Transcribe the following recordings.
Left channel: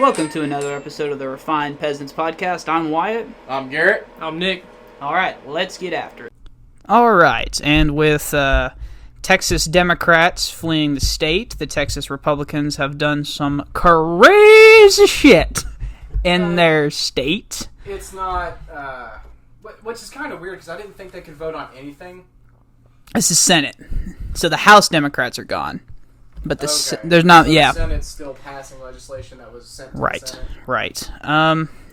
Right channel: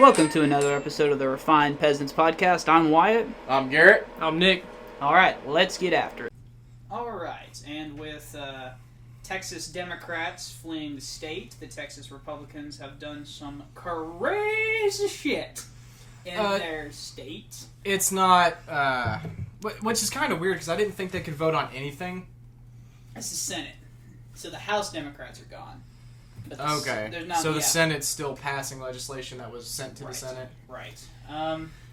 Welcome to another episode of the Refined Peasants podcast. I'm Wyatt. I'm Garrett. I'm Nick. Alright, let's get after it. Alright, and with Texas Democrats fleeing the state, the Texas Republicans have done some crazy shit in their state. It's not, which is kind of weird because I didn't think they could vote on anything. It's the Senate. So the House Democrats are gone. But there's not, so yeah. The Senate's still passing legislation that was sent to the Senate. Right.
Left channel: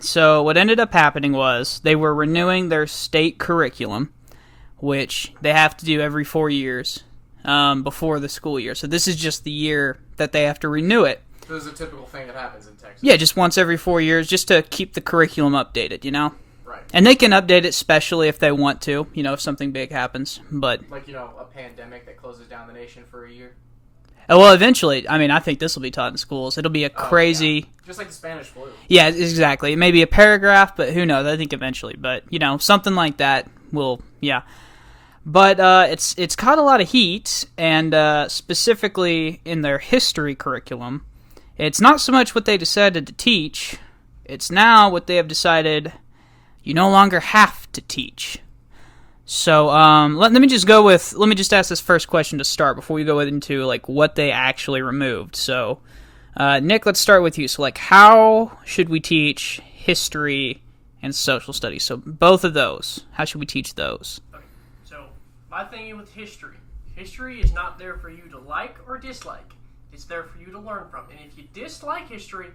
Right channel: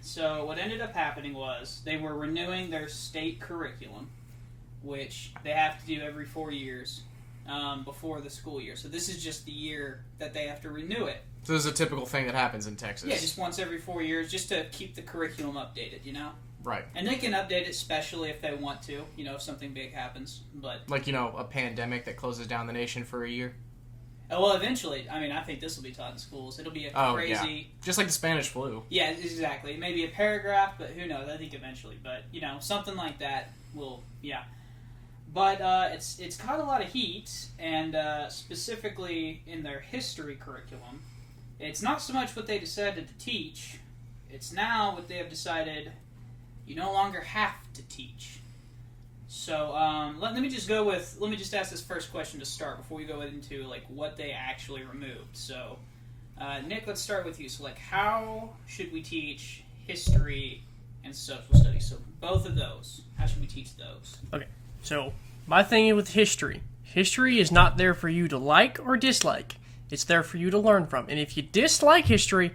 So what ended up happening was they were renewing their state curriculum, which they have to do every 4 years before the school year. So this is just the year that they have to renew it. So this is a typical thing that happens in Texas. Yeah, just once every 4 years, just to keep the curriculum updated, you know? Right. And they can update it specially if they want to, you know, if something big happens. But like, you know, a pandemic that closes down the nation for a year. Well, eventually, I mean, I think this will be taught in schools. It'll be a crazy... Yeah. Just like the Spanish flu. Yeah, exactly. It may be a paragraph, but who knows? I think eventually. But, you know, something like that will, yeah. But it's caught a lot of heat, and specifically in their history curriculum, it's not so much what they decided to teach, it's now what they have decided you no longer have to teach. So, let me just ask this first question to start before we go into, like, what they actually removed. So, Nick, let's start with you. So, like, how should we teach history and social studies? So, both of those, how should we teach those? Okay, so my thing with history is not there for you to like or dislike. It's there for you to learn from. And if you dislike history,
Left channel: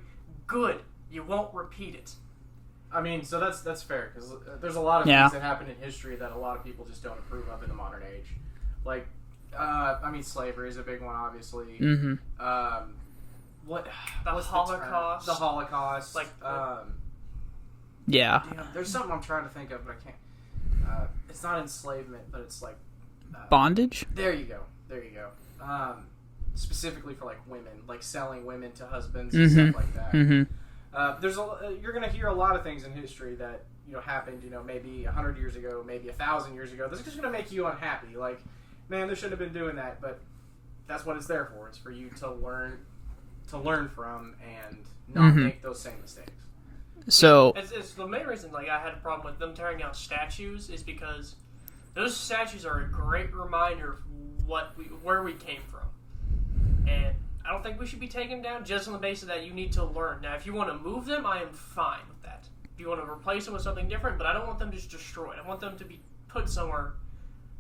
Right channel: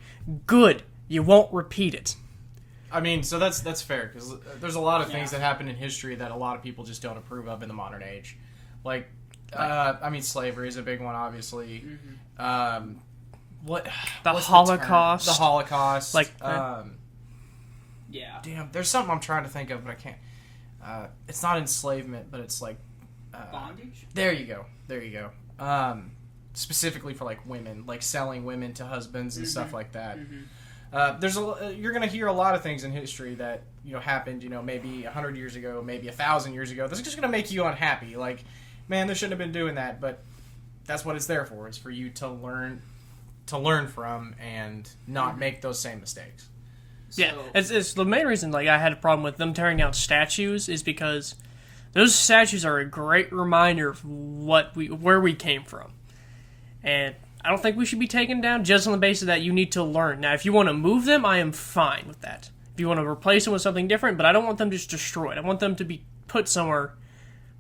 good. You won't repeat it. I mean, so that's fair, because there's a lot of things that happen in history that a lot of people just don't approve of in the modern age. Like, I mean, slavery is a big one, obviously. Mm-hmm. The Holocaust. The Holocaust. Like, yeah. Damn, there's something I'm trying to think of, but I can't. It's not enslavement, but it's like... bondage? There you go. Specifically for, like, women. Like, selling women to husbands and stuff like that. Mm-hmm. You're going to hear a lot of things in history that, you know, happened, you know, maybe 100 years ago, maybe 1,000 years ago. This is just going to make you unhappy. Like, man, they shouldn't have been doing that, but that's what it's there for. It's for you to learn from and not make those same mistakes. So yeah, it's the main reason, like, I had a problem with them tearing down statues is because those statues are a great reminder of where we came from. And I don't think we should be taken down just on the basis that you need to learn. Now, if you want to move them, I am fine with that. If you want to replace them with something different, but I don't want them just destroyed. I want them to be put somewhere,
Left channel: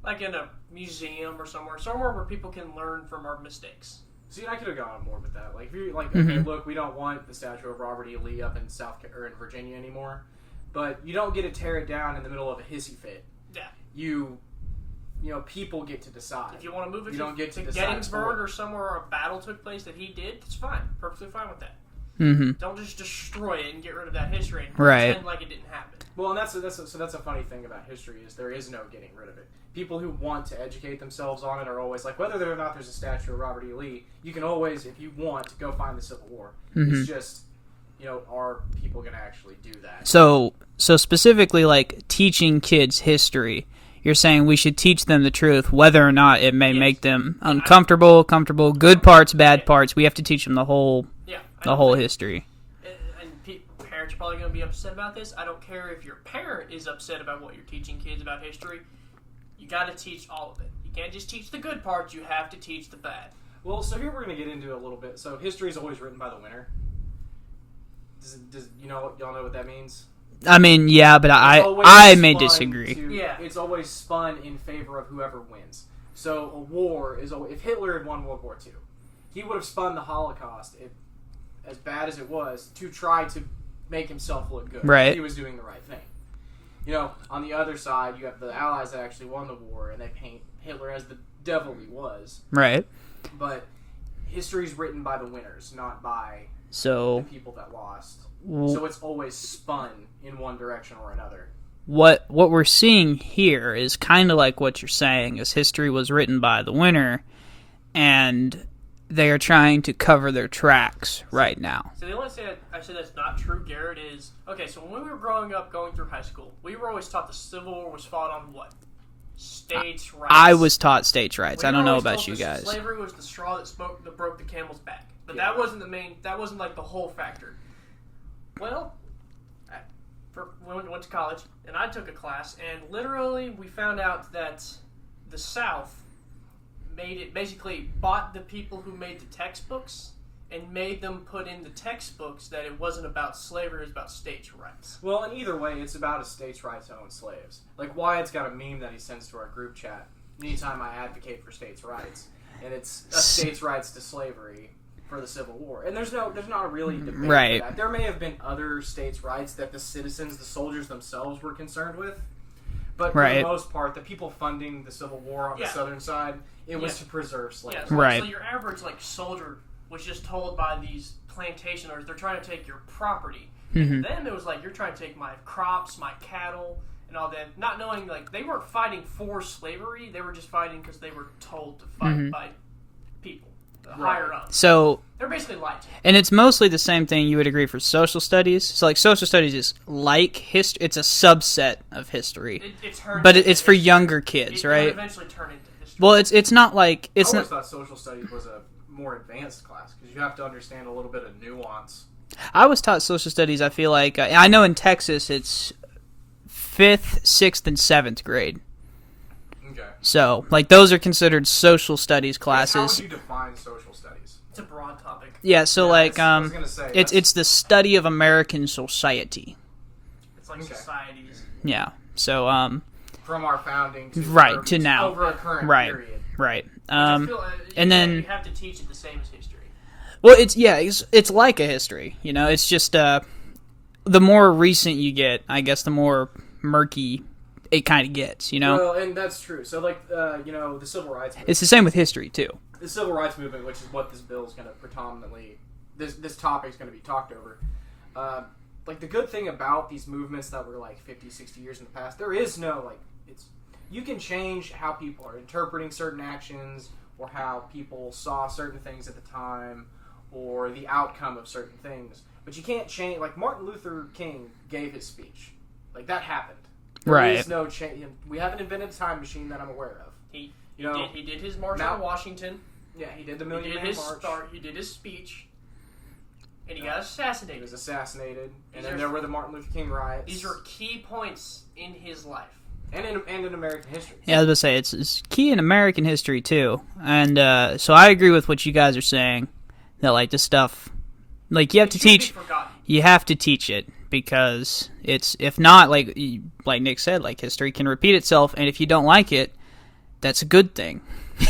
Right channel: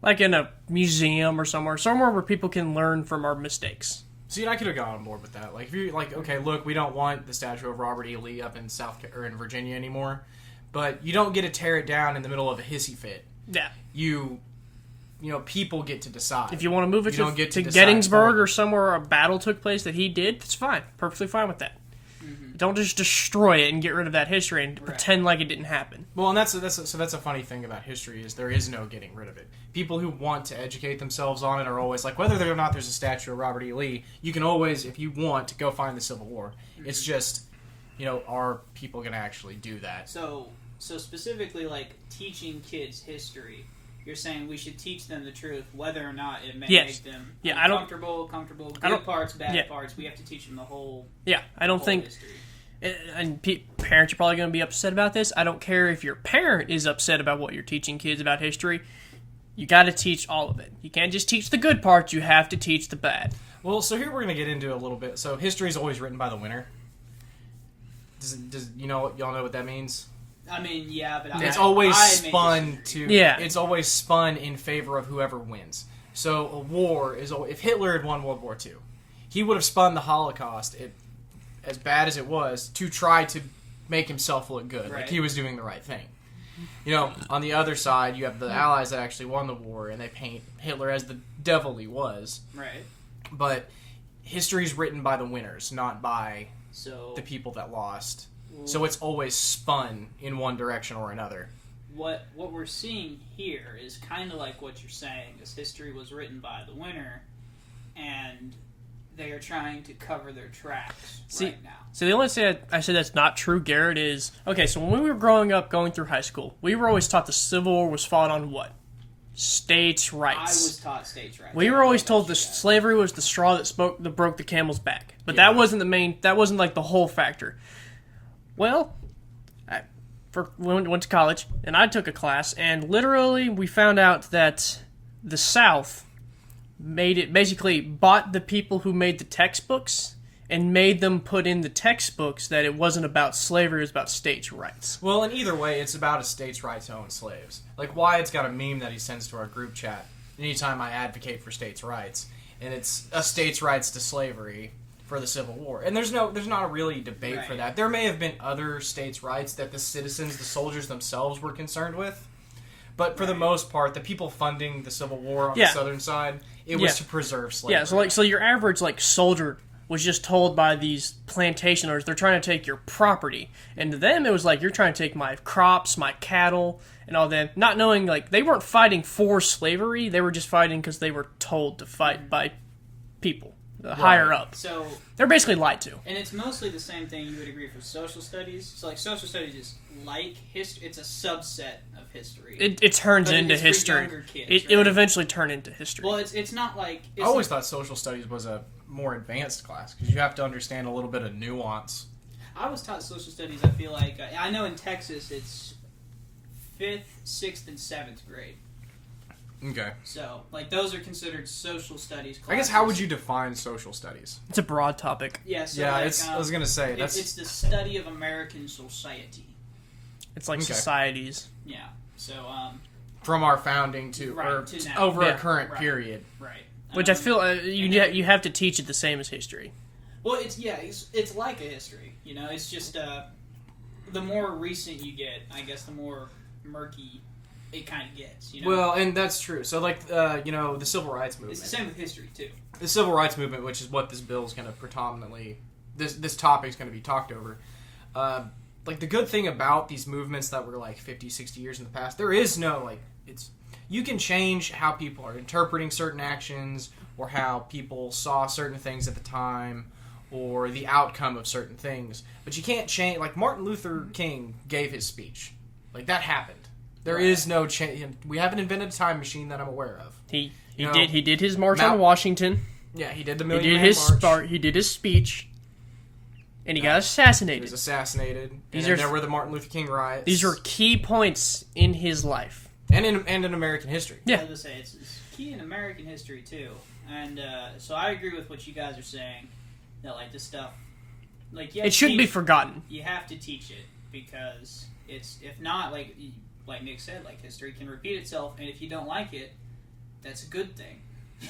like in a museum or somewhere where people can learn from our mistakes. See, I could have gone on board with that. Like, if you're like, okay, look, we don't want the statue of Robert E. Lee up in in Virginia anymore, but you don't get to tear it down in the middle of a hissy fit. Yeah. You know, people get to decide. If you want to move it to Gettysburg or somewhere where a battle took place that he did, that's fine. Perfectly fine with that. Mm-hmm. Don't just destroy it and get rid of that history and pretend like it didn't happen. Well, and that's a funny thing about history is there is no getting rid of it. People who want to educate themselves on it are always like, whether or not there's a statue of Robert E. Lee, you can always, if you want, go find the Civil War. Mm-hmm. It's just, you know, are people going to actually do that? So specifically, like, teaching kids history, you're saying we should teach them the truth, whether or not it may make them uncomfortable, comfortable, good parts, bad parts. We have to teach them the whole, history. And parents are probably going to be upset about this. I don't care if your parent is upset about what you're teaching kids about history. You got to teach all of it. You can't just teach the good parts. You have to teach the bad. Well, so here we're going to get into a little bit. So history is always written by the winner. Does y'all know what that means? I mean, yeah, but I may disagree. It's always spun in favor of whoever wins. So a war is always, if Hitler had won World War II, he would have spun the Holocaust, as bad as it was, to try to make himself look good. Right. He was doing the right thing. You know, on the other side, you have the Allies that actually won the war, and they paint Hitler as the devil he was. Right. But history's written by the winners, not by the people that lost. So it's always spun in one direction or another. What we're seeing here is kind of like what you're saying, is history was written by the winner, and they are trying to cover their tracks right now. So the only thing I said that's not true, Garrett, is, okay, so when we were growing up, going through high school, we were always taught the Civil War was fought on what? States' rights. I was taught states' rights. We I were don't know always about told you guys. Slavery was the straw that broke the camel's back. But that wasn't the main, that wasn't like the whole factor. Well, went to college, and I took a class, and literally we found out that the South basically bought the people who made the textbooks and made them put in the textbooks that it wasn't about slavery, it was about states' rights. Well, in either way, it's about a state's right to own slaves. Like, Wyatt's got a meme that he sends to our group chat anytime I advocate for states' rights, and it's a states' rights to slavery for the Civil War. And there's not a really debate for that. There may have been other states' rights that the citizens, the soldiers themselves were concerned with, but for the most part, the people funding the Civil War on the southern side, it was to preserve slavery. Yeah, so your average soldier was just told by these plantation owners, they're trying to take your property. And to them, it was like, you're trying to take my crops, my cattle, and all that. Not knowing, they weren't fighting for slavery, they were just fighting because they were told to fight by people, higher up. So they're basically lied to. And it's mostly the same thing you would agree for social studies. So, social studies is like history. It's a subset of history. It turns but into it's history. For younger kids, right? It would eventually turn into history. Well, it's not like... I always thought social studies was a more advanced class, because you have to understand a little bit of nuance. I was taught social studies, I feel like... I know in Texas it's 5th, 6th, and 7th grade. Okay. So, those are considered social studies classes. How would you define social studies? It's a broad topic. Yeah, so I was gonna say it's the study of American society. It's like societies. Yeah. So from our founding to to now over a current period. Right. Which I feel you have to teach it the same as history. Well, it's like a history. It's just the more recent you get, I guess, the more murky it kind of gets, Well, and that's true. So, the Civil Rights Movement. It's the same with history, too. The Civil Rights Movement, which is what this bill is going to predominantly... This topic is going to be talked over. The good thing about these movements that were, 50, 60 years in the past, there is no, you can change how people are interpreting certain actions, or how people saw certain things at the time, or the outcome of certain things. But you can't change... Martin Luther King gave his speech. That happened. There is no change. We haven't invented a time machine that I'm aware of. He did his march on Washington. Yeah, he did the Million Man March. He did his speech, and he got assassinated. He was assassinated. There were the Martin Luther King riots. These are key points in his life, and in American history. Yeah, I was going to say it's key in American history too, and so I agree with what you guys are saying. That this stuff, you have to teach. It shouldn't be forgotten. You have to teach it. Because it's, if not, like Nick said, history can repeat itself, and if you don't like it, that's a good thing.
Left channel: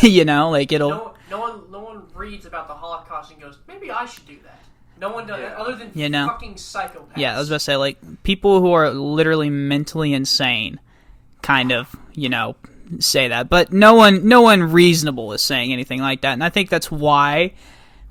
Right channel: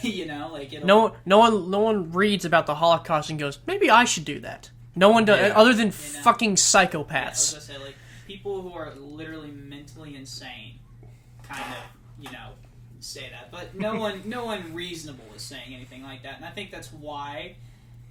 It'll... No one reads about the Holocaust and goes, maybe I should do that. No one does, other than fucking psychopaths. Yeah, I was gonna say, people who are literally mentally insane kind of, say that. But no one reasonable is saying anything like that, and I think that's why...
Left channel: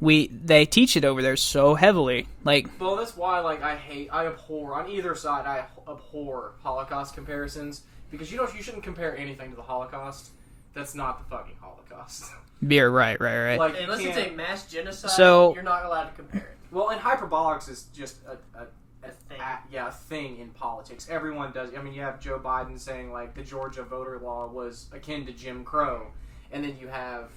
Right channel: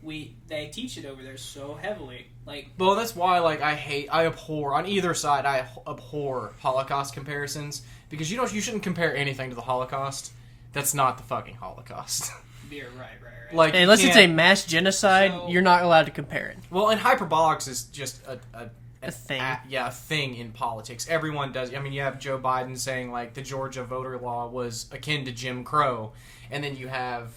They teach it over there so heavily. Well, that's why, I abhor, on either side, I abhor Holocaust comparisons, because you shouldn't compare anything to the Holocaust that's not the fucking Holocaust. Yeah, right. Unless it's a mass genocide, you're not allowed to compare it. Well, and hyperbolics is just a thing. A thing in politics. Everyone does. I mean, you have Joe Biden saying, the Georgia voter law was akin to Jim Crow. And then you have,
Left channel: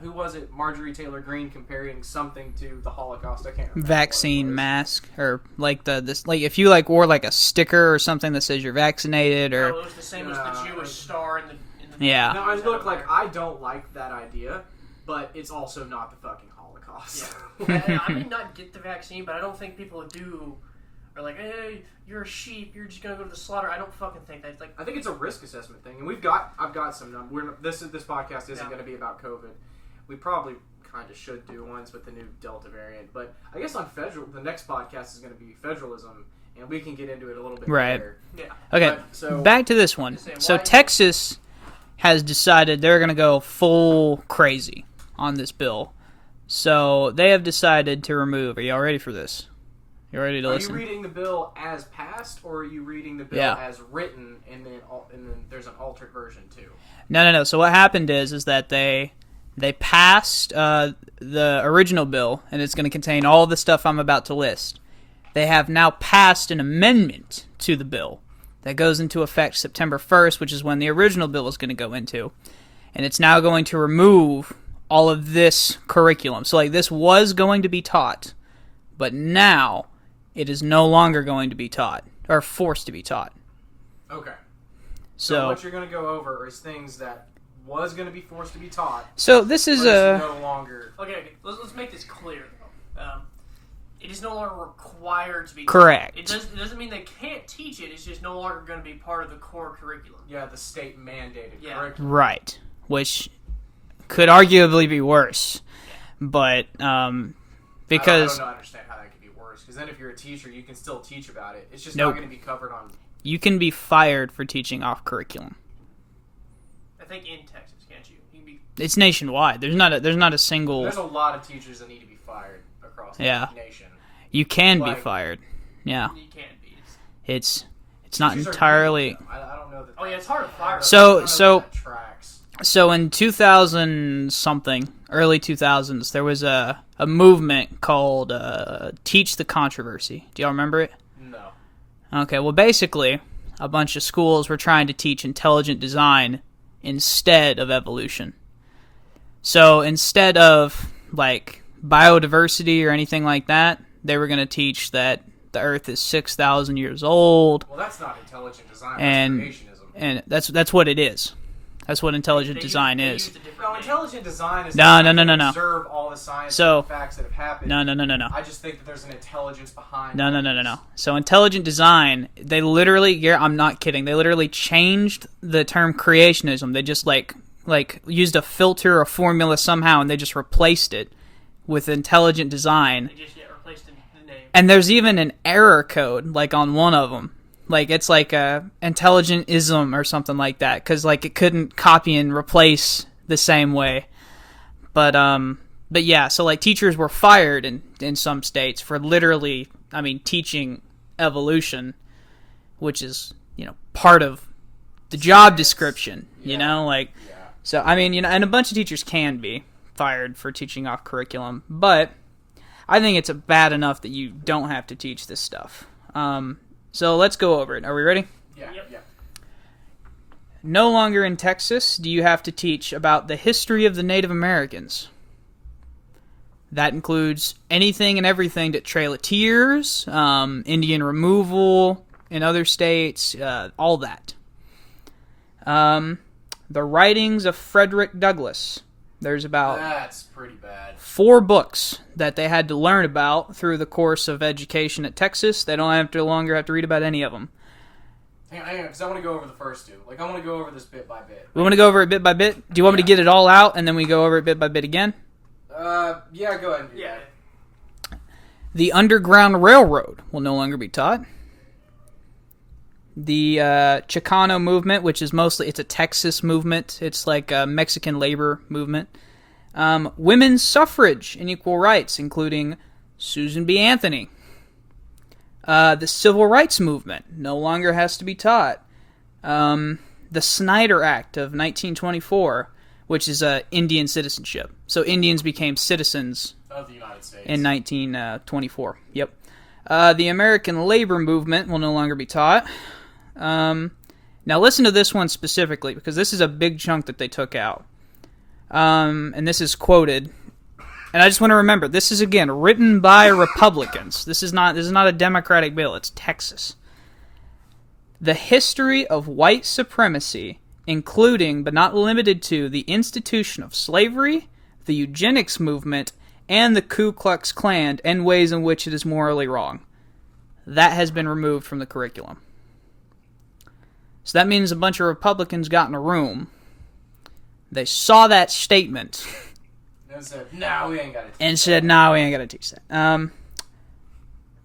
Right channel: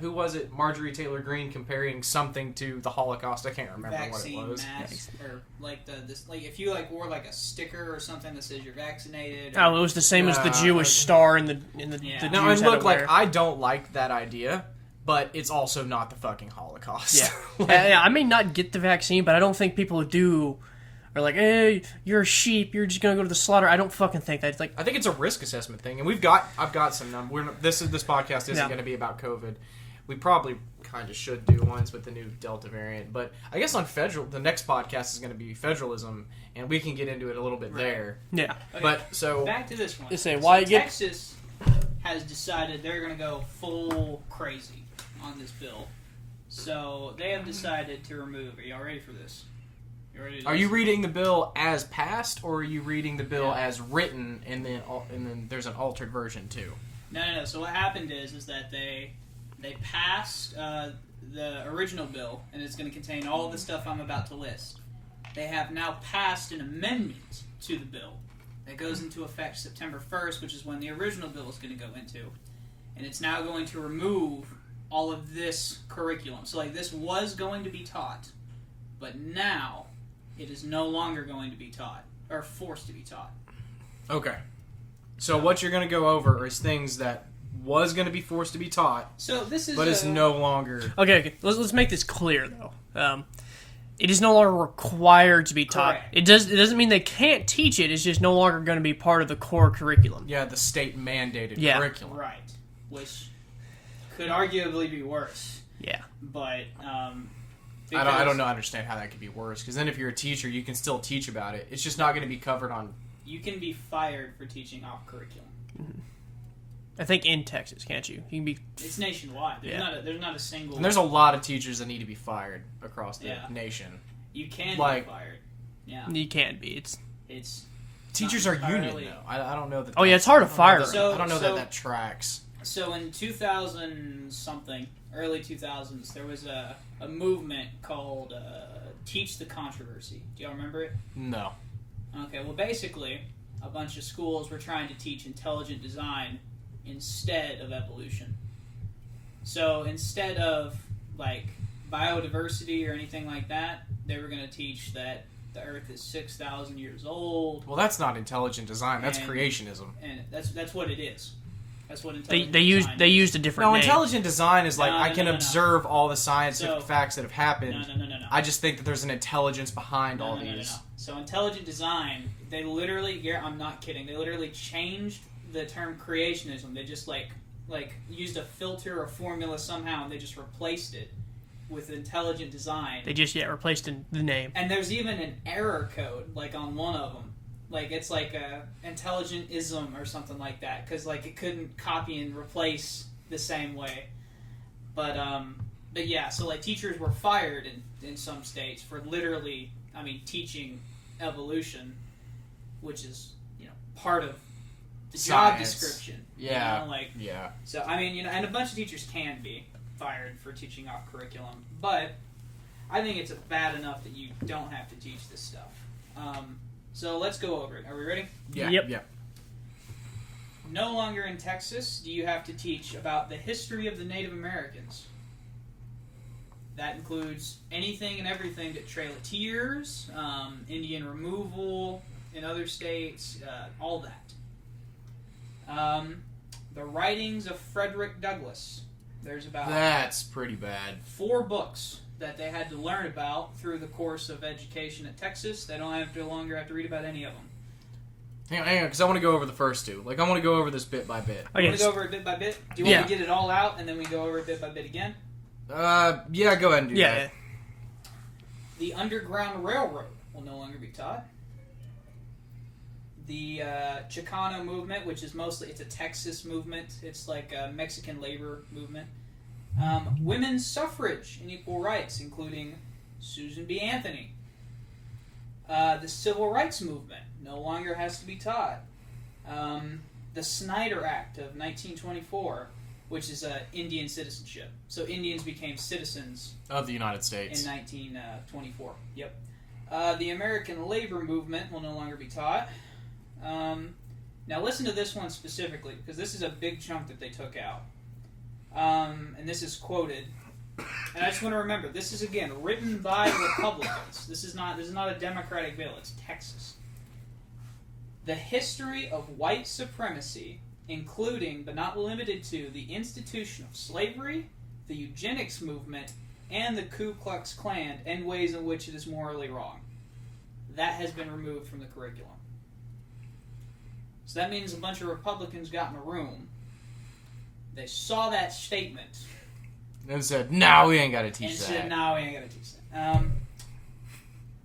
who was it? Marjorie Taylor Greene comparing something to the Holocaust. I can't remember. Vaccine mask, or if you wore a sticker or something that says you're vaccinated, or it was the same as the Jewish star in the yeah. No, and look, I don't like that idea, but it's also not the fucking Holocaust. Yeah, I may not get the vaccine, but I don't think people who do are hey, you're a sheep, you're just gonna go to the slaughter. I don't fucking think that. I think it's a risk assessment thing, and I've got some numbers. This podcast isn't going to be about COVID. We probably kind of should do ones with the new Delta variant, but I guess on the next podcast is going to be federalism, and we can get into it a little bit there. Yeah. Okay. So back to this one. So Texas has decided they're going to go full crazy on this bill. So they have decided to remove. Are y'all ready for this? You ready to listen? Are you reading the bill as passed, or are you reading the bill as written, and then there's an altered version too? No. So what happened is that they passed the original bill, and it's going to contain all the stuff I'm about to list. They have now passed an amendment to the bill that goes into effect September 1st, which is when the original bill is going to go into. And it's now going to remove all of this curriculum. So this was going to be taught, but now it is no longer going to be taught or forced to be taught. Okay. So what you're going to go over is things that was going to be forced to be taught. So this is but it's no longer. Okay. Let's make this clear though. It is no longer required to be taught. Correct. It doesn't mean they can't teach it. It's just no longer going to be part of the core curriculum. Yeah, the state mandated curriculum. Right, which could arguably be worse. Yeah. But because I don't understand how that could be worse. Because then if you're a teacher, you can still teach about it. It's just not going to be covered on. You can be fired for teaching off curriculum. I think in Texas, can't you? You can be. It's nationwide. There's not a single. And there's a lot of teachers that need to be fired across the nation. You can be fired. Yeah. You can be. It's not teachers entirely. I don't know that. Oh yeah, it's hard to fire. So that tracks. So in 2000 something, early 2000s, there was a movement called Teach the Controversy. Do y'all remember it? No. Okay, well basically, a bunch of schools were trying to teach intelligent design instead of evolution. So instead of like biodiversity or anything like that, they were going to teach that the Earth is 6,000 years old. Well, that's not intelligent design. That's creationism. And that's what it is. That's what intelligent design is. They used a different name. Intelligent design is no. observe all the scientific facts that have happened. No. I just think that there's an intelligence behind No. So intelligent design, they literally, I'm not kidding, they literally changed the term creationism. They just like used a filter or formula somehow, and they just replaced it with intelligent design. They just replaced the name. And there's even an error code like on one of them. Like, it's like a intelligent-ism or something like that, because, like, it couldn't copy and replace the same way. But yeah, so, like, teachers were fired in some states for literally, teaching evolution, which is, part of the job description, Yeah. So, and a bunch of teachers can be fired for teaching off curriculum, but I think it's bad enough that you don't have to teach this stuff. So let's go over it. Are we ready? Yeah. Yep. Yeah. No longer in Texas do you have to teach about the history of the Native Americans. That includes anything and everything that Trail of Tears, Indian removal in other states, all that. The writings of Frederick Douglas. There's about That's pretty bad. 4 books that they had to learn about through the course of education at Texas. They don't longer have to read about any of them. Hang on, because I want to go over the first two. I want to go over this bit by bit. We want to go over it bit by bit? Do you want me to get it all out, and then we go over it bit by bit again? Yeah, go ahead and do that. The Underground Railroad will no longer be taught. The Chicano movement, which is it's a Texas movement. It's like a Mexican labor movement. Women's suffrage and equal rights, including Susan B. Anthony. The Civil Rights Movement no longer has to be taught. The Snyder Act of 1924, which is Indian citizenship. So Indians became citizens of the United States in 1924. Yep. The American labor movement will no longer be taught. Now listen to this one specifically, because this is a big chunk that they took out. And this is quoted. And I just want to remember, this is, again, written by Republicans. This is not a Democratic bill. It's Texas. The history of white supremacy, including but not limited to the institution of slavery, the eugenics movement, and the Ku Klux Klan, and ways in which it is morally wrong. That has been removed from the curriculum. So that means a bunch of Republicans got in a room. They saw that statement. And said, "No, we ain't got to teach that." And said, "No, we ain't got to teach that."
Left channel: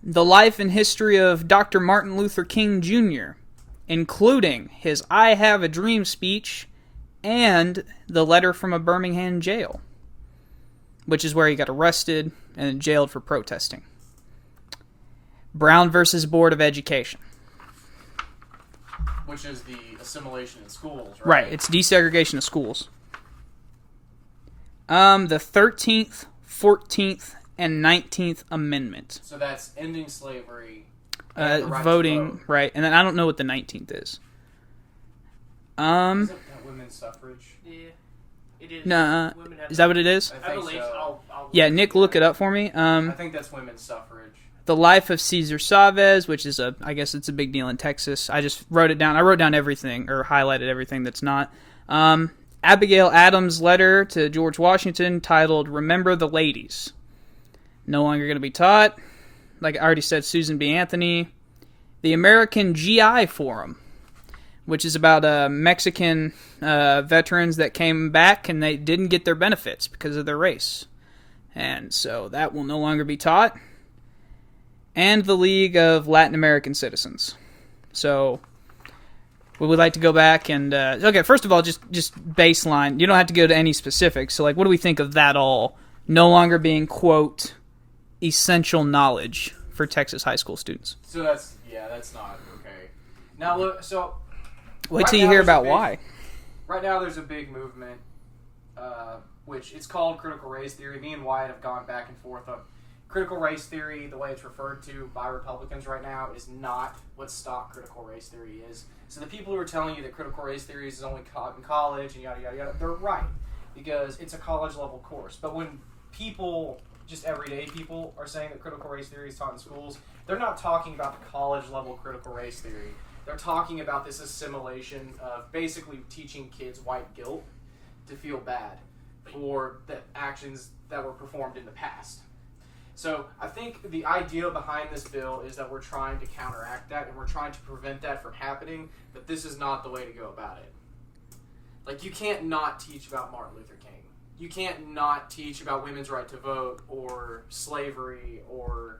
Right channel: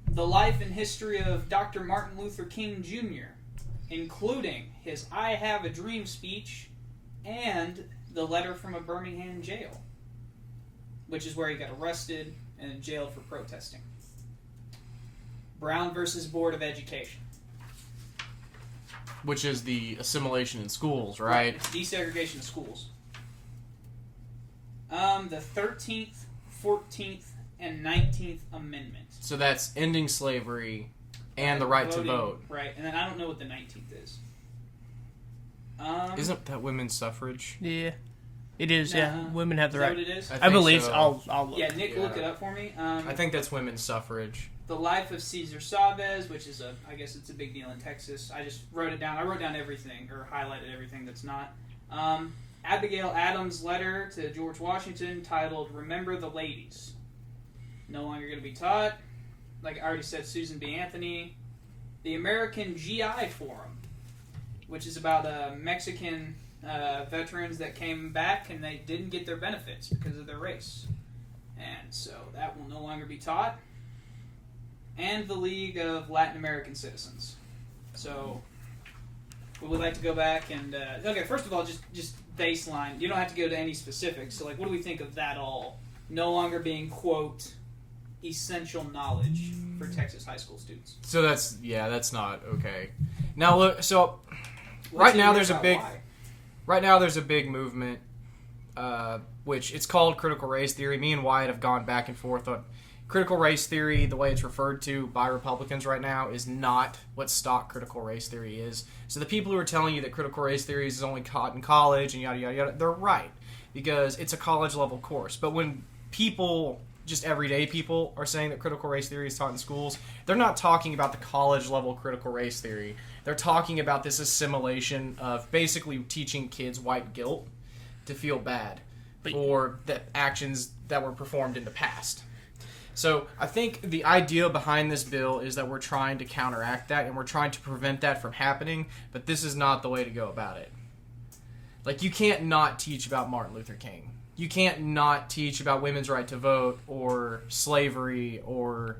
The life and history of Dr. Martin Luther King Jr., including his I Have a Dream speech and the letter from a Birmingham jail, which is where he got arrested and jailed for protesting. Brown versus Board of Education. Which is the assimilation in schools, right? Right, it's desegregation of schools. The 13th, 14th, and 19th Amendment. So that's ending slavery and the right voting, to vote. Right, and then I don't know what the 19th is. Isn't that women's suffrage? Yeah. It is. Nah, women have. Is that what it is? I believe so. I'll Yeah, Nick, look it up for me. I think that's women's suffrage. The Life of Cesar Chavez, which is I guess it's a big deal in Texas. I just wrote it down. I wrote down everything, or highlighted everything that's not. Abigail Adams' letter to George Washington titled Remember the Ladies. No longer going to be taught. Like I already said, Susan B. Anthony. The American GI Forum, which is about Mexican veterans that came back and they didn't get their benefits because of their race. And so that will no longer be taught. And the League of Latin American Citizens. So, we would like to go back and... okay, first of all, just baseline. You don't have to go to any specifics. So, like, what do we think of that all no longer being, quote, essential knowledge for Texas high school students? So that's not okay. Now, look, so... Wait till you hear about why. Right now, there's a big movement, which it's called critical race theory. Me and Wyatt have gone back and forth on... Critical race theory, the way it's referred to by Republicans right now, is not what stock critical race theory is. So the people who are telling you that critical race theory is only taught in college and yada yada yada, they're right, because it's a college level course. But when people, just everyday people, are saying that critical race theory is taught in schools, they're not talking about the college level critical race theory. They're talking about this assimilation of basically teaching kids white guilt to feel bad for the actions that were performed in the past. So I think the idea behind this bill is that we're trying to counteract that and we're trying to prevent that from happening, but this is not the way to go about it. Like, you can't not teach about Martin Luther King. You can't not teach about women's right to vote or slavery, or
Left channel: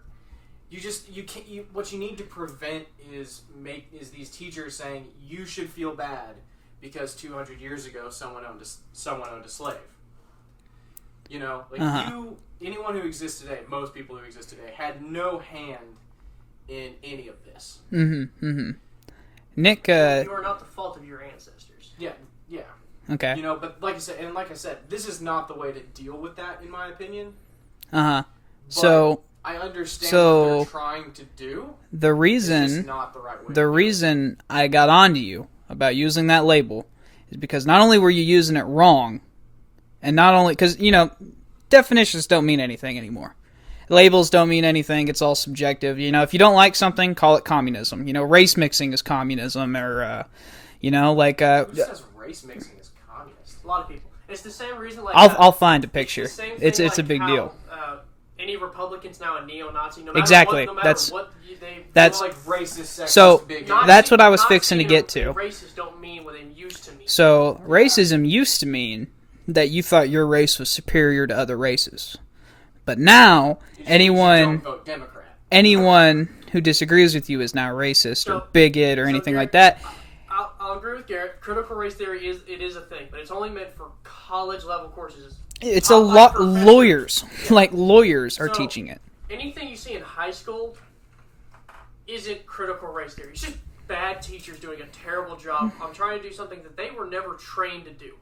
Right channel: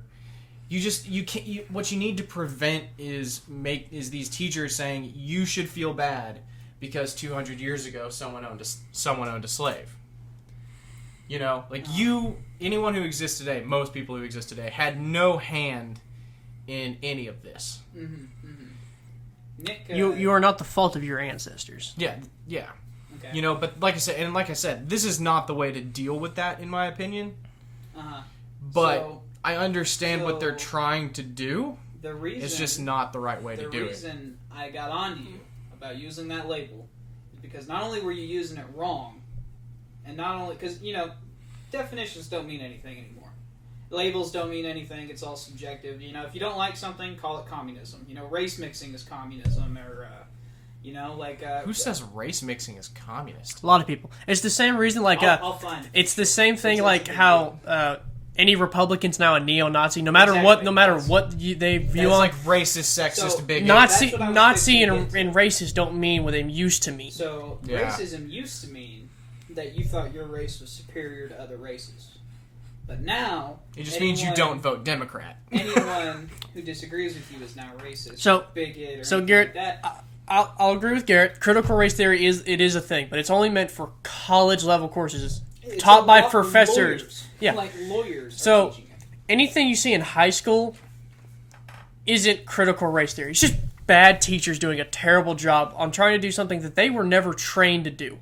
what you need to prevent is these teachers saying you should feel bad because 200 years ago someone owned a slave. You know, like anyone who exists today, most people who exist today, had no hand in any of this. Mm-hmm. Mm-hmm. Nick, you are not the fault of your ancestors. Yeah. Okay. You know, but like I said, this is not the way to deal with that, in my opinion. But so I understand what they're trying to do. The reason it's just not the right way. The reason I got onto you about using that label is because not only were you using it wrong. And not only, because, you know, definitions don't mean anything anymore. Labels don't mean anything. It's all subjective. You know, if you don't like something, call it communism. You know, race mixing is communism, or, you know, like... Who says race mixing is communist? A lot of people. It's the same reason, like... I'll find a picture. It's the same thing, it's how any Republican's now a neo-Nazi, no matter exactly. what they view That's on. like racist, sexist, so, bigot. that's what I was Nazi fixing to get to. And racist don't mean what they used to mean. So, racism used to mean that you thought your race was superior to other races. But now, anyone... You don't vote Democrat. Anyone who disagrees with you is now racist, or bigot, or anything Garrett, like that. I'll agree with Garrett. Critical race theory is a thing, but it's only meant for college-level courses. It's a lot of lawyers. Yeah. Like, lawyers are teaching it. Anything you see in high school isn't critical race theory. It's just bad teachers doing a terrible job on trying to do something that they were never trained to do.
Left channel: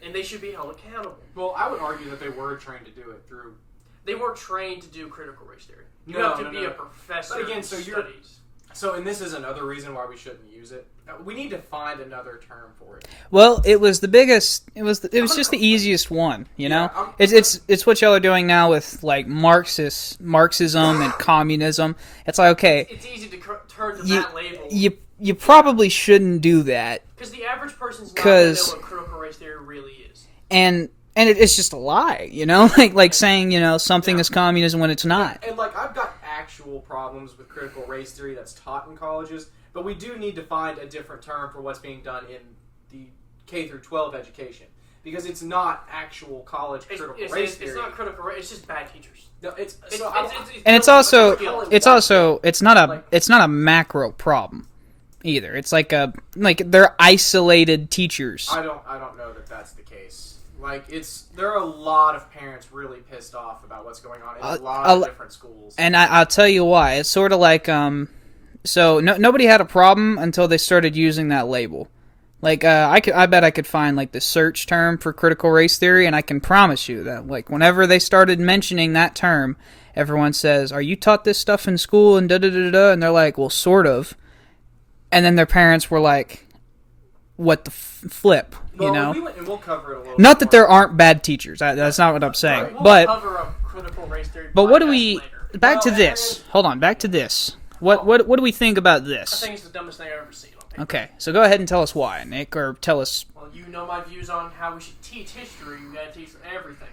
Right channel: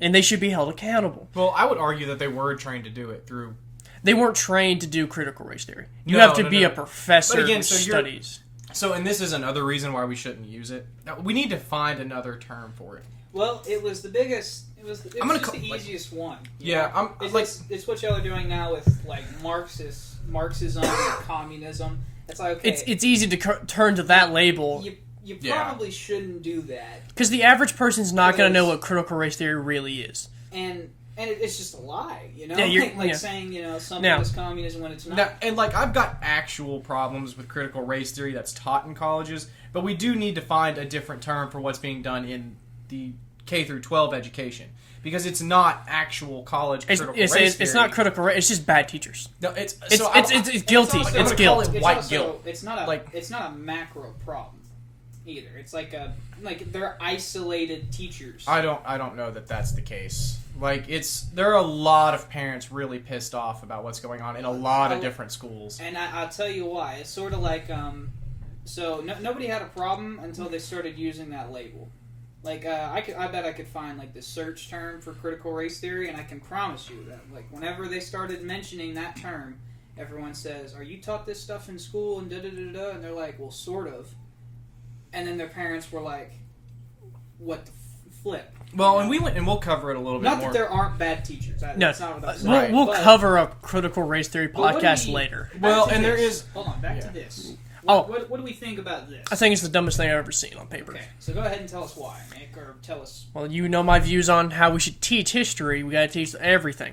And they should be held accountable. Well, I would argue that they were trained to do it through... They weren't trained to do critical race theory. You have to be a professor who studies. And this is another reason why we shouldn't use it. Now, we need to find another term for it. Well, it was the biggest. It was just the easiest one. You know, it's what y'all are doing now with like Marxism and communism. It's like, okay, it's easy to turn to that label. You probably shouldn't do that because the average person's not going to know what critical race theory really is. And it's just a lie, you know, saying, you know, something is communism when it's not. And like, I've got actual problems with critical race theory that's taught in colleges, but we do need to find a different term for what's being done in the K through 12 education, because it's not actual college critical race theory. It's not critical race. It's just bad teachers. No, it's not a macro problem either. It's like they're isolated teachers. I don't know that that's the case. Like, there are a lot of parents really pissed off about what's going on in a lot of different schools. And I'll tell you why. It's sort of like, nobody had a problem until they started using that label. Like, I bet I could find, like, the search term for critical race theory, and I can promise you that, like, whenever they started mentioning that term, everyone says, are you taught this stuff in school, and da-da-da-da-da, and they're like, well, sort of. And then their parents were like, what the flip. Well, you know? and we'll cover it a little. Not bit that more. there aren't bad teachers. That's not what I'm saying. We'll but cover a critical race theory podcast but what do we later. back to Well, and there this? is- Hold on, back to this. What do we think about this? I think it's the dumbest thing I've ever seen on paper. Okay, so go ahead and tell us why, Nick, or tell us. Well, you know my views on how we should teach history. We gotta teach everything.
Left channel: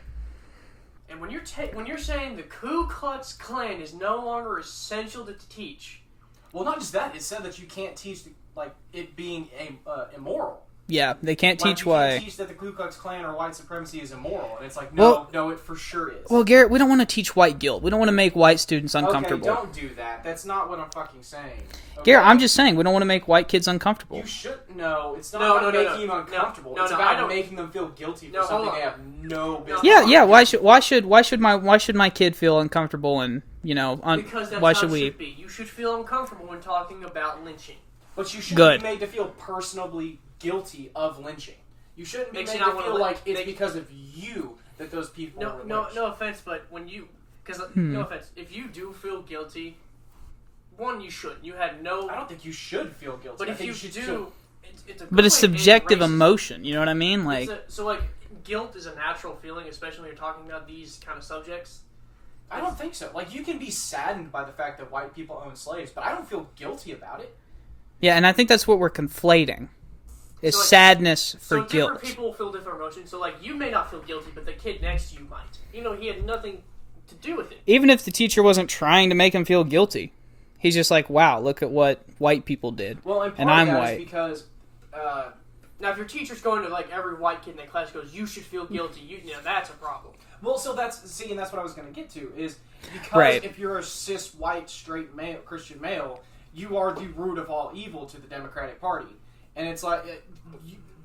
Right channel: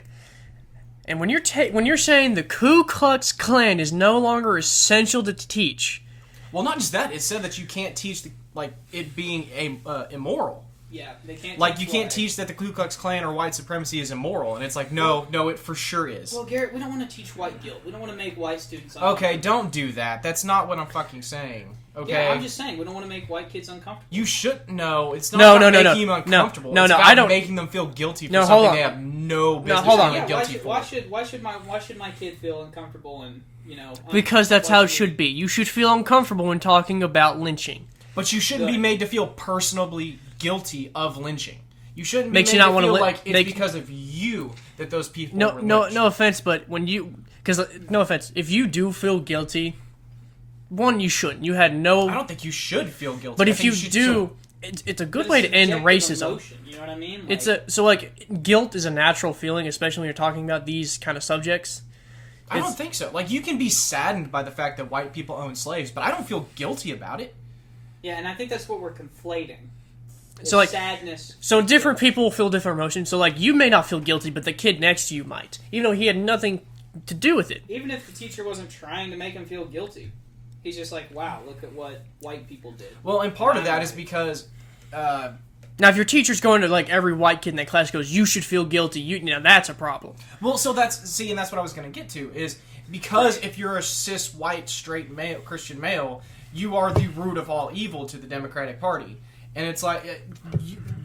And when you're saying the Ku Klux Klan is no longer essential to teach, Well, not just that. It said that you can't teach it being immoral. Yeah, they can't Like teach you why. can't teach that the Ku Klux Klan or white supremacy is immoral, and it's like no, it for sure is. Well, Garrett, we don't want to teach white guilt. We don't want to make white students uncomfortable. Okay, don't do that. That's not what I'm fucking saying. Okay? Garrett, I'm just saying we don't want to make white kids uncomfortable. You should no. It's not No, about no, making no. them uncomfortable. No, it's no, about I don't- making them feel guilty for No, hold something on. they have no business. yeah, feeling yeah. Why guilty for. should my kid feel uncomfortable and because that's why how it we- should be. You should feel uncomfortable when talking about lynching. But you shouldn't Good. be made to feel personally guilty of lynching. You shouldn't be Makes made you not to wanna feel li- like it's make- because of you that those people No, were no, lynched. no offense, but when you, no offense, if you do feel guilty, one, you shouldn't. You had no. I don't think you should feel guilty. But I if think you should do, feel- it's a good But it's way to end subjective racism. emotion. You know what I mean? Like, Guilt is a natural feeling, especially when you're talking about these kind of subjects. I don't think so. Like, you can be saddened by the fact that white people own slaves, but I don't feel guilty about it. yeah, and I think that's what we're conflating. Is So, like- sadness. So for different guilt. people feel different emotions. So like you may not feel guilty, but the kid next to you might, even though he had nothing to do with it. Even if the teacher wasn't trying to make him feel guilty, he's just like, "Wow, look at what white people did." Well, and part And of I'm that is white. because Now, if your teacher's going to like every white kid in that class goes, "You should feel guilty," you know that's a problem. well, so that's and that's what I was going to get to is because Right. if you're a cis white straight male Christian male, you are the root of all evil to the Democratic Party, and it's like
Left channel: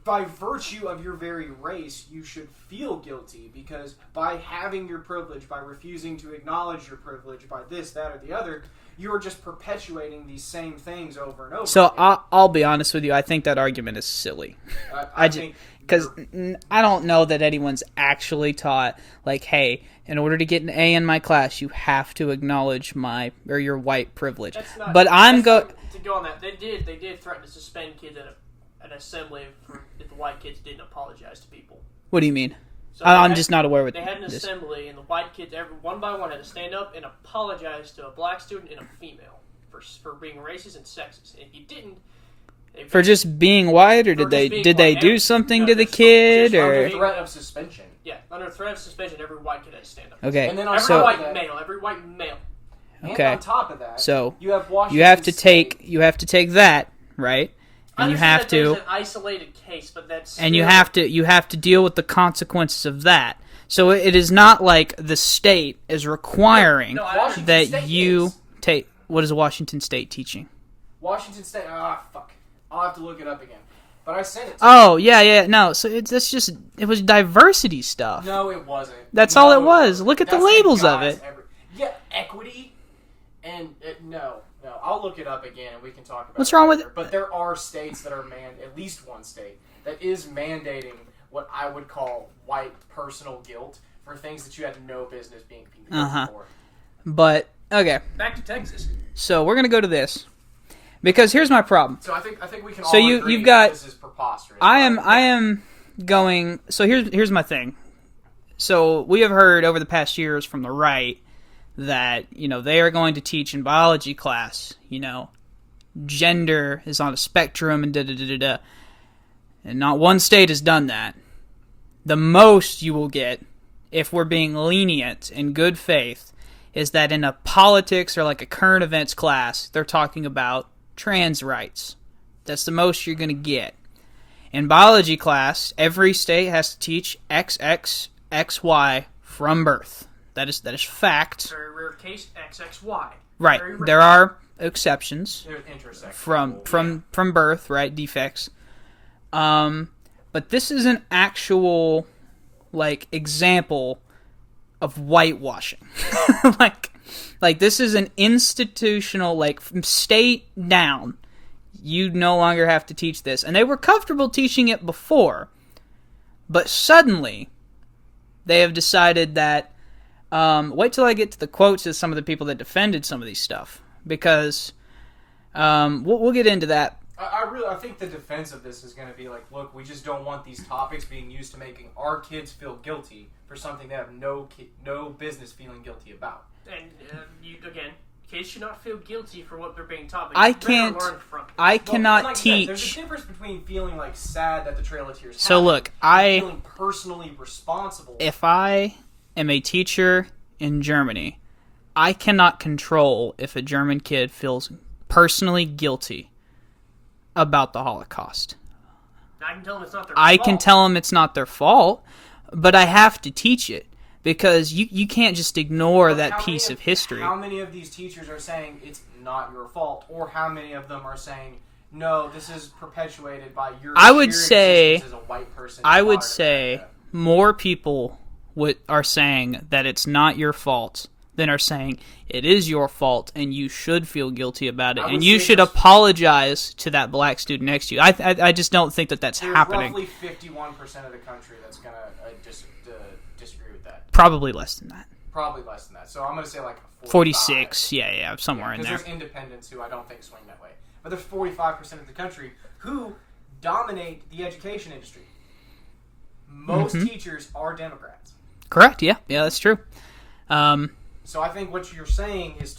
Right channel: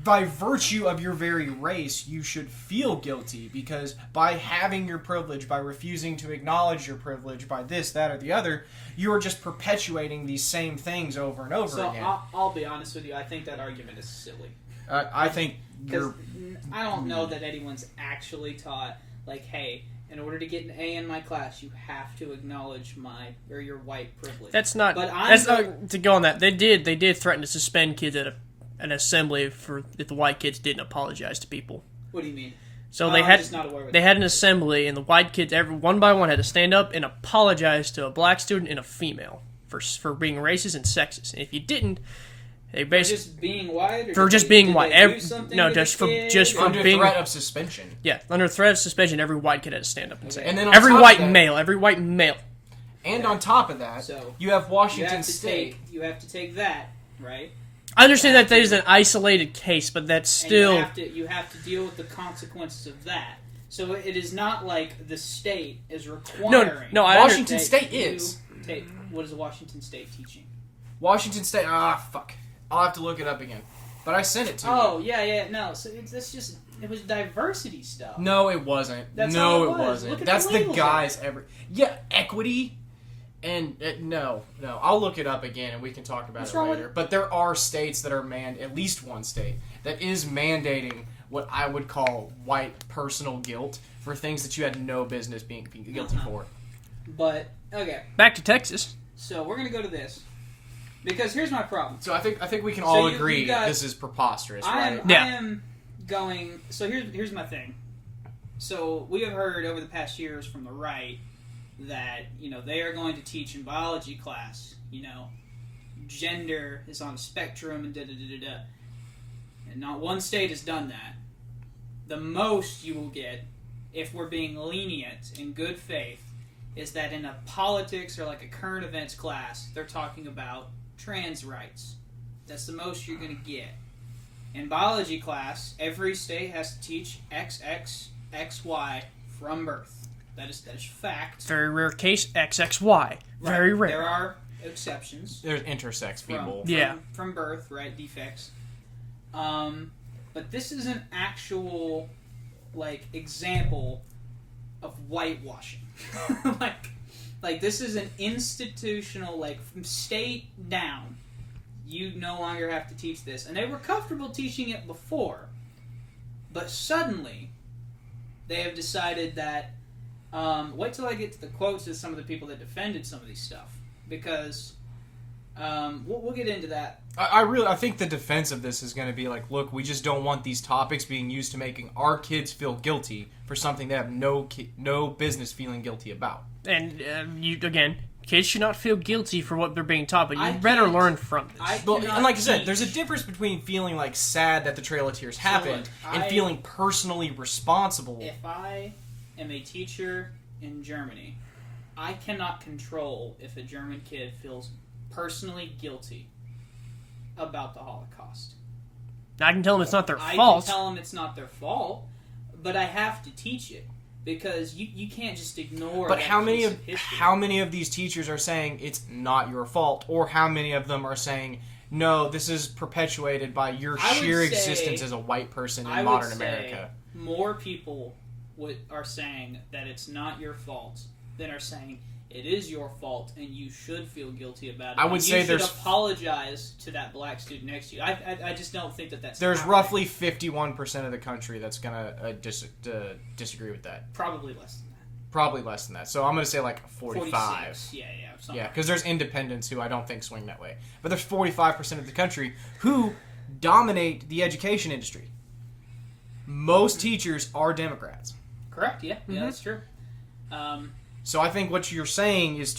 by virtue of your very race, you should feel guilty because by having your privilege, by refusing to acknowledge your privilege, by this, that, or the other, you are just perpetuating these same things over and over. So again. I'll be honest with you. I think that argument is silly. I think because you're- I don't know that anyone's actually taught like, hey, in order to get an A in my class, you have to acknowledge your white privilege. That's not. But I'm going to go on that. They did threaten to suspend kids at an assembly for if the white kids didn't apologize to people. What do you mean? So I'm just not aware of They it. an assembly, and the white kids, one by one, had to stand up and apologize to a black student and a female for being racist and sexist. And if you didn't, they For just being white, or For did just they, being did they white. do something No, to the just for- kid? just for or- under being- threat of suspension. under threat of suspension, every white kid had to stand up. Okay. And then on Every top white of that- male, every white male. And Okay. on top of that, So, you have Washington you have to State. take that, right? I understand that have there's to- an isolated case, but that's still... And you have to deal with the consequences of that. So it is not like the state is requiring No, I Washington that State you is. take. What is Washington State teaching? Washington State. Fuck. I'll have to look it up again. But I sent it to Oh yeah. No, so it was diversity stuff. you. No, it wasn't. That's No, all it was. wasn't. Look at the That's labels of guys it. Yeah, equity. And no. I'll look it up again and we can talk about What's it wrong with later. But there are states that are at least one state that is mandating what I would call white personal guilt for things that you had no business being guilty for. But okay, Back to Texas. so we're gonna go to this because here's my problem. So I think we can So all you- agree you've got- this is preposterous. I right? am going. So here's my thing. So we have heard over the past years from the right that they are going to teach in biology class. Gender is on a spectrum and da da da da da. And not one state has done that. The most you will get, if we're being lenient in good faith, is that in a politics or like a current events class, they're talking about trans rights. That's the most you're going to get. In biology class, every state has to teach XX, XY from birth. That is fact. Very rare case, XXY. Right. Very rare. There are exceptions There's intersex from people. from birth, right? Defects. But this is an actual example of whitewashing. like this is an institutional from state down. You no longer have to teach this. And they were comfortable teaching it before. But suddenly they have decided that wait till I get to the quotes of some of the people that defended some of these stuff, because we'll get into that I think the defense of this is going to be like, look, we just don't want these topics being used to making our kids feel guilty for something they have no business feeling guilty about. And kids should not feel guilty for what they're being taught, but you better learn from this. I cannot like teach. I said, there's a difference between feeling like sad that the Trail of Tears happened So look, and feeling personally responsible. If I am a teacher in Germany, I cannot control if a German kid feels personally guilty about the Holocaust. I can tell them it's not their fault. I can tell them it's not their fault, but I have to teach it because you can't just ignore that piece of history. How many of these teachers are saying it's not your fault, or how many of them are saying, no, this is perpetuated by your sheer existence as a white person in modern America? More people are saying that it's not your fault than are saying it is your fault and you should feel guilty about it, and you should apologize to that black student next to you. I just don't think that's happening. There's roughly 51% of the country that's going to disagree with that. Probably less than that. Probably less than that. So I'm going to say like 46. Yeah, somewhere in there. Because there's independents who I don't think swing that way. But there's 45% of the country who dominate the education industry. Most teachers are Democrats. Correct, yeah. Yeah, that's true. So I think what you're saying is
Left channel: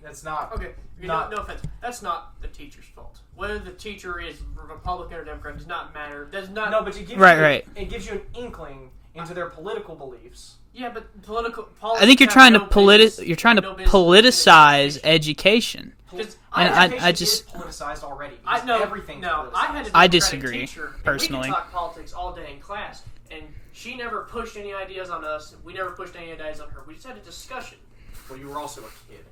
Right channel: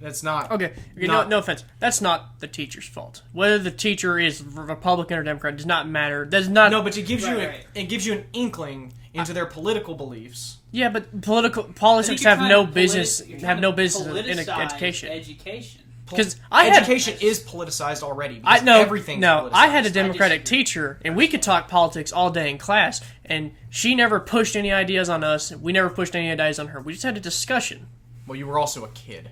that's not... Okay, no offense. That's not the teacher's fault. Whether the teacher is Republican or Democrat does not matter. No, but it gives you an inkling into their political beliefs. Yeah, but politics. I think you're trying to politicize education. Because education is politicized already. Everything's politicized. I had a Democratic teacher, and we could talk politics all day in class, and she never pushed any ideas on us. We never pushed any ideas on her. We just had a discussion. Well, you were also a kid.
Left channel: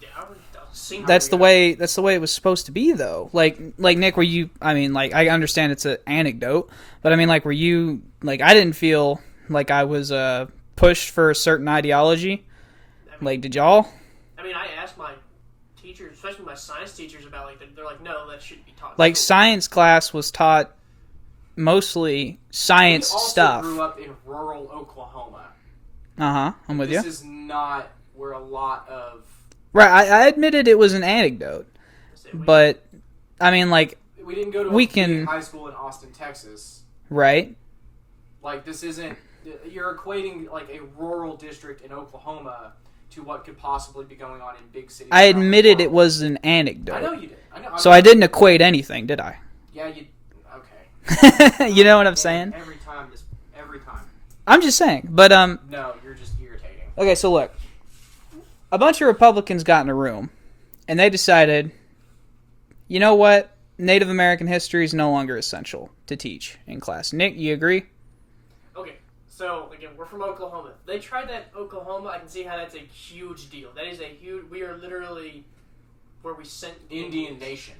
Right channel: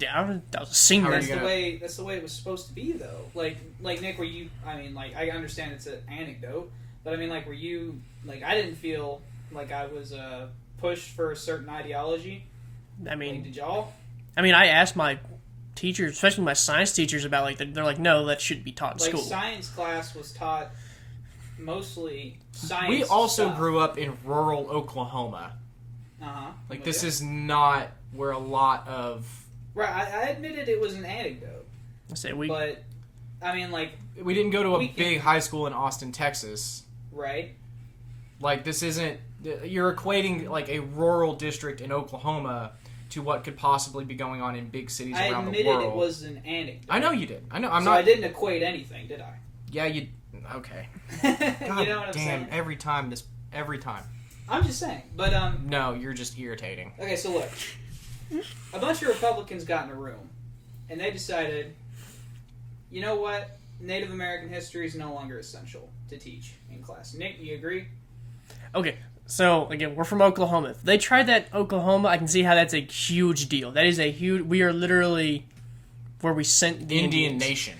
Yeah, that was a single. That's the way it was supposed to be, though. Like Nick, were you? I mean, like, I understand it's an anecdote, but I mean, like, were you? Like, I didn't feel like I was pushed for a certain ideology. I mean, like, did y'all? I mean, I asked my teachers, especially my science teachers, about they're like, no, that shouldn't be taught in like school. Science class was taught mostly science stuff. We also grew up in rural Oklahoma. I'm with you. This is not where a lot of... Right, I admitted it was an anecdote. But, I mean, like... We didn't go to a big high school in Austin, Texas. Right. Like, this isn't... You're equating, like, a rural district in Oklahoma to what could possibly be going on in big cities. I admitted it was an anecdote. I know you did. I know. I didn't equate anything, did I? Yeah, you... Okay. You know what I'm saying? Every time. I'm just saying, but No, you're just irritating. Okay, so look, a bunch of Republicans got in a room, and they decided, you know what? Native American history is no longer essential to teach in class. Nick, you agree? Okay, so again, we're from Oklahoma. If they tried that in Oklahoma, I can see how that's a huge deal. That is a huge. We are literally where we sent the Indian Nation.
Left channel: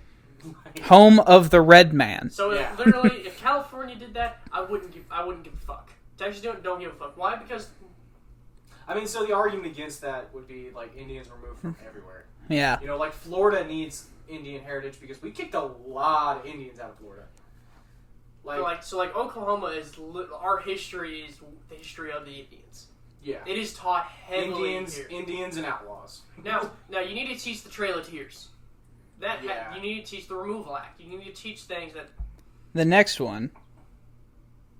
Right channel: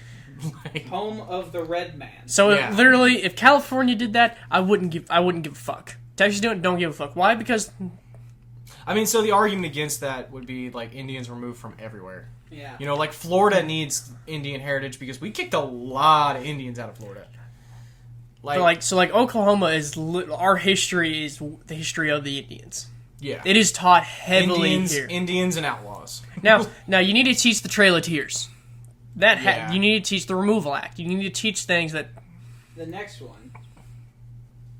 Home of the red man. So literally, if California did that, I wouldn't give a fuck. Texas don't give a fuck. Why? Because I mean, so the argument against that would be like Indians were moved from everywhere. Yeah. You know, like Florida needs Indian heritage because we kicked a lot of Indians out of Florida. So Oklahoma is our history is the history of the Indians. Yeah. It is taught heavily here. Indians and outlaws. Now you need to teach the Trail of Tears. You need to teach the Removal Act. You need to teach things that. The next one.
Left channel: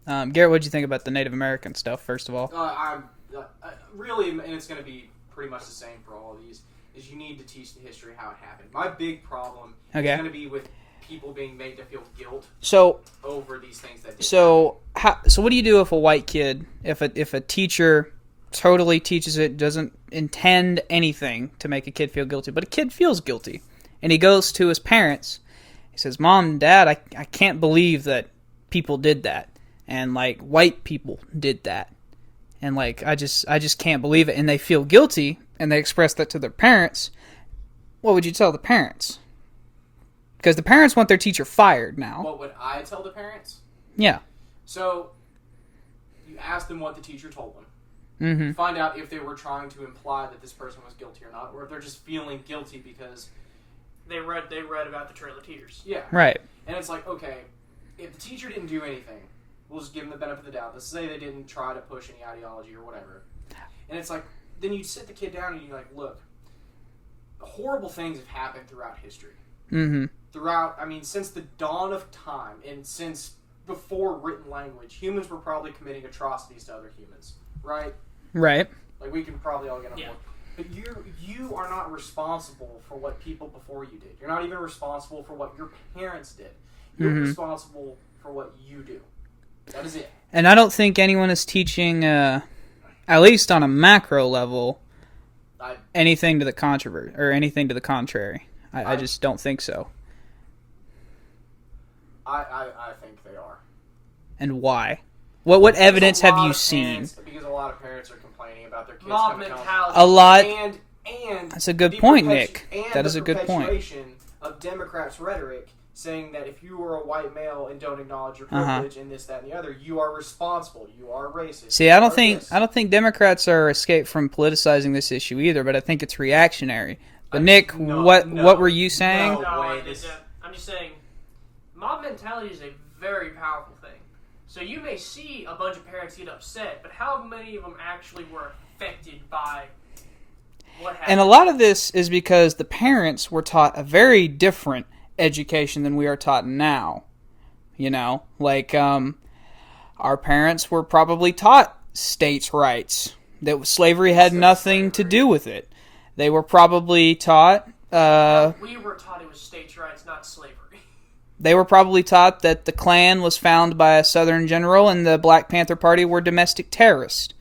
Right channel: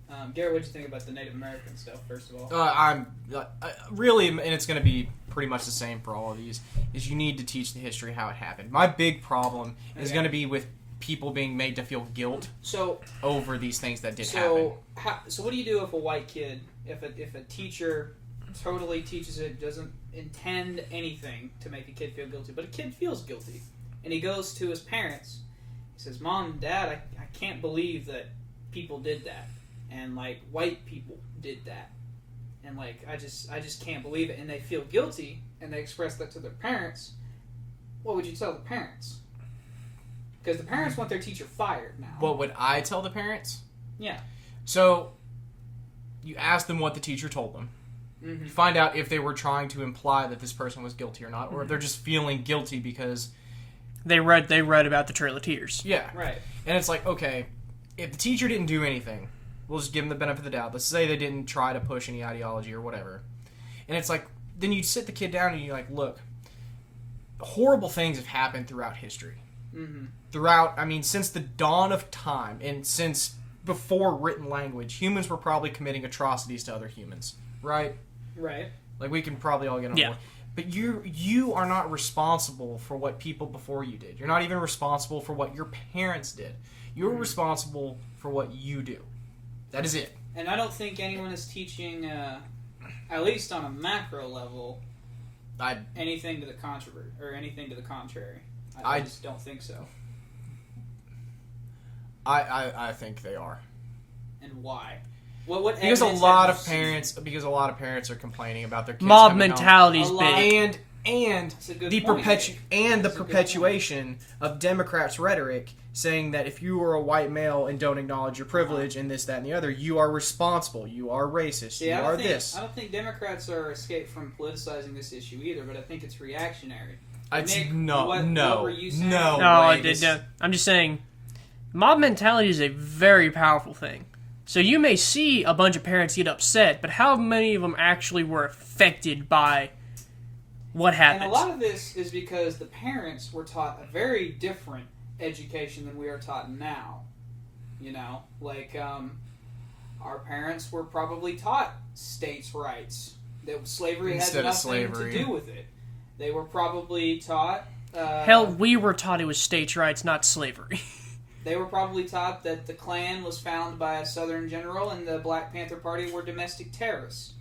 Garrett, what did you think about the Native American stuff, first of all? I'm really, and it's going to be pretty much the same for all of these, is you need to teach the history how it happened. My big problem is going to be with people being made to feel guilt over these things that did happen. So what do you do if a white kid, if a teacher totally teaches it, doesn't intend anything to make a kid feel guilty, but a kid feels guilty, and he goes to his parents, he says, Mom and Dad, I can't believe that people did that. And, like, white people did that. And, like, I just can't believe it. And they feel guilty, and they express that to their parents. What would you tell the parents? Because the parents want their teacher fired now. What would I tell the parents? Yeah. So, you ask them what the teacher told them. Mm-hmm. Find out if they were trying to imply that this person was guilty or not, or if they're just feeling guilty because... They read about the Trail of Tears. Yeah. Right. And it's like, okay, if the teacher didn't do anything... We'll just give them the benefit of the doubt. Let's say they didn't try to push any ideology or whatever. And it's like, then you sit the kid down and you're like, look, horrible things have happened throughout history. throughout, I mean, since the dawn of time and since before written language, humans were probably committing atrocities to other humans, right? Right. Like, we can probably all get on board. But you are not responsible for what people before you did. You're not even responsible for what your parents did. You're responsible for what you do. That is it. And I don't think anyone is teaching, at least on a macro level, anything to the controversy or anything to the contrary. I just don't think so. I think they are. And why? What evidence have you seen? Because a lot of parents are complaining about their kids mob mentality. A lot. And that's a good point, Nick. And that the perpetuation of Democrats' rhetoric saying that if you are a white male and don't acknowledge your privilege and this, that, and the other, you are responsible. You are racist. See, I don't think Democrats are escaped from politicizing this issue either, but I think it's reactionary. But Nick, what were you saying? I'm just saying, mob mentality is a very powerful thing. So you may see a bunch of parents get upset, but how many of them actually were affected by what happened? And a lot of this is because the parents were taught a very different education than we are taught now. You know, like our parents were probably taught states' rights, that slavery had nothing to do with it. They were probably taught... hell, we were taught it was states' rights, not slavery. They were probably taught that the Klan was founded by a Southern general and the Black Panther Party were domestic terrorists.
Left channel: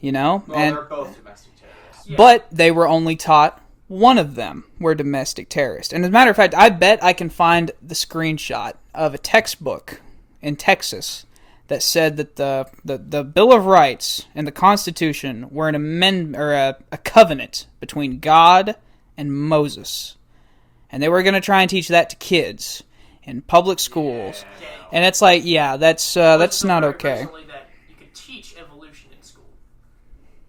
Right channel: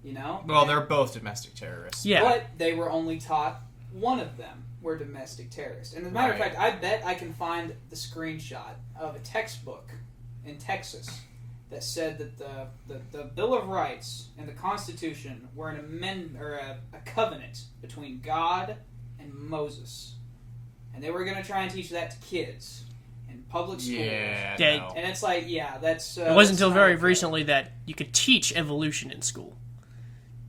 You know? Well, they're both domestic terrorists. Yeah. But they were only taught one of them were domestic terrorists. And as a matter of fact, I bet I can find the screenshot of a textbook in Texas that said that the Bill of Rights and the Constitution were an amendment or a covenant between God and Moses. And they were going to try and teach that to kids in public schools. Yeah, no. And it's like, that's not okay. It wasn't until very recently that you could teach evolution in school.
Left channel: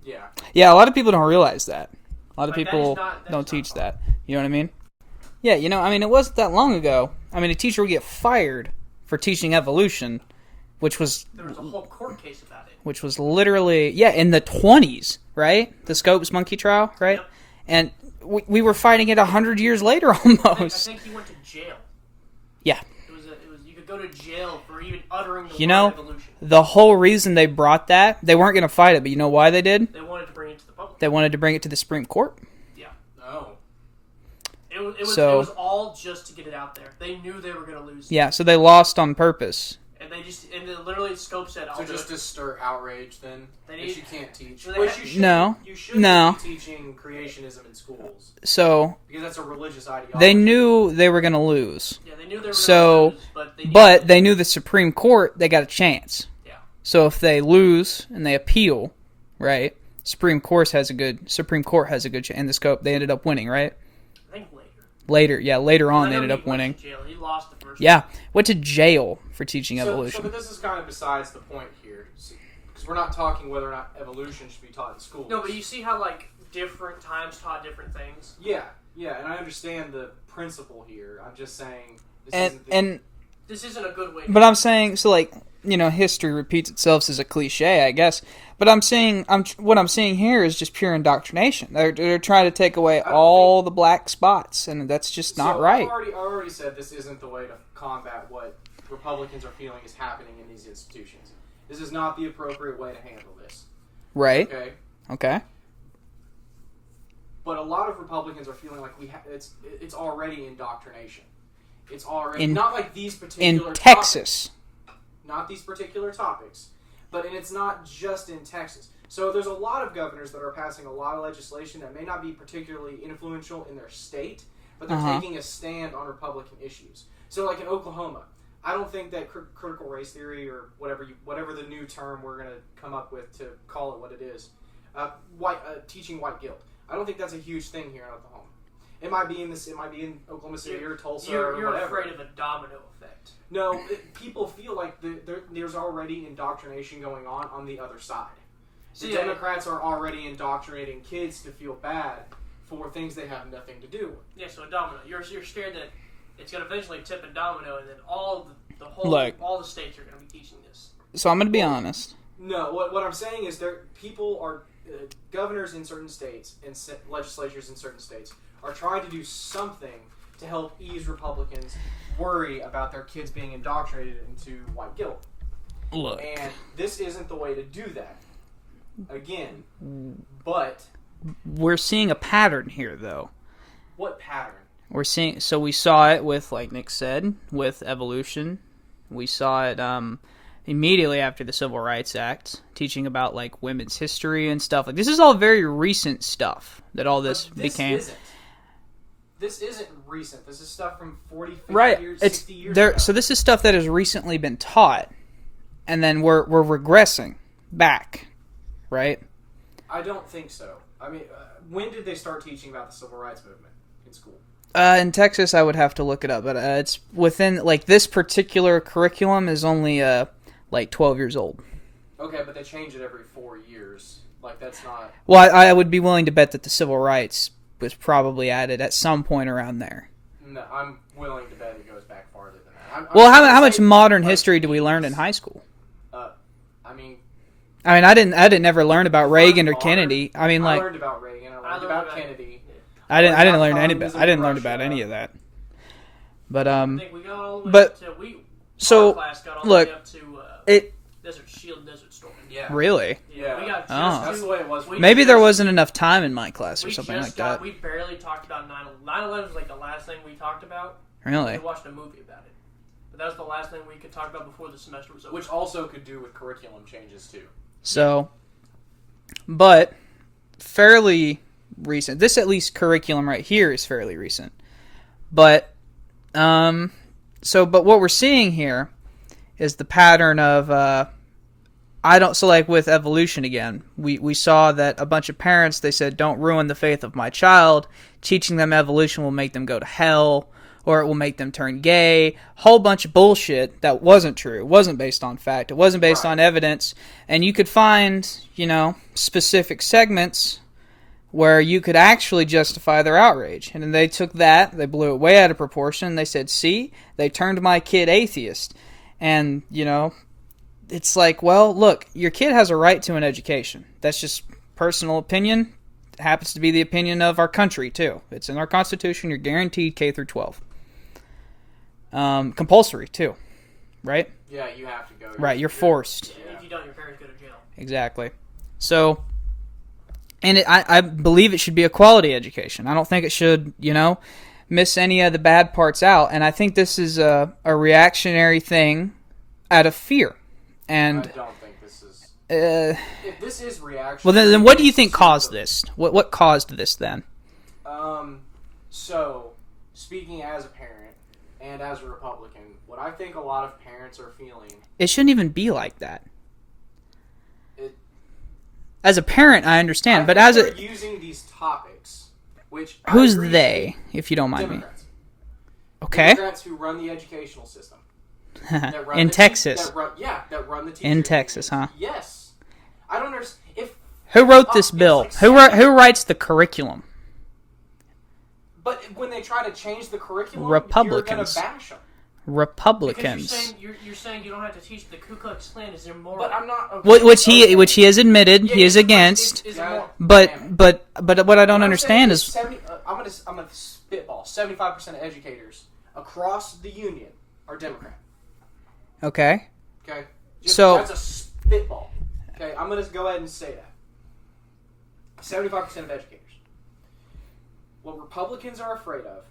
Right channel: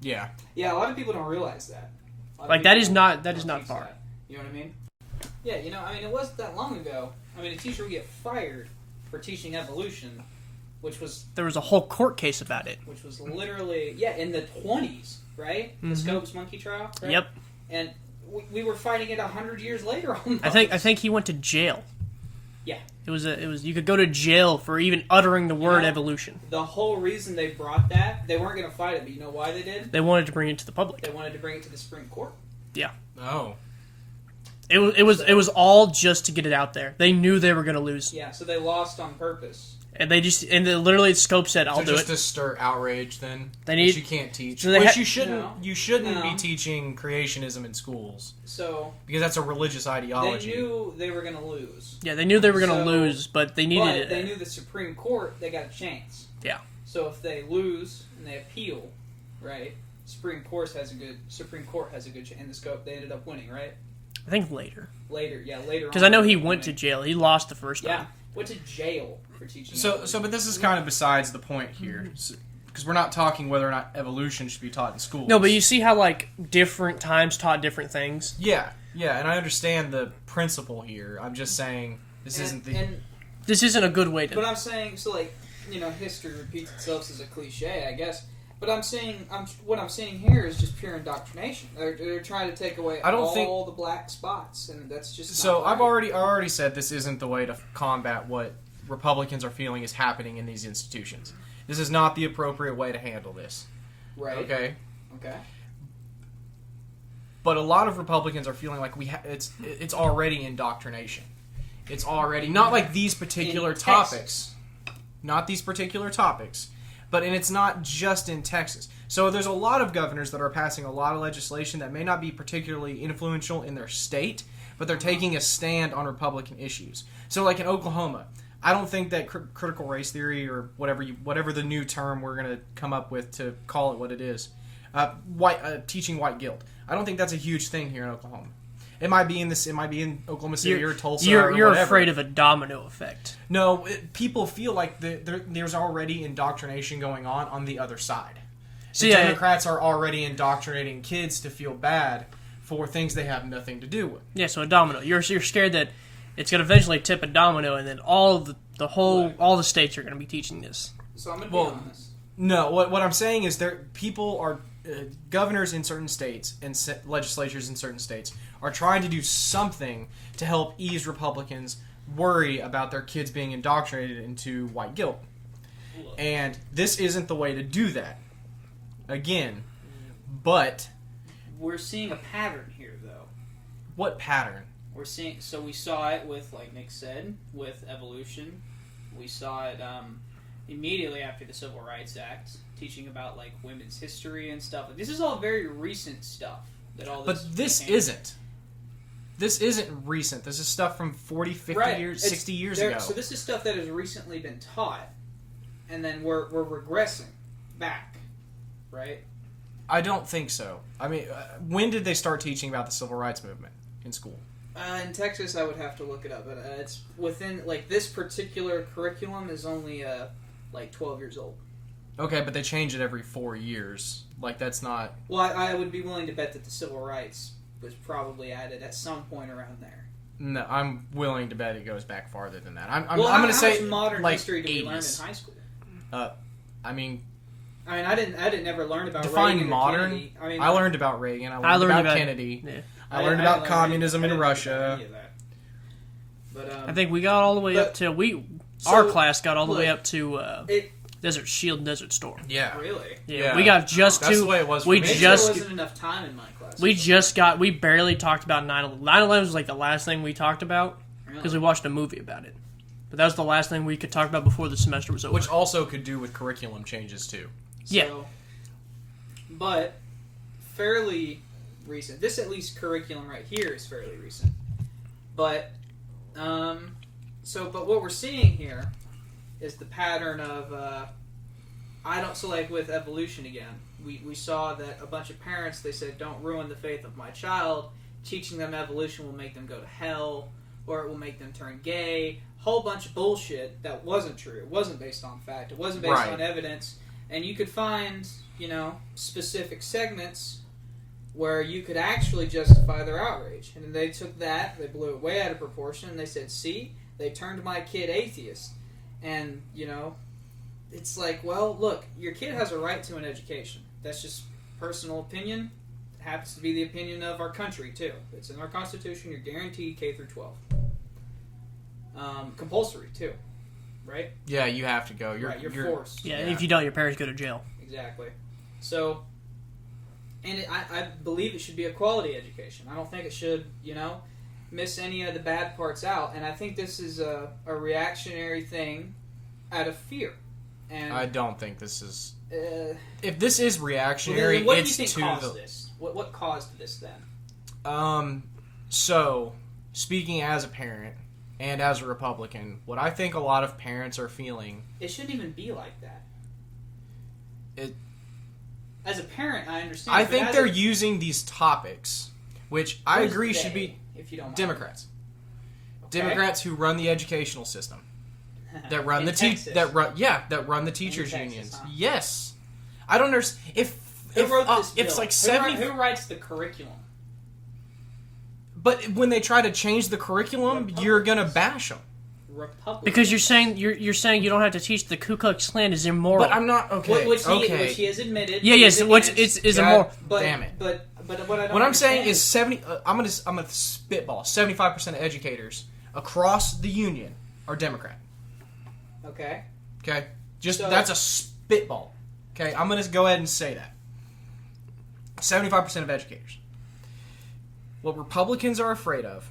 Yeah. Yeah, a lot of people don't realize that. A lot of people that is not teach far. that. You know what I mean? Yeah, it wasn't that long ago. I mean, a teacher would get fired for teaching evolution, which was... There was a whole court case about it. Which was literally, in the 20s, right? Mm-hmm. The Scopes monkey trial, right? Yep. And we were fighting it 100 years later almost. I think he went to jail. Yeah. It was you could go to jail for even uttering the word evolution. The whole reason they brought that, they weren't going to fight it, but you know why they did? They wanted to bring it to the public. They wanted to bring it to the Supreme Court. Yeah. Oh. It was all just to get it out there. They knew they were going to lose. Yeah, so they lost on purpose. And literally Scope said, "I'll do it." Just to stir outrage, then you can't teach. You shouldn't be teaching creationism in schools. So because that's a religious ideology. They knew they were going to lose. Yeah, they knew they were going to lose, but they knew the Supreme Court. They got a chance. Yeah. So if they lose and they appeal, right? Supreme Court has a good chance. And the Scope, they ended up winning, right? I think later on. Because I know he went to jail. He lost the first. Yeah, went to jail for teaching evolution. But this is kind of besides the point here, because we're not talking whether or not evolution should be taught in schools. No, but you see how different times taught different things. Yeah, and I understand the principle here. I'm just saying this isn't a good way. But I'm saying history repeats itself as a cliche, I guess. But what I'm seeing here is just pure indoctrination. They're trying to take away all the black spots, and that's just not right. I already said this isn't the way to combat what Republicans are feeling is happening in these institutions. This is not the appropriate way to handle this. Right. Okay. But a lot of Republicans are feeling like it's already indoctrination. It's already not like these particular topics. Not these particular topics. And it's not just in Texas. So there's a lot of governors that are passing a lot of legislation that may not be particularly influential in their state, but they're taking a stand on Republican issues. So like in Oklahoma, I don't think that critical race theory or whatever the new term we're going to come up with to call it what it is, teaching white guilt. I don't think that's a huge thing here in Oklahoma. It might be in Oklahoma City or Tulsa. You're afraid of a domino effect. No, people feel like there's already indoctrination going on the other side. Democrats are already indoctrinating kids to feel bad for things they have nothing to do with. Yeah, so a domino. You're scared that it's going to eventually tip a domino, and then all the states are going to be teaching this. So I'm going to be honest. No, what I'm saying is people are governors in certain states and legislatures in certain states are trying to do something to help ease Republicans' worry about their kids being indoctrinated into white guilt. Look. And this isn't the way to do that. Again, but We're seeing a pattern here, though. what pattern? So we saw it with, like Nick said, with evolution. We saw it immediately after the Civil Rights Act, teaching about like women's history and stuff. Like this is all very recent stuff that all this But this became. isn't. This isn't recent. This is stuff from 40, 50 Right. years, It's- 60 years ago. So this is stuff that has recently been taught, and then we're regressing back, right? I don't think so. I mean, when did they start teaching about the Civil Rights Movement in school? In Texas, I would have to look it up, but it's within like this particular curriculum is only like 12 years old. Okay, but they change it every 4 years. Like, that's not... Well, I would be willing to bet that the civil rights was probably added at some point around there. No, I'm willing to bet it goes back farther than that. I'm Well, trying to how say, much modern like, history do we learn in 80s. high school? I mean, I didn't ever learn about define Reagan or modern. Kennedy. I mean, I like learned about Reagan. I learned about Kennedy. Yeah. I didn't learned learn about any. communism I didn't in learn Russia. about any of that. But I think we got all the way but- to so, our class got all the look, way up to it Desert Shield, Desert Storm. Yeah. really. Yeah, we got just Oh. to. That's the way it was. we Maybe there just- wasn't enough time in my class. Or We something just like got. that. We barely talked about 9/11. 9/11 was like the last thing we talked about because we Really. watched a movie about it. But that was the last thing we could talk about before the semester was over. Which also could do with curriculum changes, too. So, but fairly recent. This at least curriculum right here is fairly recent. But but what we're seeing here is the pattern of so like with evolution again, we saw that a bunch of parents, they said, don't ruin the faith of my child. Teaching them evolution will make them go to hell, or it will make them turn gay. Whole bunch of bullshit that wasn't true. It wasn't based on fact. It wasn't based Right. on evidence. And you could find, specific segments where you could actually justify their outrage. And then they took that, they blew it way out of proportion, and they said, see, they turned my kid atheist. And, it's like, well, look, your kid has a right to an education. That's just personal opinion. It happens to be the opinion of our country, too. It's in our Constitution. You're guaranteed K through 12. Compulsory, too. Right? Yeah, you have to go. You're forced. yeah, if you don't, your parents go to jail. Exactly. So, and I believe it should be a quality education. I don't think it should, miss any of the bad parts out. And I think this is a reactionary thing out of fear. And I don't think this is... If this is reactionary... well, then what do you it's think to caused the- this? What caused this then? So, speaking as a parent and as a Republican, what I think a lot of parents are feeling... It shouldn't even be like that. It, As a parent, I understand, I but think as they're a using these topics, which who's I agree should they, be if you don't mind Democrats. me? Okay. Democrats who run the educational system. That run In the Texas. that run the teachers In Texas, unions. huh? Yes. I don't understand. Who wrote this It's bill? like Who writes the curriculum? But when they try to change the curriculum, you're going Republicans. to bash them. Republicans. Because you're saying you don't have to teach the Ku Klux Klan is immoral. But I'm not... Okay, Which okay. he has admitted he is against. is God immoral. But damn it. what I don't What I'm understand saying is 70. I'm gonna spitball. 75% of educators across the union are Democrat. okay. Okay, So- that's a spitball. Okay, I'm gonna go ahead and say that. 75% of educators. What Republicans are afraid of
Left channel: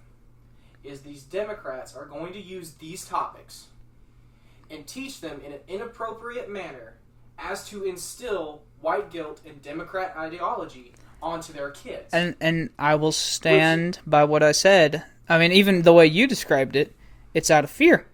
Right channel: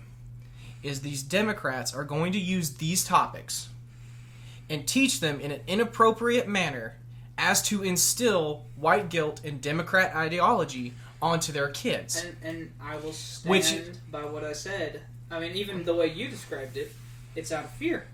is these Democrats are going to use these topics and teach them in an inappropriate manner as to instill white guilt and Democrat ideology onto their kids. And I will stand by what I said. I mean, even the way you described it, it's out of fear.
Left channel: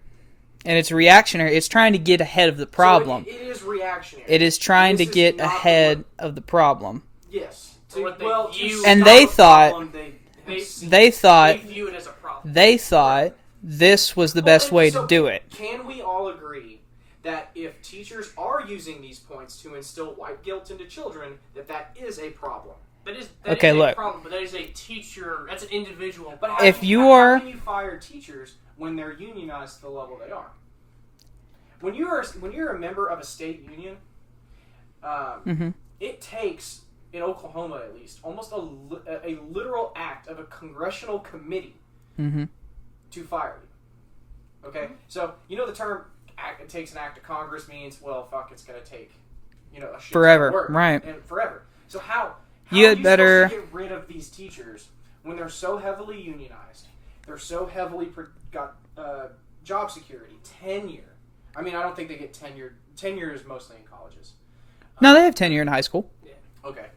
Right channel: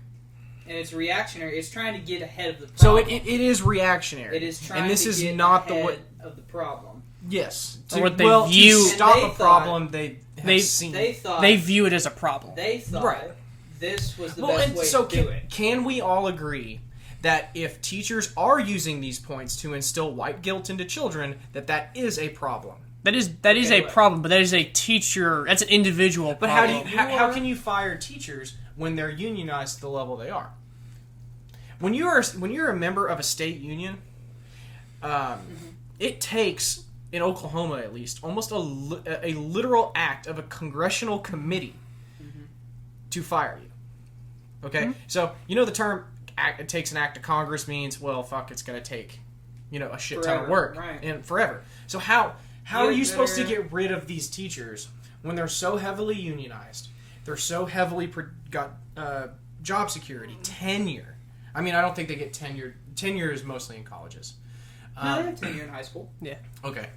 And it's reactionary. It's trying to get ahead of the problem. So it is reactionary. It is trying to get ahead of the problem. Yes. Or what they view- And stop they the thought- problem they They thought They view it as a problem. they thought this was the best way to do it. Can we all agree that if teachers are using these points to instill white guilt into children, that is a problem? That is Okay, a look. problem, but that is a teacher. That's an individual But problem. If you how are- can you fire teachers when they're unionized to the level they are? When you're a member of a state union, it takes, in Oklahoma at least, almost a literal act of a congressional committee to fire you. Okay? So, the term it takes an act of Congress means, well, fuck, it's going to take, a shit ton of work. Right. And forever. So how are you supposed to get rid of these teachers when they're so heavily unionized? They're so heavily got job security, tenure. I mean, I don't think they get tenure. Tenure is mostly in colleges. No, they have tenure in high school. Yeah. Okay.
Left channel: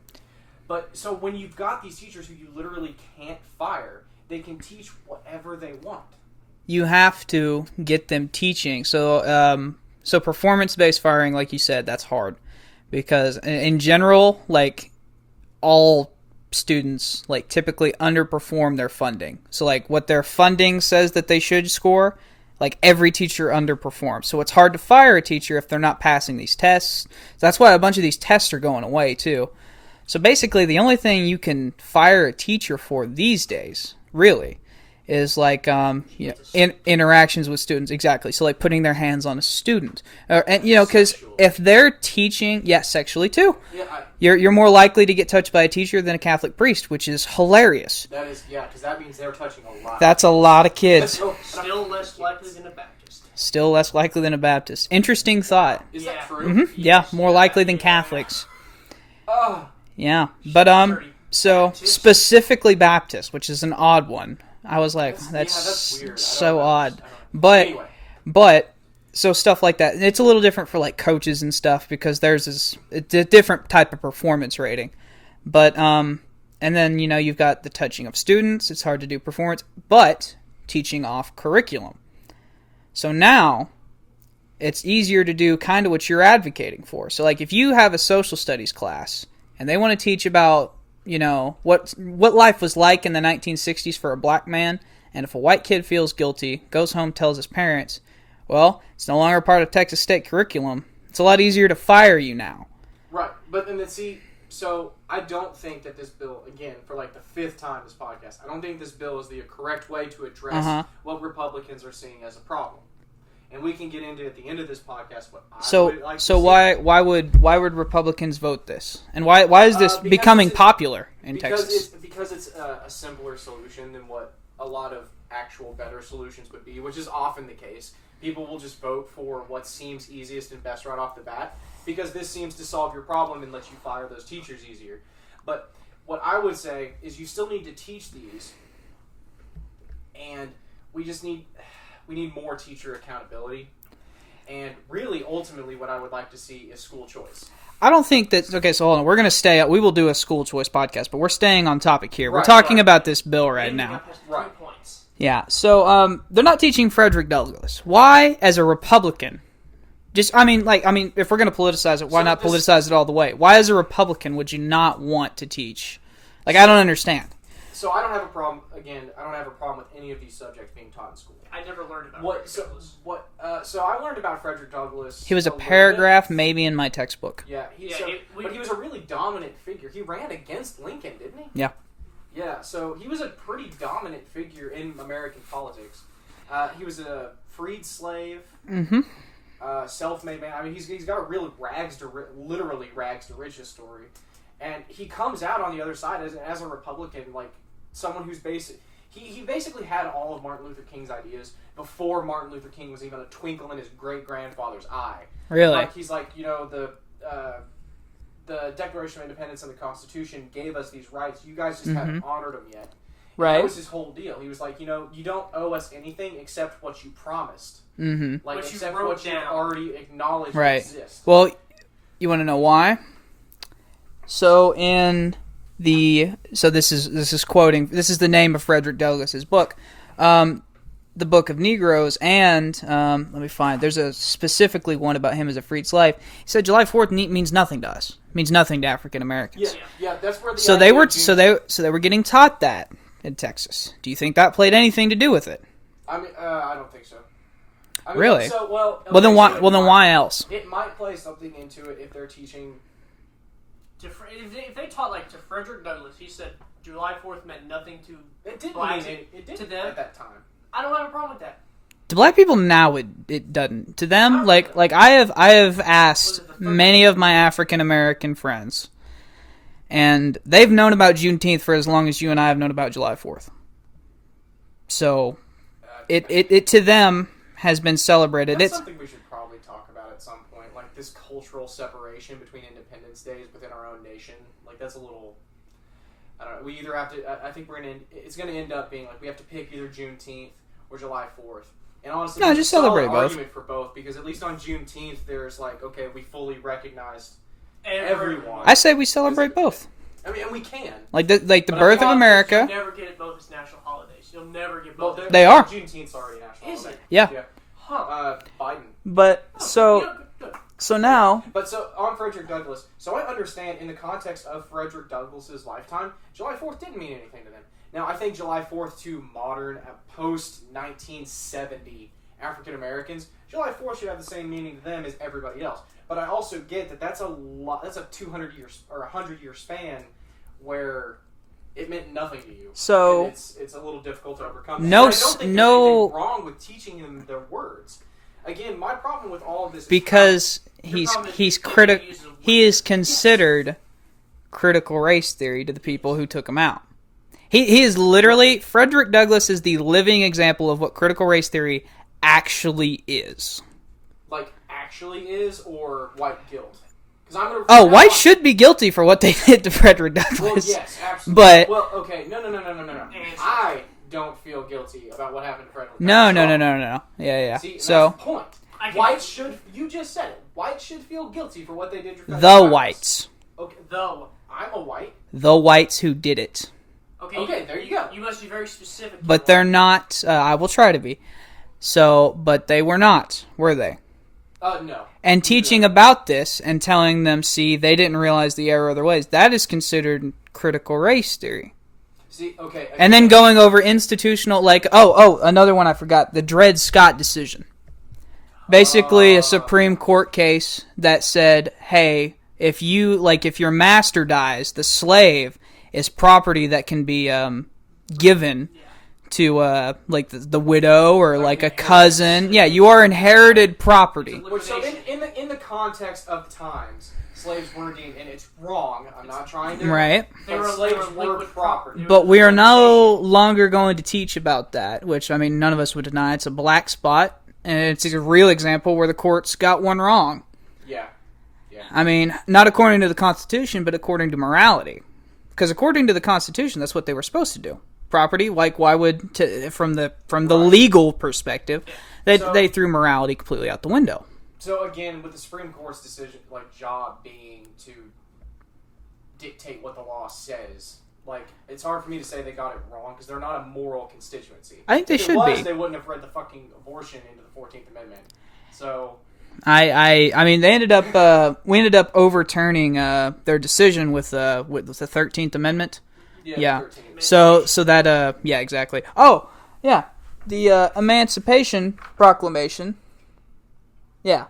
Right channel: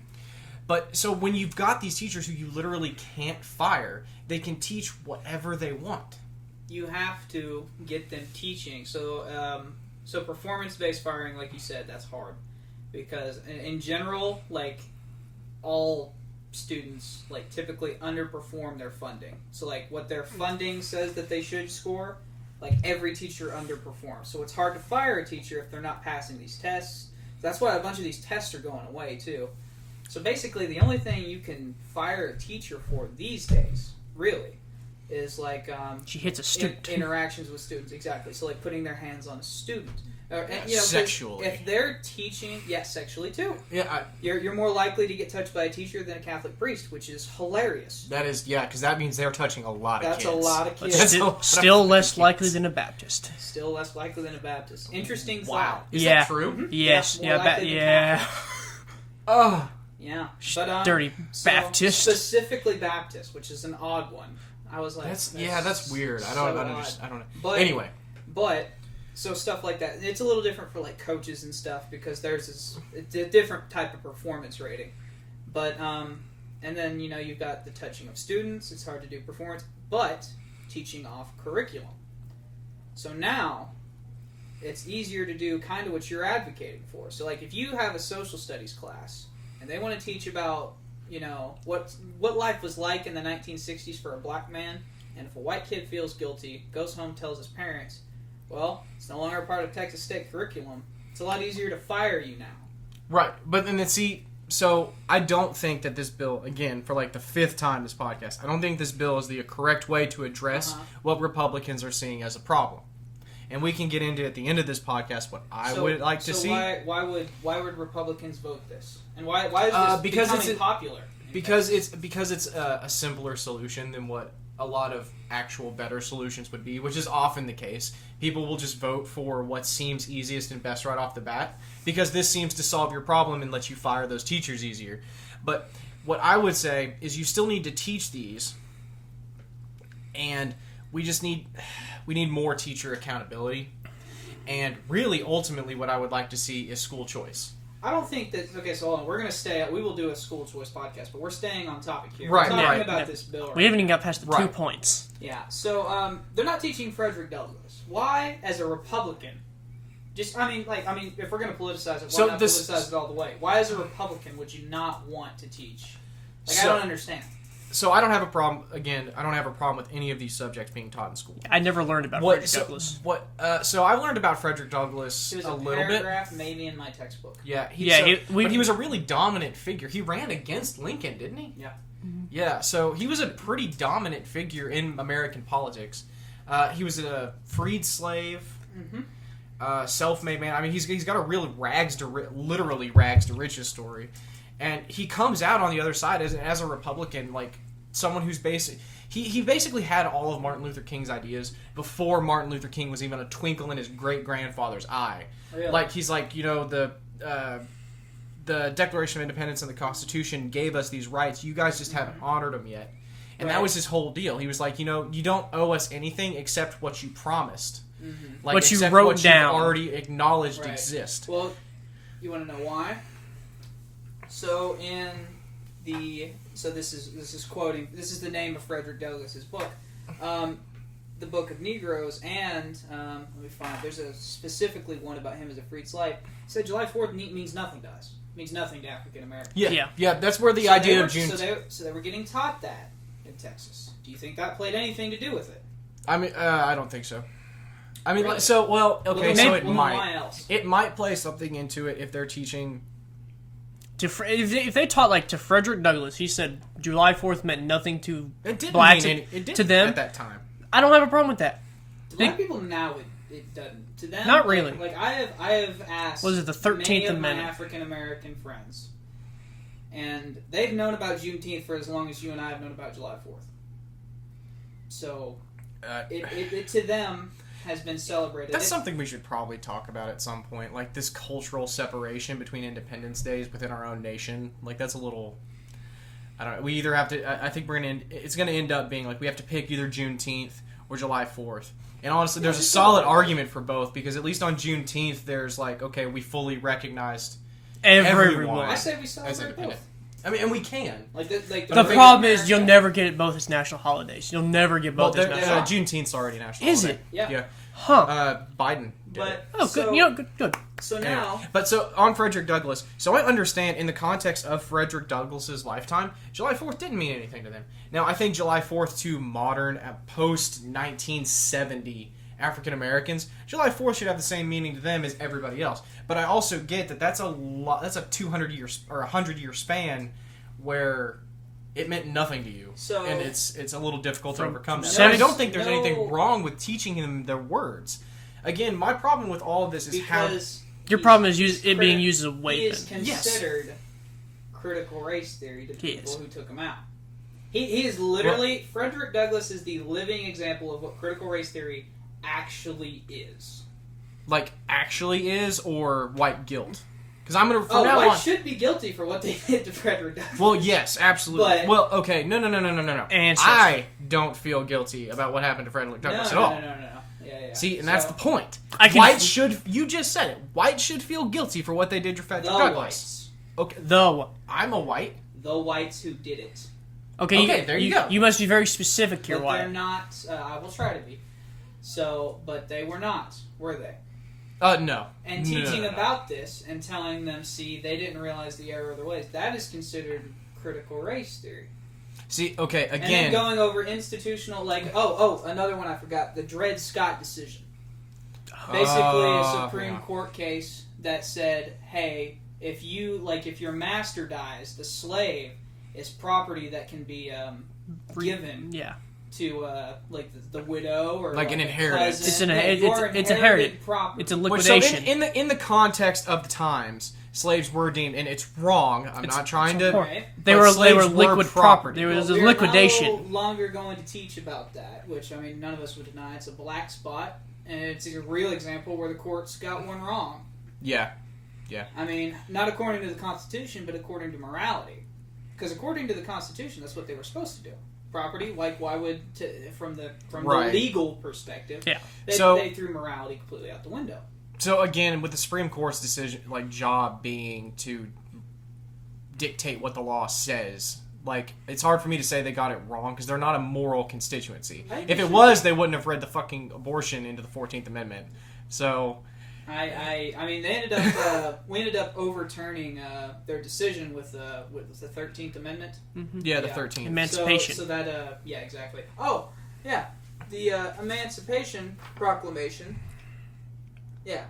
But so when you've got these teachers who you literally can't fire, they can teach whatever they want. You have to get them teaching. So, performance-based firing, like you said, that's hard. Because in general, like, all students, like, typically underperform their funding. So, like, what their funding says that they should score, like, every teacher underperforms. So it's hard to fire a teacher if they're not passing these tests. So that's why a bunch of these tests are going away, too. So basically, the only thing you can fire a teacher for these days, really, is like interactions with students. Exactly. So like putting their hands on a student, and because if they're teaching, sexually too. Yeah, you're more likely to get touched by a teacher than a Catholic priest, which is hilarious. That is, because that means they're touching a lot. That's a lot of kids. Still less likely than a Baptist. Still less likely than a Baptist. Interesting thought. Is that true? Mm-hmm. Yes, more likely than Catholics. Oh. Yeah, but so Baptist. Specifically Baptist, which is an odd one. I was like, that's weird. So odd. But anyway, so stuff like that. It's a little different for like coaches and stuff because theirs is it's a different type of performance rating. But and then you've got the touching of students. It's hard to do performance, but teaching off curriculum. So now it's easier to do kind of what you're advocating for. So like if you have a social studies class and they want to teach about what life was like in the 1960s for a black man, and if a white kid feels guilty, goes home, tells his parents, well, it's no longer part of Texas state curriculum. It's a lot easier to fire you now. Right, but then so I don't think that this bill, again, for like the fifth time this podcast, I don't think this bill is the correct way to address what Republicans are seeing as a problem. And we can get into at the end of this podcast what I would like to see. So why would Republicans vote this? And why is this becoming popular in Texas? Because it's a simpler solution than what a lot of actual better solutions would be, which is often the case. People will just vote for what seems easiest and best right off the bat because this seems to solve your problem and let you fire those teachers easier. But what I would say is you still need to teach these, and we need more teacher accountability. And really, ultimately, what I would like to see is school choice. I don't think that... Okay, so hold on. We're going to we will do a school choice podcast, but we're staying on topic here. We're talking about this bill right now. We haven't even got past the 2 points. Yeah, so they're not teaching Frederick Douglass. Why, as a Republican... if we're going to politicize it, why not politicize it all the way? Why, as a Republican, would you not want to teach? I don't understand. So I don't have a problem. Again, I don't have a problem with any of these subjects being taught in school. I never learned about Frederick Douglass. So I learned about Frederick Douglass. He was a paragraph, maybe in my textbook. Yeah, but he was a really dominant figure. He ran against Lincoln, didn't he? Yeah. Yeah. So he was a pretty dominant figure in American politics. He was a freed slave. Mm-hmm. Self-made man. I mean, he's got a really literally rags to riches story. And he comes out on the other side as a Republican, like someone who's he basically had all of Martin Luther King's ideas before Martin Luther King was even a twinkle in his great-grandfather's eye. Really? Like, he's like, the Declaration of Independence and the Constitution gave us these rights. You guys just haven't honored them yet. And that was his whole deal. He was like, you don't owe us anything except what you promised. Mm-hmm. Like, what you wrote down. You've already acknowledged exist. Well, you want to know why? So this is quoting. This is the name of Frederick Douglass's book, the Book of Negroes, and let me find. There's a specifically one about him as a freed slave. He said July 4th means nothing to us. It means nothing to African Americans. Yeah. That's where the they were getting taught that in Texas. Do you think that played anything to do with it? I mean, I don't think so. I mean, really? So okay, then why else? It might play something into it if they're teaching. If they taught to Frederick Douglass, he said July 4th meant nothing to blacks. It didn't to them at that time. I don't have a problem with that. To black people now, it doesn't. To them, Not like really. like I have asked many of my Amendment? African American friends, and they've known about Juneteenth for as long as you and I have known about July 4th. So, it to them has been celebrated. That's something we should probably talk about at some point. Like this cultural separation between Independence Days within our own nation. Like that's a little. I don't know. We either have to. I think it's gonna end up being like we have to pick either Juneteenth or July 4th. And honestly, there's a solid argument for both because at least on Juneteenth, there's like, okay, we fully recognized everyone. I say we celebrate both. I mean, and we can. Like the birth of America. You'll never get it both as national holidays. You'll never get both. Well, they are. Juneteenth's already national. Is holiday. it? Yeah. Huh. But Biden. Good. So now, but so on Frederick Douglass. So I understand in the context of Frederick Douglass's lifetime, July 4th didn't mean anything to them. Now I think July 4th to modern, post 1970 African Americans, July 4th should have the same meaning to them as everybody else. But I also get that that's a lot. That's a 200 years or 100-year span where it meant nothing to you. So and it's a little difficult to overcome. No, I don't think there's anything wrong with teaching them their words. Again, my problem with all of this is because your problem is he's being used as a weapon. He is considered critical race theory to the people who took him out. He is literally Frederick Douglass is the living example of what critical race theory actually is. Like actually is or white guilt. Because I'm gonna. White should be guilty for what they did to Frederick Douglass. Well, yes, absolutely. But okay, no. I don't feel guilty about what happened to Frederick No. Douglass. Yeah. See, and that's the point. White should. You just said it. White should feel guilty for what they did to Frederick Douglass. The whites. Okay. I'm a white. The whites who did it. Okay. There you go. You must be very specific. But they're not. I will try to be. But they were not, were they? No. And teaching about this and telling them, see, they didn't realize the error of their ways, that is considered critical race theory. See, okay. Again, and then going over institutional, like, another one I forgot, the Dred Scott decision. Basically, a Supreme Court case that said, hey, if your master dies, the slave is property that can be given. Yeah. To the widow or like a cousin, you are inherited property. It's a liquidation. So in the context of the times, slaves were deemed, and it's wrong. I'm not trying to. Right. They were liquid property. But we are no longer going to teach about that, which I mean, none of us would deny. It's a black spot, and it's a real example where the courts got one wrong. Yeah. I mean, not according to the Constitution, but according to morality. Because according to the Constitution, that's what they were supposed to do. Property, like why would from the legal perspective, they threw morality completely out the window. So again, with the Supreme Court's decision, job being to dictate what the law says, it's hard for me to say they got it wrong because they're not a moral constituency. I think if it was, they wouldn't have read the fucking abortion into the 14th Amendment. So. I mean they ended up we ended up overturning their decision with the 13th Amendment. Mm-hmm. Yeah, the 13th. So that exactly. Oh yeah, the Emancipation Proclamation. Yeah.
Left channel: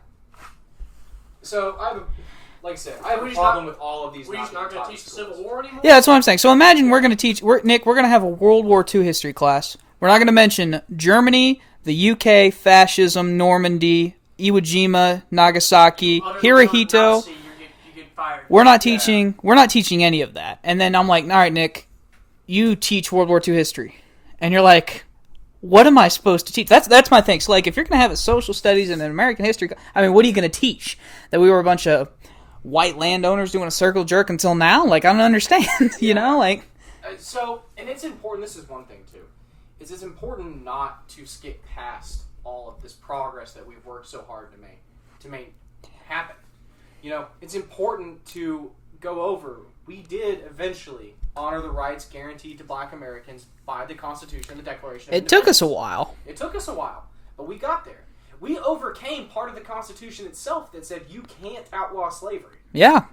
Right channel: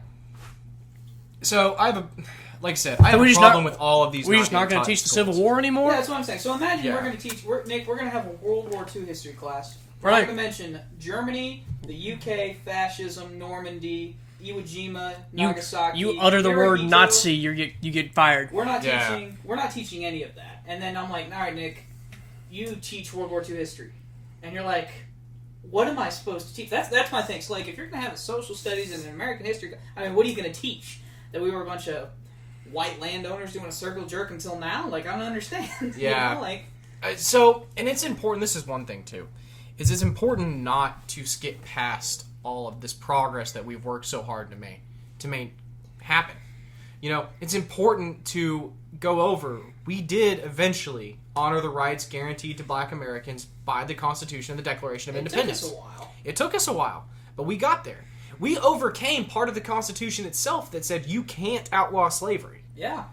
So I have a problem with all of these. We're just not going to teach the Civil War anymore. Yeah, that's what I'm saying. So imagine we're going to teach. We're going to have a World War II history class. We're not going to mention Germany, the UK, fascism, Normandy, Iwo Nagasaki, you utter the Hirohito. word Nazi, you get fired. We're not teaching. We're not teaching any of that. And then I'm like, all right, Nick, you teach World War II history, and you're like, what am I supposed to teach? That's my thing. So if you're going to have a social studies and an American history, I mean, what are you going to teach? That we were a bunch of white landowners doing a circle jerk until now? I don't understand. You know, So, and it's important. This is one thing too. It's important not to skip past all of this progress that we've worked so hard to make happen. It's important to go over. We did eventually honor the rights guaranteed to Black Americans by the Constitution and the Declaration of Independence. It took us a while. It took us a while, but we got there. We overcame part of the Constitution itself that said you can't outlaw slavery. Yeah.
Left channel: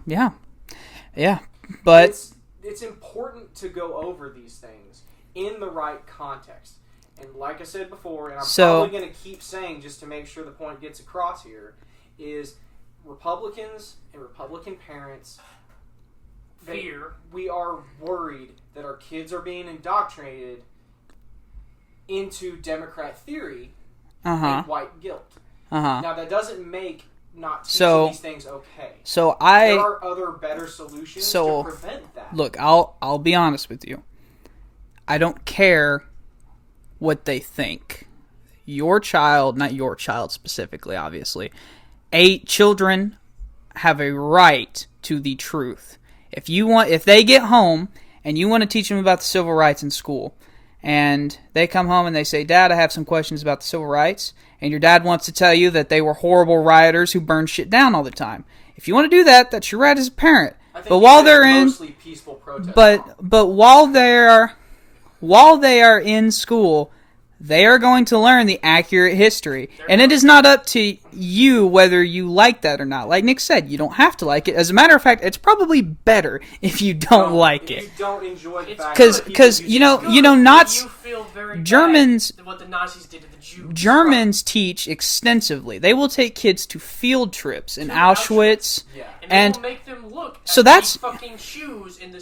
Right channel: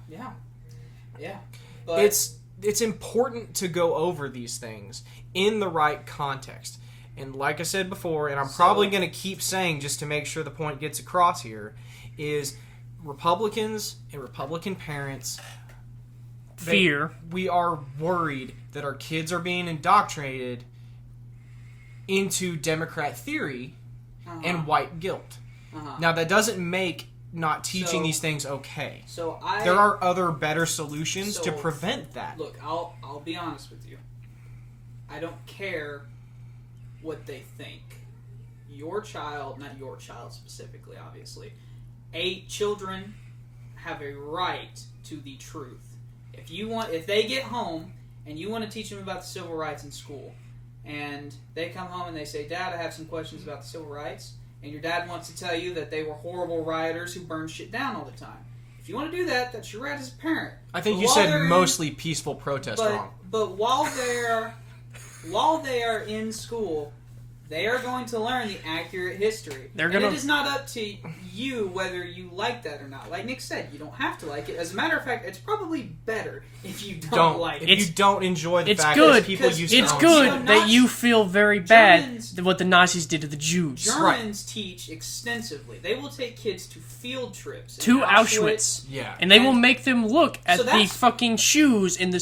But it's important to go over these things in the right context. And like I said before, and I'm probably going to keep saying just to make sure the point gets across here, is Republicans and Republican parents we are worried that our kids are being indoctrinated into Democrat theory and white guilt. Now, that doesn't make not teaching these things okay. There are other better solutions to prevent that. Look, I'll be honest with you. I don't care what they think. your child, not your child specifically, obviously, children have a right to the truth. If they get home and you want to teach them about the civil rights in school, and they come home and they say, Dad, I have some questions about the civil rights, and your dad wants to tell you that they were horrible rioters who burned shit down all the time. If you want to do that, that's your right as a parent. I think but you while said they're mostly peaceful protest. But while they are in school, they are going to learn the accurate history. It is not up to you whether you like that or not. Like Nick said, you don't have to like it. As a matter of fact, it's probably better if you don't like it. If you don't enjoy the fact good, that because people that you feel very Germans, bad what the Nazis did to the Jews. Germans teach extensively. They will take kids to field trips in Auschwitz. Yeah. And they will make them look at the fucking shoes in the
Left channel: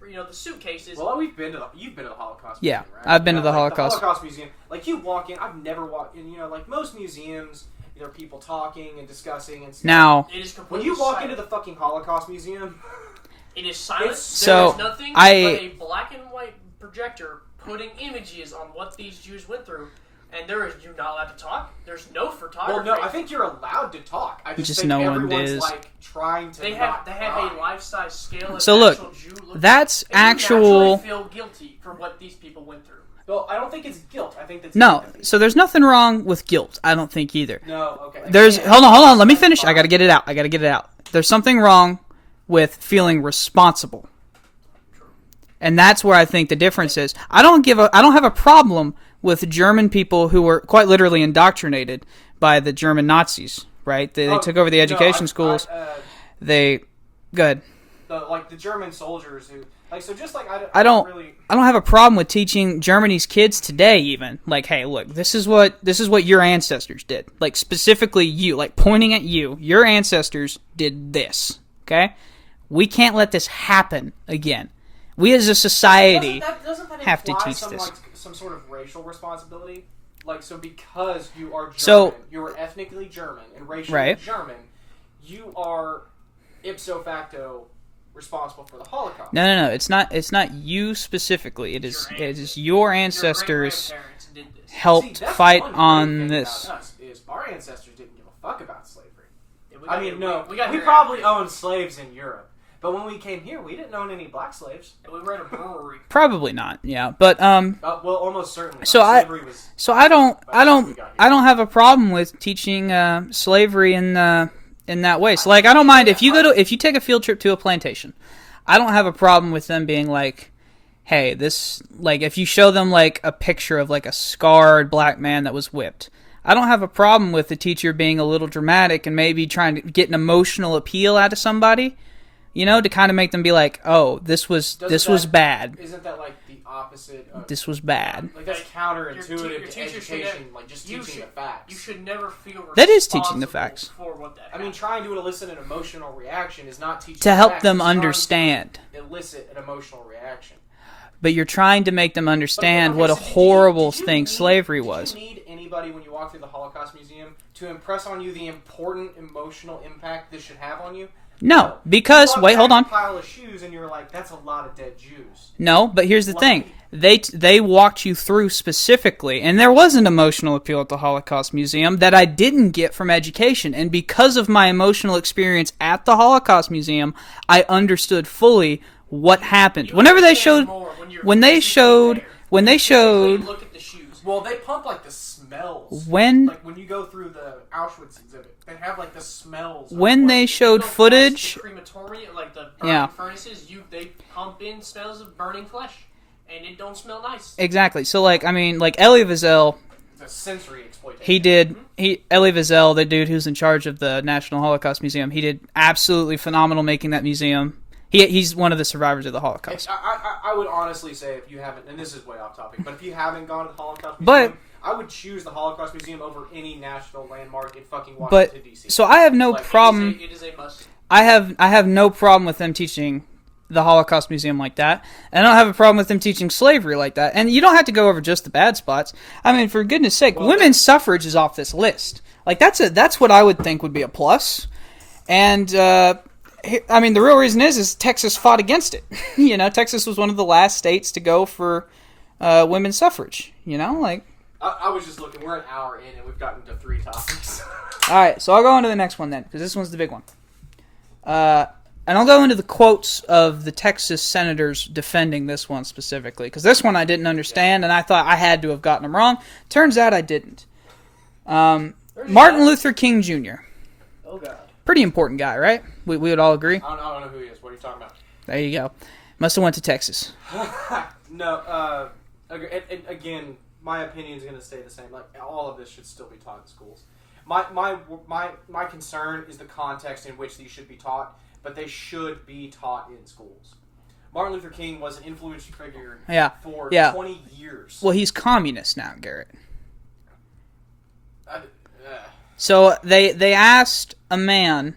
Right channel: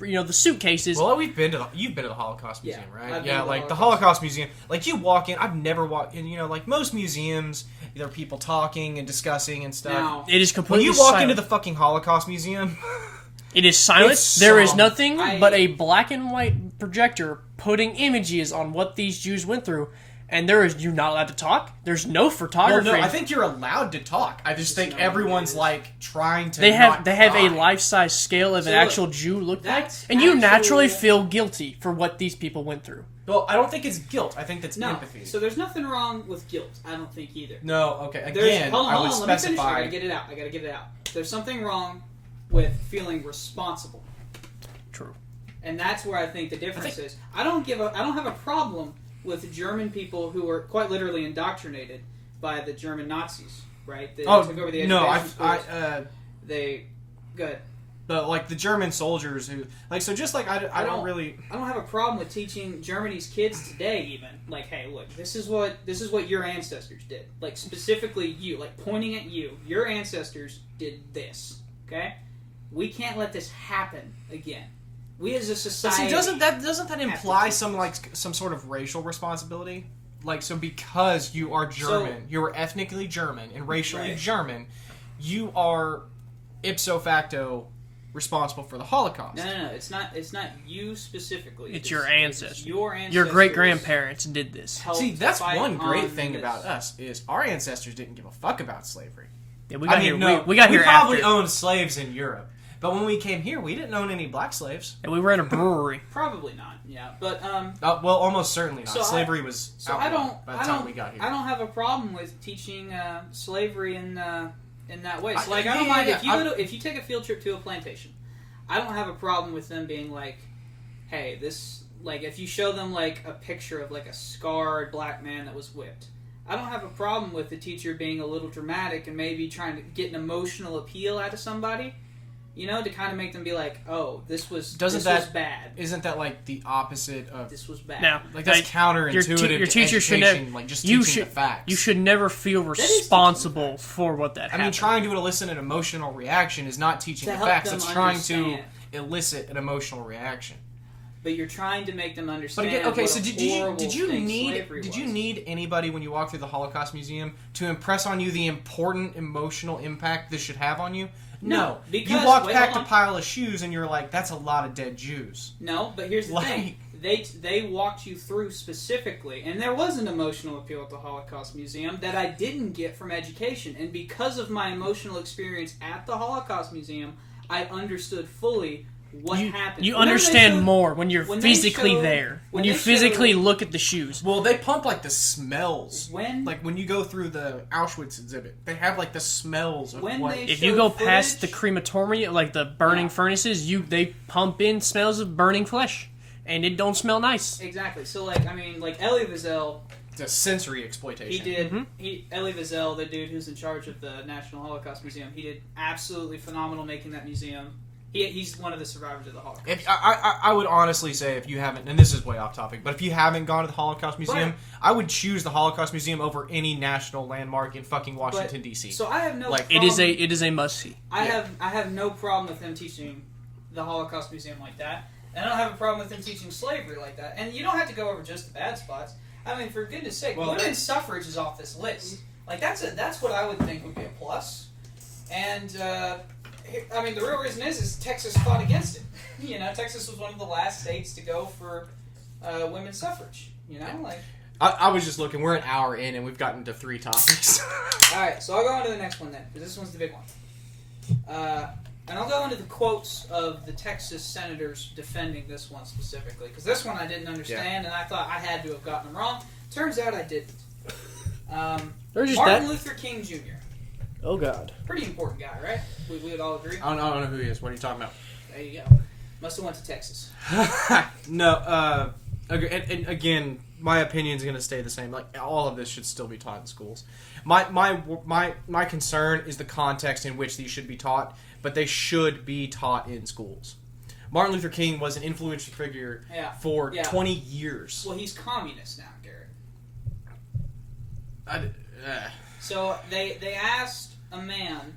the suitcases. Well, you've been to the Holocaust Museum, right? I've been to the Holocaust. The Holocaust Museum. Like, you walk in, I've never walked in, like most museums, there are people talking and discussing and stuff. Now, it is completely when you walk silent. into the fucking Holocaust Museum, it is silent. There is nothing but a black and white projector putting images on what these Jews went through. And you're not allowed to talk. There's no photography. Well, no, I think you're allowed to talk. I just think everyone's like trying to. They have a life-size scale of actual Jew look. That's and you naturally feel guilty for what these people went through. Well, I don't think it's guilt. I think that's empathy. So there's nothing wrong with guilt. I don't think either. No, okay. Hold on. Let me finish. I gotta get it out. There's something wrong with feeling responsible. True. And that's where I think the difference is. I don't have a problem with German people who were quite literally indoctrinated by the German Nazis, right? They took over the education schools. Go ahead. The German soldiers who, I don't have a problem with teaching Germany's kids today even. Like, hey, look, this is what your ancestors did. Like, specifically you, like pointing at you. Your ancestors did this, okay? We can't let this happen again. We as a society doesn't that imply some sort of racial responsibility? Like, so because you are German, you are ethnically German and racially German, you are ipso facto responsible for the Holocaust. No. It's not you specifically. It's your ancestors. Your great grandparents did this. Helped fight on this. About us is our ancestors didn't give a fuck about slavery. Yeah, we got here. We probably owned slaves in Europe. But when we came here, we didn't own any black slaves. And we were in a brewery. Probably not. Yeah, but well, almost certainly not. Slavery was. So I don't have a problem with teaching slavery in that way. So like I don't mind if you take a field trip to a plantation. I don't have a problem with them being like, hey, this, like, if you show them like a picture of like a scarred black man that was whipped. I don't have a problem with the teacher being a little dramatic and maybe trying to get an emotional appeal out of somebody. To kind of make them be like, oh, this was bad. Isn't that like the opposite of... This was bad. Yeah, like, that's counterintuitive your teacher should never, like just teaching the facts. You should never feel responsible for what that happened. I mean, trying to elicit an emotional reaction is not teaching to the help facts. them it's understand. To elicit an emotional reaction. But you're trying to make them understand what a horrible thing slavery was. Did you need anybody when you walk through the Holocaust Museum to impress on you the important emotional impact this should have on you? No, because wait, hold on. A pile of shoes, and you're like, "That's a lot of dead Jews." No, but here's the thing: they walked you through specifically, and there was an emotional appeal at the Holocaust Museum that I didn't get from education, and because of my emotional experience at the Holocaust Museum, I understood fully what happened. Whenever they showed more when they physically look at the shoes. Well, they pump like the smells. Like when you go through the Auschwitz exhibit, they have like the smells. When they showed footage, the crematorium, like the burning furnaces, they pump in smells of burning flesh, and it don't smell nice. Exactly. So like Elie Wiesel. It's a sensory exploitation. Elie Wiesel, the dude who's in charge of the National Holocaust Museum, he did absolutely phenomenal making that museum. He's one of the survivors of the Holocaust. I would honestly say, if you haven't, and this is way off topic, but if you haven't gone to the Holocaust Museum, I would choose the Holocaust Museum over any national landmark in fucking Washington, D.C. So I have no problem. It is a must-see. I have no problem with them teaching the Holocaust Museum like that, and I don't have a problem with them teaching slavery like that. And you don't have to go over just the bad spots. I mean, for goodness sake, women's suffrage is off this list. Like that's what I would think would be a plus. And I mean, the real reason is Texas fought against it. Texas was one of the last states to go for women's suffrage. I was just looking. We're an hour in, and we've gotten to 3 topics. All right, so I'll go into the next one then, because this one's the big one. And I'll go into the quotes of the Texas senators defending this one specifically, because this one I didn't understand, and I thought I had to have gotten them wrong. Turns out I didn't. Martin Luther King Jr. Oh, God. Pretty important guy, right? We would all agree? I don't know who he is. What are you talking about? There you go. Must have went to Texas. No, and again, my opinion's going to stay the same. Like, all of this should still be taught in schools. My concern is the context in which these should be taught, but they should be taught in schools. Martin Luther King was an influential figure for 20 years. Well, he's communist now, Garrett. So they asked a man,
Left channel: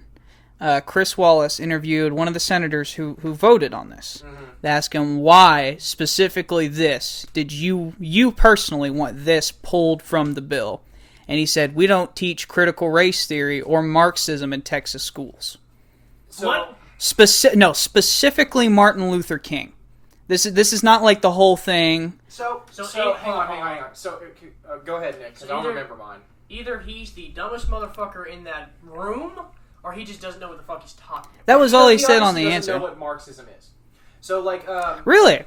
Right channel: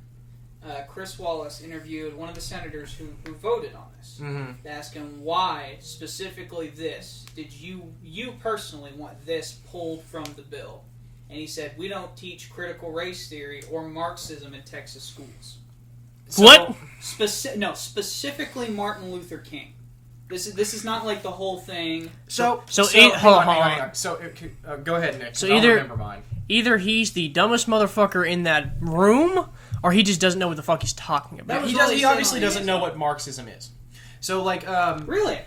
Chris Wallace, interviewed one of the senators who voted on this. Mm-hmm. They asked him, why specifically this? Did you personally want this pulled from the bill? And he said, we don't teach critical race theory or Marxism in Texas schools. So, what? Specifically Martin Luther King. This is not like the whole thing. So hang on. So go ahead, Nick. So I don't remember mine. Either he's the dumbest motherfucker in that room, or he just doesn't know what the fuck he's talking about. That was all he said on the answer. He answer. doesn't know what Marxism is. So really,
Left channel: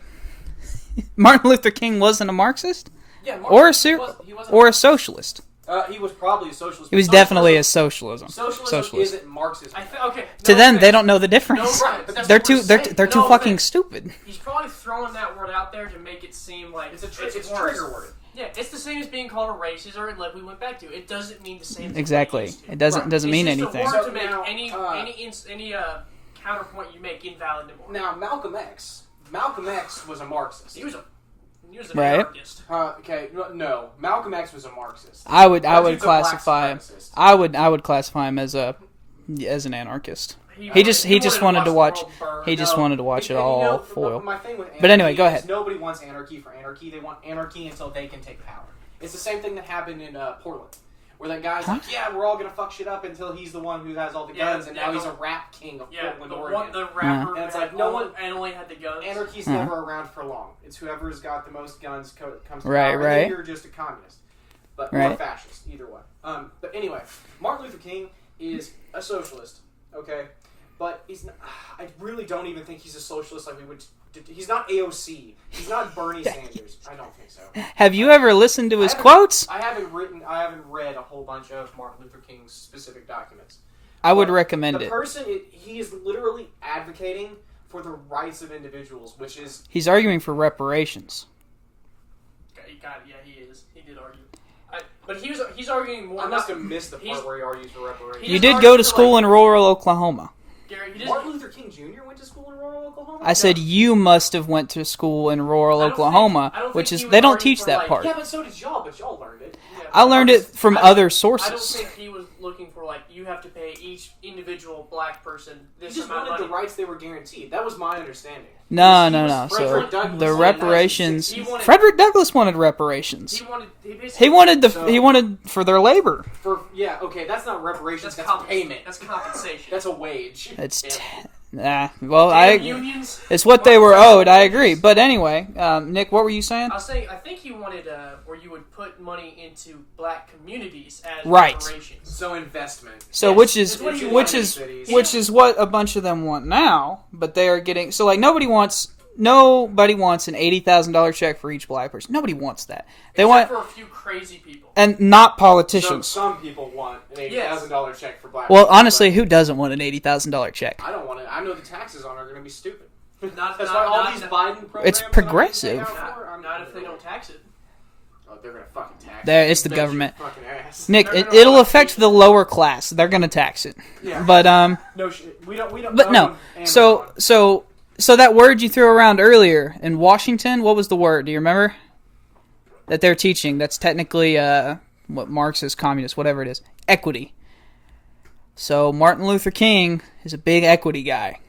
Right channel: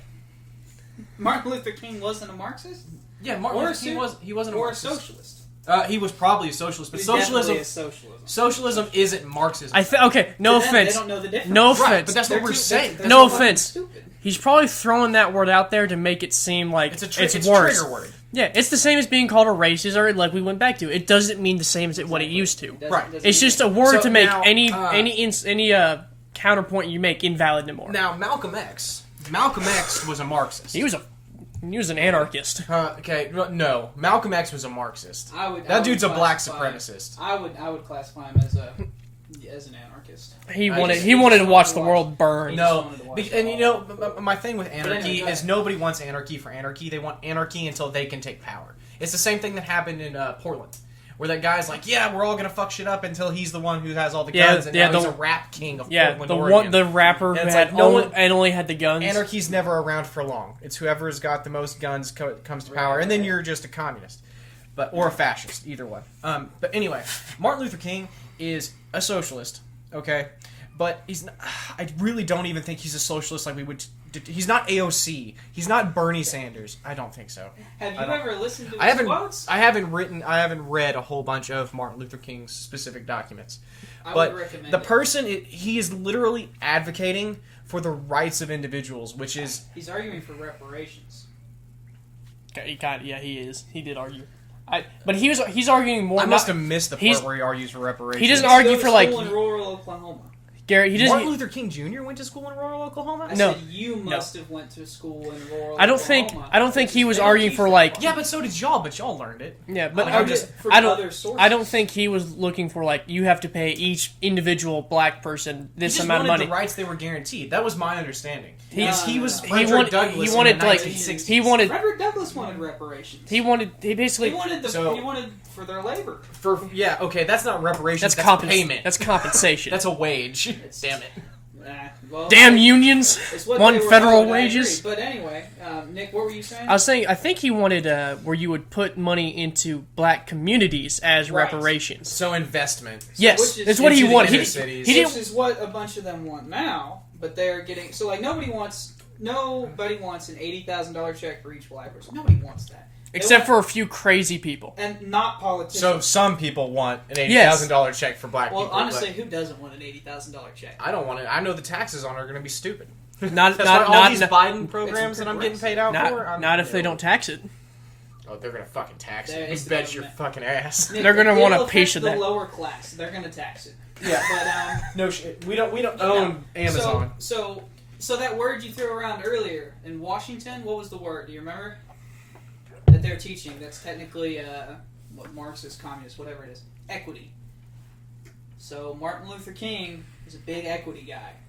Martin Luther King wasn't a Marxist? Yeah, he wasn't a socialist. He was probably a socialist. He was definitely a socialism. Socialism isn't Marxism. Okay, no to them, offense. they don't know the difference. No right, offense. but they're too fucking stupid. He's probably throwing that word out there to make it seem like it's a worse. trigger word. Yeah, it's the same as being called a racist, or like we went back to. It doesn't mean the same as what it used to. It doesn't mean It's just anything. a word So to make now, any counterpoint you make invalid anymore. Now, Malcolm X was a Marxist. He was an anarchist. Okay, no. Malcolm X was a Marxist. I would dude's classify, a black supremacist. I would classify him as an anarchist. He wanted to watch the world burn. He just wanted to watch it all foil. My thing with anarchy but anyway, go ahead. is nobody wants anarchy for anarchy. They want anarchy until they can take power. It's the same thing that happened in Portland, where that guy's like, yeah, we're all gonna fuck shit up until he's the one who has all the guns, and now he's a rap king of Portland, Oregon. The rapper who had only had the guns. Anarchy's never around for long. It's whoever's got the most guns comes to power, and then you're just a communist, or a fascist, either one. But anyway, Martin Luther King is a socialist, okay, but I really don't even think he's a socialist like we would. He's not AOC. He's not Bernie Sanders. I don't think so. Have you ever listened to his quotes? I haven't read a whole bunch of Martin Luther King's specific documents. I would recommend the person. He is literally advocating for the rights of individuals, which is he's arguing for reparations. He is. He did argue. But he's arguing more. I must have missed the part where he argues for reparations. He did go to school in rural Oklahoma. Garrett, Martin Luther King Jr. went to school in rural Oklahoma? I said you must have went to school in rural Oklahoma. I don't think he was they don't arguing teach for that like... part. Yeah, but so did y'all, but y'all learned it. Yeah, I learned it from other sources. I don't think he was looking for like, you have to pay each individual black person this amount of money. He just wanted the rights they were guaranteed. That was my understanding. No. Frederick Douglas wanted reparations. Like, Frederick Douglas wanted reparations. He wanted for their labor. That's not reparations. That's payment. That's compensation. That's a wage. Damn unions. It's what they were owed. I agree. But anyway, Nick, what were you saying? I was saying I think he wanted where you would put money into black communities as reparations. So investment. Yes, which is that's what he wanted. Which is what a bunch of them want now. But they are getting nobody wants an $80,000 check for each black person. Nobody wants that. Except for a few crazy people. And not politicians. So some people want an $80,000 check for black people. Well, honestly, who doesn't want an $80,000 check? I don't want it. I know the taxes on it are going to be stupid. Not these Biden programs it's progressive. Not if they don't tax it. Oh, they're going to fucking tax it. It's the government. Fucking ass. Nick, it'll affect the lower class. They're going to tax it. Yeah. But no shit. We don't But no. Amazon. So that word you threw around earlier in Washington, what was the word? Do you remember? That they're teaching. That's technically what Marxist, communist, whatever it is. Equity. So Martin Luther King is a big equity guy.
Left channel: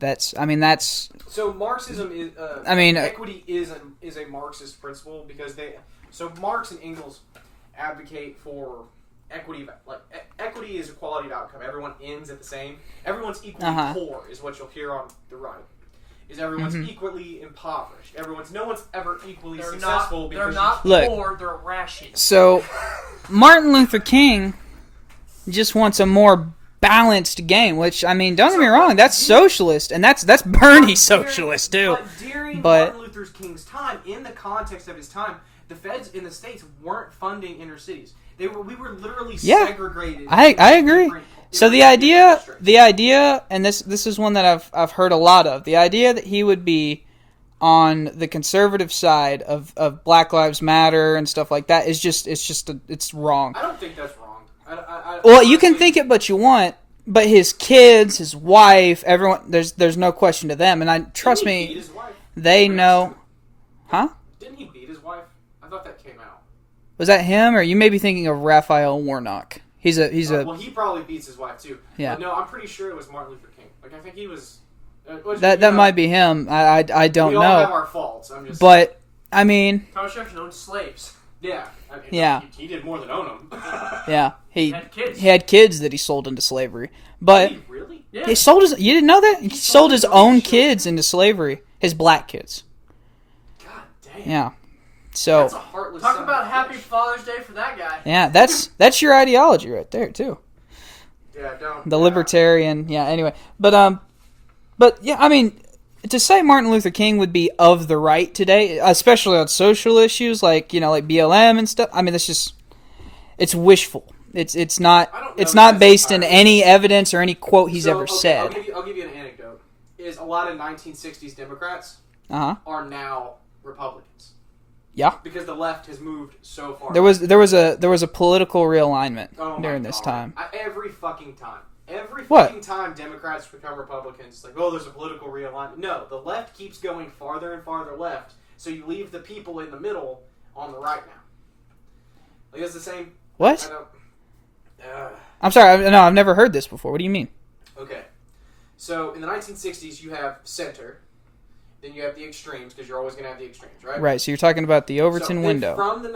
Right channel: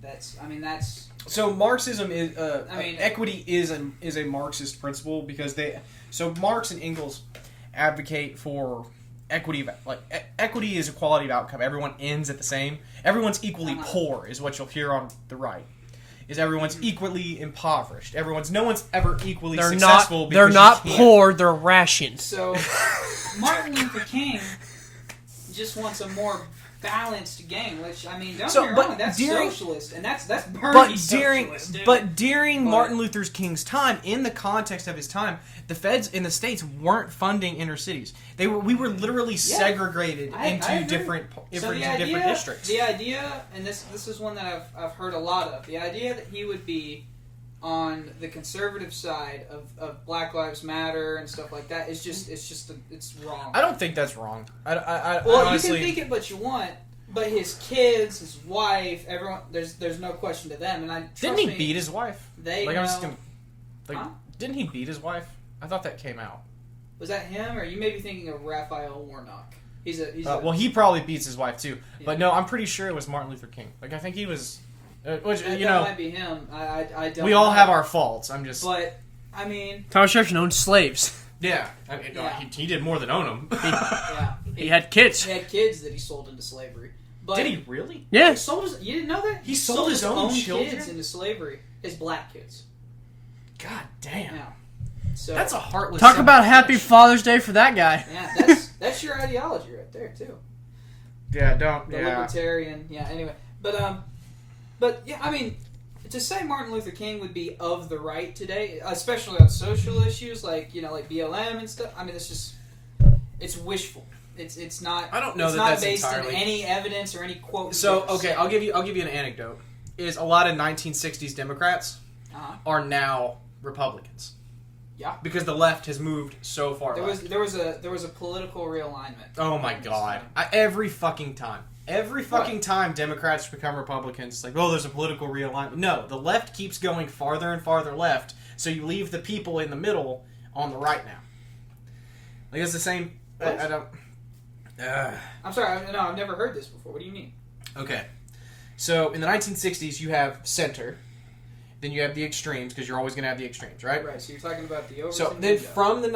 So Marxism is. Equity is a Marxist principle because Marx and Engels advocate for equity. Like equity is equality of outcome. Everyone ends at the same. Everyone's equally poor is what you'll hear on the right. is everyone's equally impoverished. No one's ever equally They're successful. not. They're not poor. They're rations. So, Martin Luther King just wants a more balanced game. Which, I mean, don't get me wrong, that's socialist, and that's Bernie socialist too. But during Martin Luther King's time, in the context of his time, the feds in the states weren't funding inner cities. We were literally segregated. I agree. So the idea, districts. and this is one that I've heard a lot of. The idea that he would be on the conservative side of Black Lives Matter and stuff like that is it's wrong. I don't think that's wrong. Well, honestly, you can think it, but you want. But his kids, his wife, everyone, there's no question to them, and trust me, beat his wife? They know. Huh? Didn't he beat his wife? I thought that came out. Was that him, or you may be thinking of Raphael Warnock? He's a. Well, he probably beats his wife too. Yeah. But no, I'm pretty sure it was Martin Luther King. Like, I think he was. That might be him. I don't know. We all have our faults. I'm just. But I mean, Thomas Jefferson owned slaves. Yeah. He did more than own them. Yeah. He had kids. He had kids that he sold into slavery. But did he really? Yeah. he sold his. You didn't know that? He sold his own children? kids into slavery. His black kids. God damn. Yeah. So that's a heartless. Talk about Happy Father's Day for that guy. Yeah, that's your ideology right there too. Yeah, don't. The libertarian. Yeah. Anyway, but yeah, I mean, to say Martin Luther King would be of the right today, especially on social issues like like BLM and stuff. I mean, it's wishful. It's not. It's not based in any evidence or any quote he's ever said. I'll give you an anecdote. Is a lot of 1960s Democrats are now Republicans. Yeah, because the left has moved so far. There was a political realignment. During this time. Every fucking time Democrats become Republicans, like, there's a political realignment. No, the left keeps going farther and farther left, so you leave the people in the middle on the right now. Like, it's the same. What? I don't. I'm sorry. No, I've never heard this before. What do you mean? Okay, so in the 1960s, you have center. Then you have the extremes, because you're always going to have the extremes, right? Right, so you're talking about the Overton window. From the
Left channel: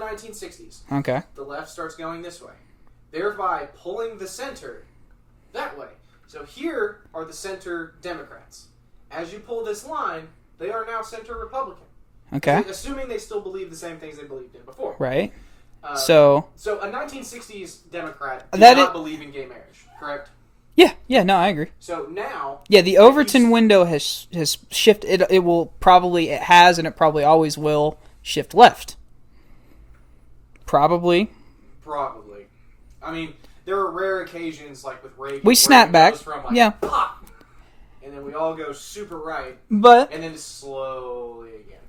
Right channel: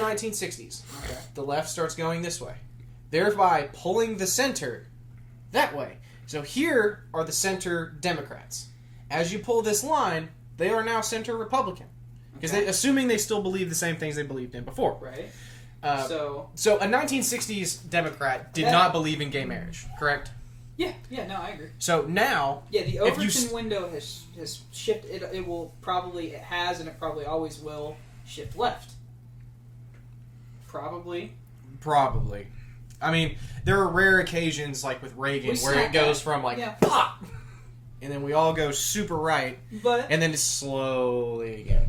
1960s, okay, the left starts going this way, thereby pulling the center that way. So here are the center Democrats. As you pull this line, they are now center Republican. Okay. Assuming they still believe the same things they believed in before. Right. So a 1960s Democrat did not believe in gay marriage, correct? Yeah, no, I agree. So now... Yeah, the Overton window has shifted. It has and it probably always will shift left. Probably. I mean, there are rare occasions, like with Reagan, we snap back. Goes from pop, and then we all go super right, and then just slowly again.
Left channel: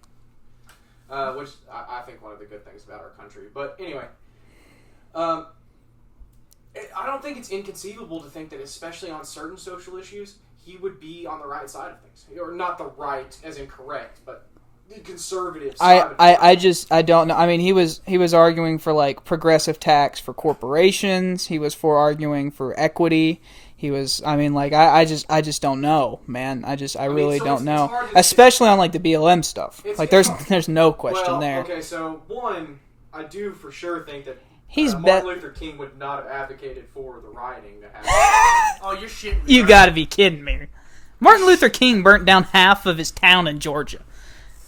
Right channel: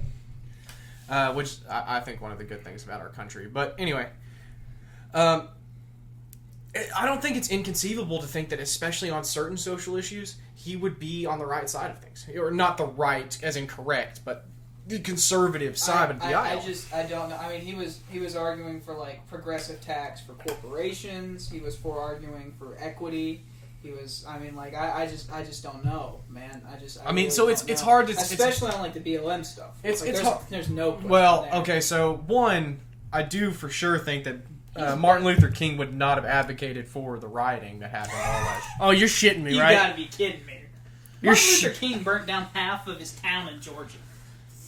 Which I think one of the good things about our country. But anyway... I don't think it's inconceivable to think that, especially on certain social issues, he would be on the right side of things. Or not the right, as in correct, but the conservative side of the I don't know. I mean, he was arguing for, like, progressive tax for corporations. He was arguing for equity. He was, I mean, like, I just don't know, man. I really don't know. It's hard to, especially on, like, the BLM stuff. There's no question there. Okay, so, one, I do for sure think that Martin Luther King would not have advocated for the rioting that happened. Oh, you're shitting me, You gotta be kidding me. Martin Luther King burnt down half of his town in Georgia.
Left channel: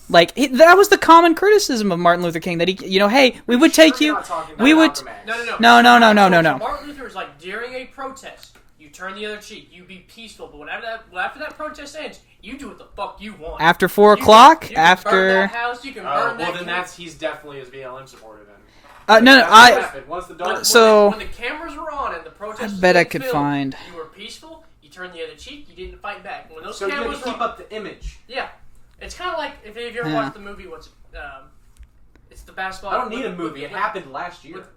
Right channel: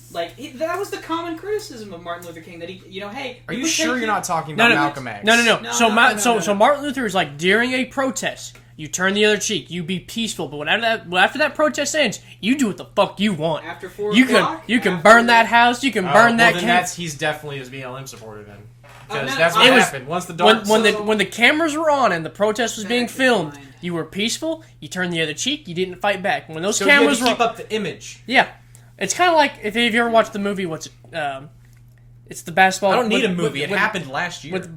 Like, that was the common criticism of Martin Luther King, that he, hey, we would take you... You're not talking about Malcolm X. No. So Martin Luther is like, during a protest, you turn the other cheek, you be peaceful, but after that protest ends, you do what the fuck you want. After 4 o'clock? You can burn that house, you can burn that camp. He's definitely his BLM supporter then. When the cameras were on and the protest was being filmed, you were peaceful. You turned the other cheek. You didn't fight back. When those cameras keep up the image. Yeah, it's kind of like if you ever watched the movie. It's the basketball. I don't need a movie. It happened last year with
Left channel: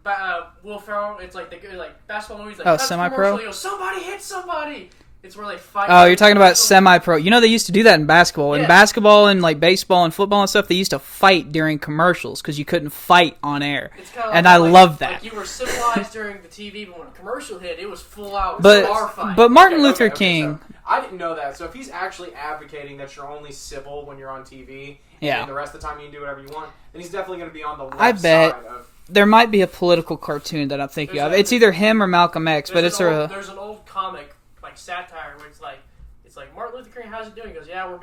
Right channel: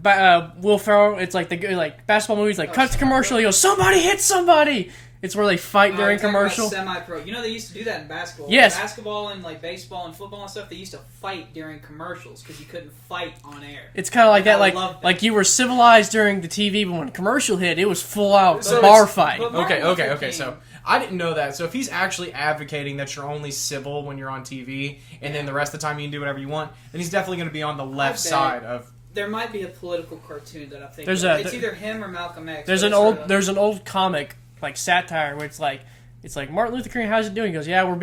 Will Ferrell. It's like the basketball movies. Like cuts commercial. He goes, somebody hit somebody. It's where they fight. Oh, you're talking about semi-pro. They used to do that in basketball. Yes. In basketball and like baseball and football and stuff, they used to fight during commercials because you couldn't fight on air. It's kind of like and I love that. Like you were civilized during the TV, but when a commercial hit, it was full out bar fight. But Martin Luther King. So I didn't know that. So if he's actually advocating that you're only civil when you're on TV, and then the rest of the time you can do whatever you want, then he's definitely going to be on the left side of. There might be a political cartoon that I'm thinking of. It's either him or Malcolm X. There's an old comic, like satire, where it's like it's like, Martin Luther King, how's it doing? He goes, yeah, we're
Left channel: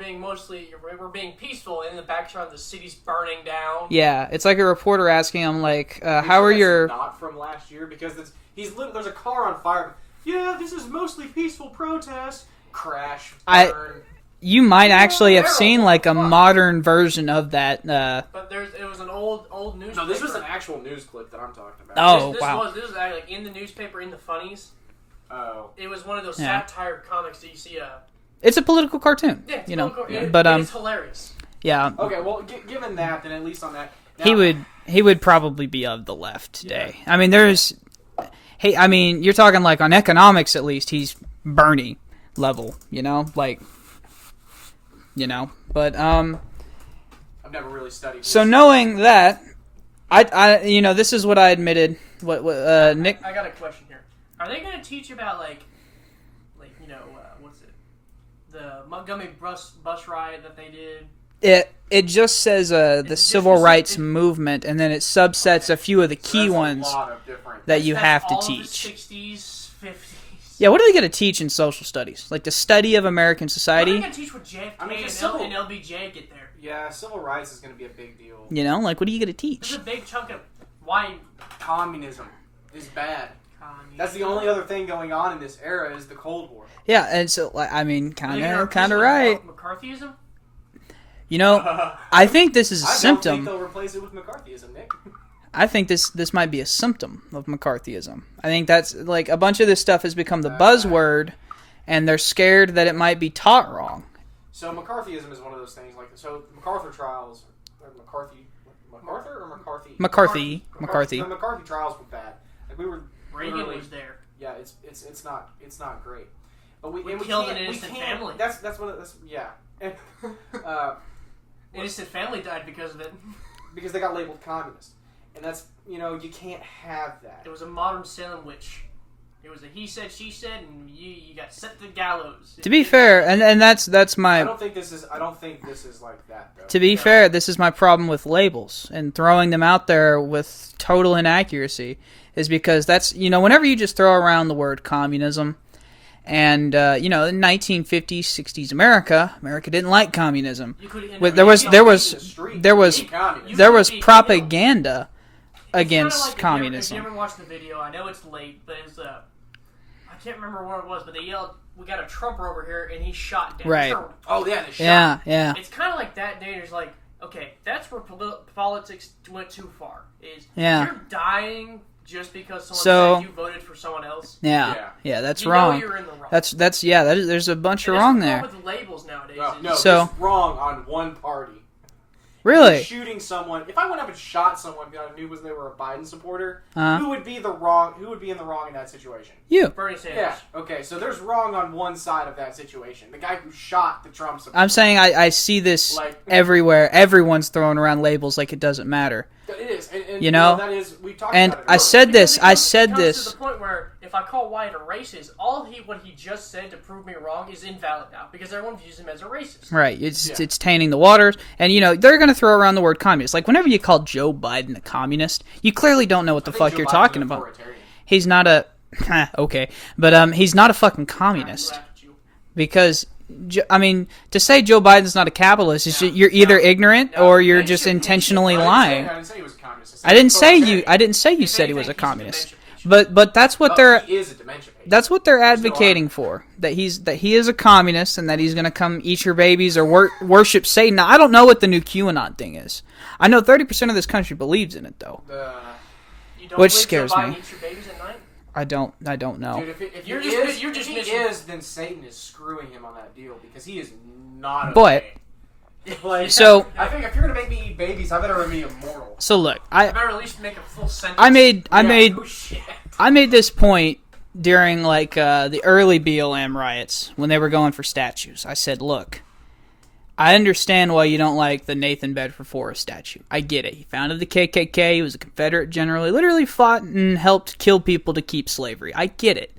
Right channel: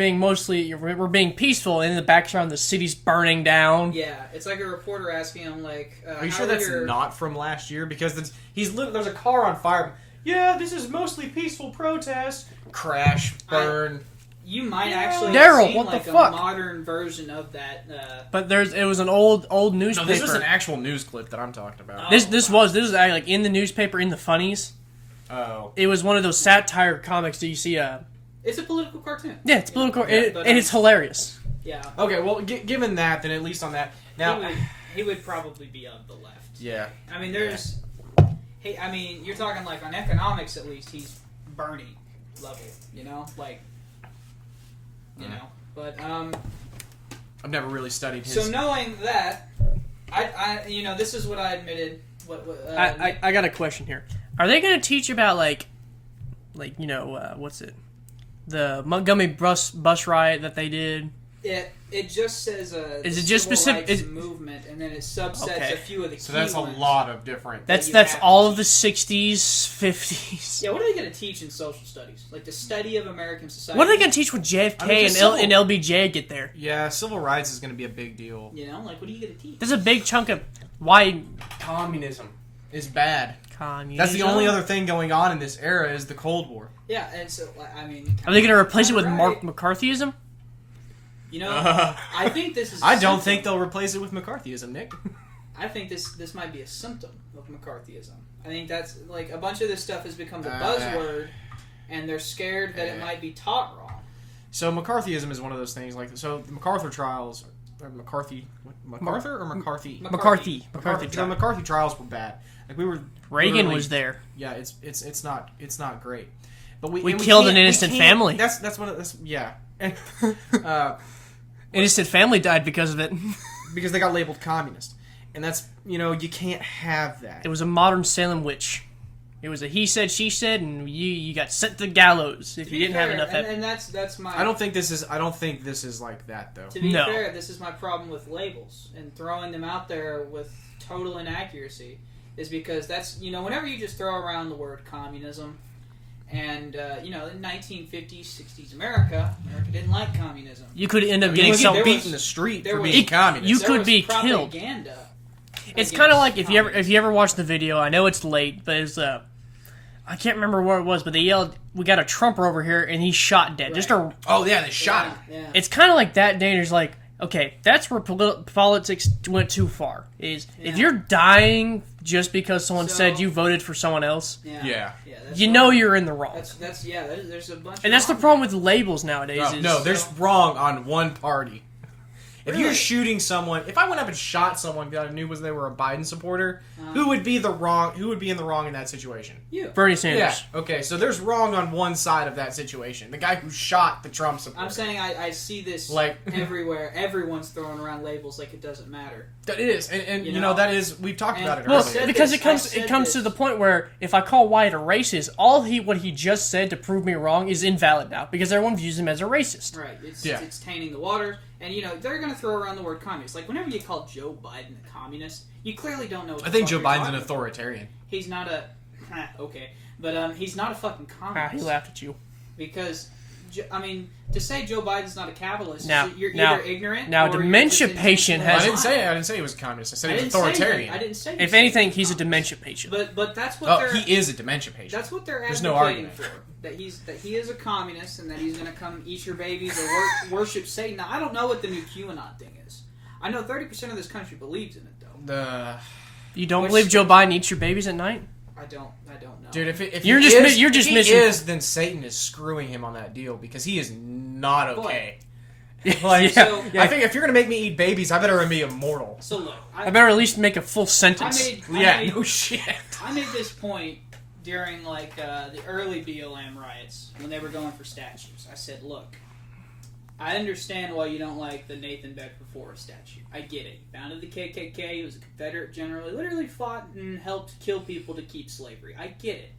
being peaceful, and in the background the city's burning down. Yeah, it's like a reporter asking him, like, Are how sure are that's your... not from last year? Because there's a car on fire. Yeah, this is mostly peaceful protest. Crash, burn. You might actually have Daryl, seen, what like, the a fuck? modern version of that. But it was an old newspaper. No, this was an actual news clip that I'm talking about. Oh, This wow. was like in the newspaper, in the funnies. Oh. It was one of those satire comics that you see. It's a political cartoon. Yeah, it's political, but and it's hilarious. yeah, Okay, well, given that, then at least on that... Now, he would probably be of the left today. Yeah. I mean, you're talking, like, on economics, at least, he's Bernie level, but, I've never really studied his... so knowing that, I this is what I admitted, Nick... I got a question here. Are they going to teach about, what's it? The Montgomery bus riot that they did? It just says the Is it just civil specific- rights is- movement, and then it subsets Okay. a few of the So key that's ones a lot of different... that you That's have to all teach. of the 60s, 50s. Yeah, what are they going to teach in social studies? Like the study of American society? What are they going to teach when JFK I mean, and, just civil- and LBJ get there? Yeah, civil rights is going to be a big deal. Like, what are you going to teach? There's a big chunk of why Communism is bad. communism. That's the only other thing going on in this era is the Cold War. Yeah, and so, I mean, kind Are they going to replace it with right. McCarthyism? I think this is a I symptom. don't think they'll replace it with McCarthyism, Nick. I think this might be a symptom of McCarthyism. I think that's, like, a bunch of this stuff has become the buzzword, and they're scared that it might be taught wrong. So McCarthyism is one of those things. Like, so the MacArthur trials, or MacArthur or McCarthy? McCarthy. The McCarthy trials were bad. Like Reagan literally- was there. Yeah, it's not great. But We and killed can't- an innocent can't- family. That's one of that's yeah. And, Innocent family died because of it. because they got labeled communist, and that's you can't have that. It was a modern Salem witch. It was a he said, she said, and you got sent to the gallows. To be fair, and that's my... I don't think this is like that though. To be fair, this is my problem with labels and throwing them out there with total inaccuracy, is because that's, whenever you just throw around the word communism, and, in 1950s, 60s America didn't like communism. You could end But up there being was- some- there was- in the street there for was- being communist. You There could was be propaganda It's against kind of like communism. if you ever watched the video. I know it's late, but it's I can't remember where it was, but they yelled, "We got a Trumper over here," and he's shot dead. Right. Oh yeah, they shot. Yeah. It's kind of like that. Danger's like, okay, that's where politics went too far. If you're dying just because someone said you voted for someone else, Yeah. That's you wrong. know you're in the wrong. There's a bunch and of that's wrong the problem there. with labels nowadays. No, is So- it's wrong on one party. Really? If you're shooting someone, if I went up and shot someone because I knew they were a Biden supporter, who would be in the wrong in that situation? You. Bernie Sanders. Yeah. Okay, so there's wrong on one side of that situation. The guy who shot the Trump supporter. I'm saying I see this everywhere. Everyone's throwing around labels like it doesn't matter. It is, and that is we've talked and about it. I said Because this. it comes to the point where if I call Wyatt a racist, what he just said to prove me wrong is invalid now because everyone views him as a racist. Right, it's tainting the waters, and they're going to throw around the word communist. Like whenever you call Joe Biden a communist, you clearly don't know what the fuck Joe you're Biden's talking an about. authoritarian. He's not a okay, but he's not a fucking He communist laughed at you. because. To say Joe Biden's not a capitalist, Now- you're either ignorant now or the you're just dementia intentionally patient- I lying. didn't say he was a communist. I didn't say you. authoritarian. I didn't say you If said anything, he was a he's a communist. dementia patient. But that's what they're. He is a dementia patient. That's what they're There's no advocating argument. for. That he is a communist and that he's going to come eat your babies or worship Satan. Now, I don't know what the new QAnon thing is. I know 30% of this country believes in it, though. You don't Which believe Joe scares Biden me. eats your babies at night? I don't know. Dude, if You're he just is, you're just if he missing. is, then Satan is screwing him on that deal because he is not But- okay. Like, So- I think if you're gonna make me eat babies, I better be immortal. So look, I better at least make a full sentence. I made No shit. I made this point during the early BLM riots when they were going for statues. I said, look, I understand why you don't like the Nathan Bedford Forrest statue. I get it. He founded the KKK. He was a Confederate general. He literally fought and helped kill people to keep slavery. I get it.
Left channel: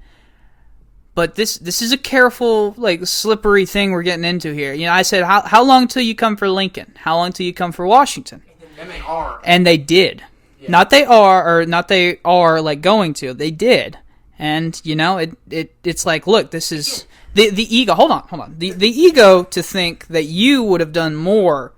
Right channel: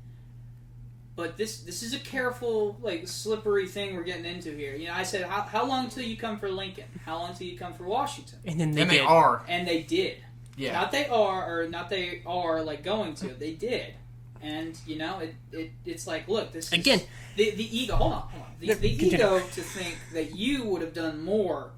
But this is a careful, slippery thing we're getting into here. I said, how long till you come for Lincoln? How long till you come for Washington? And then And they are. are. And they did. Yeah. Not they are going to. They did. And it's like, look, this is Again. the ego. Hold on. The ego to think that you would have done more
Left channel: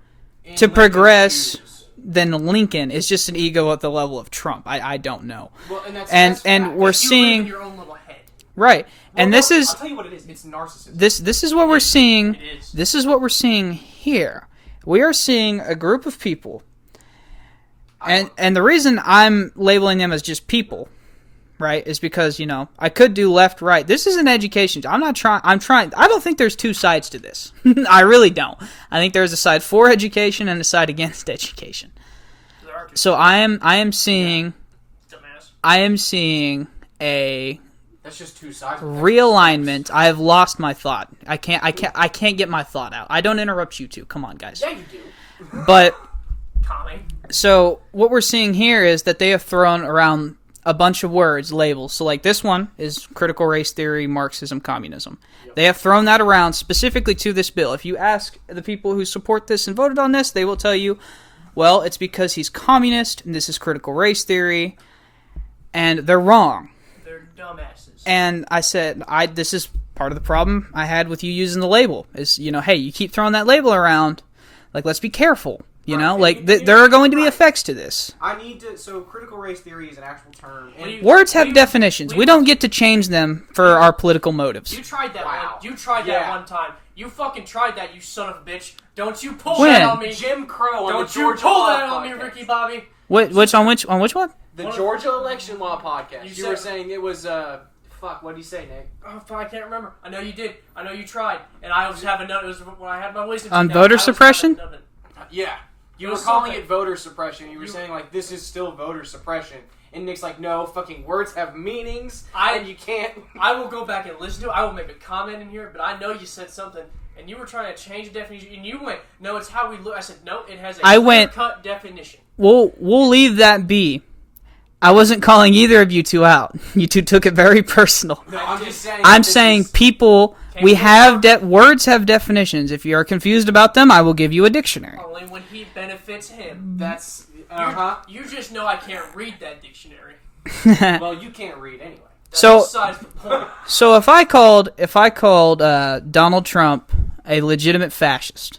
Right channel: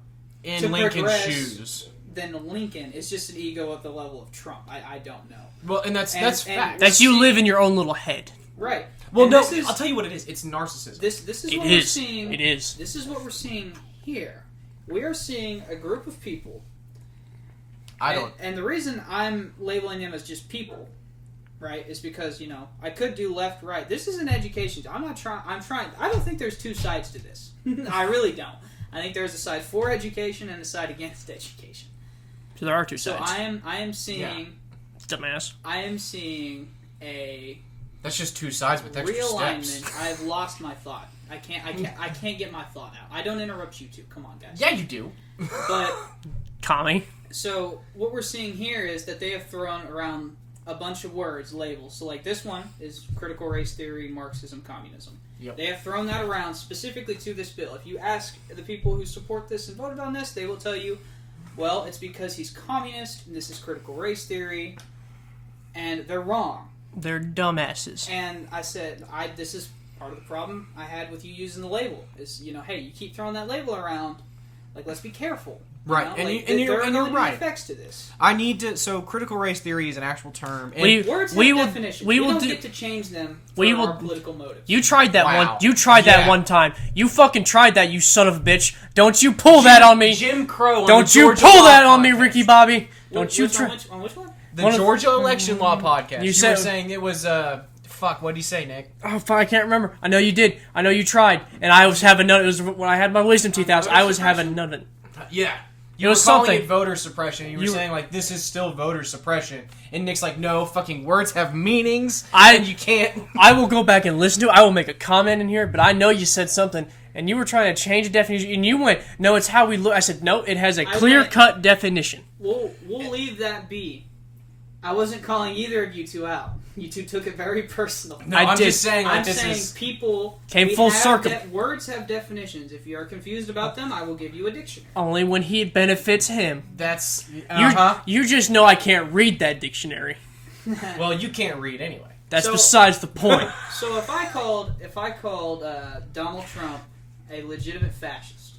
In to Lincoln's progress shoes. than Lincoln is just an ego at the level of Trump. I don't know. Well, and that's And- that's and fact. we're That's you seeing- live in your own little head. Right. Well, and no, this is I'll tell you what it is. It's narcissism. this is It what we're is. seeing. It is. This is what we're seeing here. We are seeing a group of people, and the reason I'm labeling them as just people, right, is because I could do left, right. This is an education. I'm trying. I don't think there's two sides to this. I really don't. I think there's a side for education and a side against education. So there are two. So I am seeing. Dumbass. I am seeing a That's just two sides. With realignment. steps. I have lost my thought. I can't get my thought out. I don't interrupt you two. Come on, guys. Yeah, you do. But Tommy. so what we're seeing here is that they have thrown around a bunch of words, labels. So like this one is critical race theory, Marxism, communism. Yep. They have thrown that around specifically to this bill. If you ask the people who support this and voted on this, they will tell you, well, it's because he's communist and this is critical race theory, and they're wrong. They're dumbasses. And I said, this is part of the problem I had with you using the label. Is, hey, you keep throwing that label around. Like, let's be careful. Right. And Like, you- and there are you're going to be right. effects to this. I need to. So, critical race theory is an actual term. And We- Words have will- definitions. We will don't do- get to change them for we will- our political motives. You tried that Wow. one. You tried that Yeah. one time. You fucking tried that, you son of a bitch. Don't you pull When? that on me. Jim Crow. On Don't the you Georgia pull Law that on me, podcast. Ricky Bobby. Which Don't you on which one? The One of- Georgia election law podcast. You You said- were saying it was fuck. What did he say, Nick? Oh, fuck, I can't remember. I know you did. I know you tried. And I was having none. It was when I had my wisdom On 2000. voter I was suppression? having none. Yeah. It You was were calling something. it voter suppression. You were saying like this is still voter suppression, and Nick's like, no, fucking words have meanings, and you can't. I will go back and listen to it. I will make a comment in here, but I know you said something, and you were trying to change the definition, and you went, no, it's how we look. I said, no, it has a I went- clear-cut definition. We'll leave that be. I wasn't calling either of you two out. You two took it very personal. No, I I'm did. just saying. I'm that this saying is- people. Came We full have circle. words have definitions. If you are confused about them, I will give you a dictionary. Only when he benefits him. that's You just know I can't read that dictionary. Well, you can't read anyway. That's So- besides the point. So if I called Donald Trump a legitimate fascist,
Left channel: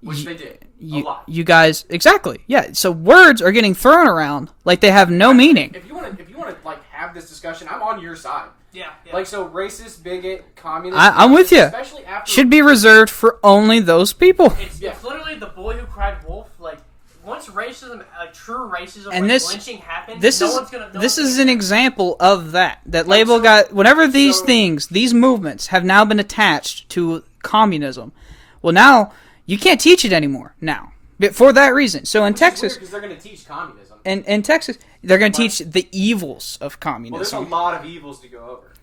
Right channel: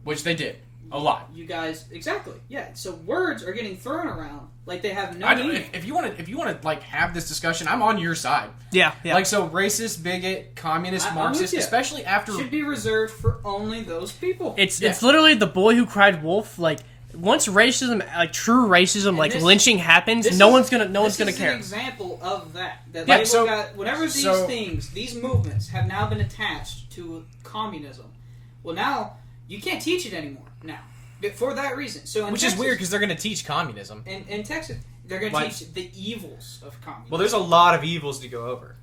Which they did a you, lot. you guys exactly, yeah. So words are getting thrown around like they have no meaning. If you want to like have this discussion, I'm on your side. Yeah. Like so, racist, bigot, communist. I'm with Marxist, you. Especially after Should be reserved for only those people. It's literally the boy who cried wolf. Like once racism, like true racism, And like this- lynching happens, This no is- one's gonna. This is an care. example of that. That Yeah, label so- got whenever these so- things, these movements have now been attached to communism. Well, now you can't teach it anymore. Now, but for that reason. So in Which is Texas, weird because they're going to teach communism. in Texas, they're going to Why? teach the evils of communism. Well, there's a lot of evils to go over.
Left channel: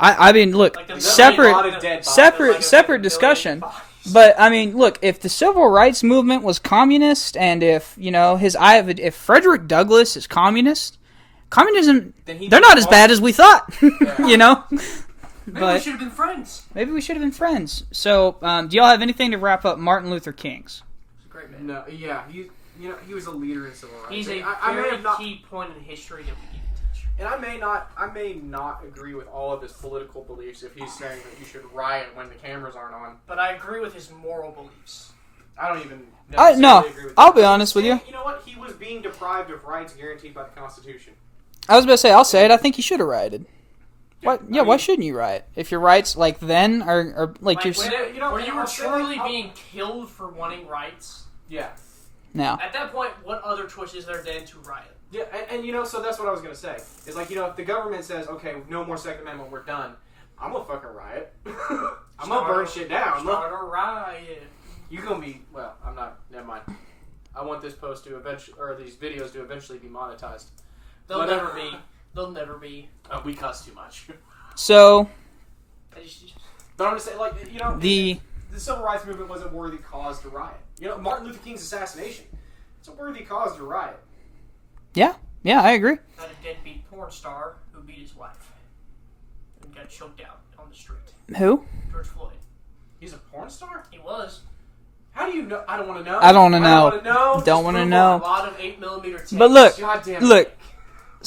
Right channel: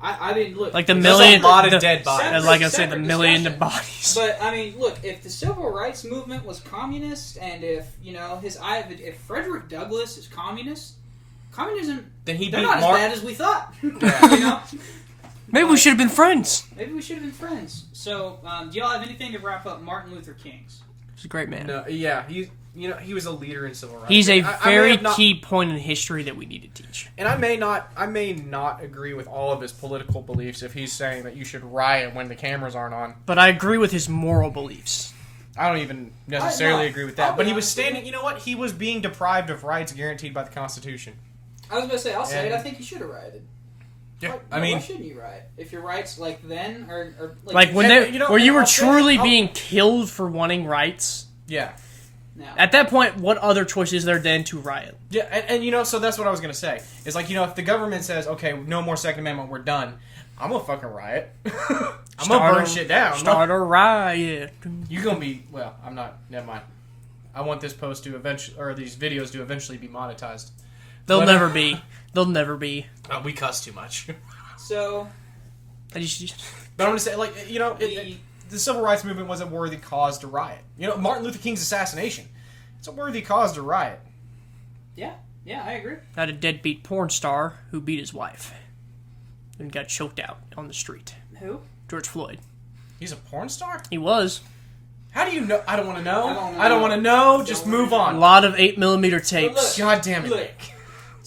I mean, look, Like the There's million, a lot of the- dead bodies. separate, like I said, separate the million discussion. bodies. But I mean, look, if the civil rights movement was communist, and if if Frederick Douglass is communist, communism, Then he'd they're be not as Mar- bad as we thought. you know, Maybe we but- should have been friends. maybe we should have been friends. So, do y'all have anything to wrap up Martin Luther King's? He's a great man. No, yeah, he was a leader in civil rights. He's a I may very have not- key point in history that we need to teach. And I may not agree with all of his political beliefs if he's saying that you should riot when the cameras aren't on. But I agree with his moral beliefs. I don't even necessarily agree with that. I'll be But he was honest with you. standing- You know what? He was being deprived of rights guaranteed by the Constitution. I was about to say, I'll say it. Yeah. I think he should have rioted. Why, I why mean- shouldn't you riot if your rights like then are like, Like just when say- they, you know, where you were I'll say- truly I'll- being killed for wanting rights. Yeah. now? At that point, what other choice is there then to riot? Yeah, and so that's what I was going to say. Is like, if the government says, okay, no more Second Amendment, we're done, I'm going to fucking riot. I'm going to burn shit down. Start a riot. You're going to be, well, I'm not, never mind. I want this post to eventually, or these videos to eventually be monetized. They'll But- never be. They'll never be. Oh, we cuss too much. So I just- But I'm going to say, like, the the civil rights movement was a worthy cause to riot. Martin Luther King's assassination, it's a worthy cause to riot. yeah, I agree. Got a deadbeat porn star who beat his wife and got choked out on the street. Who? George Floyd. He's a porn star? He was. How do you know? I don't want to know. I don't wanna I don't know. want to know. Don't Just wanna move know. A on. lot of 8mm tapes. But look, God damn it. look.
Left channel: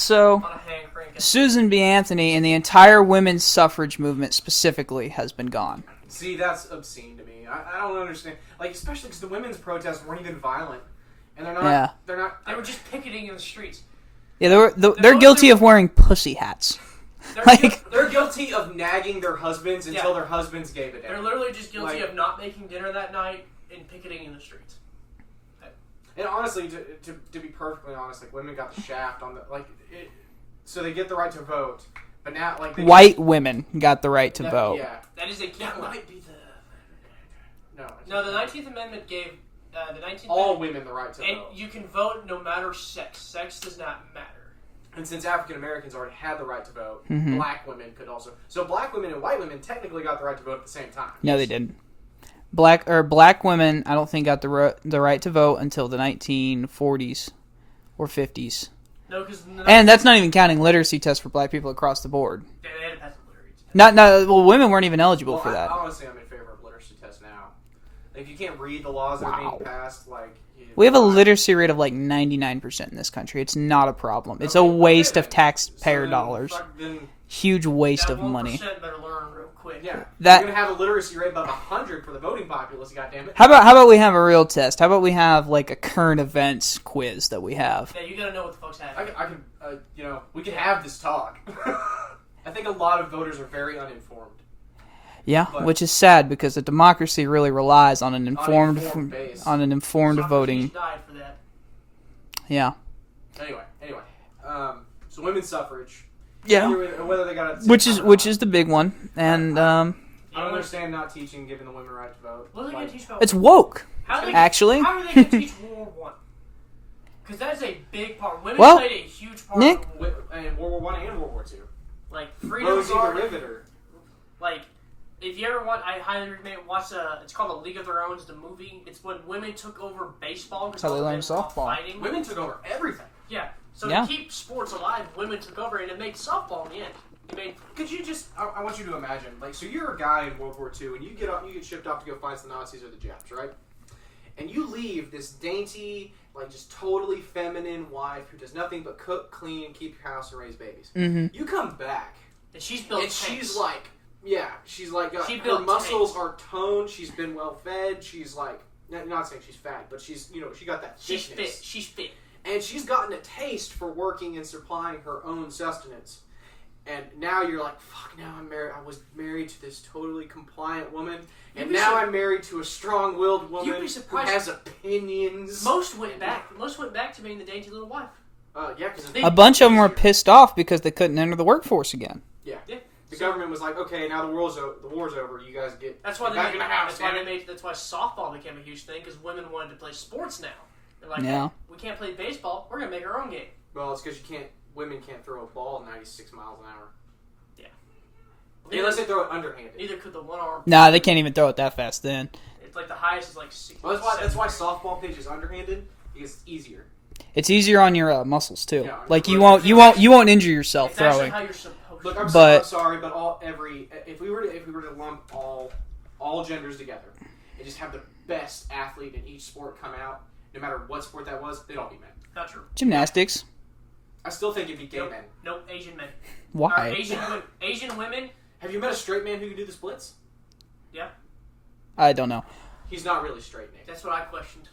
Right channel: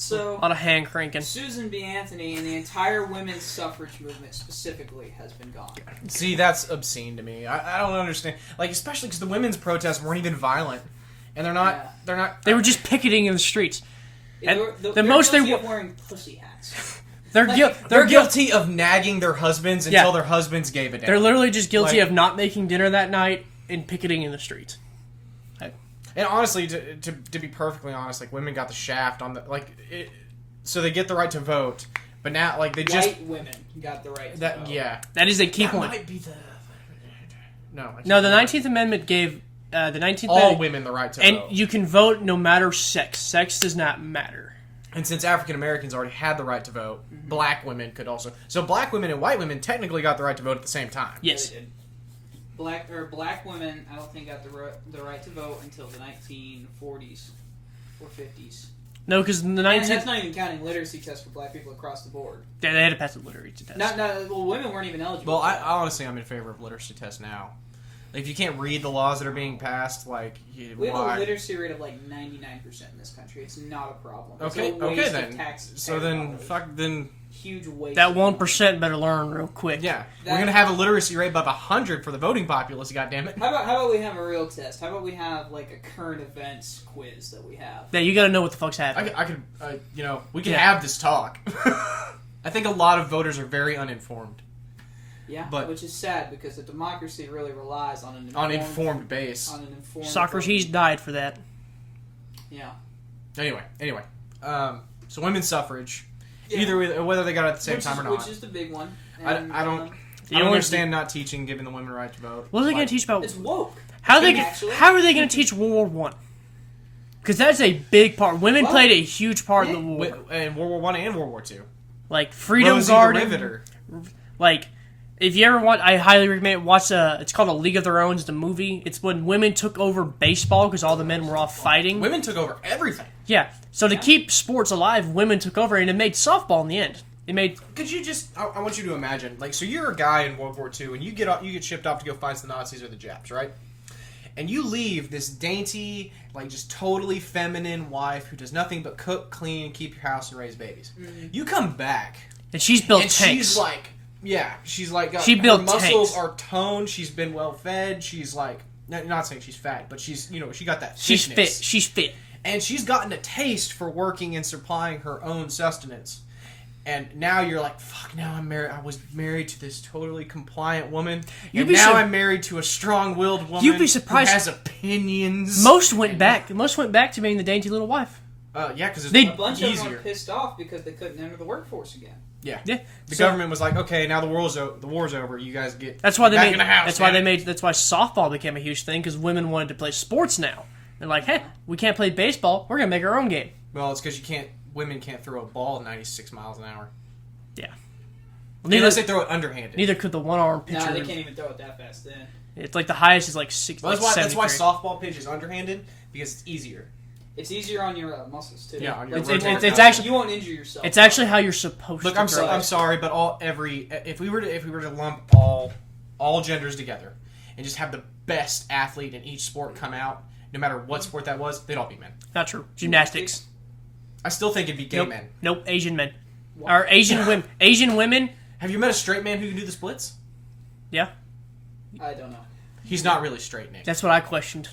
So, A lot of hand cranking. Susan B. Anthony and the entire women's suffrage movement specifically has been gone. See, that's obscene to me. I don't understand. Like, especially because the women's protests weren't even violent. And they're not... Yeah. They're not... They were just picketing in the streets. Yeah, they're guilty of wearing pussy hats. They're guilty of nagging their husbands until Yeah. their husbands gave a damn. They're literally just guilty Like- of not making dinner that night and picketing in the streets. And honestly, to be perfectly honest, like, women got the shaft on the... So they get the right to vote, but now, like... They White women got the right to vote. Yeah. That is a key That point. might be the... No, the 19th Amendment gave the 19th all Amendment, women the right to and vote. you can vote no matter sex. Sex does not matter. And since African Americans already had the right to vote, Mm-hmm. black women could also... So black women and white women technically got the right to vote at the same time. No, they didn't. Black women, I don't think got the right to vote until the 1940s or 50s. No, because And that's not even counting literacy tests for black people across the board. they had to pass the literacy test. Well, women weren't even eligible Well, for that. honestly, I'm in favor of literacy tests now. Like, if you can't read the laws that are being passed, like... We have a literacy rate of like 99% in this country. It's not a problem. It's a Okay, waste then. of taxpayer So then, dollars. Then, Huge waste That of 1% money. better learn real quick. yeah. That- You're going to have a literacy rate above 100 for the voting populace, goddammit. How about we have a real test? How about we have like a current events quiz that we have? Yeah, you got to know what the fuck's happening. I could, we can Yeah. have this talk. I think a lot of voters are very uninformed. Yeah, But- which is sad because a democracy really relies on an informed base. on an informed Socrates voting. died for that. Yeah. Anyway. So women's suffrage. Yeah. Either whether they got it at the same Which time is or which not. is the big one, and I The don't only- understand not teaching, giving the women the right to vote. What are they going Like, to teach about? it's woke. How are they actually? How are they going to teach World War One? Because that's a big part. Women Well, played a huge part Nick- of the war. in World War I and World War II. Like Freedom Rosie Garden. the Riveter. Like, if you ever watch, I highly recommend watch. It's called A League of Their Own. It's the movie. It's when women took over baseball because all the men were off softball. fighting. Women took over everything. Yeah. So Yeah. to keep sports alive, women took over, and it made softball in the end. It made Could you just? I want you to imagine, like, so you're a guy in World War II, and you get shipped off to go fight the Nazis or the Japs, right? And you leave this dainty, like, just totally feminine wife who does nothing but cook, clean, keep your house, and raise babies. Mm-hmm. You come back, and she's built and tanks. she's like, she's like, She her built muscles tanks. are toned. She's been well fed. She's like, not saying she's fat, but she's, she got that. She's thickness. fit. She's fit. And she's gotten a taste for working and supplying her own sustenance. And now you're like, fuck, now I'm married. I was married to this totally compliant woman. You'd And be now su- I'm married to a strong-willed woman You'd be surprised- who has opinions. Most went back to being the dainty little wife. Yeah, because They- A bunch of them were easier. pissed off because they couldn't enter the workforce again. Yeah. Yeah. The So- government was like, okay, now the war's over. You guys get That's why they back made. in the house. That's why man. they made. That's why softball became a huge thing because women wanted to play sports now. They're like, hey, Yeah. we can't play baseball. We're gonna make our own game. Well, it's because women can't throw a ball at 96 miles an hour. Well, Unless they throw it underhanded. neither could the one arm. Nah, they can't even throw it that fast then. It's like the highest is like 6. Well, that's why 73. softball pitch is underhanded, because it's easier. It's easier on your muscles too. Yeah, on like your you rotator. won't It's you won't injure yourself. It's actually throwing. how you're supposed Look, to. I'm But- sorry, but if we were to lump all genders together and just have the best athlete in each sport come out, no matter what sport that was, they'd all be men. Not true. Gymnastics. I still think it'd be gay Nope. men. Nope. Asian men. Why? Or Asian women. Asian women. Have you met a straight man who can do the splits? Yeah. I don't know. He's not really straight, Nick. That's what I questioned.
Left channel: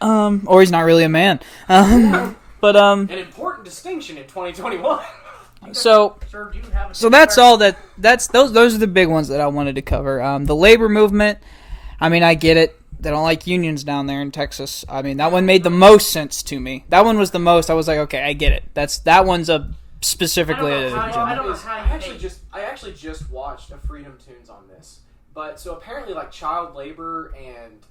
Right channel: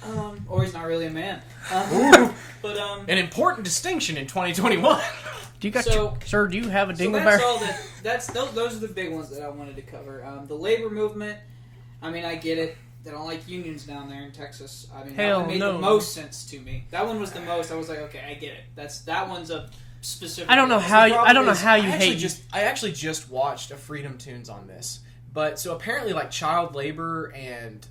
Or he's not really a man. But An important distinction in 2021. Do you got So- sir, do you have a? so that's all that's those are the big ones that I wanted to cover. The labor movement. I mean, I get it. They don't like unions down there in Texas. I mean, that Hell one made the no. most sense to me. That one was the most. I was like, okay, I get it. That one's a specifically. I don't know how you- Problem I don't know is, how you I hate- actually just watched a Freedom Tunes on this. But so apparently, like, child labor and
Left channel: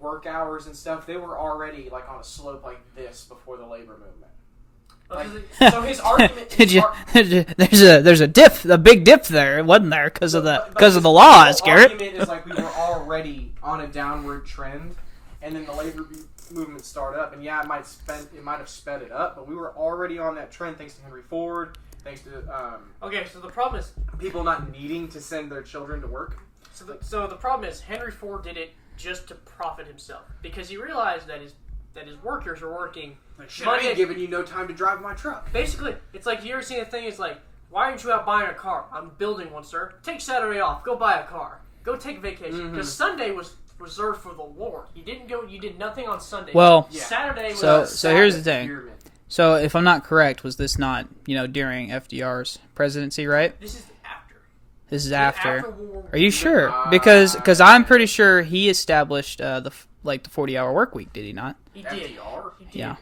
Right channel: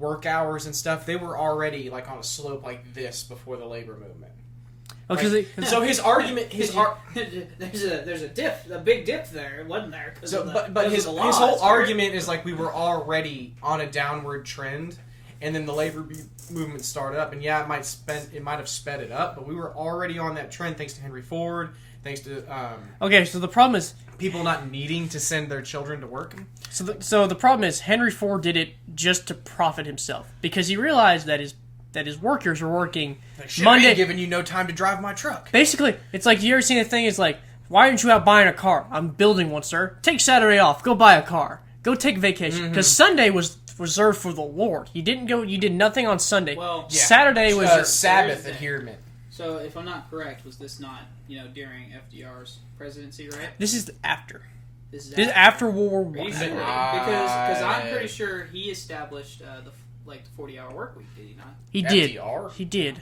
work hours and stuff, they were already like on a slope like this before the labor movement. because So his argument, there's a big dip there. It wasn't there because of the laws, his Garrett. argument is like we were already on a downward trend, and then the labor movement started up, and yeah, it might have sped it up, but we were already on that trend thanks to Henry Ford, thanks to okay, so the problem is people not needing to send their children to work. so the problem is Henry Ford did it just to profit himself because he realized that his that his workers were working Shit, I Monday. ain't giving you no time to drive my truck. Basically, it's like, you ever seen a thing? It's like, why aren't you out buying a car? I'm building one, sir. Take Saturday off. Go buy a car. Go take vacation. Because Sunday was reserved for the Lord. You didn't go. You did nothing on Sunday. Well, Saturday was. So here's the thing. So if I'm not correct, was this not during FDR's presidency, right? This is after. This is after World War I. Are you sure? Because I'm pretty sure he established the 40-hour work week. Did he not? He did. FDR? He did.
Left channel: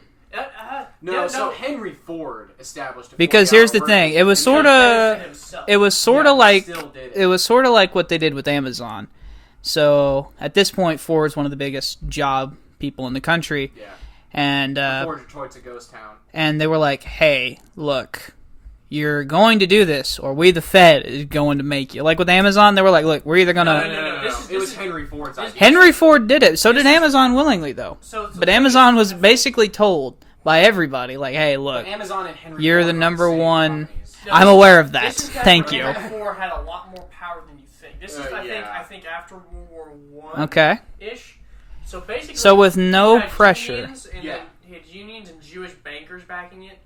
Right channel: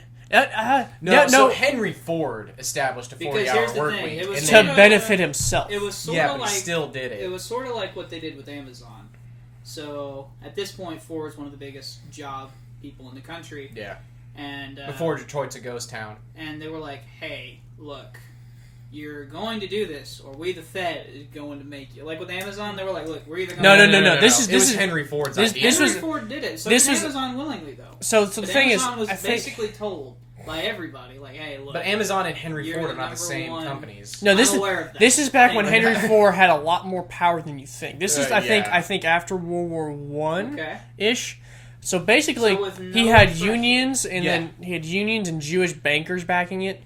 So Henry Ford established a 40-hour because here's the work thing, week it was to sort of benefit himself. It was sort of like still did it. It was sort of like what they did with Amazon. So at this point, Ford's one of the biggest job people in the country. Yeah. And before Detroit's a ghost town. And they were like, "Hey, look, you're going to do this, or we, the Fed, is going to make you." Like with Amazon, they were like, "Look, we're either going to." No. This is Henry Ford's. Henry Ford did it. So did Amazon willingly, though. But Amazon was basically told by everybody, like, "Hey, look, but Amazon and Henry you're Ford the number one." companies. No, I'm aware of that. This is back Thank when you. Henry Ford had a lot more power than you think. This is, I yeah. think, after World War One. Okay. Ish. So basically, So with no he had pressure. unions, and then he had unions and Jewish bankers backing it.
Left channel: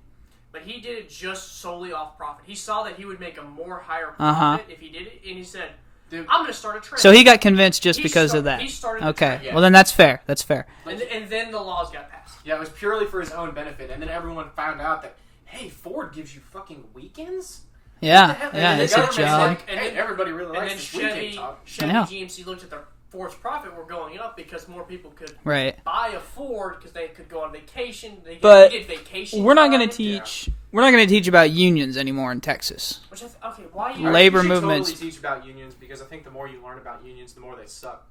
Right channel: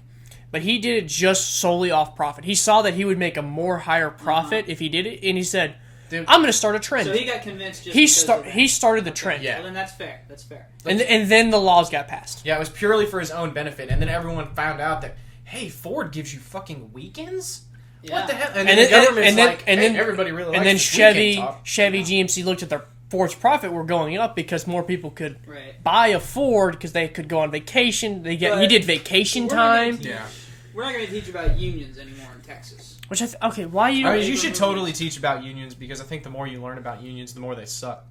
But he did it just solely off profit. He saw that he would make a more higher profit if he did it, and he said, "I'm going to start a trend." So he got convinced just because of that. He started the okay. trend. Yeah. Well, then that's fair. That's fair. And then the laws got passed. Yeah, it was purely for his own benefit, and then everyone found out that, hey, Ford gives you fucking weekends. Yeah. What the hell? Yeah, And, it's then, true. and then everybody really likes and then this Chevy weekend talk. GMC looked at their Ford's profit were going up because more people could Right. buy a Ford because they could go on vacation. He But did vacation. We're not time. going to teach. We're not going to teach about unions anymore in Texas. Which okay, why you? Labor you should movements. totally teach about unions because I think the more you learn about unions, the more they suck.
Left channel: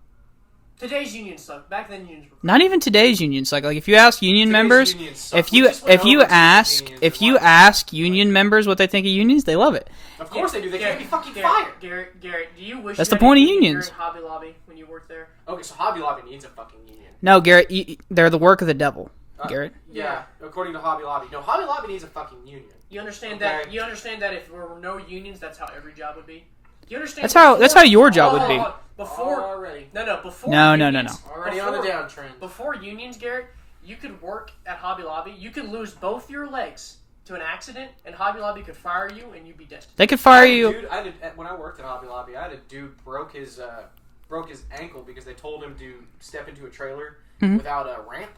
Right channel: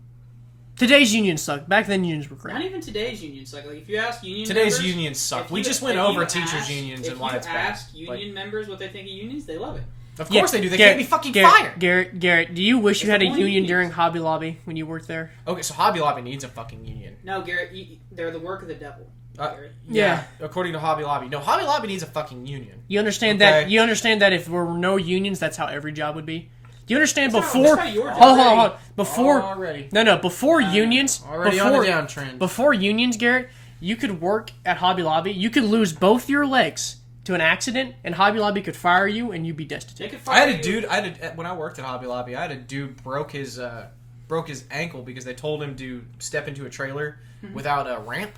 Today's unions suck. Back then, unions were great. Not even today's unions. Like if you ask union Today's members, unions suck. if We you just went over teachers unions if in you last ask time. union members what they think of unions, they love it. Of course they do. They can't be fucking fired. Garrett, do you wish That's you had the point a of union unions. during Hobby Lobby when you worked there? Okay, so Hobby Lobby needs a fucking union. No, Garrett, they're the work of the devil. Garrett. Yeah. According to Hobby Lobby. No, Hobby Lobby needs a fucking union. You understand Okay. that? You understand that if there were no unions, that's how every job would be. Do you understand? That's how your job Hold would on, be. hold on. Before Already. before No. unions, Already on the downtrend. before unions, Garrett, you could work at Hobby Lobby. You could lose both your legs to an accident, and Hobby Lobby could fire you, and you'd be destitute. They could I fire had a you. dude, when I worked at Hobby Lobby, I had a dude broke his ankle because they told him to step into a trailer Mm-hmm. without a ramp,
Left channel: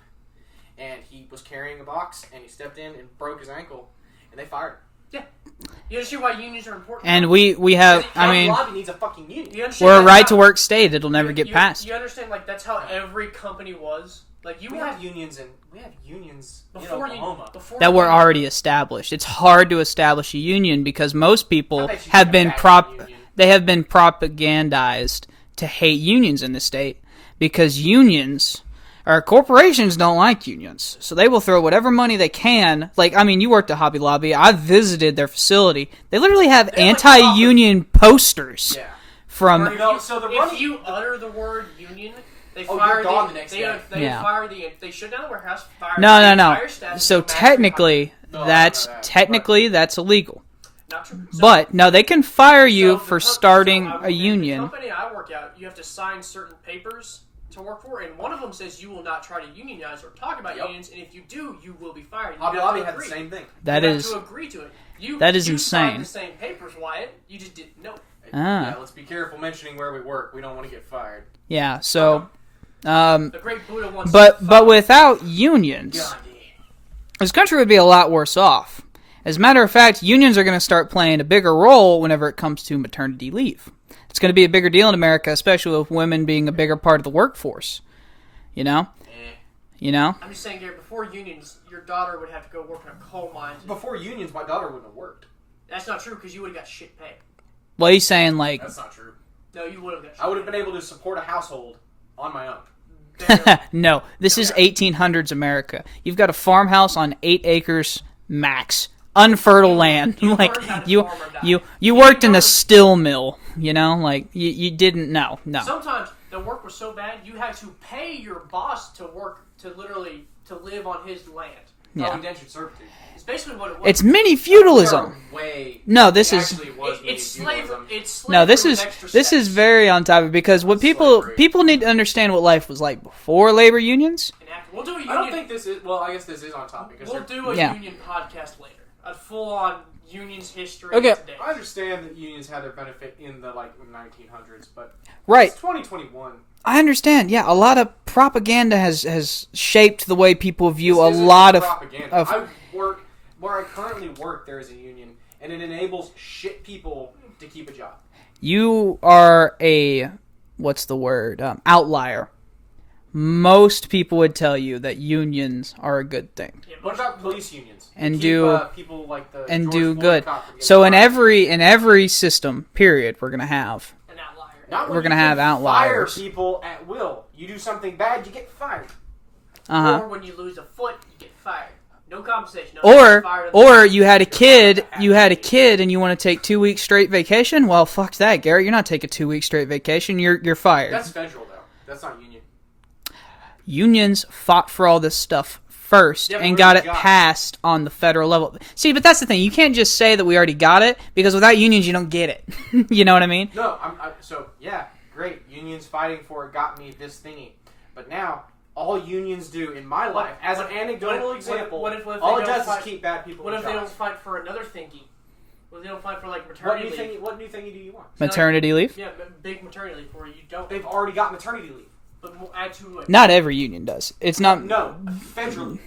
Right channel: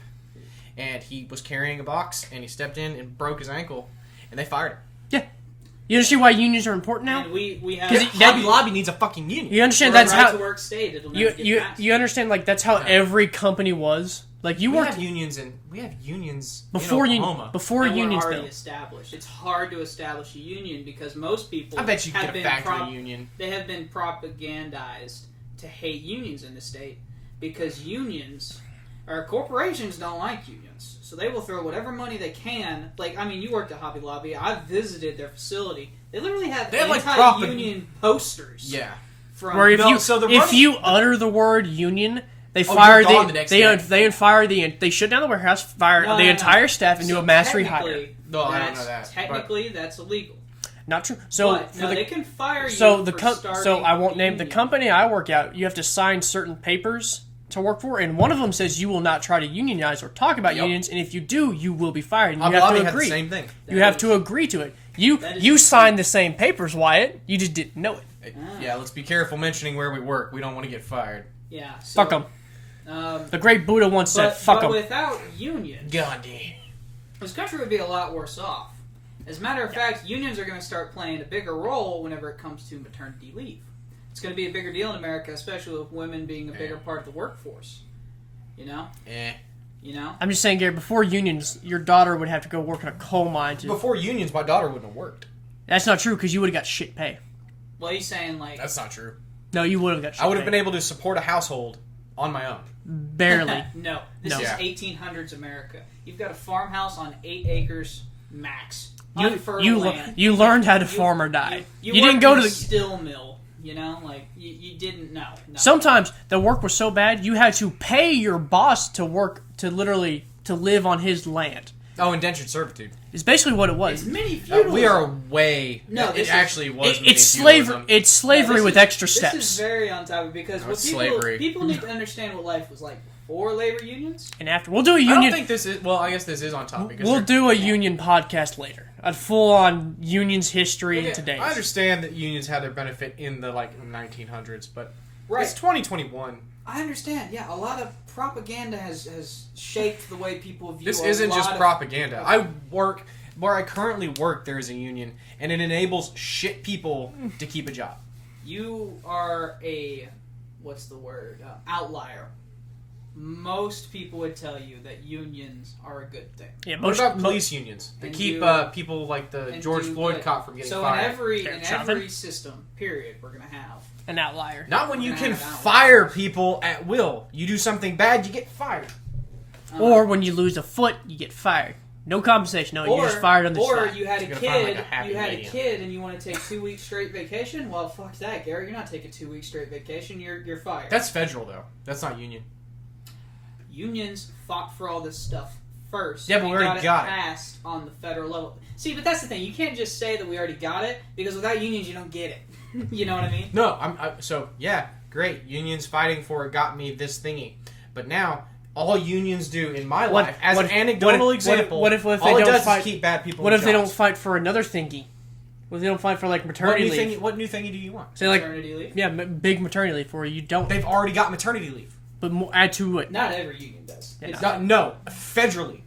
and he was carrying a box, and he stepped in and broke his ankle, and they fired him. Yeah. You understand why unions are important? And we have. I Hobby mean, Lobby needs a fucking union. you understand we're a that's right how- to work state. It'll never get you, passed. You understand, like, that's how every company was. Like, you We worked have unions before in you Oklahoma. before that were unions- already established. It's hard to establish a union because most people I bet you have could been back a union. they have been propagandized to hate unions in the state because unions or corporations don't like unions. So they will throw whatever money they can. Like, I mean, you worked at Hobby Lobby. I visited their facility. They literally have They have, like, anti-union posters. Yeah. From Or if No, you so the if Russian- you utter the word union, they you're fire gone the next day. they Yeah. fire they shut down the warehouse, fire no, the no, no. entire staff. And So do a mass technically, rehire. No, I don't know that. that's illegal. Not true. So, But no, they can fire you so the for co- starting so I a work, union. The company I work at, you have to sign certain papers to work for, and one of them says you will not try to unionize or talk about Yep. unions, and if you do, you will be fired. And you Hobby have Lobby to had agree. the same thing. That you have is- to agree to it. You that is you insane. signed the same papers, Wyatt. You just didn't know it. Ah. Yeah, let's be careful mentioning where we work. We don't want to get fired. Yeah, Fuck so 'em. The great Buddha once but said, "Fuck 'em." without unions, Gandhi. this country would be a lot worse off. As a matter of fact, unions are going to start playing a bigger role whenever it comes to maternity leave. It's going to be a bigger deal in America, especially with women being a bigger part of the workforce. You know? You know? I'm just saying, Gary, before unions, your daughter would have to go work in a coal mine. Before unions, my daughter wouldn't have worked. That's not true, because you would have got shit pay. Well, he's saying, like, That's not true. No, you would have got shit I would have pay. been able to support a household on my own. Barely. no, this No. is 1800s America. You've got a farmhouse on 8 acres max. Unfertile land. You Like, learned how to farm or die. You You worked didn't go in to a the- still mill, you know? Like, you didn't know. No. Sometimes the work was so bad, you had to pay your boss to work, to literally, to live on his land. Oh, indentured servitude. It's basically what it was. It's mini We feudalism. are way. No, it this is actually was it's slavery. It's slavery this with is extra steps. this is very on topic because what Slavery. people need to understand what life was like before labor unions. And after we'll do a I union. don't think this is. Well, I guess this is on topic. We'll do a Yeah. union podcast later. A full-on unions history Okay. today. I understand that unions had their benefit in the 1900s, but Right. it's 2021. I understand. Yeah, a lot of propaganda has shaped the way people view This a isn't lot just of propaganda. of- I work where I currently work. There is a union, and it enables shit people to keep a job. You are a what's the word? Outlier. Most people would tell you that unions are a good thing Yeah, What most, about police unions? And keep, do- people like the and George do Floyd good. cop from getting So in fired. every system, period, we're gonna have. an outlier. Not when we're you gonna can have fire outliers. people at will. You do something bad, you get fired. Uh-huh. Or when you lose a foot, you get fired. No compensation. No, you're Or just fired on the or you had a You're fired kid, at the you had a happy kid, and you want to take 2 weeks straight vacation. Well, fuck that, Garrett. You're not taking 2 weeks straight vacation. You're fired. That's federal though. That's not union. Unions fought for all this stuff first Yeah, but and we got already it got it. passed on the federal level. See, but that's the thing. You can't just say that we already got it because without unions, you don't get it. You know what I mean? No, so yeah, great. Unions fighting for it got me this thingy, but now all unions do in my What- life, as what- an anecdotal what if- example, what if they all it don't does fight- is keep bad people. What in if they don't jobs. fight for another thingy? What if they don't fight for like What maternity new, leave? what new thingy do you want? So, like, Maternity leave? yeah, big maternity leave where you don't. They've already got maternity leave. But add to it. Not every union does. It's not. No, federally.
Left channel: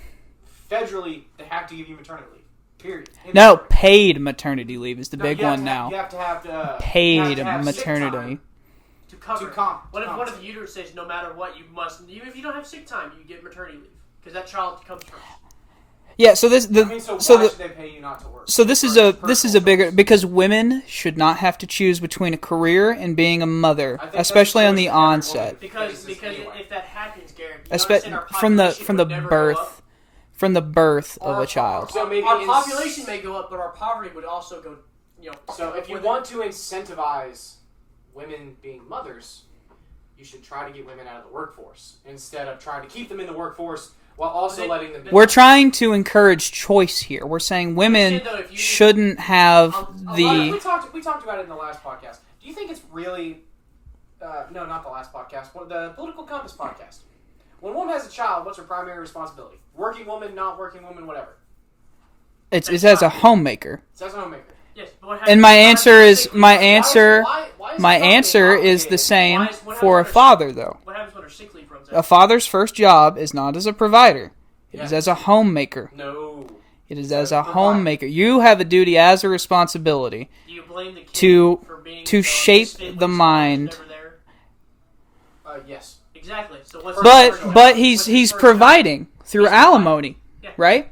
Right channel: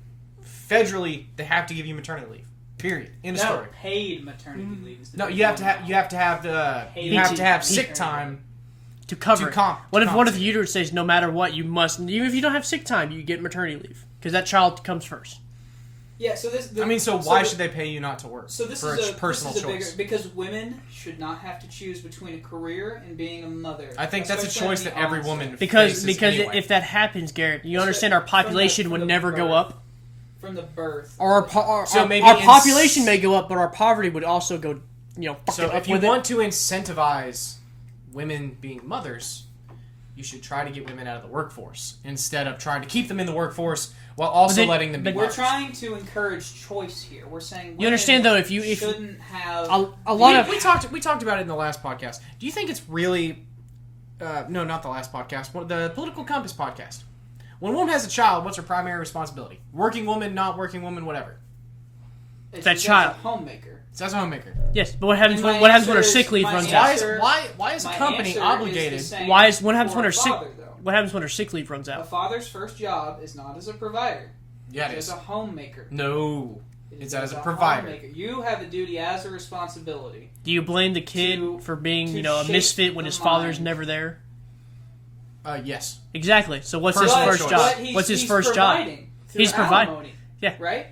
Federally, they have to give you maternity leave. Period. End of No, story. paid maternity leave is the No, big you have one to now. have, you have to have Paid you have to have sick maternity. time. To cover To it. comp- What if to one of the compensate. uterus says no matter what you must, even if you don't have sick time, you get maternity leave because that child comes first. Yeah. So this. I mean, so why the- should they pay you not to work? So this For is a personal this is a bigger choice. because women should not have to choose between a career and being a mother, I think that's a especially on choice the that every woman onset. Because faces anyway. if that happens, Garrett, you Espe- understand our from the- population from would the never birth, go up. from the birth Our, of a child. So maybe our in population s- may go up, but our poverty would also go. So up if you with it. want to incentivize women being mothers, you should try to get women out of the workforce instead of trying to keep them in the workforce while also then- letting them be. We're trying to encourage choice here. We're saying women understand, though, if shouldn't have a the. lot of- we talked about it in the last podcast. Do you think it's really no, not the last podcast, the Political Compass podcast? When a woman has a child, what's her primary responsibility? Working woman, not working woman, whatever. it's that as a child. homemaker. So that's a homemaker. Yes, but what happens? And my what happens answer when a is sick leave my runs out? answer. Why is My the company answer is the obligated- same Why is- what happens for when a her father, sick- though. What happens when her sick leave runs A out? father's first job is not as a provider. It Yes. is as a homemaker. No. It is It's as as a a provider. homemaker. You have a duty as a responsibility. Do you blame the kid To- for being to a shape misfit when the his father's mind. never there? Yes. Exactly. So what's his But first job? but he's What's his he's first job? providing through He's providing. alimony. Yeah. Right?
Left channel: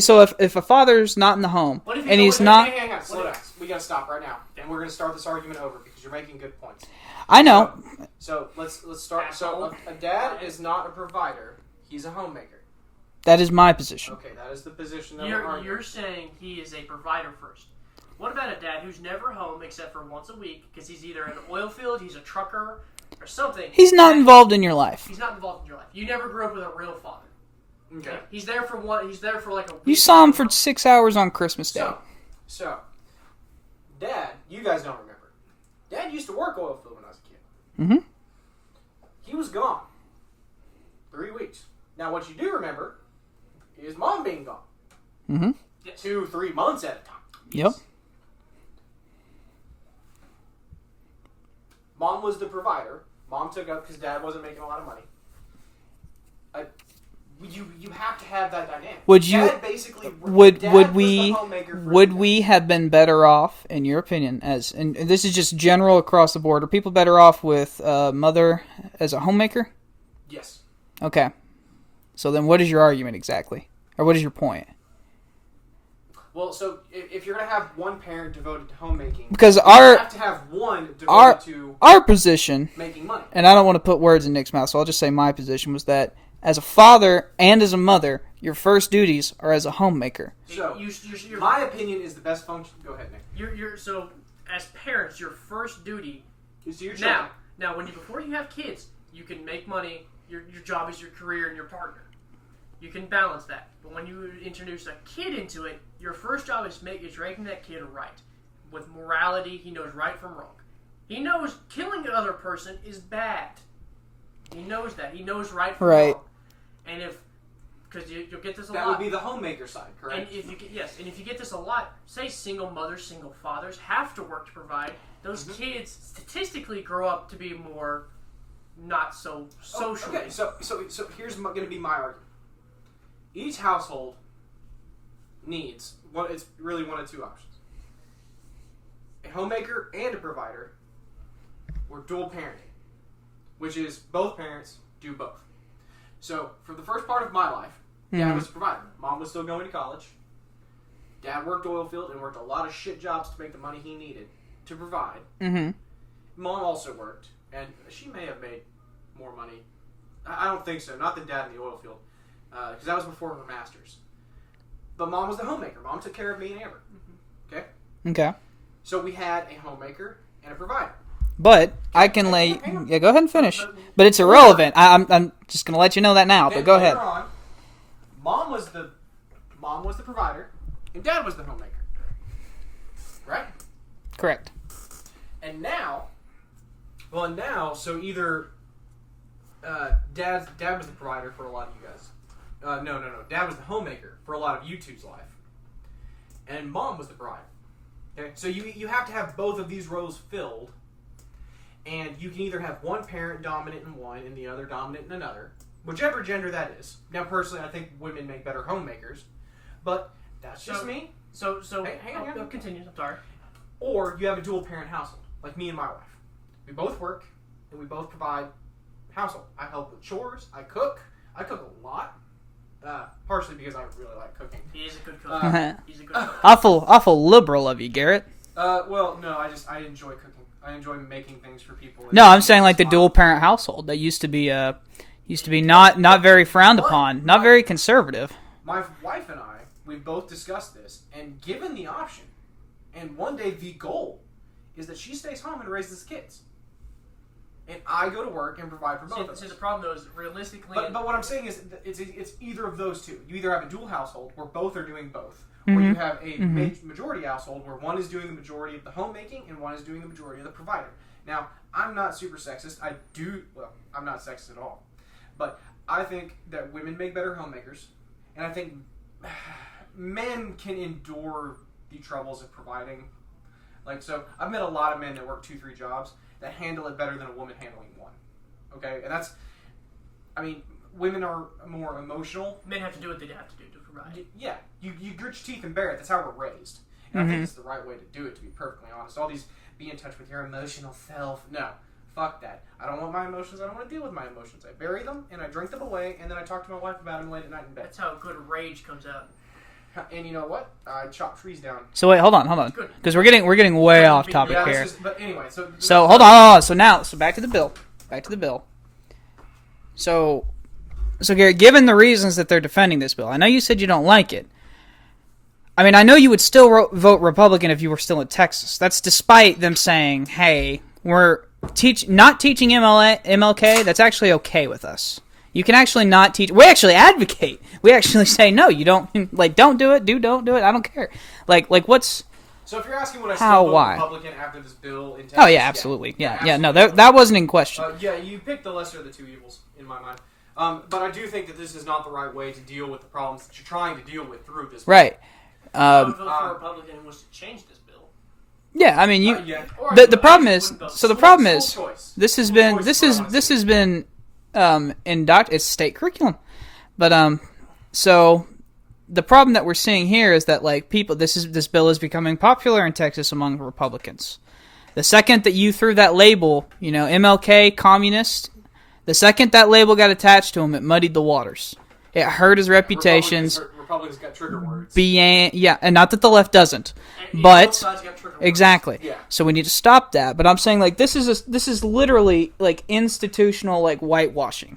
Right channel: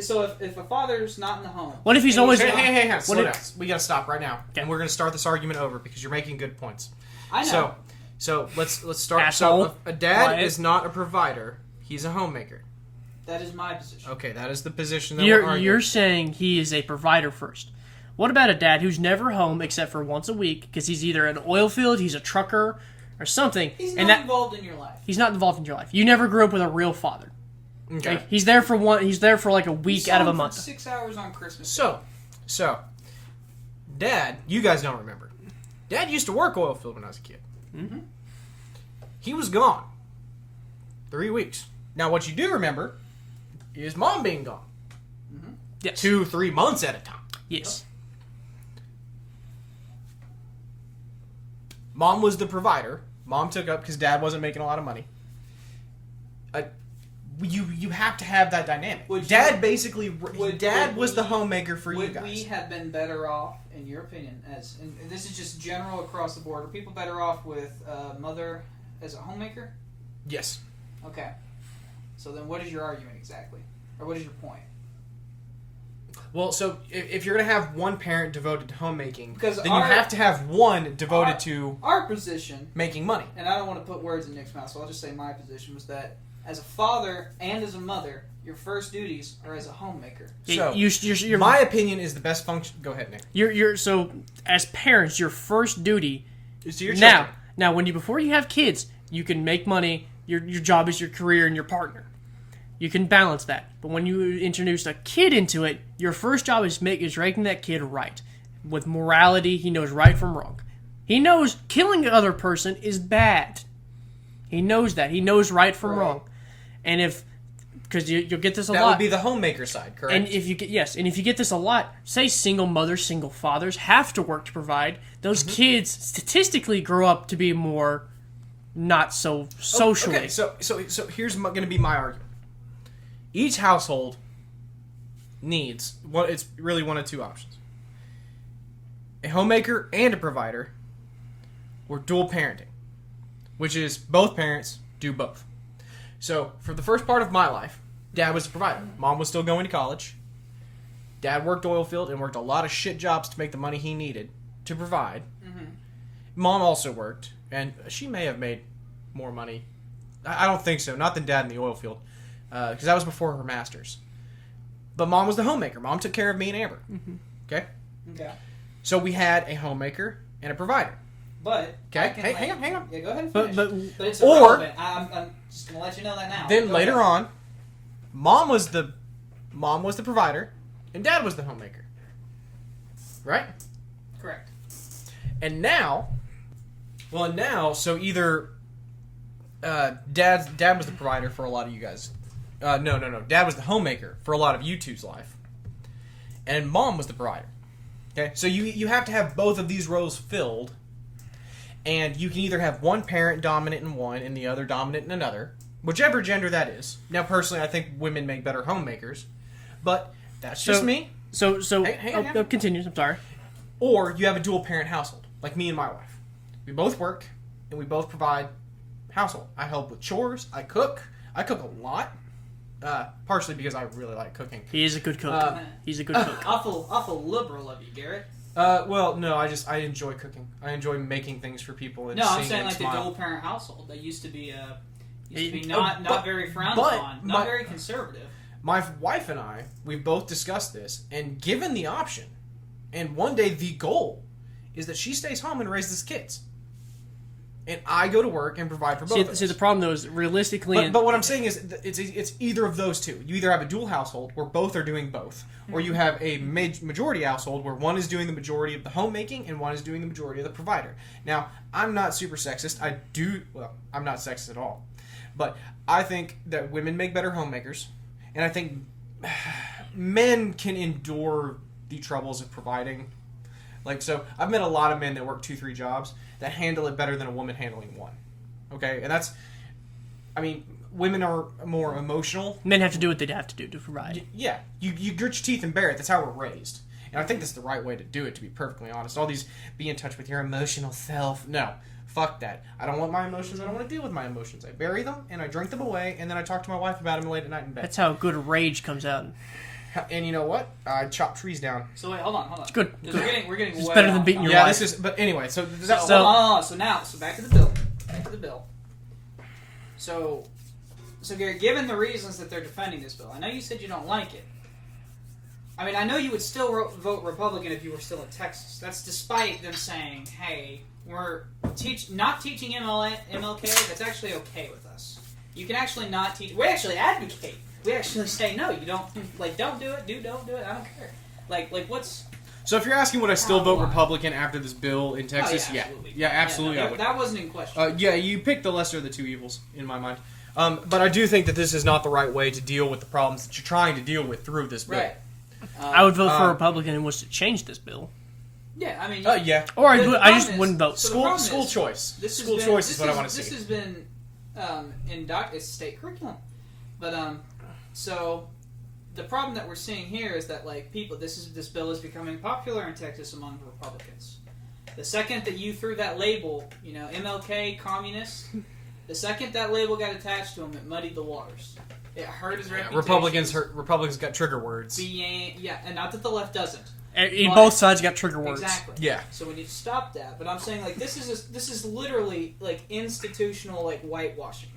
So if a father's not in the home, What if he's and always he's not? Hey, What slow if- down. We gotta stop right now, Okay. and we're gonna start this argument over because you're making good points. I know. So let's start. Asshole. So a dad Quiet. is not a provider; he's a homemaker. That is my position. Okay, that is the position that we're You're arguing. saying he is a provider first. What about a dad who's never home except for once a week because he's either in an oil field, he's a trucker, or something? He's and not that- involved in your life. He's not involved in your life. You never grew up with a real father. Okay. Like, he's there for one. He's there for like a You week. saw out him of the for month. 6 hours on Christmas Day. So, Dad, you guys don't remember. Dad used to work oil field when I was a kid. Mhm. He was gone 3 weeks. Now, what you do remember is Mom being gone Mm-hmm. Yes. 2-3 months at a time. Yes. Mom was the provider. Mom took up because Dad wasn't making a lot of money. You have to have that dynamic. Would you- Dad basically Would Dad would was the we homemaker for would you we guys. have been better off, in your opinion, as and this is just general across the board? Are people better off with mother as a homemaker? Yes. Okay. So then, what is your argument exactly, or what is your point? Well, so if you're gonna have one parent devoted to homemaking, Because then our- you have to have one devoted our- to Our position, making money. and I don't want to put words in Nick's mouth, so I'll just say my position was that as a father and as a mother, your first duties are as a homemaker. So, You're, my opinion is the best function. Go ahead, Nick. so as parents, your first duty Is to your children. now before you have kids, you can make money. Your job is your career and your partner. You can balance that. But when you introduce a kid into it, your first job is making that kid right. With morality, he knows right from wrong. He knows killing another person is bad. He knows that. He knows right from wrong. And if... Because you'll get this a lot. That would be the homemaker side, correct? And if you get this a lot, say single mothers, single fathers have to work to provide, those kids statistically grow up to be more not so socially. Okay, so here's going to be my argument. Each household needs it's really one of two options: a homemaker and a provider, or dual parenting, which is both parents do both. So for the first part of my life, Dad was the provider. Mom was still going to college. Dad worked oil field and worked a lot of shit jobs to make the money he needed to provide. Mom also worked, and she may have made more money. I don't think so. Not than Dad in the oil field, because that was before her master's. But Mom was the homemaker. Mom took care of me and Amber. Okay. So we had a homemaker and a provider. But I can lay. Yeah, go ahead and finish. But it's irrelevant. I'm just gonna let you know that now. Then but go ahead. later on, Mom was the provider, and Dad was the homemaker. Right? Correct. And now, so either Dad was the provider for a lot of you guys. No. Dad was the homemaker for a lot of you two's life, and Mom was the provider. Okay, so you have to have both of these roles filled. And you can either have one parent dominant in one and the other dominant in another, whichever gender that is. Now, personally, I think women make better homemakers, but that's just me. So hang on. Continue. I'm sorry. Or you have a dual parent household, like me and my wife. We both work and we both provide household. I help with chores. I cook. I cook a lot, partially because I really like cooking. He is a good cook. He's a good cook. Awful liberal of you, Garrett. Well, no, I enjoy cooking. I enjoy making things for people. No, I'm saying like the dual parent household that used to be not very frowned upon, not very conservative. My wife and I, we've both discussed this, and given the option, and one day the goal is that she stays home and raises kids, and I go to work and provide for both of us. See, the problem though is realistically, but what I'm saying is it's either of those two. You either have a dual household where both are doing both, or you have a majority household where one is doing the majority of the homemaking and one is doing the majority of the provider. Now, I'm not super sexist. I'm not sexist at all, but I think that women make better homemakers, and I think men can endure the troubles of providing. Like, so I've met a lot of men that work 2-3 jobs that handle it better than a woman handling one. Okay, and that's, I mean, women are more emotional. Men have to do what they have to do to provide. Yeah, you grit your teeth and bear it. That's how we're raised. And I think that's the right way to do it, to be perfectly honest. All these be in touch with your emotional self. No, fuck that. I don't want my emotions. I don't want to deal with my emotions. I bury them, and I drink them away, and then I talk to my wife about them late at night in bed. That's how good rage comes out. And you know what? I chop trees down. So wait, hold on. It's good. Because we're getting way off topic. Yeah, this is. But anyway, so hold on. So back to the bill. So Gary, given the reasons that they're defending this bill, I know you said you don't like it. I mean, I know you would still vote Republican if you were still in Texas. That's despite them saying, "Hey, we're not teaching MLK. That's actually okay with us. You can actually not teach. We actually advocate. We actually say no. You don't like. Don't do it. Don't do it. I don't care. Like what's." So if you're asking would I still vote Republican after this bill in Texas? Oh yeah, absolutely. Yeah, absolutely. No, that wasn't in question. Yeah, you picked the lesser of the two evils in my mind. But I do think that this is not the right way to deal with the problems that you're trying to deal with through this bill. Right. I would vote for a Republican and was to change this bill. Yeah, I mean, Or the problem is. So the problem school is choice. This has been it's state curriculum, but so the problem that we're seeing here is that like people, this bill is becoming popular in Texas among Republicans. The second that you threw that label, MLK communist, the second that label got attached to him, it muddied the waters. It hurt his reputation. Republicans got trigger words. And not that the left doesn't. But both sides got trigger words. Exactly. Yeah. So we need to stop that. But I'm saying like this is literally like institutional like whitewashing,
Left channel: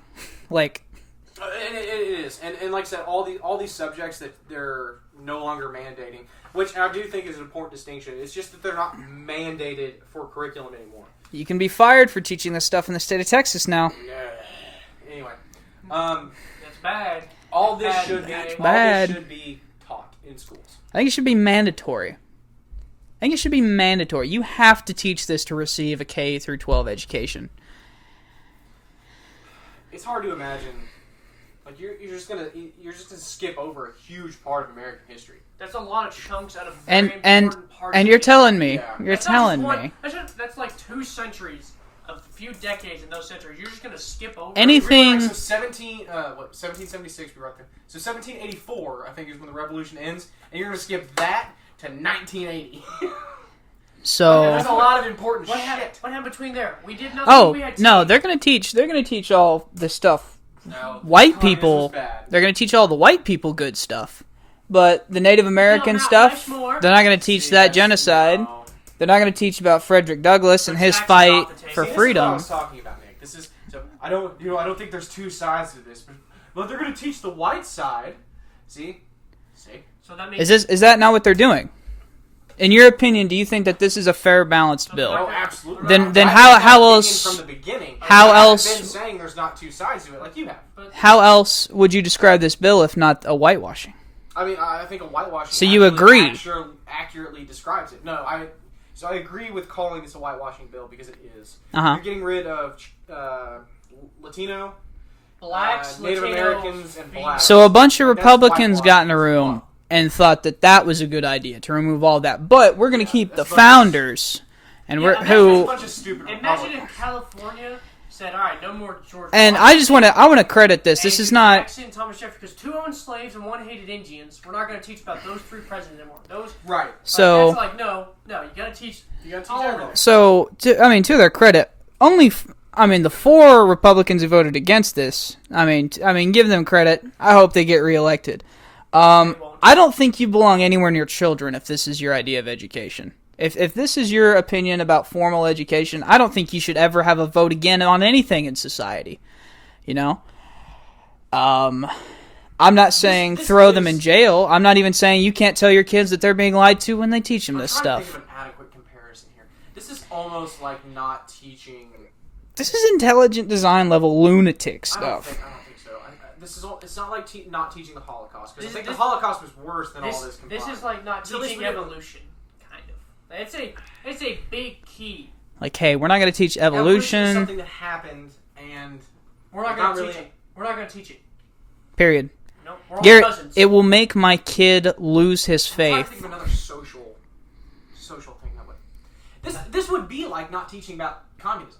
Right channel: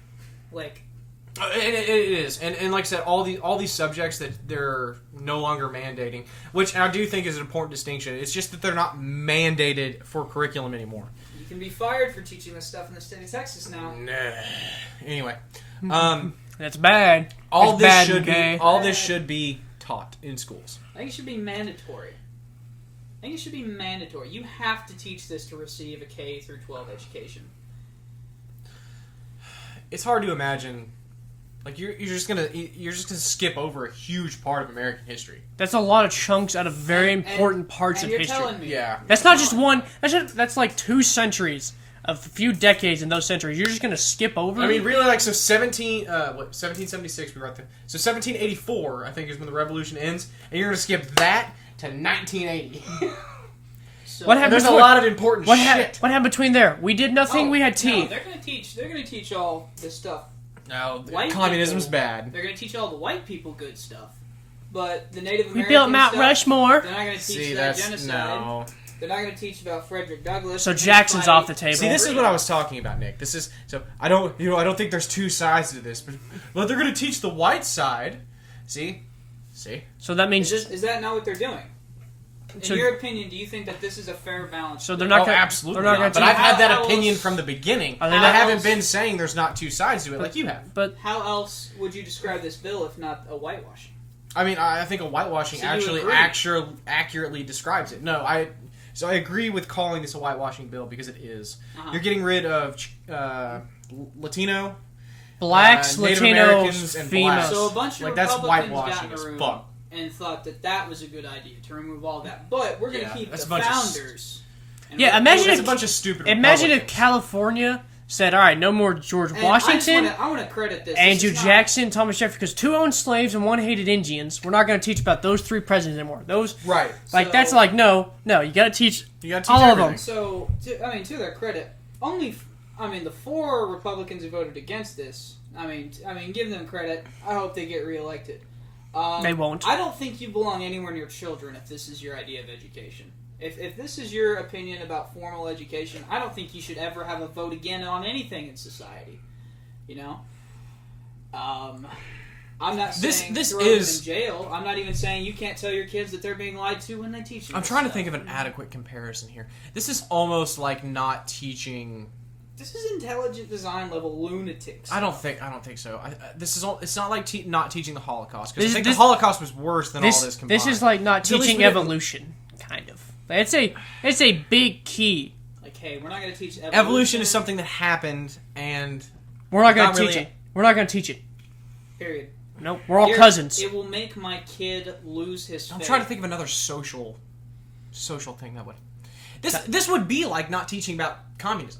like. It is, and like I said, all these subjects that they're no longer mandating, which I do think is an important distinction. It's just that they're not mandated for curriculum anymore. You can be fired for teaching this stuff in the state of Texas now. Anyway, That's bad. All It's this bad, should okay? be all this Bad. should be taught in schools. I think it should be mandatory. You have to teach this to receive a K through 12 education. It's hard to imagine. Like you're just gonna skip over a huge part of American history. That's a lot of chunks out of very And- important parts. And of you're history. telling me. Yeah. You're That's not just telling one. me. That's like 2 centuries, a few decades in those centuries. You're just gonna skip over. Anything- We were like, so 1776 we were right there. So 1784 I think is when the revolution ends, and you're gonna skip that to 1980. So What happened There's a lot of important What shit. What happened between there? We did nothing. Oh we had tea. no, they're gonna teach all this stuff. No, White communism's people, bad. they're gonna teach all the white people good stuff, but the Native Built American Mount stuff, Rushmore. they're not gonna teach See, that that's- genocide. no. They're not gonna teach about Frederick Douglas So and his Jackson's fight off the table. for See, this freedom. is what I was talking about, Nick. This is so I don't think there's 2 sides to this, but they're gonna teach the white side. See. So that means Is that not what they're doing? In So- your opinion, do you think that this is a fair balance So bill? they're not Oh, gonna- absolutely. they're not- Then I've how- had that how opinion else- from the beginning? How I haven't else- been saying there's not 2 sides to it like you have. But How else would you describe this bill if not a whitewashing? I mean, I think a whitewashing. So you agree? Accurately describes it. No, I agree with calling this a whitewashing bill because it is. Uh-huh. You're getting rid of Latino, blacks, Native Latinos, Americans, and females. blacks. So a bunch of Like, that's Republicans got in a whitewashing as room fuck. and thought that was a good idea to remove all that. But we're going to keep the that's a bunch of- founders. And Yeah, we're, imagine It's who, a bunch of stupid. Imagine if Republicans. California said, "All right, no more George and Washington." I just want to credit this. This Andrew is not Jackson, Thomas Jefferson, because 2 owned slaves and 1 hated Indians. We're not going to teach about those 3 presidents anymore. Those right. so. that's like no. You got to teach You got to all teach of everything. them. So, to their credit, the 4 Republicans who voted against this. I mean, give them credit. I hope they get reelected. They won't. I don't think you belong anywhere near children if this is your idea of education. If this is your opinion about formal education, I don't think you should ever have a vote again on anything in society. You know? I'm not saying this throw them is- in jail. I'm not even saying you can't tell your kids that they're being lied to when they teach them I'm this trying stuff. to think of an adequate comparison here. This is almost like not teaching. This is intelligent design level lunatic I stuff. don't think so. This is all. It's not like not teaching the Holocaust because I This- think this- the Holocaust was worse than all this combined. This is like not So at least teaching we didn't- evolution, kind of. It's a big key. Like, hey, we're not going to teach Evolution evolution. is something that happened, and We're not going Not to teach really. it. We're not going to teach it. Period. Nope. We're all cousins. It will make my kid lose his I'm trying to faith. think of another social thing that would. This would be like not teaching about communism.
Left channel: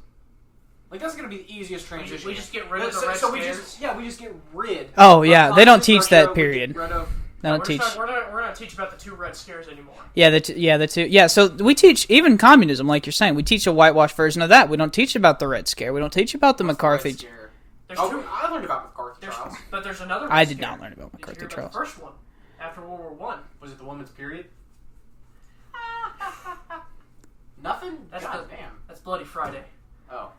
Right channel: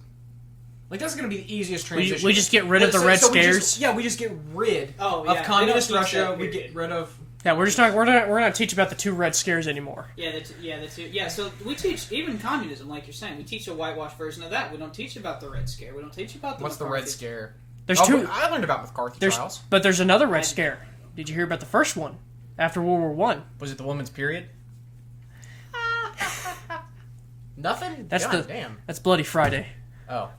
Like that's going to be the easiest transition. we just get rid of the Red Scares? We just get rid. Oh, of yeah, they don't communist teach Russia, that we period. Get rid of. No, we're teach. not teach about the 2 Red Scares anymore. Yeah, the two. Yeah, so we teach even communism, like you're saying. We teach a whitewash version of that. We don't teach about the Red Scare. We don't teach about the What's McCarthy. Red Scare? There's Oh, 2. I learned about McCarthy trials. But there's another Red I did Scare. not learn about Did you McCarthy hear about the trials. first one after World War One? Was it the woman's period? Nothing. That's God damn. That's Bloody Friday. Oh.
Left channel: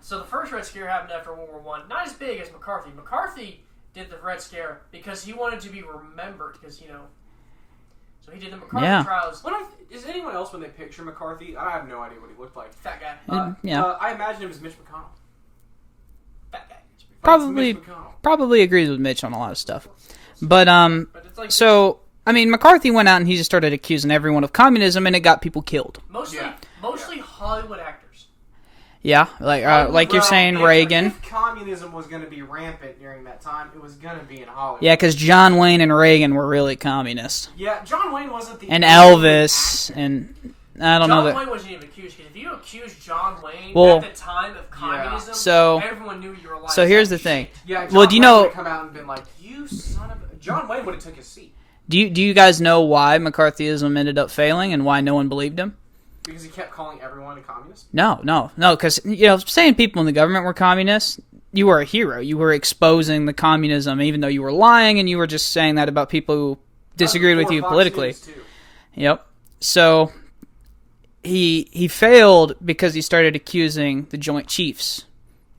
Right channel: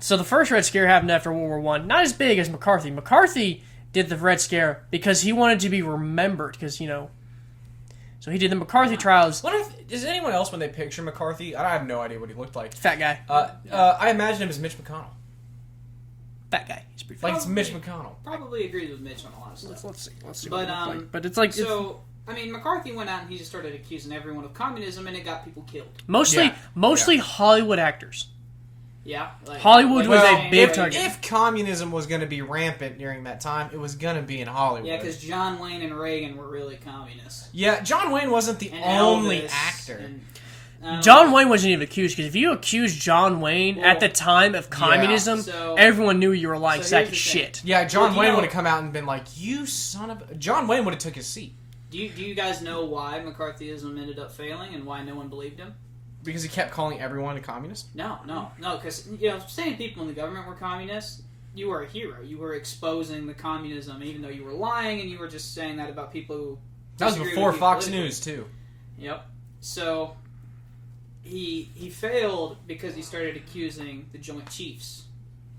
So the first Red Scare happened after World War One. Not as big as McCarthy. McCarthy did the Red Scare because he wanted to be remembered. Because so he did the McCarthy Yeah. trials. Is anyone else when they picture McCarthy? I have no idea what he looked like. Fat guy. I imagine him as Mitch McConnell. Fat guy. He's pretty fat. Like Probably- Mitch McConnell. Probably agrees with Mitch on a lot of stuff. Let's see. But But it's like so I mean, McCarthy went out and he just started accusing everyone of communism, and it got people killed. mostly Yeah. Hollywood actors. Yeah, like Hollywood like you're was a saying, big Reagan. If communism was going to be rampant during that time, it was going to be in Hollywood. Yeah, because John Wayne and Reagan were really communists, Yeah, John Wayne wasn't the and only Elvis, actor. and I don't know. John that- Wayne wasn't even accused because if you accused John Wayne Well, at the time of communism, so- everyone knew you were like. so here's the shit. thing. Yeah, John Well, do you Wayne know- would have come out and been like, "You son of a..." John Wayne would have took his seat Do you guys know why McCarthyism ended up failing and why no one believed him? because he kept calling everyone a communist. No, because saying people in the government were communists, you were a hero. You were exposing the communism, even though you were lying, and you were just saying that about people who disagreed with That was you before Fox politically. News, too. Yep. So he failed because he started accusing the Joint Chiefs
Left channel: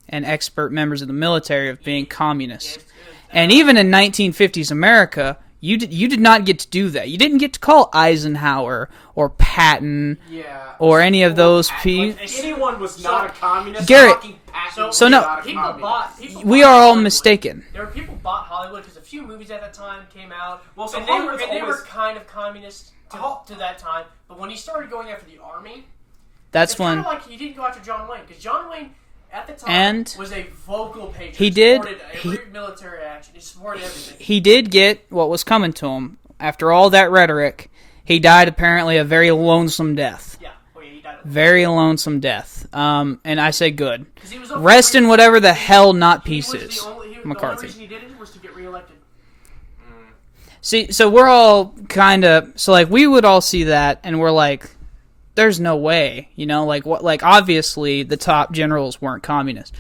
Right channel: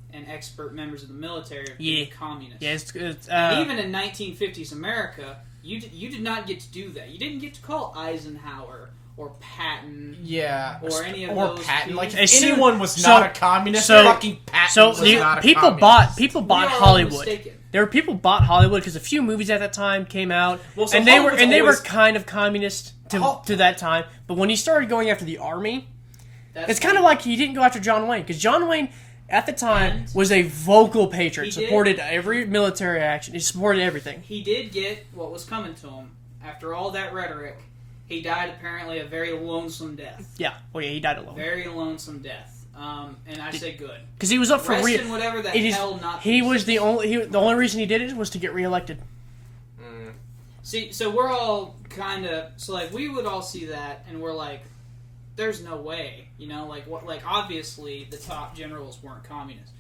and expert members of the military of being Yeah. communists. Yeah, it's, And even in 1950s America, You did not get to do that. You didn't get to call Eisenhower or Patton or any of those people. Like, if anyone was not a communist, Garrett, fucking Patton So was no, not a people communist. bought. We are all Hollywood. mistaken. There were people bought Hollywood because a few movies at that time came out, Well, so and they were Hollywood's kind of communist to that time. But when he started going after the army, That's it's when kind of like he didn't go after John Wayne, because John Wayne at the time And was a vocal patriot. he did- supported every military action. He supported everything. he did get what was coming to him. After all that rhetoric, he died apparently a very lonesome death. Yeah. Oh yeah, he died alone. Very lonesome death. And I say good. Because he was up Rest for in whatever the he hell not He pieces. was the only. The only McCarthy. reason he did it was to get reelected. See, so we're all kind of so like we would all see that, and we're like, "There's no way," you know, like what? Like obviously the top generals weren't communists.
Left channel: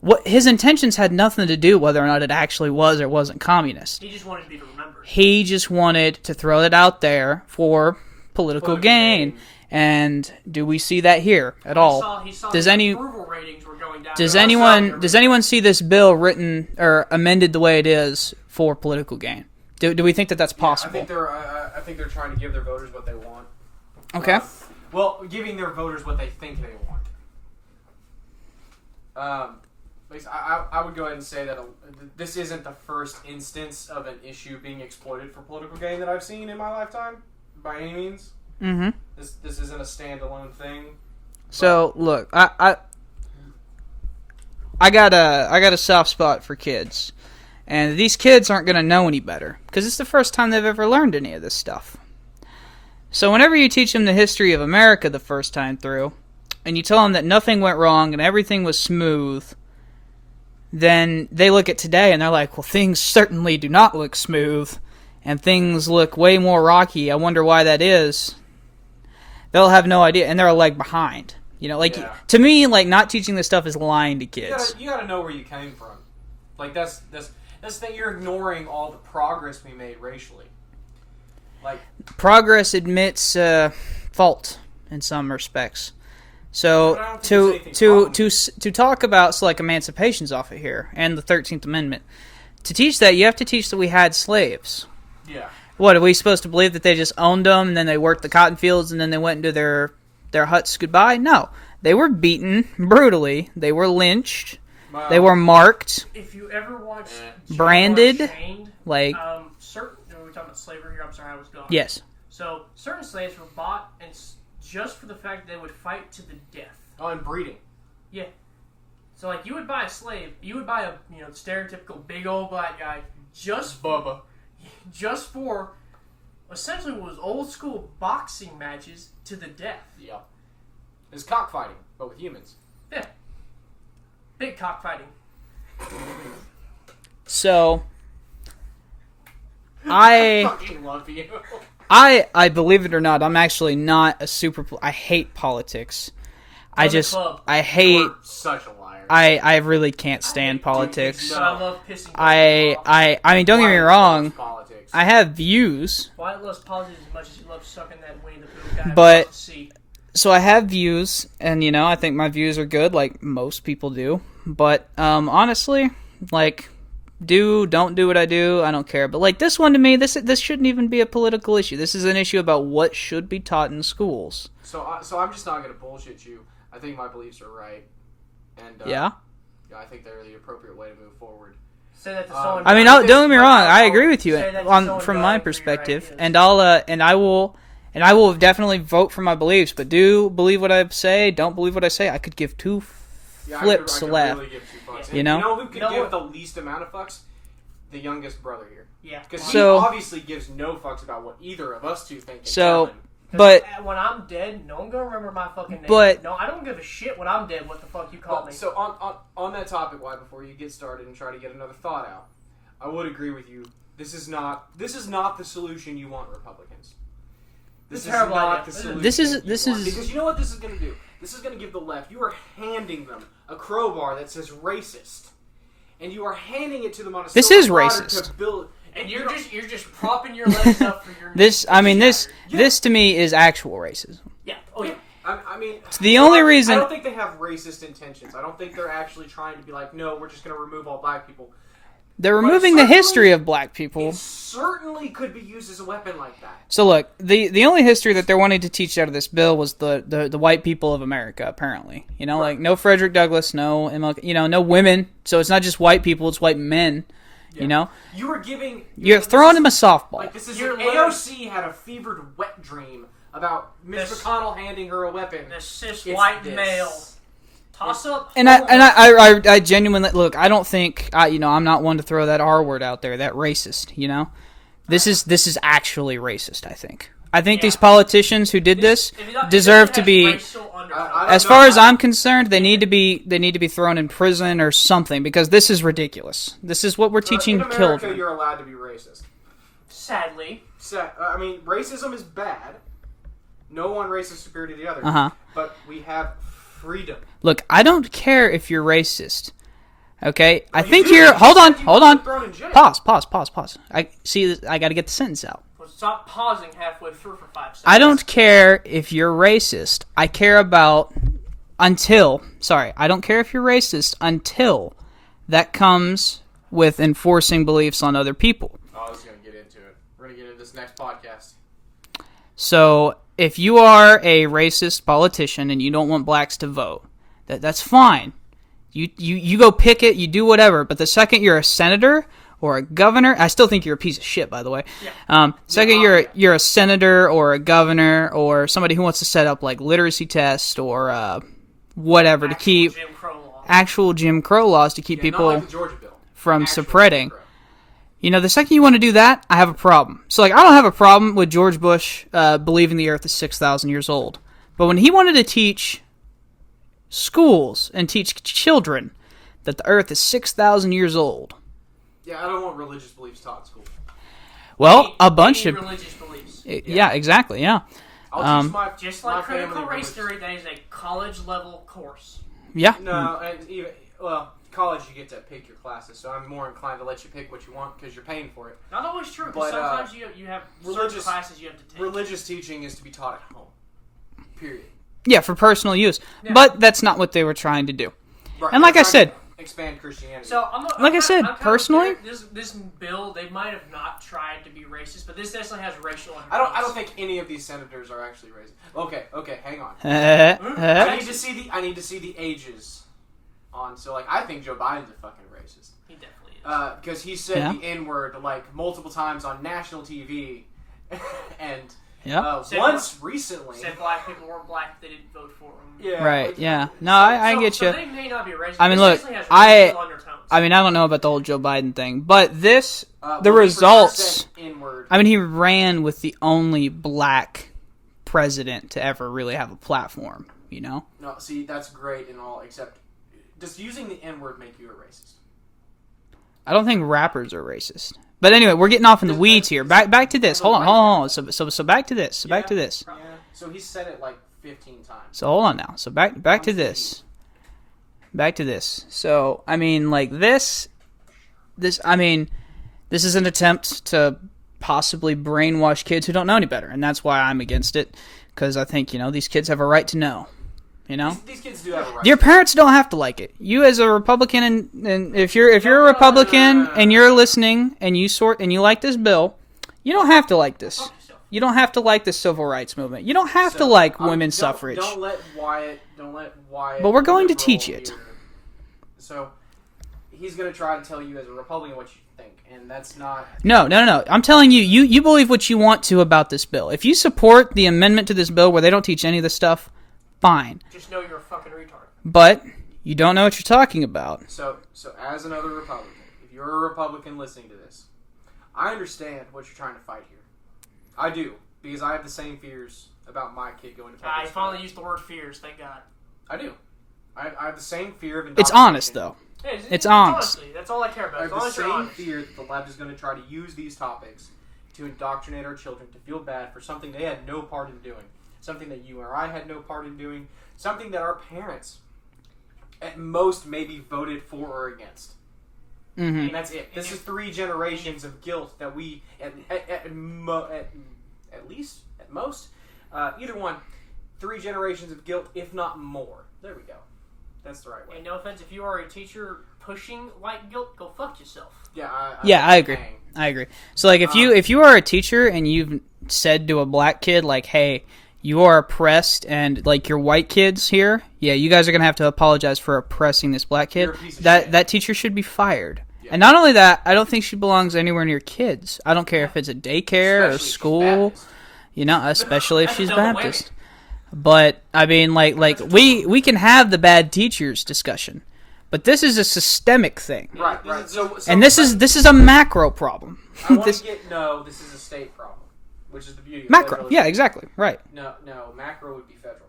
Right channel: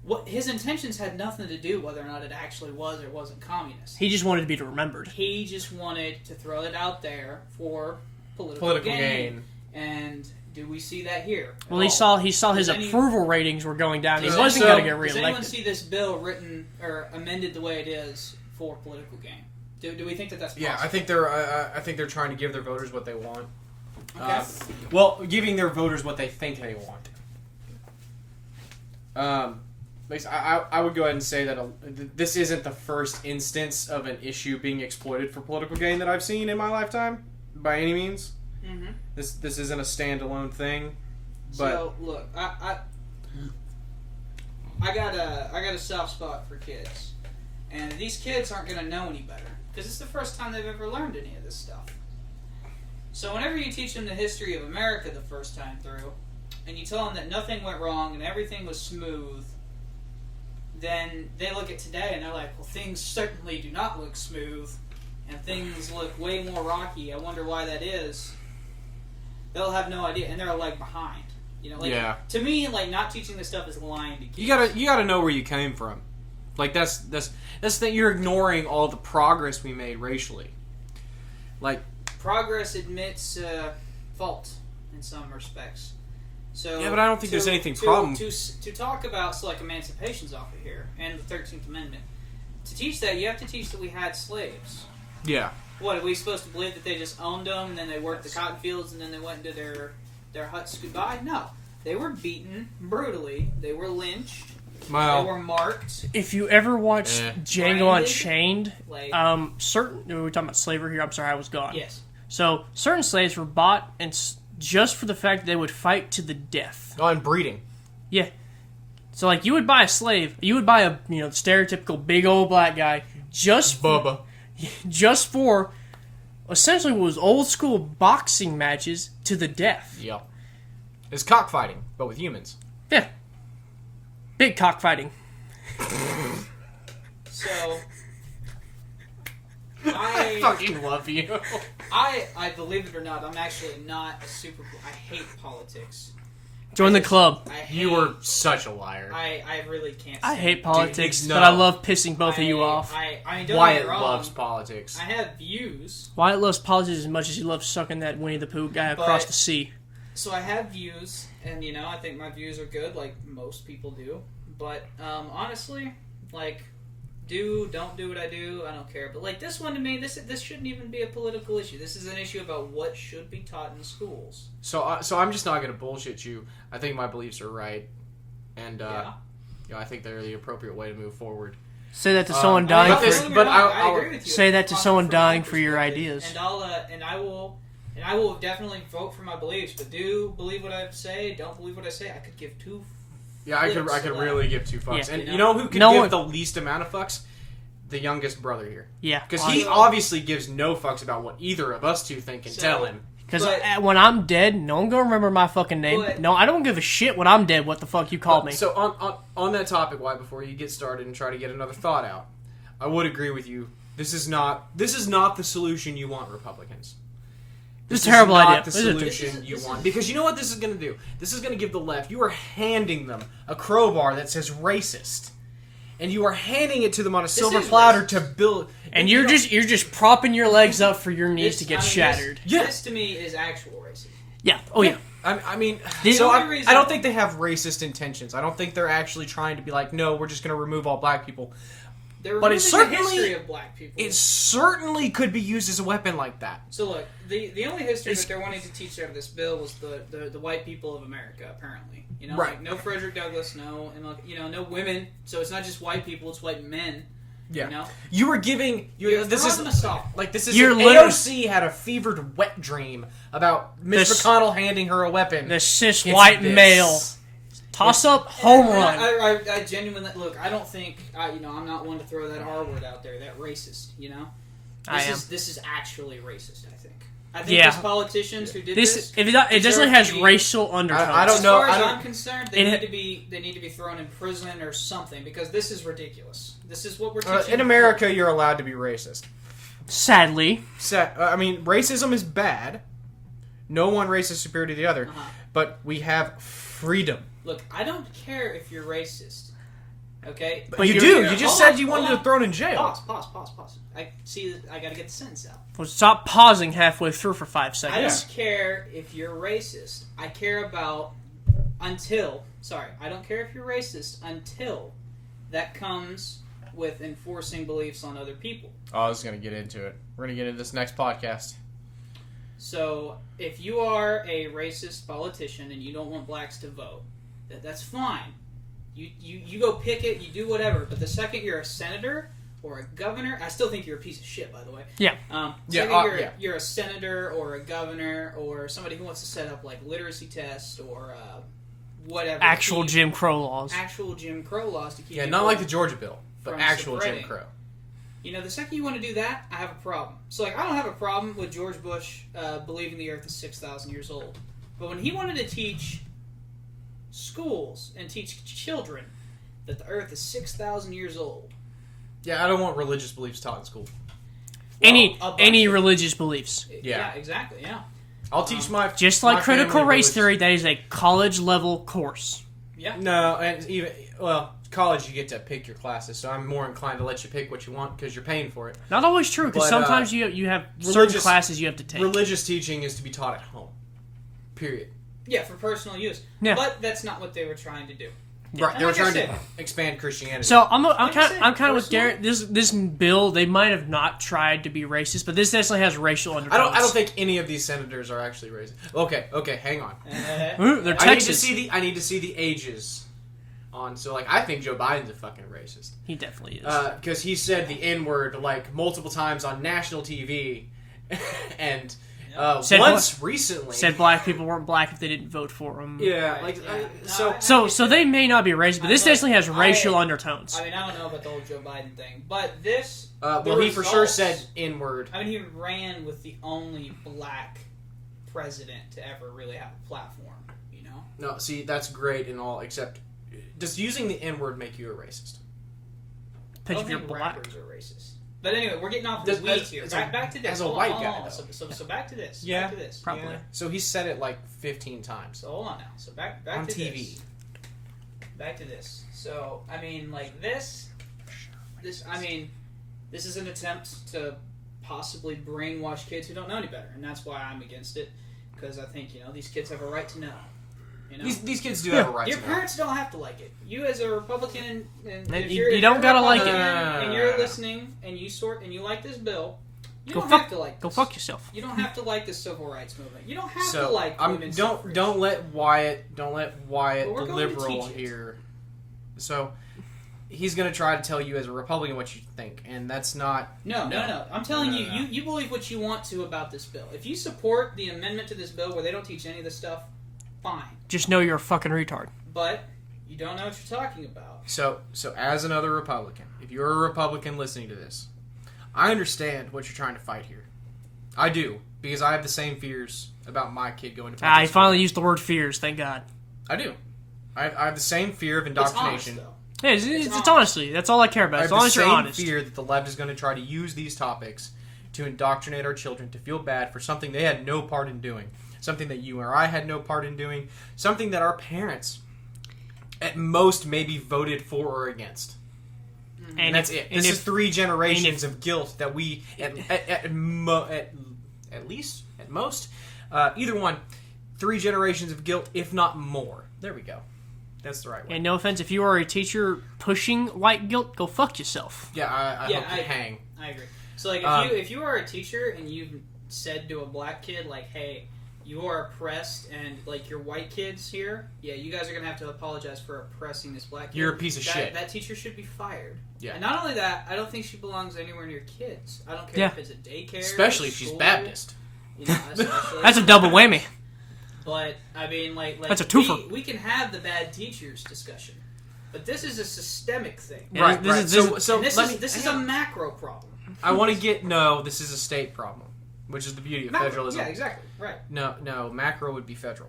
What his intentions had nothing to do whether or not it actually was or wasn't communist. He just wanted to be remembered. He just wanted to throw it out there for political gain. And do we see that here at all? He saw Does his approval ratings were going down. Does He was anyone gonna get does anyone reelected. see this bill written or amended the way it is for political gain? Do we think that that's possible? I think they're trying to give their voters what they want. Okay. Well, giving their voters what they think they want. I would go ahead and say that this isn't the first instance of an issue being exploited for political gain that I've seen in my lifetime, by any means. Mm-hmm. This isn't a standalone thing. So look, I got a soft spot for kids, and these kids aren't gonna know any better because it's the first time they've ever learned any of this stuff. So whenever you teach them the history of America the first time through, and you tell them that nothing went wrong and everything was smooth, then they look at today and they're like, well, things certainly do not look smooth, and things look way more rocky. I wonder why that is. They'll have no idea, and they're a leg behind. You know, like to me, like not teaching this stuff is lying to kids. You gotta know where you came from. Like that's that you're ignoring all the progress we made racially. Like progress admits fault in some respects. So but I don't think there's anything to talk about like emancipation's off of here and the 13th Amendment. To teach that, you have to teach that we had slaves. Yeah. What, are we supposed to believe that they just owned them and then they worked the cotton fields and then they went into their huts goodbye? No. They were beaten brutally. They were lynched. Wow. They were marked. If you ever watched Branded, Unchained, like certain. We were talking about slavery here. I'm sorry, I was gone. yes. So certain slaves were bought and just for the fact that they would fight to the death. Oh, and breeding. Yeah. So like you would buy a slave, you would buy a stereotypical big old black guy just Bubba. just for essentially what was old school boxing matches to the death. Yep. It's cockfighting, but with humans. Yeah. Big cockfighting. So I fucking love you. I believe it or not, I'm actually not a super. I hate politics. Join the club. I You hate. were such a liar. I really can't stand hate politics. but I love pissing both of you off. I mean, don't get me Wyatt wrong. loves politics. I have views, Wyatt loves politics as much as he loves sucking that Winnie the Pooh guy But- across the sea. so I have views, and I think my views are good, like most people do. But honestly, like, don't do what I do. I don't care. But like this one to me, this shouldn't even be a political issue. This is an issue about what should be taught in schools. So I'm just not gonna bullshit you. I think my beliefs are right, and Yeah. I think they're the appropriate way to move forward. Say that to someone. I mean, dying- don't get me but wrong. I I'll agree with you. say that to someone from dying my for your perspective, ideas. and I will definitely vote for my beliefs. But do believe what I say. Don't believe what I say. I could give two Yeah, flips I could left. really give two fucks. Yeah. And You know? who could No give one- the least amount of fucks? The youngest brother here. Yeah, Because he So- obviously gives no fucks about what either of us two think and So- tell him. Because But- when I'm dead, no one gonna remember my fucking name. But- no, I don't give a shit when I'm dead. What the fuck you called me? So on that topic, why before you get started and try to get another thought out, I would agree with you. This is not the solution you want, Republicans. This is a terrible idea. The This is- solution this is- you this want. is- Because you know what this is going to do. This is going to give the left. You are handing them a crowbar that says racist, and you are handing it to them on a This silver is platter racist. to build. and you're just propping your legs up for your knees This, to get I mean, shattered. this to me is actual racism. Yeah. Oh yeah. I mean, the only reason- I don't think they have racist intentions. I don't think they're actually trying to be like, no, we're just going to remove all black people. They're But it removing the certainly- history of black people. It certainly could be used as a weapon like that. So look, the only history that they're wanting to teach out of this bill was the white people of America, apparently. You know, Right. like no Frederick Douglass, no MLK, no women. So it's not just white people, it's white men. Yeah. You know? You were giving... You're throwing them a softball. Like, this is... You're AOC had a fevered wet dream about Mitch This- McConnell handing her a weapon. The cis It's white this. male toss up. And I genuinely look. I don't think I'm not one to throw that R word out there. That racist. This is actually racist. I think Yeah. these politicians who did this if it deserve to has be. racial undertones. I don't As know, far as I- I'm concerned, they need to be thrown in prison or something because this is ridiculous. This is what we're teaching in America, children. you're allowed to be racist. Sadly, Racism is bad. No one race is superior to the other. Uh-huh. But we have freedom. Look, I don't care if you're racist. Okay, I you think do. you're. You just Hold said on, you hold wanted on. thrown in jail. Pause. I see. I got to get the sentence out. well, stop pausing halfway through for 5 seconds. I don't care if you're racist. I care about until. Sorry, I don't care if you're racist until that comes with enforcing beliefs on other people. Oh, I was going to get into it. We're going to get into this next podcast. So, if you are a racist politician and you don't want blacks to vote, that's fine. You go picket, you do whatever. But the second you're a senator or a governor, I still think you're a piece of shit, by the way. Yeah. Second, Yeah. you're a senator or a governor or somebody who wants to set up like literacy tests or whatever Actual to keep Jim Crow laws. actual Jim Crow laws to keep Yeah, people not like the Georgia bill. from Actual spreading. Jim Crow. The second you want to do that, I have a problem. So, I don't have a problem with George Bush believing the Earth is 6,000 years old. But when he wanted to teach schools and teach children that the Earth is 6,000 years old, Yeah, I don't want religious beliefs taught in school. well, a bunch any of religious beliefs. yeah, exactly, yeah, I'll teach my Just my like critical family race religious- theory, that is a college level course. yeah. No, and even college you get to pick your classes, so I'm more inclined to let you pick what you want because you're paying for it. Not always true, because But, sometimes you have certain religious- classes you have to take. Religious teaching is to be taught at home. Period. Yeah, for personal use. Yeah. But that's not what they were trying to do. Right, And they like were I trying said- to expand Christianity. So I'm I said, I'm kind of personally- scared. This bill, they might have not tried to be racist, but this definitely has racial undertones. I don't think any of these senators are actually racist. Okay, hang on. Texas. I need to see the ages on. So I think Joe Biden's a fucking racist. He definitely is. Because he said Yeah. the N-word multiple times on national TV, and Yeah. Said once recently. Said black people weren't black if they didn't vote for him. Yeah, Right, yeah. No, I get So you. they may not be racist, I but mean, this look, definitely has I- racial undertones. I don't know about the whole Joe Biden thing, but this, the well, he for results... sure said N-word. he ran with the only black president to ever really have a platform, No, see, that's great and all, except does using the N-word make you a racist? I don't think rappers are racist. But anyway, we're getting off in the weeds here. Back to this. as a Hold on, white hold guy. on. So back to this. So back Yeah. to this. Probably. Yeah. So he said it 15 times. So hold on now. So back On to TV. this. Back to this. So this is an attempt to possibly brainwash kids who don't know any better, and that's why I'm against it, because I think these kids have a right to know. These kids do have a right. Your parents don't have to like it. You as a Republican, and if you're you don't a gotta like it. Republican and you're listening and you like this bill, you don't have to like Go this. fuck yourself. You don't have to like the civil rights movement. You don't have So, to like don't- women's suffrage. Don't let Wyatt. But we're going to liberal teach it. here. So he's going to try to tell you as a Republican what you think, and that's not. No. I'm telling you, you believe what you want to about this bill. If you support the amendment to this bill where they don't teach any of this stuff, fine. Just know you're a fucking retard. But you don't know what you're talking about. So as another Republican, if you're a Republican listening to this, I understand what you're trying to fight here. I do, because I have the same fears about my kid going to public I school. finally used the word fears, thank God. I do. I have the same fear of It's indoctrination. honest, though. Yeah, it's honest. honestly, that's all I care about. I As have long the as you're same honest. fear that the left is going to try to use these topics to indoctrinate our children to feel bad for something they had no part in doing. Something that you or I had no part in doing. Something that our parents, at most, maybe voted for or against. Mm-hmm. And that's it. and This if- is 3 generations of guilt that we, at least, at most, either one, 3 generations of guilt, if not more. There we go. That's the right way. And no offense, if you are a teacher pushing white guilt, go fuck yourself. Yeah, I agree. I agree. So, like, if you are a teacher and you've said to a black kid, like, hey, you are oppressed, and, like, your white kids here, yeah, you guys are going to have to apologize for oppressing this black kid. You're a piece of shit. That teacher should be fired. Yeah. And not only that, I don't think she belongs anywhere near kids. I don't care if it's a daycare, Especially a school. If she's Baptist. You know, especially if That's a she's double Baptist. whammy. But I mean, like That's a we can have the bad teachers discussion, but this is a systemic thing, Yeah, Right, this right. is- and this is a macro problem. I want to get this is a state problem, which is the beauty of Macro, federalism. yeah, exactly, right. No, macro would be federal.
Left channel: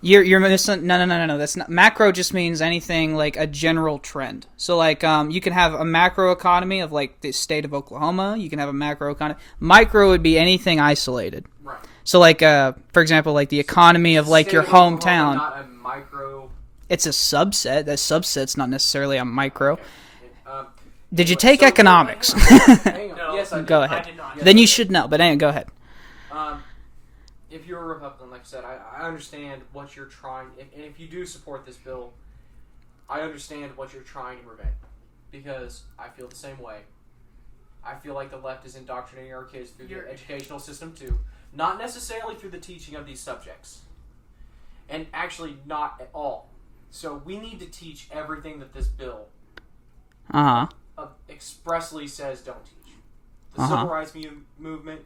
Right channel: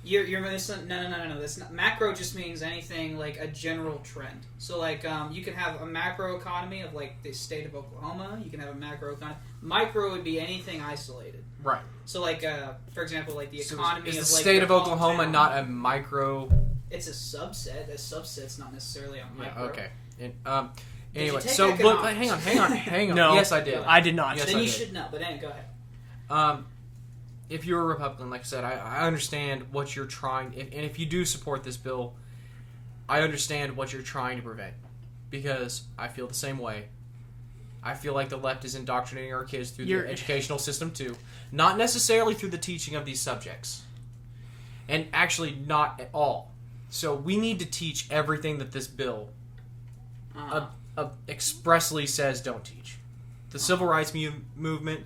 You're missing. No. That's not macro. Just means anything like a general trend. So like you can have a macro economy of like the state of Oklahoma. You can have a macro economy. Micro would be anything isolated. Right. So like for example, like the economy of like State your of Oklahoma, hometown. not a micro. It's a subset. That subset's not necessarily a micro. Okay. Did you Anyway, take so, economics? Hang on. No. Yes, I did. Go ahead. I did not. Yes, Then I you did. should know. But anyway, go ahead. If you're a Republican, like I said, I understand what you're trying, and if you do support this bill, I understand what you're trying to prevent, because I feel the same way. I feel like the left is indoctrinating our kids through the educational system too, not necessarily through the teaching of these subjects, and actually not at all. So we need to teach everything that this bill expressly says don't teach. The civil rights movement,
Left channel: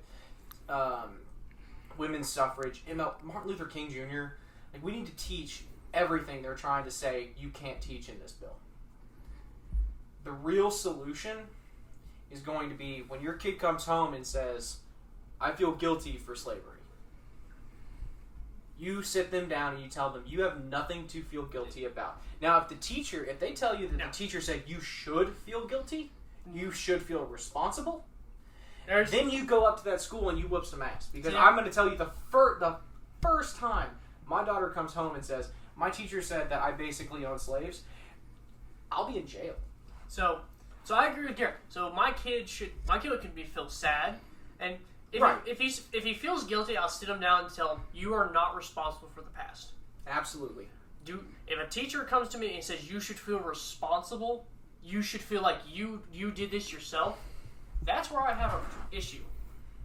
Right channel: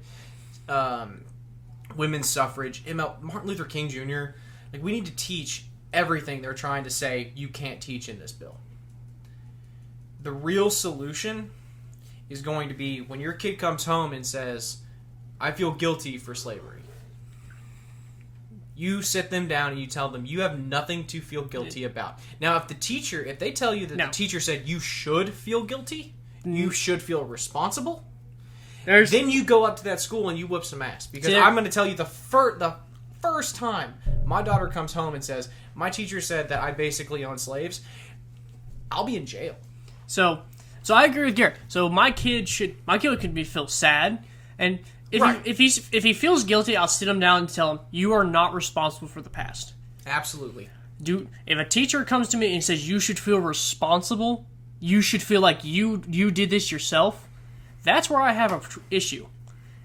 women's suffrage, Martin Luther King Jr. Like, we need to teach everything they're trying to say you can't teach in this bill. The real solution is going to be when your kid comes home and says, I feel guilty for slavery. You sit them down and you tell them you have nothing to feel guilty about. Now, if they tell you that the teacher said you should feel guilty, you should feel responsible, then you go up to that school and you whoop some ass. Because I'm going to tell you the first time my daughter comes home and says, my teacher said that I basically own slaves, I'll be in jail. So I agree with Garrett. So my kid could feel sad, and if he feels guilty, I'll sit him down and tell him you are not responsible for the past. Absolutely. If a teacher comes to me and says you should feel responsible, you should feel like you did this yourself, that's where I have an issue,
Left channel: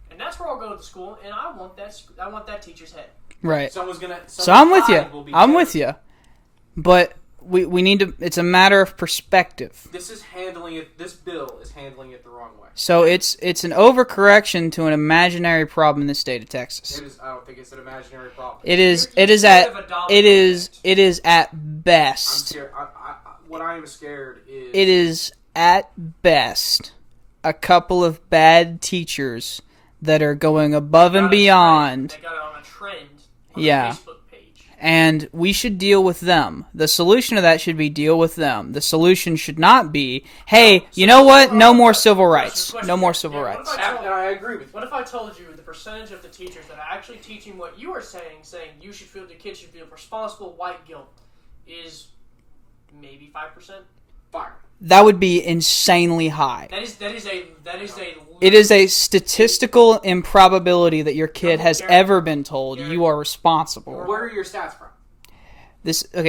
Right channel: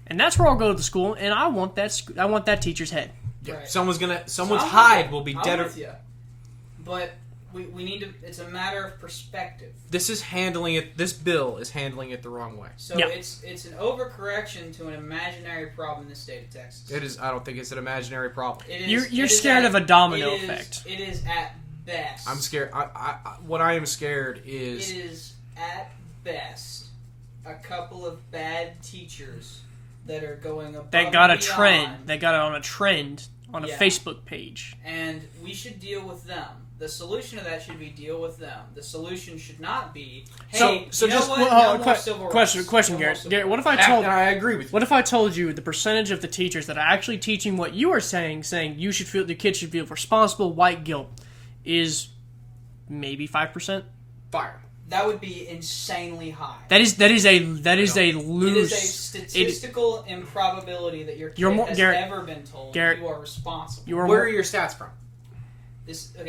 and that's where I'll go to the school, and I want that teacher's head. Right. So I'm with you. I'm with you. But we need to. It's a matter of perspective. This bill is handling it the wrong way. So it's an overcorrection to an imaginary problem in the state of Texas. It is. I don't think it's an imaginary problem. It is. You're it is scared at. of a domino it is. effect. It is at best. I'm scared. What I am scared is. It is at best a couple of bad teachers that are going above and beyond. They got it on a trend on the Facebook page. And we should deal with them. The solution to that should be deal with them. The solution should not be, hey, you know what? No more civil rights. No more civil rights. I agree with you. What if I told you the percentage of the teachers that are actually teaching what you are saying the kids should feel responsible white guilt is maybe 5%? Fire. That would be insanely high. That is a loose, it is a statistical improbability that your kid has Garrett, ever been told you are responsible. Where are your stats from?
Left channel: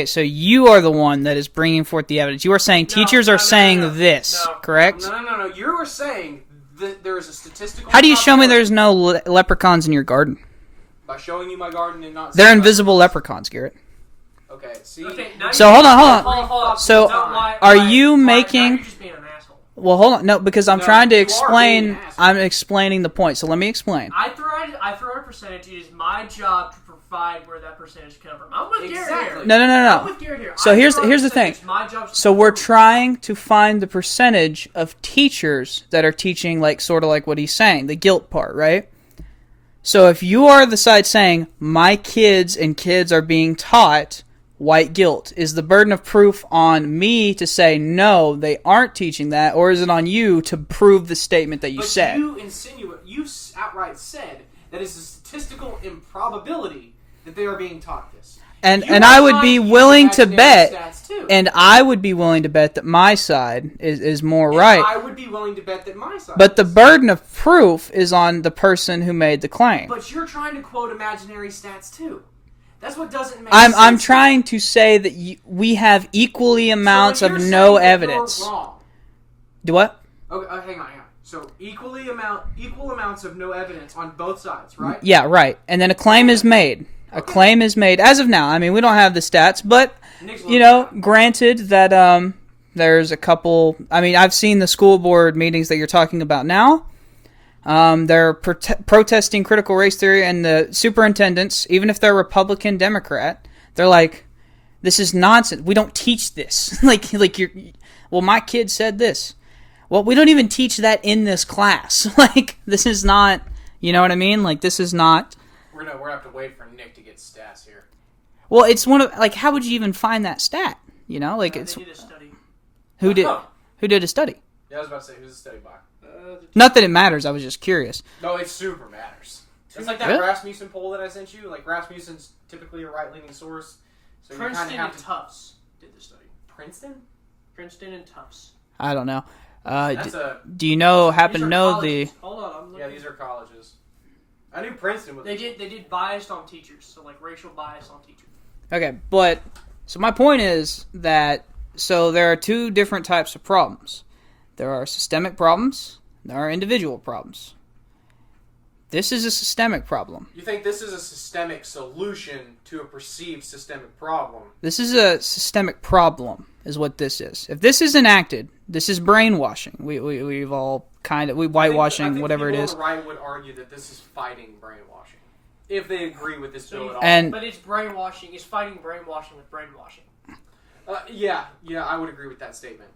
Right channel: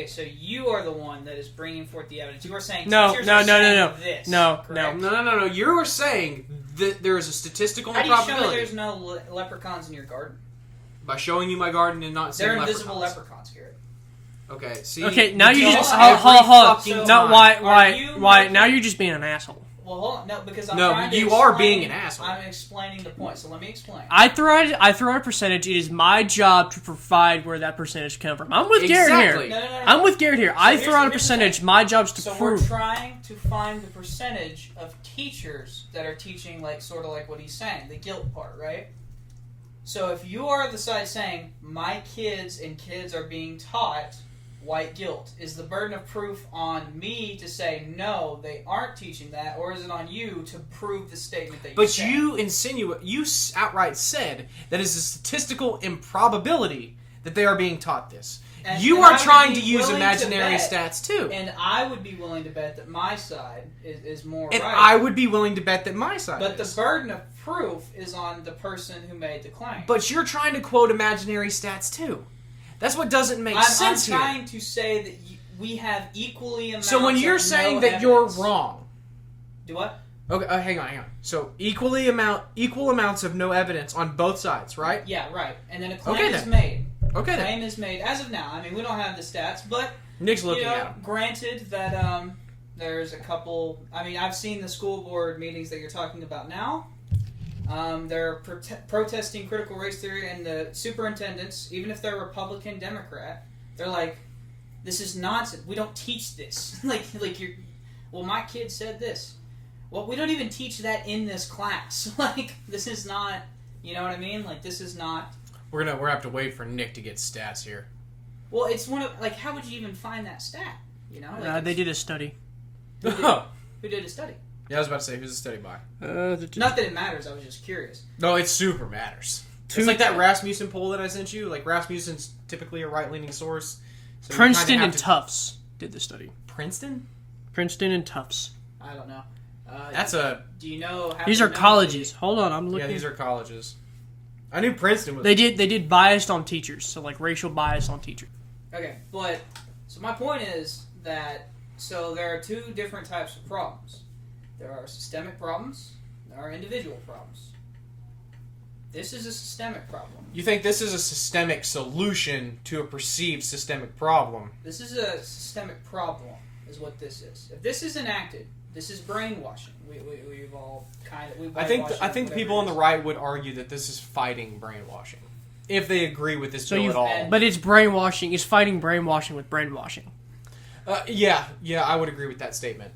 So you are the one that is bringing forth the evidence. You are saying teachers are saying this, correct? No. You are saying that there is a statistical. How do you show me there's no leprechauns in your garden? By showing you my garden and not. They're invisible leprechauns, Garrett. Okay. See. Okay. Now so hold on. So are you making? Now you're just being an asshole. Well, hold on. No, because I'm trying to explain. I'm explaining the point. So let me explain. I throw out a percentage. It is my job to provide where that percentage comes from. I'm with Garrett here. No. I'm with Garrett here. So here's the thing. My job's to we're trying to find the percentage of teachers that are teaching sort of like what he's saying, the guilt part, right? So if you are the side saying my kids are being taught white guilt, is the burden of proof on me to say no, they aren't teaching that, or is it on you to prove the statement that you said? But you outright said that is a statistical improbability that they are being taught this. And I would be willing to bet, that my side is more right. I would be willing to bet that my side. But the burden of proof is on the person who made the claim. But you're trying to quote imaginary stats too. That's what doesn't make sense. I'm trying to say that we have equally amounts of no evidence. You're wrong. Do what? Okay, hang on. So equal amounts of no evidence on both sides, right? Yeah, right. And then a claim is made. A claim is made as of now. I mean, we don't have the stats, but granted that there's a couple. I mean, I've seen the school board meetings that you're talking about now. They're protesting critical race theory, and the superintendents, even if they're Republican, Democrat, they're like, "This is nonsense. We don't teach this." Well, my kid said this. Well, we don't even teach that in this class. This is not. You know what I mean? This is not. We're gonna have to wait for Nick to get stats here. Well, it's one of how would you even find that stat? They did a study. Who did a study? Yeah, I was about to say, who's the study by? Not that it matters. I was just curious. No, it super matters. It's like that Rasmussen poll that I sent you. Rasmussen's typically a right-leaning source. So Princeton and Tufts did the study. Princeton and Tufts. I don't know. Do you these are colleges. Hold on, I'm looking. Yeah, these are colleges. I knew Princeton was. They did biased on teachers, so racial bias on teachers. Okay, but so my point is that there are two different types of problems. There are systemic problems. There are individual problems. This is a systemic problem. You think this is a systemic solution to a perceived systemic problem? This is a systemic problem, is what this is. If this is enacted, this is brainwashing. We've all whitewashing, I think whatever it is. People on the right would argue that this is fighting brainwashing, if they agree with this bill at all. But it's brainwashing. It's fighting brainwashing with brainwashing. Yeah, I would agree with that statement.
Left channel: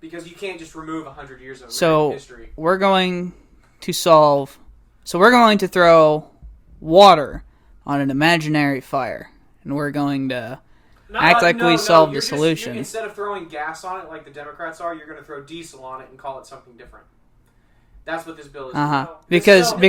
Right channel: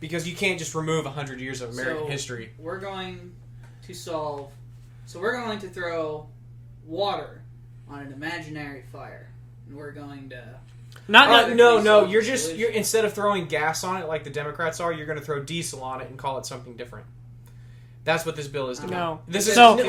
Because you can't just remove 100 years of American history. We're going to throw water on an imaginary fire, and we're going to solve the solution. Instead of throwing gas on it like the Democrats are, you're going to throw diesel on it and call it something different. That's what this bill is doing. Because hold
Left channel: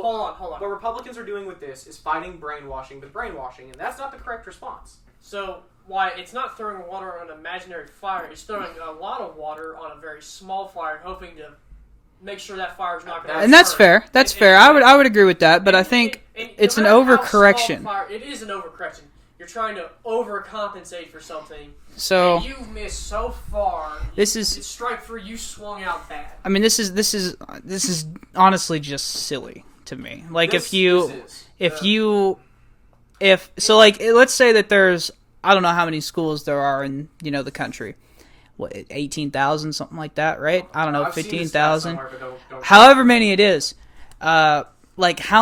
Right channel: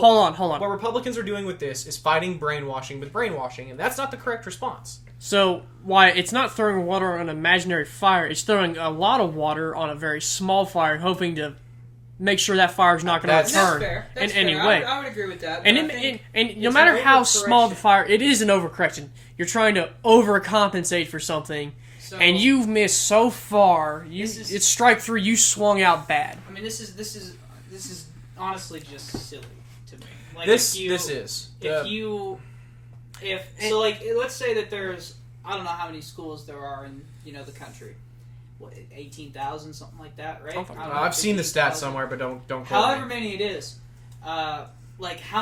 on. What Republicans are doing with this is fighting brainwashing with brainwashing, and that's not the correct response. So why it's not throwing water on an imaginary fire? It's throwing a lot of water on a very small fire, hoping to make sure that fire's not going to return. And that's fair. That's fair. I would agree with that. But I think it's an overcorrection. Fire, it is an overcorrection. You're trying to overcompensate for something. And you've missed so far. It's strike three. You swung out bad. I mean, this is honestly just silly to me. Let's say that there's, I don't know how many schools there are in the country. What, 18,000, something like that, right? I don't know, 15,000 somewhere, but don't. However many it is, how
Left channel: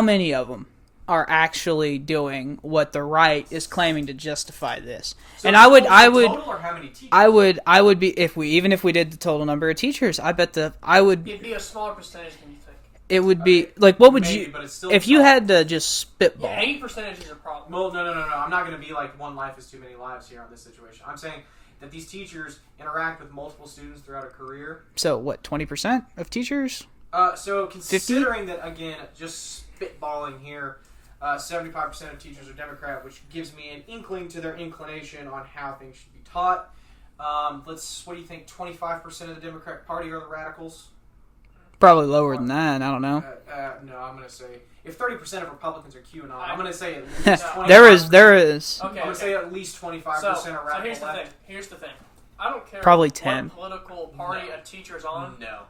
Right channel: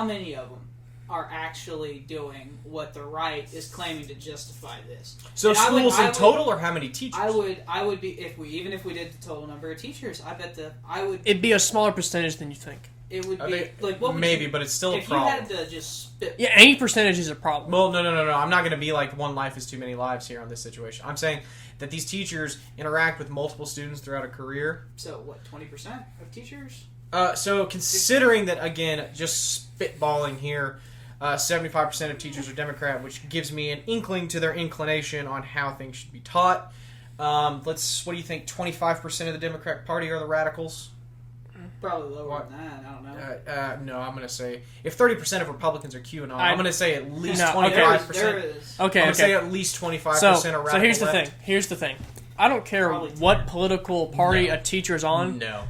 many of them are actually doing what the right is claiming to justify this? So and I would total, or how many teachers? I would be if we did the total number of teachers. I bet it'd be a smaller percentage than you think. It would be what would maybe, you? But it's still if you had to just spit. Yeah, any percentage is a problem. Well, no. I'm not going to be like one life is too many lives here on this situation. I'm saying that these teachers interact with multiple students throughout a career. So what? 20% of teachers? So considering 50? That again, just spitballing here, 75% of teachers are Democrat, which gives me an inkling to their inclination on how things should be taught. What do you think? 25% of the Democrat Party are the radicals. Probably lower than that. I don't know. No, I'm going to say if 30% of Republicans are QAnon, I'm going to say at least 25%. There is. Okay, I'm going to say at least 25% are radical. So here's the thing. I don't care what political party a teacher's on. No.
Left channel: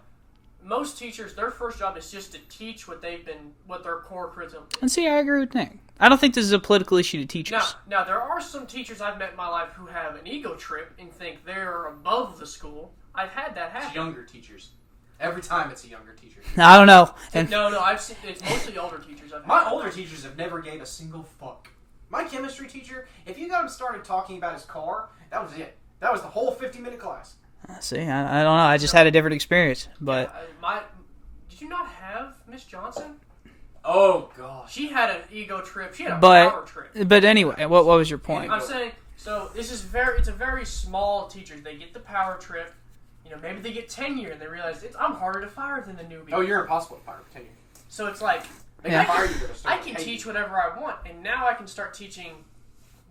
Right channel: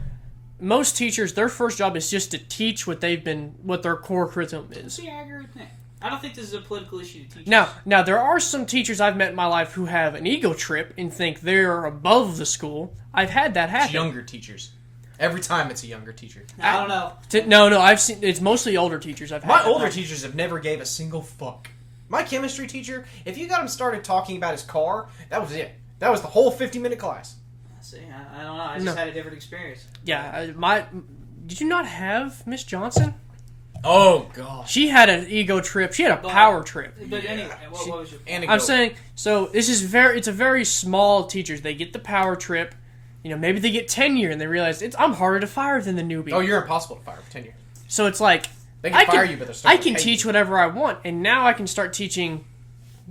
Most teachers, their first job is just to teach what their core curriculum is. And see, I agree with Nick. I don't think this is a political issue to teachers. Now there are some teachers I've met in my life who have an ego trip and think they're above the school. I've had that happen. It's younger teachers. Every time it's a younger teacher. I don't know. No, I've seen it's mostly older teachers. My older teachers have never gave a single fuck. My chemistry teacher, if you got him started talking about his car, that was it. That was the whole 50-minute class. See, I don't know. I just had a different experience. But. Yeah, did you not have Miss Johnson? Oh god, she had an ego trip. She had a power trip. But anyway, what was your point? I'm saying it's a very small teachers. They get the power trip. Maybe they get tenure and they realize I'm harder to fire than the newbie. Oh, you're impossible to fire for tenure. So it's like they can fire you, but I can teach whatever I want, and now I can start teaching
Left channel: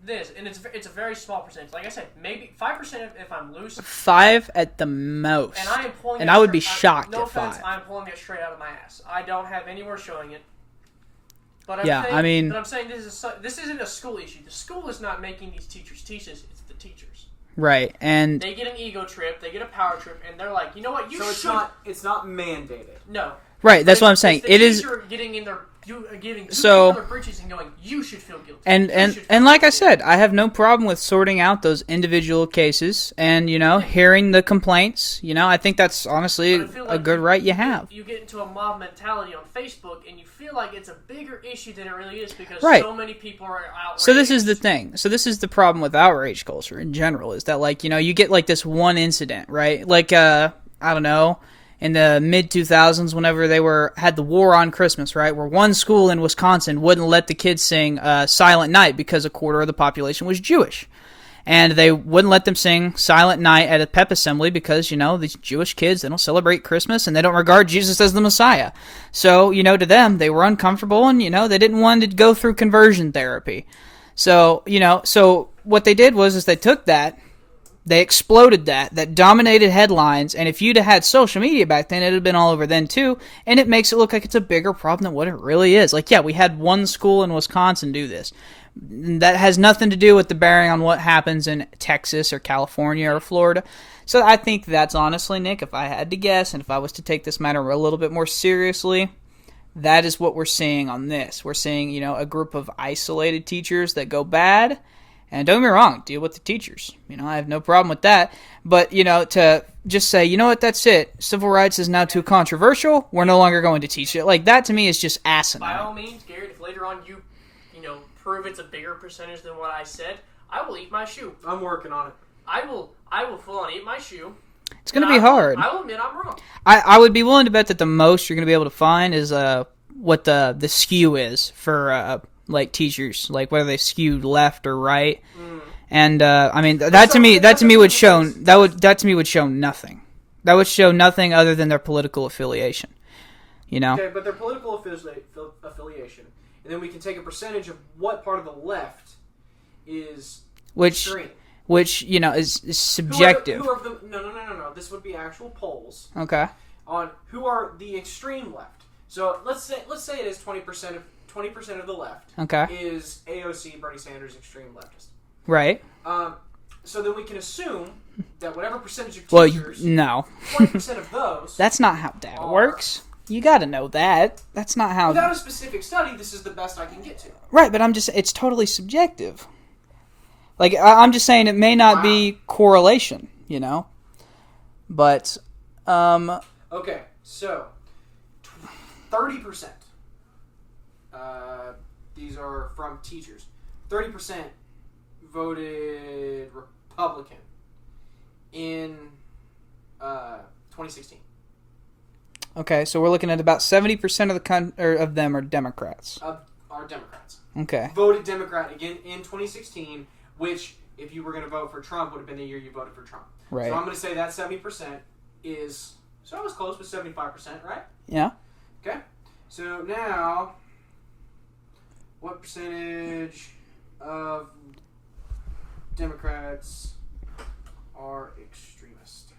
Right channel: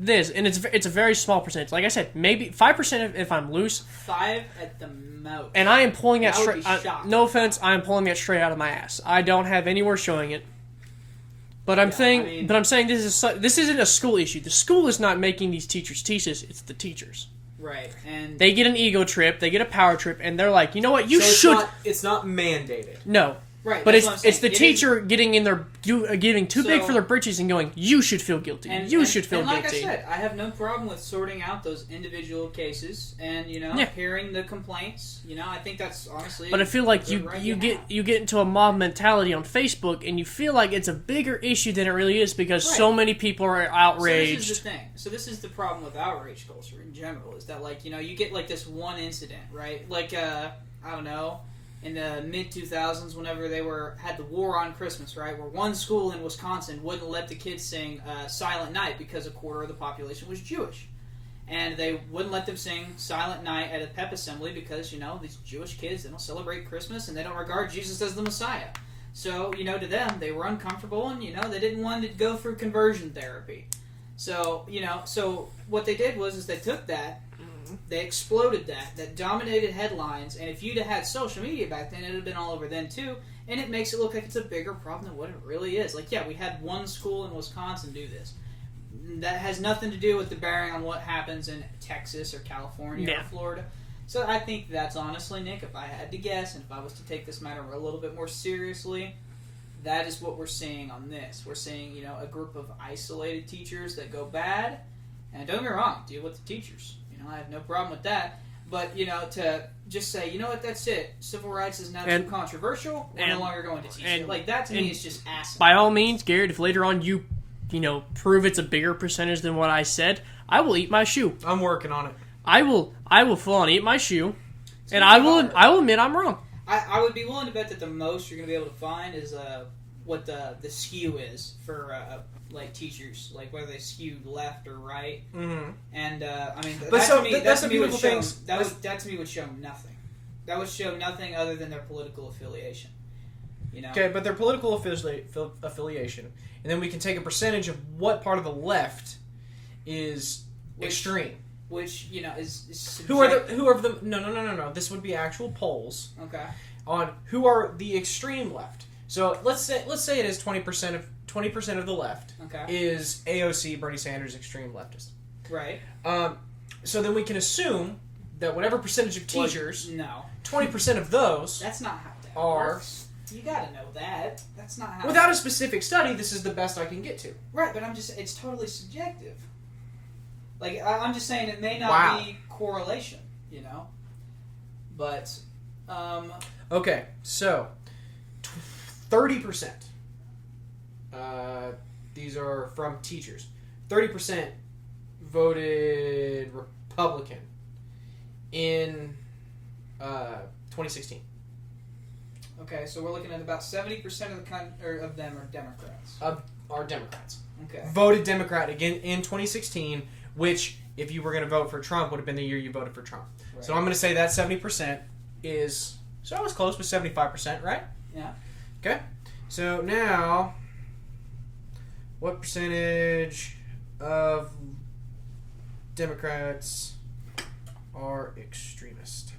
this, and it's a very small percentage. Like I said, maybe 5% if I'm loose. 5 at the most. And I am pulling. And I would be shocked. No offense, I am pulling it straight out of my ass. I don't have anywhere showing it. But I'm Yeah, saying, I mean- this isn't a school issue. The school is not making these teachers teach this. It's the teachers. Right, and They get an ego trip, they get a power trip, and they're like, you know what, you So should. it's not mandated. No. right, But that's it's- what I'm saying. It's the It is, teacher getting in their getting too So- big for their britches and going, you should feel guilty. and You should feel and like I guilty." said, I have no problem with sorting out those individual cases and Yeah. hearing the complaints. I think that's honestly But I feel like a good right you have. You get into a mob mentality on Facebook, and you feel like it's a bigger issue than it really is because Right. so many people are outraged. So this is the thing. So this is the problem with outrage culture in general is that you get like this one incident, right? Like I don't know, in the mid 2000s whenever they had the war on Christmas, right? Where one school in Wisconsin wouldn't let the kids sing Silent Night because a quarter of the population was Jewish. And they wouldn't let them sing Silent Night at a pep assembly because, these Jewish kids, they don't celebrate Christmas and they don't regard Jesus as the Messiah. So, to them, they were uncomfortable and, they didn't want to go through conversion therapy. So, so what they did is they took that, they exploded that dominated headlines, and if you'd have had social media back then, it'd have been all over then too, and it makes it look like it's a bigger problem than what it really is. Like, yeah, we had one school in Wisconsin do this. That has nothing to do with the bearing on what happens in Texas or California or Florida. So I think that's honestly, Nick, if I had to guess, and if I was to take this matter a little bit more seriously, that is what we're seeing on this. We're seeing, a group of isolated teachers that go bad. And don't get me wrong, deal with the teachers. I have no problem with that. But, to just say, that's it. Civil rights is now too controversial. We're no longer going to teach it. Like, that to me is just asinine. By all means, Garrett, if later on you prove it's a bigger percentage than what I said, I will eat my shoe. I'm working on it. I will full on eat my shoe. It's going to be hard. I will admit I'm wrong. I would be willing to bet that the most you're going to be able to find is what the skew is for teachers, like whether they skewed left or right. And I mean that to me would show nothing. That would show nothing other than their political affiliation. Okay, but their political affiliation, and then we can take a percentage of what part of the left is extreme. Which is subjective. Who are the no. This would be actual polls. Okay. On who are the extreme left. So let's say it is 20% of the left. Okay. Is AOC, Bernie Sanders, extreme leftist. Right. So then we can assume that whatever percentage of teachers, no, 20% of those. That's not how that works. You got to know that. That's not how. Without a specific study, this is the best I can get to. Right, but it's totally subjective. Like, I'm just saying it may not be correlation, But, Okay, so 30%. These are from teachers. 30% voted Republican in 2016. Okay, so we're looking at about 70% of them are Democrats. Are Democrats. Okay. Voted Democrat again in 2016, which, if you were going to vote for Trump, would have been the year you voted for Trump. Right. So I'm going to say that 70% is... So I was close with 75%, right? Yeah. Okay. So now, what percentage of Democrats are extremist?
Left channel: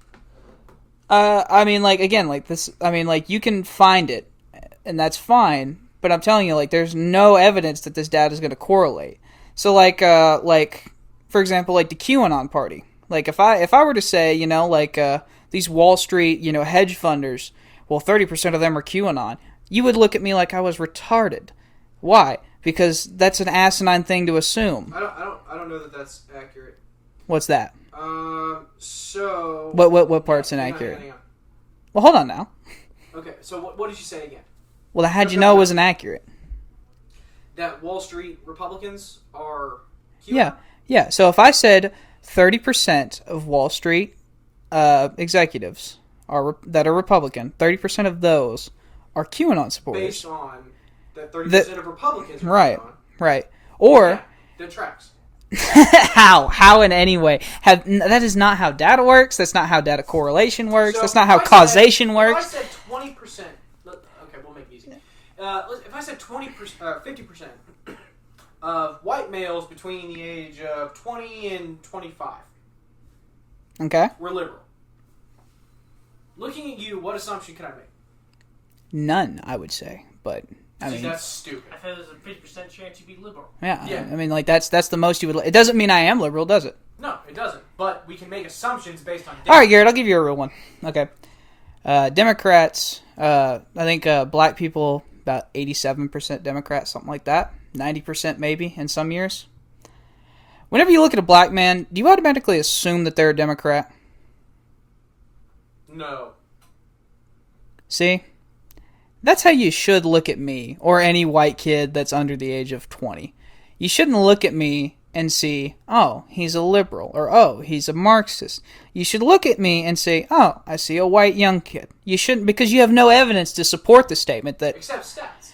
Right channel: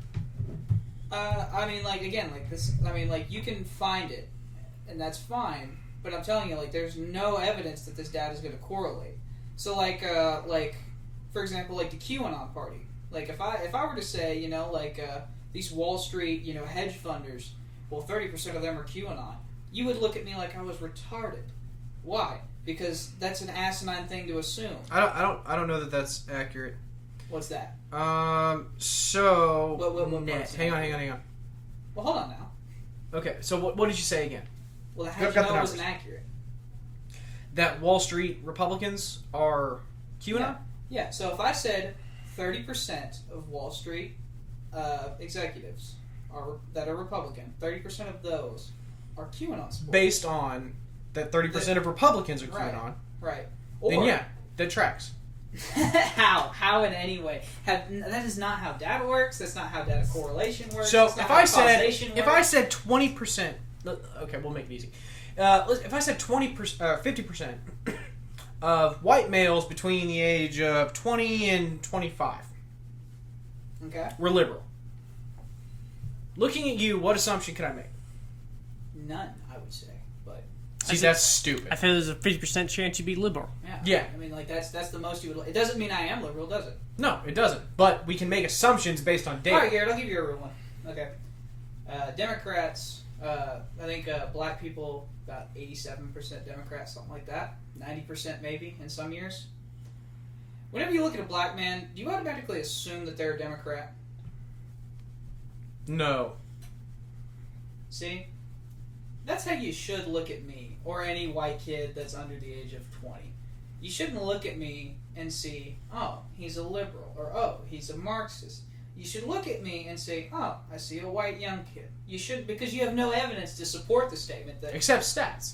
I mean, you can find it, and that's fine, but I'm telling you, there's no evidence that this data is going to correlate. So, for example, the QAnon party. If I were to say, these Wall Street, hedge funders, well, 30% of them are QAnon, you would look at me like I was retarded. Why? Because that's an asinine thing to assume. I don't know that that's accurate. What's that? So... What part's inaccurate? Hang on. Well, hold on now. Okay, so what did you say again? Well, how'd you know it was inaccurate? That Wall Street Republicans are QAnon? Yeah. So if I said 30% of Wall Street executives that are Republican, 30% of those are QAnon supporters. Based on that 30% of Republicans are QAnon. Right. Or... that tracks. How in any way? That is not how data works. That's not how data correlation works. So that's not how causation works. If I said 20%... Okay, we'll make it easy. If I said 50% of white males between the age of 20 and 25... Okay. We're liberal. Looking at you, what assumption can I make? None, I would say. But See, that's stupid. I feel there's a 50% chance you'd be liberal. Yeah. I mean, like that's the most you would. It doesn't mean I am liberal, does it? No, it doesn't. But we can make assumptions based on data. All right, Garrett, I'll give you a real one. Okay. Democrats, I think black people, about 87% Democrats, something like that. 90% maybe in some years. Whenever you look at a black man, do you automatically assume that they're a Democrat? No. See? That's how you should look at me, or any white kid that's under the age of 20. You shouldn't look at me and see, oh, he's a liberal, or oh, he's a Marxist. You should look at me and say, oh, I see a white young kid. You shouldn't, because you have no evidence to support the statement that... Except stats.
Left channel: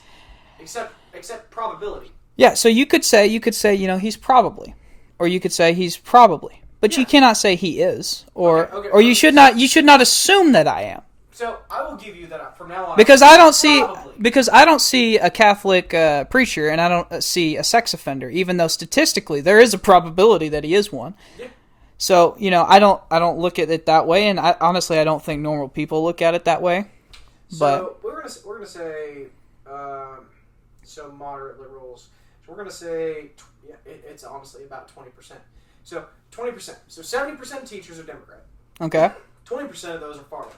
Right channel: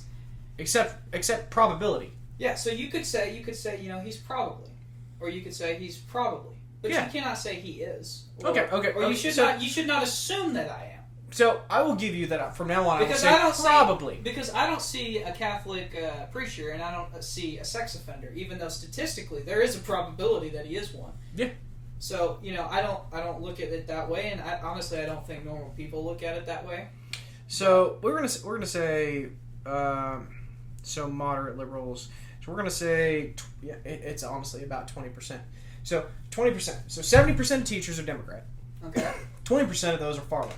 Except probability. Yeah, so you could say, he's probably. Or you could say he's probably. But you cannot say he is. Or you should not assume that I am. So I will give you that from now on. Because I don't see a Catholic preacher, and I don't see a sex offender, even though statistically there is a probability that he is one. Yeah. So I don't look at it that way, and honestly I don't think normal people look at it that way. So we're gonna say so moderate liberals. So we're gonna say it's honestly about 20%. So 20%. So 70% of teachers are Democrat. Okay. 20% of those are far left.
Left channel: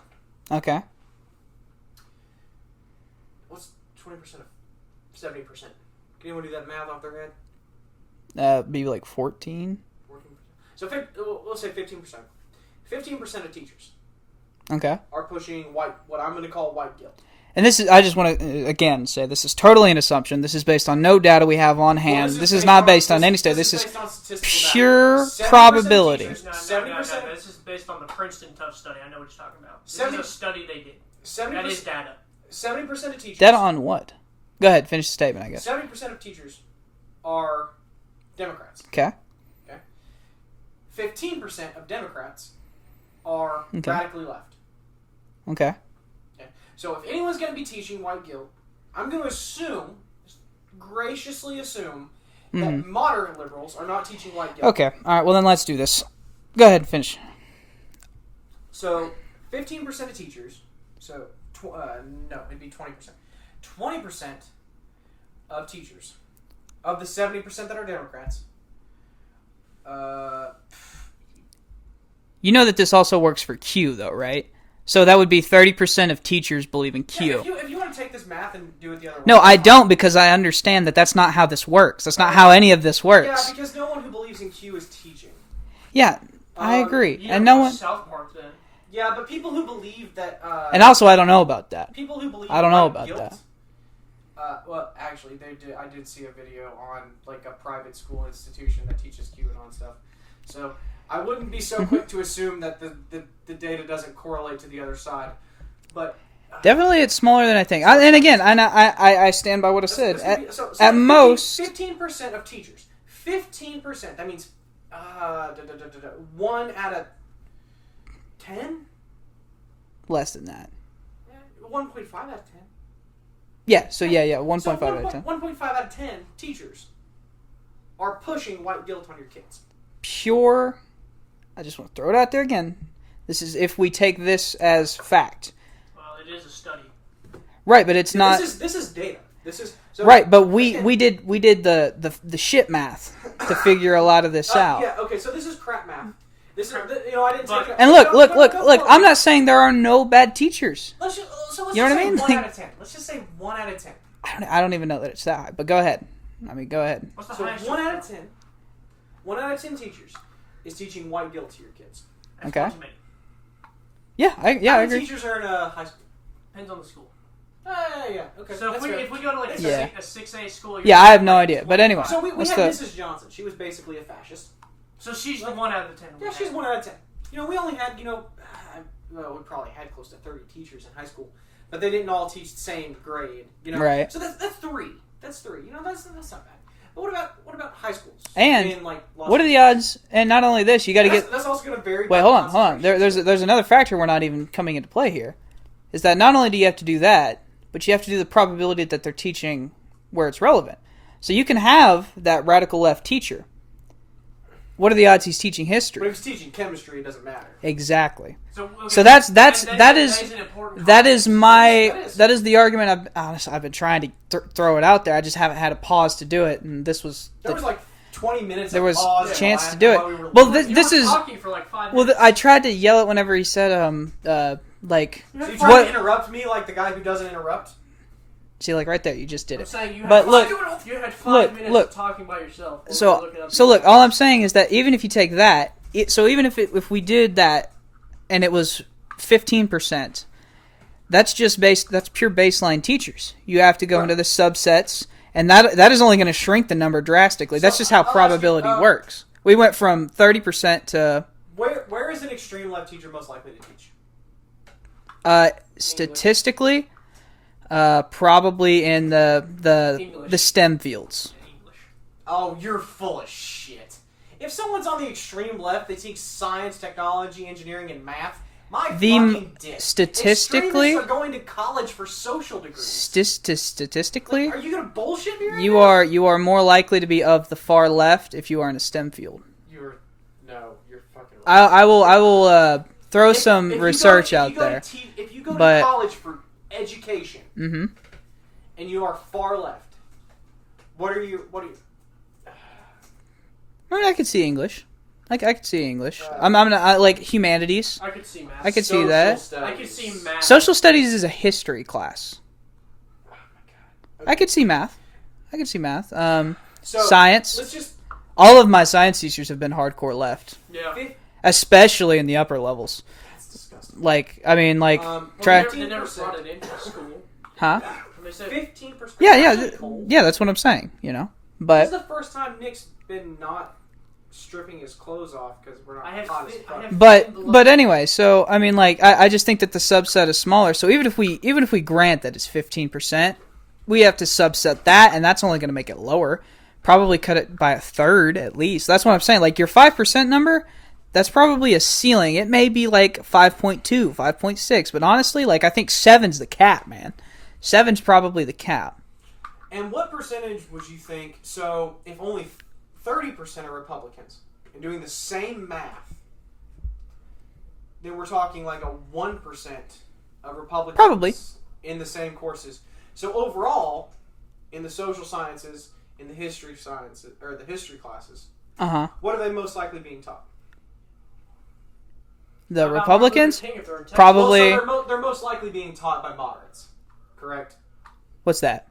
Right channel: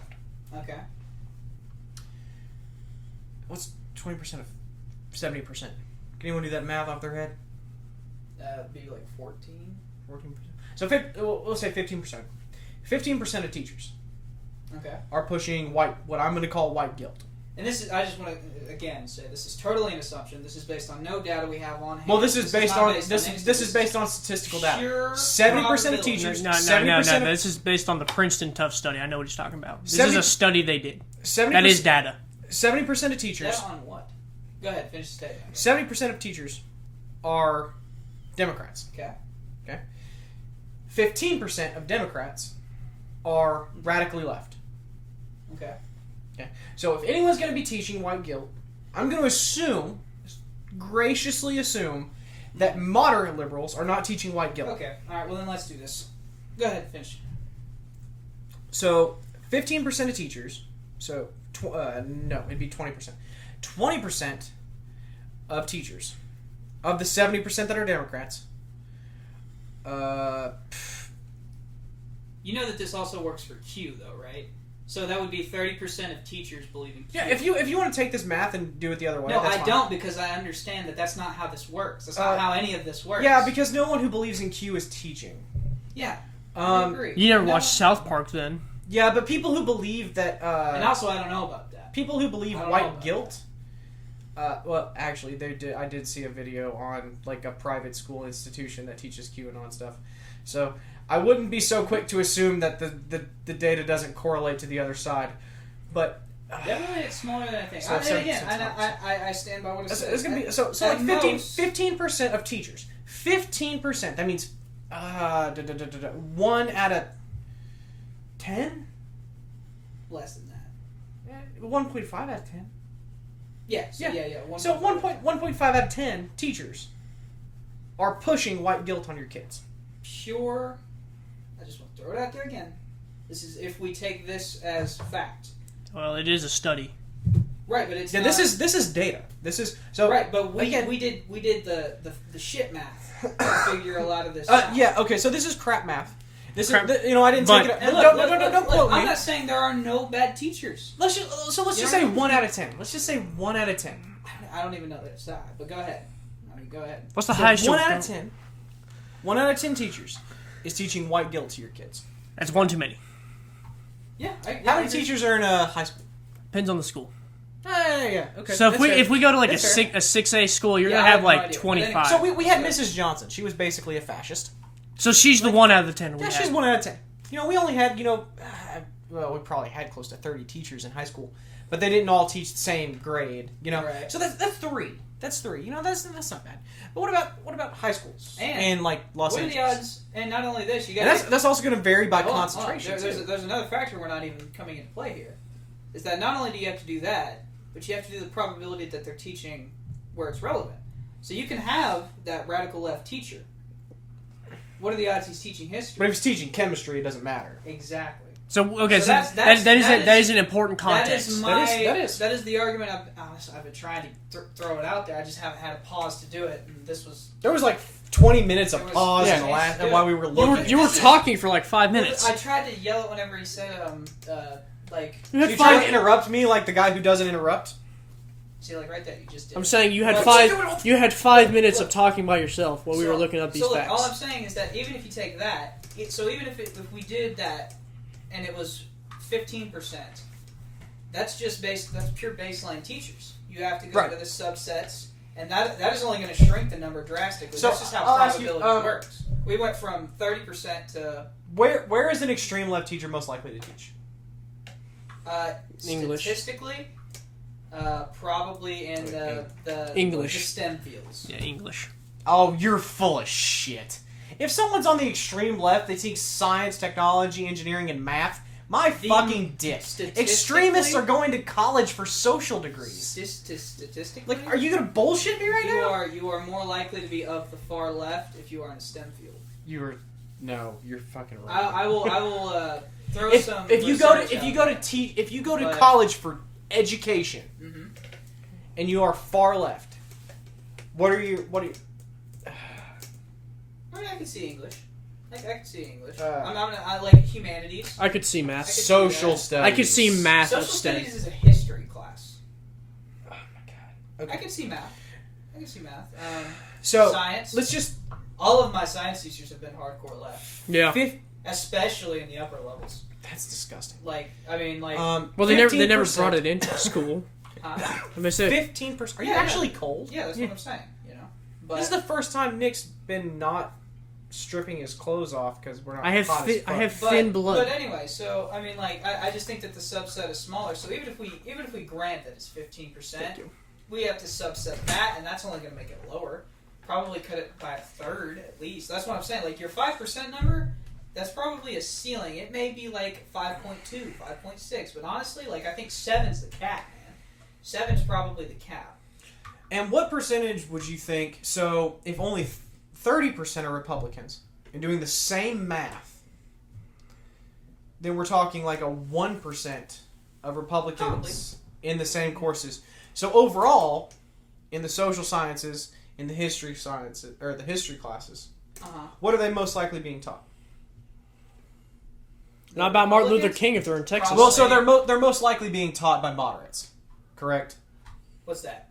Okay. What's 20% of 70%? Can anyone do that math off their head? Be like 14. 14%. So we'll say 15%. 15% of teachers. Okay. Are pushing what I'm going to call white guilt. And this is, I just want to again say, this is totally an assumption. This is based on no data we have on hand. This is not based on any study. This is based on statistical pure data. probability. No. This is based on the Princeton Tough study. I know what he's talking about. This is a study they did. That is data. 70% of teachers. Data on what? Go ahead, finish the statement, I guess. 70% of teachers are Democrats. Okay. 15% of Democrats are radically left. Okay. So if anyone's going to be teaching white guilt, I'm going to graciously assume, that moderate liberals are not teaching white guilt. Okay. All right. Well, then let's do this. Go ahead. Finish. So 15% of teachers. So no, it'd be 20%. 20% of teachers of the 70% that are Democrats. You know that this also works for Q, though, right? So that would be 30% of teachers believe in Q. Yeah, if you want to take this math and do it the other way. No, I don't, because I understand that that's not how this works. That's not how any of this works. Yeah, because no one who believes in Q is teaching. Yeah, I agree. You never watched South Park then. Yeah, but people who believe that... and also, I don't know about that. People who believe I don't know about guilt... well, actually, I did see a video on like a private school institution that teaches QAnon stuff. So I wouldn't be so quick to assume that the data doesn't correlate to the other side. But definitely, it's smaller than I think. I stand by what I said. At most, 15% of teachers. 15%. That means 1 out of 10. Less than that. 1.5 out of 10. Yeah. So yeah. 1.5 out of 10. 1.5 out of 10 teachers are pushing white guilt on your kids. Pure. I just want to throw it out there again. This is if we take this as fact. Well, it is a study. Right, but it's not. This is data. This is so. Right, but we did the shit math to figure a lot of this out. Yeah. Okay. So this is crap math. This is I didn't take it. And look. I'm not saying there are no bad teachers. Let's just say 1 out of 10. Let's just say 1 out of 10. I don't even know that it's that high. But go ahead. Go ahead. What's the highest? 1 out of 10. 1 out of 10 teachers is teaching white guilt to your kids. That's one too many. Yeah, How many teachers are in a high school? Depends on the school. Yeah. Okay. So if we go to like a 6A school, you're I have no like idea. 25. But anyway, so we had Mrs. Johnson. She was basically a fascist. So she's the 1 out of the 10. Yeah, she's 1 out of 10. We only had we probably had close to 30 teachers in high school, but they didn't all teach the same grade. Right. So that's 3. That's 3. That's not bad. But what about high schools? And like Los what are the odds? And not only this, you got to get. That's also going to vary. Wait, by hold on. There's another factor we're not even coming into play here. Is that not only do you have to do that, but you have to do the probability that they're teaching where it's relevant. So you can have that radical left teacher what are the odds he's teaching history? But if he's teaching chemistry, it doesn't matter. Exactly. So okay. So that is an important context. That is the argument. I've been trying to throw it out there. I just haven't had a pause to do it, and this was. There was like 20 minutes there of was pause. a chance to do it. While we were Well, you were talking for like 5 minutes. I tried to yell it whenever he said like. You tried to interrupt me like the guy who doesn't interrupt. See, like right there, you just did. I'm saying you had five minutes of talking by yourself while we were looking up. So look, all I'm saying is that even if you take that, even if we did that, and it was 15%, that's pure baseline teachers. You have to go into the subsets, and that is only going to shrink the number drastically. That's just how probability works. We went from 30% to where is an extreme left teacher most likely to teach? Statistically. Probably in the English. the STEM fields. Yeah, English. Oh, you're full of shit. If someone's on the extreme left, they teach science, technology, engineering, and math. Fucking dick. Statistically, extremists are going to college for social degrees. Statistically, like, are you gonna bullshit me right you now? You are more likely to be of the far left if you are in a STEM field. You're fucking right. I will throw some research out there. If you go to college for education, mm-hmm. and you are far left, what are you? I mean, I could see English. I could see English. I'm like humanities. I could see math. I could see that. Studies. I could see math. Social studies is a history class. Oh my god. Okay. I could see math. So science. Let's just. All of my science teachers have been hardcore left. Yeah. Especially in the upper levels. That's disgusting. They never brought it into school. Huh? They said 15%. Yeah, that's what I'm saying. But this is the first time Nick's been not stripping his clothes off because we're not. I have thin blood. But anyway, so I mean, like, I just think that the subset is smaller. So even if we grant that it's 15%, we have to subset that, and that's only going to make it lower. Probably cut it by a third at least. That's what I'm saying. Like your 5% number. That's probably a ceiling. It may be like 5.2, 5.6, but honestly, like I think 7's the cap, man. 7's probably the cap. And what percentage would you think? So, if only 30% are Republicans and doing the same math, then we're talking like a 1% of Republicans probably in the same courses. So overall, in the social sciences, in the history sciences or the history classes, what are they most likely being taught? The About Republicans? Martin Luther King if they're in Texas. Probably. Well, so they're most likely being taught by moderates, correct? What's that?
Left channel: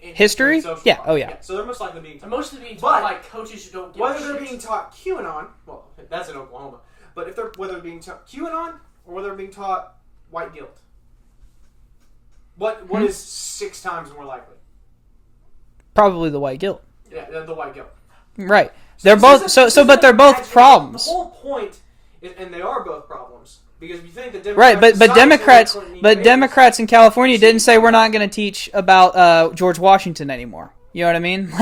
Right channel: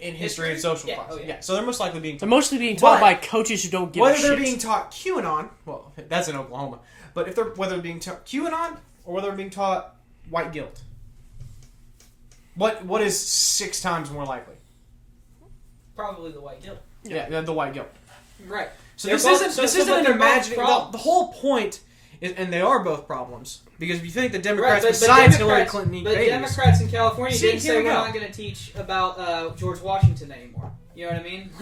In history? and social Yeah. class. Oh yeah. So they're most likely being taught. They're mostly being taught by coaches who don't give a shit. Whether they're being taught QAnon, well, that's in Oklahoma. But whether they're being taught QAnon or whether they're being taught white guilt, what is 6 times more likely? Probably the white guilt. Yeah, the white guilt. Right. So they're both but they're both problems. The whole point is, and they are both problems, because if you think that Democrats Democrats in California didn't say we're not going to teach about George Washington anymore. You know what I mean?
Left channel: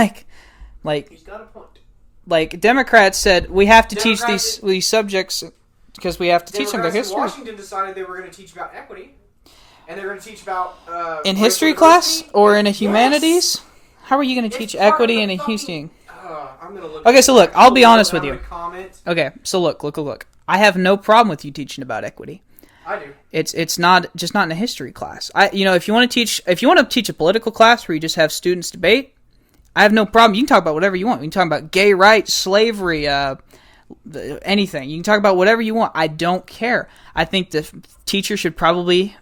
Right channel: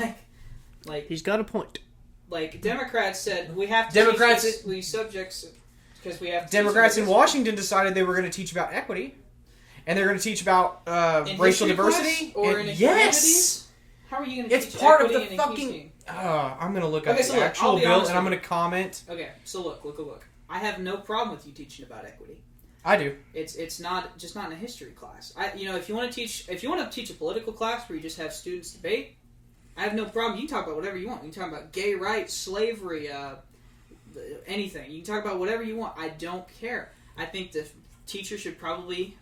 Like he's got a point. Like Democrats said we have to teach these subjects because we have to teach them about history. history. Washington decided they were going to teach about equity, and they're going to teach about in history class or in a humanities. How are you going to teach equity in a history? I'm going to look. Okay, so look, I'll be honest with you. I'm going to comment. Okay, so look. I have no problem with you teaching about equity. I do. It's not just not in a history class. If you want to teach a political class where you just have students debate, I have no problem. You can talk about whatever you want. You can talk about gay rights, slavery, anything. You can talk about whatever you want. I don't care. I think the teacher should probably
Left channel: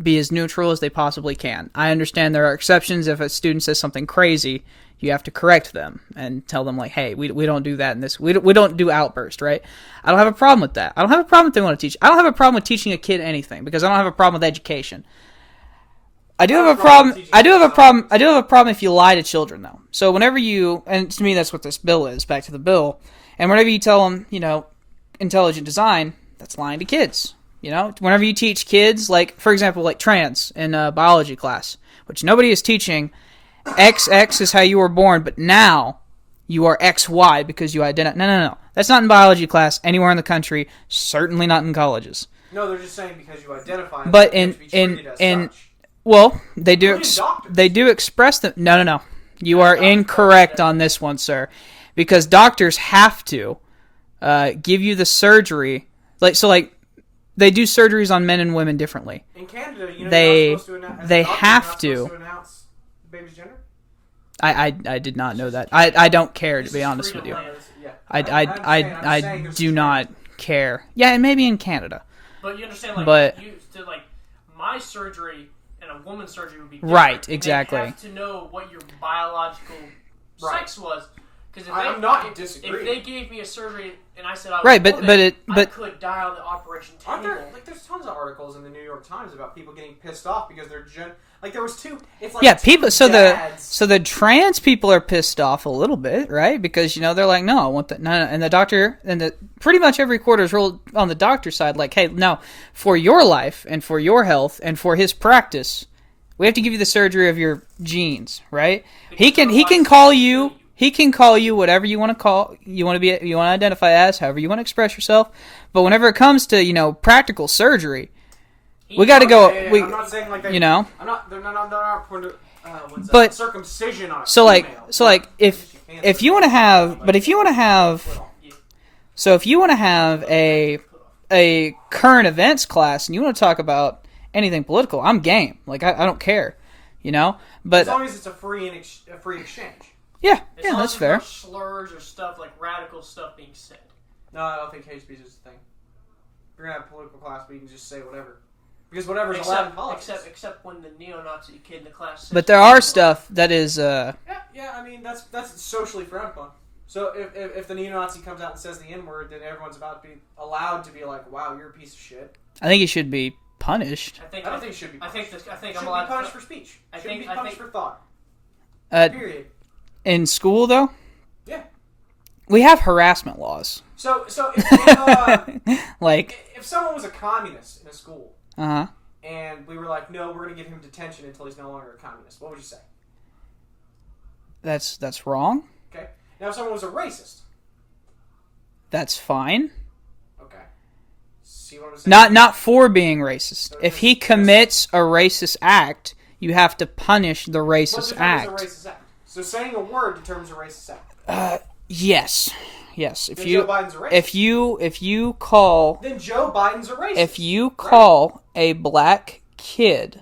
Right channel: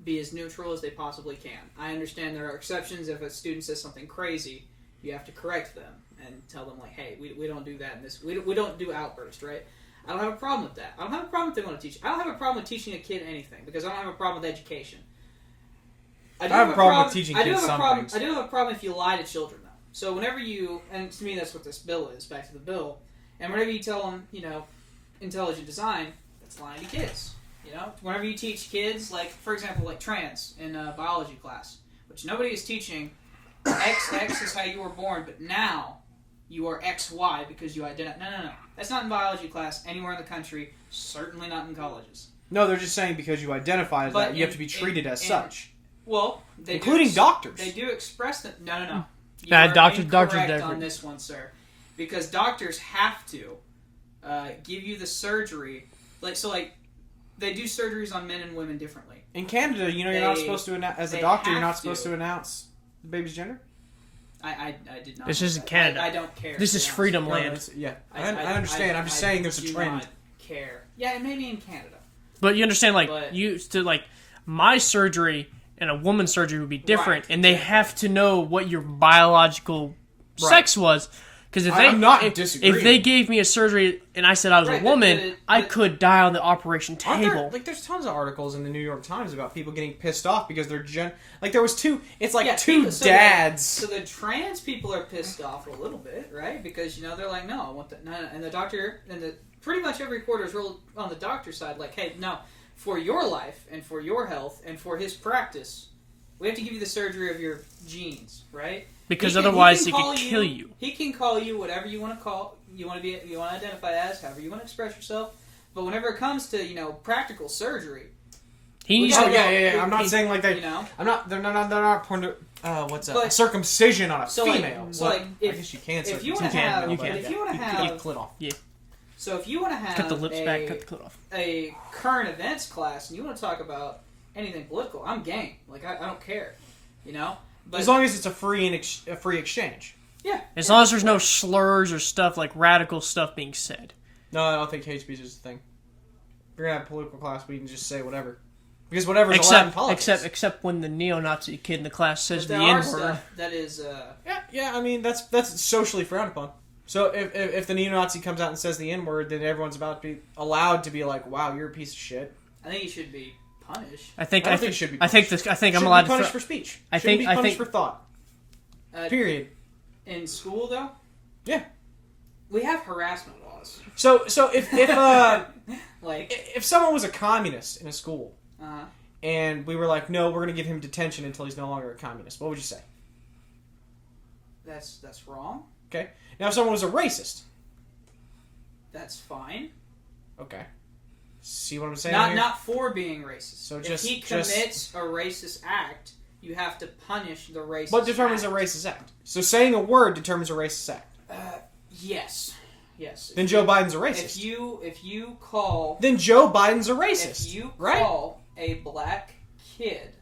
be as neutral as they possibly can. I understand there are exceptions. If a student says something crazy, you have to correct them and tell them, like, hey, we don't do that in this. We don't do outburst, right? I don't have a problem with that. I don't have a problem if they want to teach. I don't have a problem with teaching a kid anything because I don't have a problem with education. I do have a problem if you lie to children, though. So whenever and to me that's what this bill is, back to the bill, and whenever you tell them, intelligent design, that's lying to kids. Whenever you teach kids, like, for example, like trans in biology class, which nobody is teaching, XX is how you were born, but now you are XY because you identify. No. That's not in biology class anywhere in the country, certainly not in colleges. No, they're just saying because you identify as but you have to be treated as such. Well, they do. Including doctors. They do express them. No. You are incorrect on this one, sir. Because doctors have to give you the surgery. Like they do surgeries on men and women differently. In Canada, you're They- not supposed to announce. As they a doctor, have you're not to. supposed to announce the baby's gender. I did not This know is that. Canada. I don't care, This to be is honest freedom with you. land. Yeah, I understand. I'm just saying there's a do trend. not care. Yeah, and maybe in Canada. But you understand, like, But- my surgery and a woman's surgery would be different. Right, And exactly. they have to know what your biological sex was. Because I'm not disagreeing. if they gave me a surgery and I said I was Right, a but- woman, I but- could die on the operation Aren't table. there's tons of articles in the New York Times about people getting pissed off because they're there was two. It's like Yeah, two people. dads. So the trans people are pissed off a little bit, right? Because they're like, no, I want that. No, and the doctor and pretty much every quarter is ruled on the doctor's side. Like, hey, no, for your life and for your health and for his practice, we have to give you the surgery of your genes, right? Because he can otherwise he call can you. kill you. He can call you whatever you want to call. You want to identify as, however you want to express yourself. But whenever it comes to practical surgery, we got to go. I'm not saying like that. I'm not. They're not pointing to. What's that? But- Circumcision on a So female. if you want to have, but if you want to have, so if you want to have a current events class and you want to talk about anything political, I'm game. Like I don't care, But as long as it's a free exchange. yeah, As yeah, long as that's there's no fair. slurs or stuff like radical stuff being said. No, I don't think hate speech is a thing. You're gonna have a political class where you can just say whatever, because whatever's allowed in politics. Except when the neo-Nazi kid in the class says. But there the are N-word. stuff that is. Yeah. I mean, that's socially frowned upon. So if the neo-Nazi comes out and says the N-word, then everyone's about to be allowed to be like, "Wow, you're a piece of shit." I think he should be punished. I think it should be. I think I'm allowed to. punished for speech. I Shouldn't think- be I punished think- for thought. Period. In school, though, Yeah. we have harassment laws. So if Like, if someone was a communist in a school uh-huh. and we were like, no, we're going to give him detention until he's no longer a communist, what would you say? That's wrong. Okay. Now, if someone was a racist, That's fine. okay. See what I'm saying? Not for being racist. So if just- he commits a racist act, you have to punish the What racist determines act. a racist act? So saying a word determines a racist act. Yes. If Then Joe Biden's a racist. If you call Then Joe Biden's a racist. if you Right. call a black kid,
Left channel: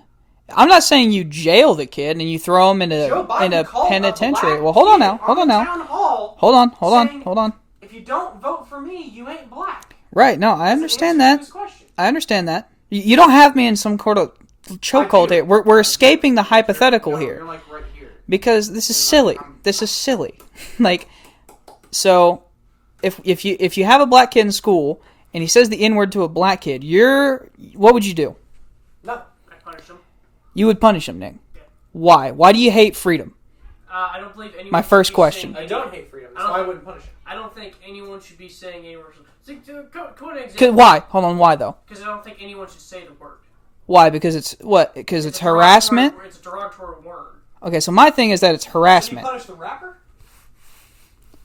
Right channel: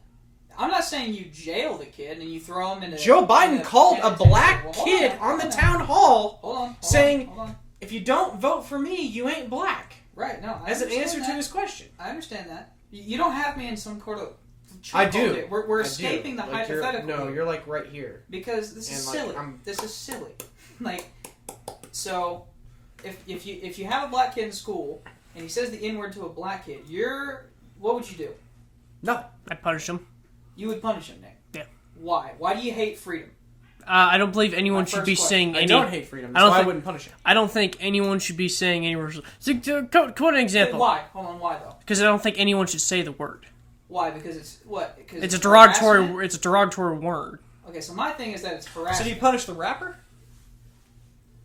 I'm not saying you jail the kid and you throw him in a Joe Biden called a penitentiary. black Well, hold on kid now. Hold on the now. town hall. Hold on. If you don't vote for me, you ain't black. Right? No, I That's the understand answer to that. his question. I understand that. You don't have me in some sort of chokehold here. We're escaping the Like, hypothetical you're here like right here. because this is And, like, silly. I'm- This is silly. Like, so if you have a black kid in school and he says the N-word to a black kid, what would you do? No. I'd punish him. You would punish him, Nick. Yeah. Why? Why do you hate freedom? I don't believe anyone My should first be question. saying I any. don't hate freedom. I That's don't why I think- wouldn't punish it. I don't think anyone should be saying any words. Quote an example. Why? Hold on. Why though? Because I don't think anyone should say the word. Why? Because it's what? Because it's a derogatory- harassment. It's a derogatory word. Okay, so my thing is that it's So do harassment. you punish the rapper?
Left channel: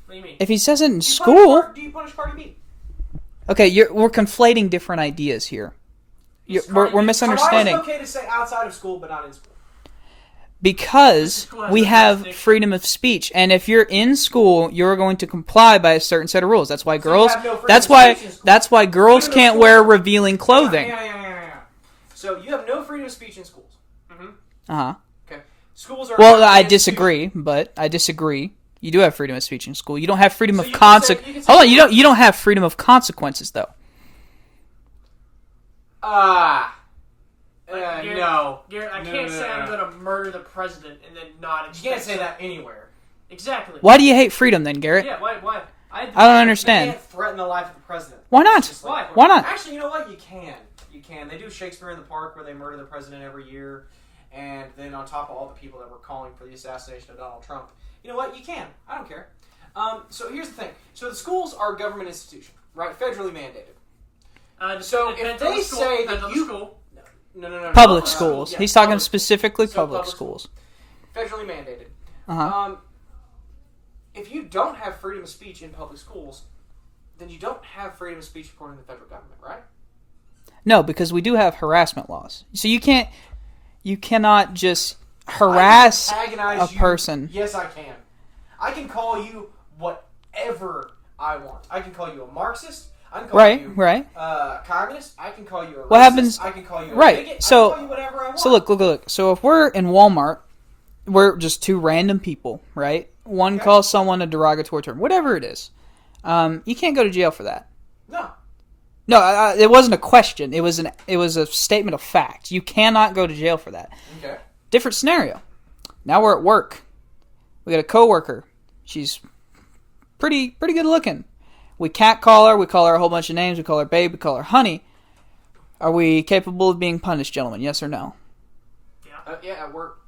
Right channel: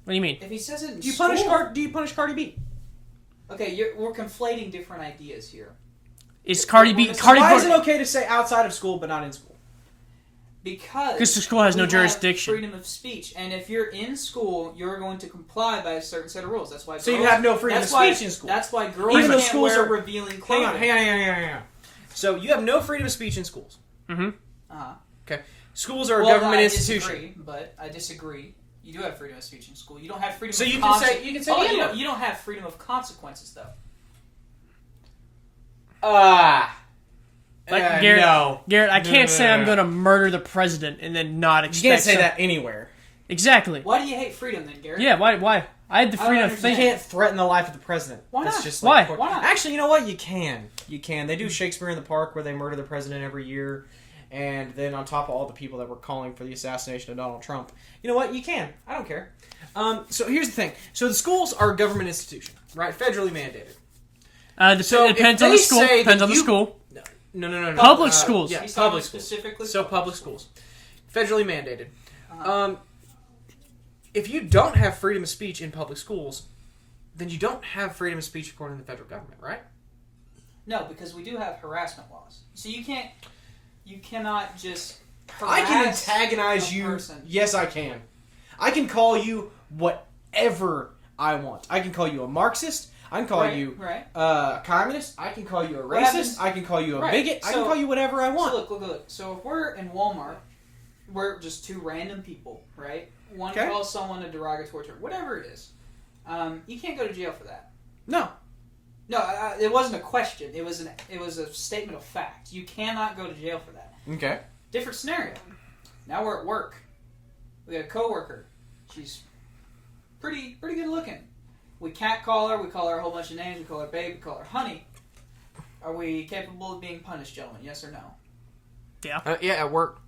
What do you mean? If he says it in Do you school, do you punish Cardi B? okay, we're conflating different ideas here. It's we're Cardi B. Why is misunderstanding. it okay to say outside of school but not in school? Because This school has we no have jurisdiction. freedom of speech, and if you're in school, you're going to comply by a certain set of rules. That's why So you girls. have no freedom That's of why. speech in school. That's why girls Even though can't schools wear are- revealing clothing. Hang on. So you have no freedom of speech in schools. Uh huh. Okay. Schools are. a Well, government I institution. disagree, but I disagree. You do have freedom of speech in school. You don't have freedom So of you can consequences. say- you can say Hold on, you what? don't. You don't have freedom of consequences though. Garrett, No. Garrett, I can't say I'm no. going to murder the president and then not You expect. can't say some- that anywhere. Exactly. Why do you hate freedom then, Garrett? Yeah. Why? I had the I don't freedom of understand. You can't threaten the life of the president. Why It's not? just Why? Why not? Actually, you know what? You can. You can. They do Shakespeare in the Park where they murder the president every year, and then on top of all the people that were calling for the assassination of Donald Trump, you know what? You can. I don't care. So here's the thing. So the schools are a government institution, right? Federally mandated. So if depends on they the school. say Depends that on the you- school. No. Public Public schools. schools. Yeah, He's talking public specifically So public public schools. Federally mandated. Uh-huh. If you don't have freedom of speech in public schools, then you don't have freedom of speech according to the federal government, right? No, because we do have harassment laws. So you cannot just harass I can antagonize a you. person. Yes, I can. I can call you whatever I want. I can call you a Marxist. I can call you a communist. I can call you a racist. What happens? I can call you a bigot. So, I can call you whatever I want. So look. So if we're in Walmart, we're just two random people, right? One calls someone a derogatory term, whatever it is. You can't go to jail for that. No. No, it wasn't a question. It was a statement of fact. You cannot go to jail for that. Okay. Different scenario. Now we're at work. We got a coworker. She's pretty good looking. We catcall her. We call her a whole bunch of names. We call her babe. We call her honey. Are we capable of being punished, gentlemen? Yes or no? Yeah. Yeah, at work.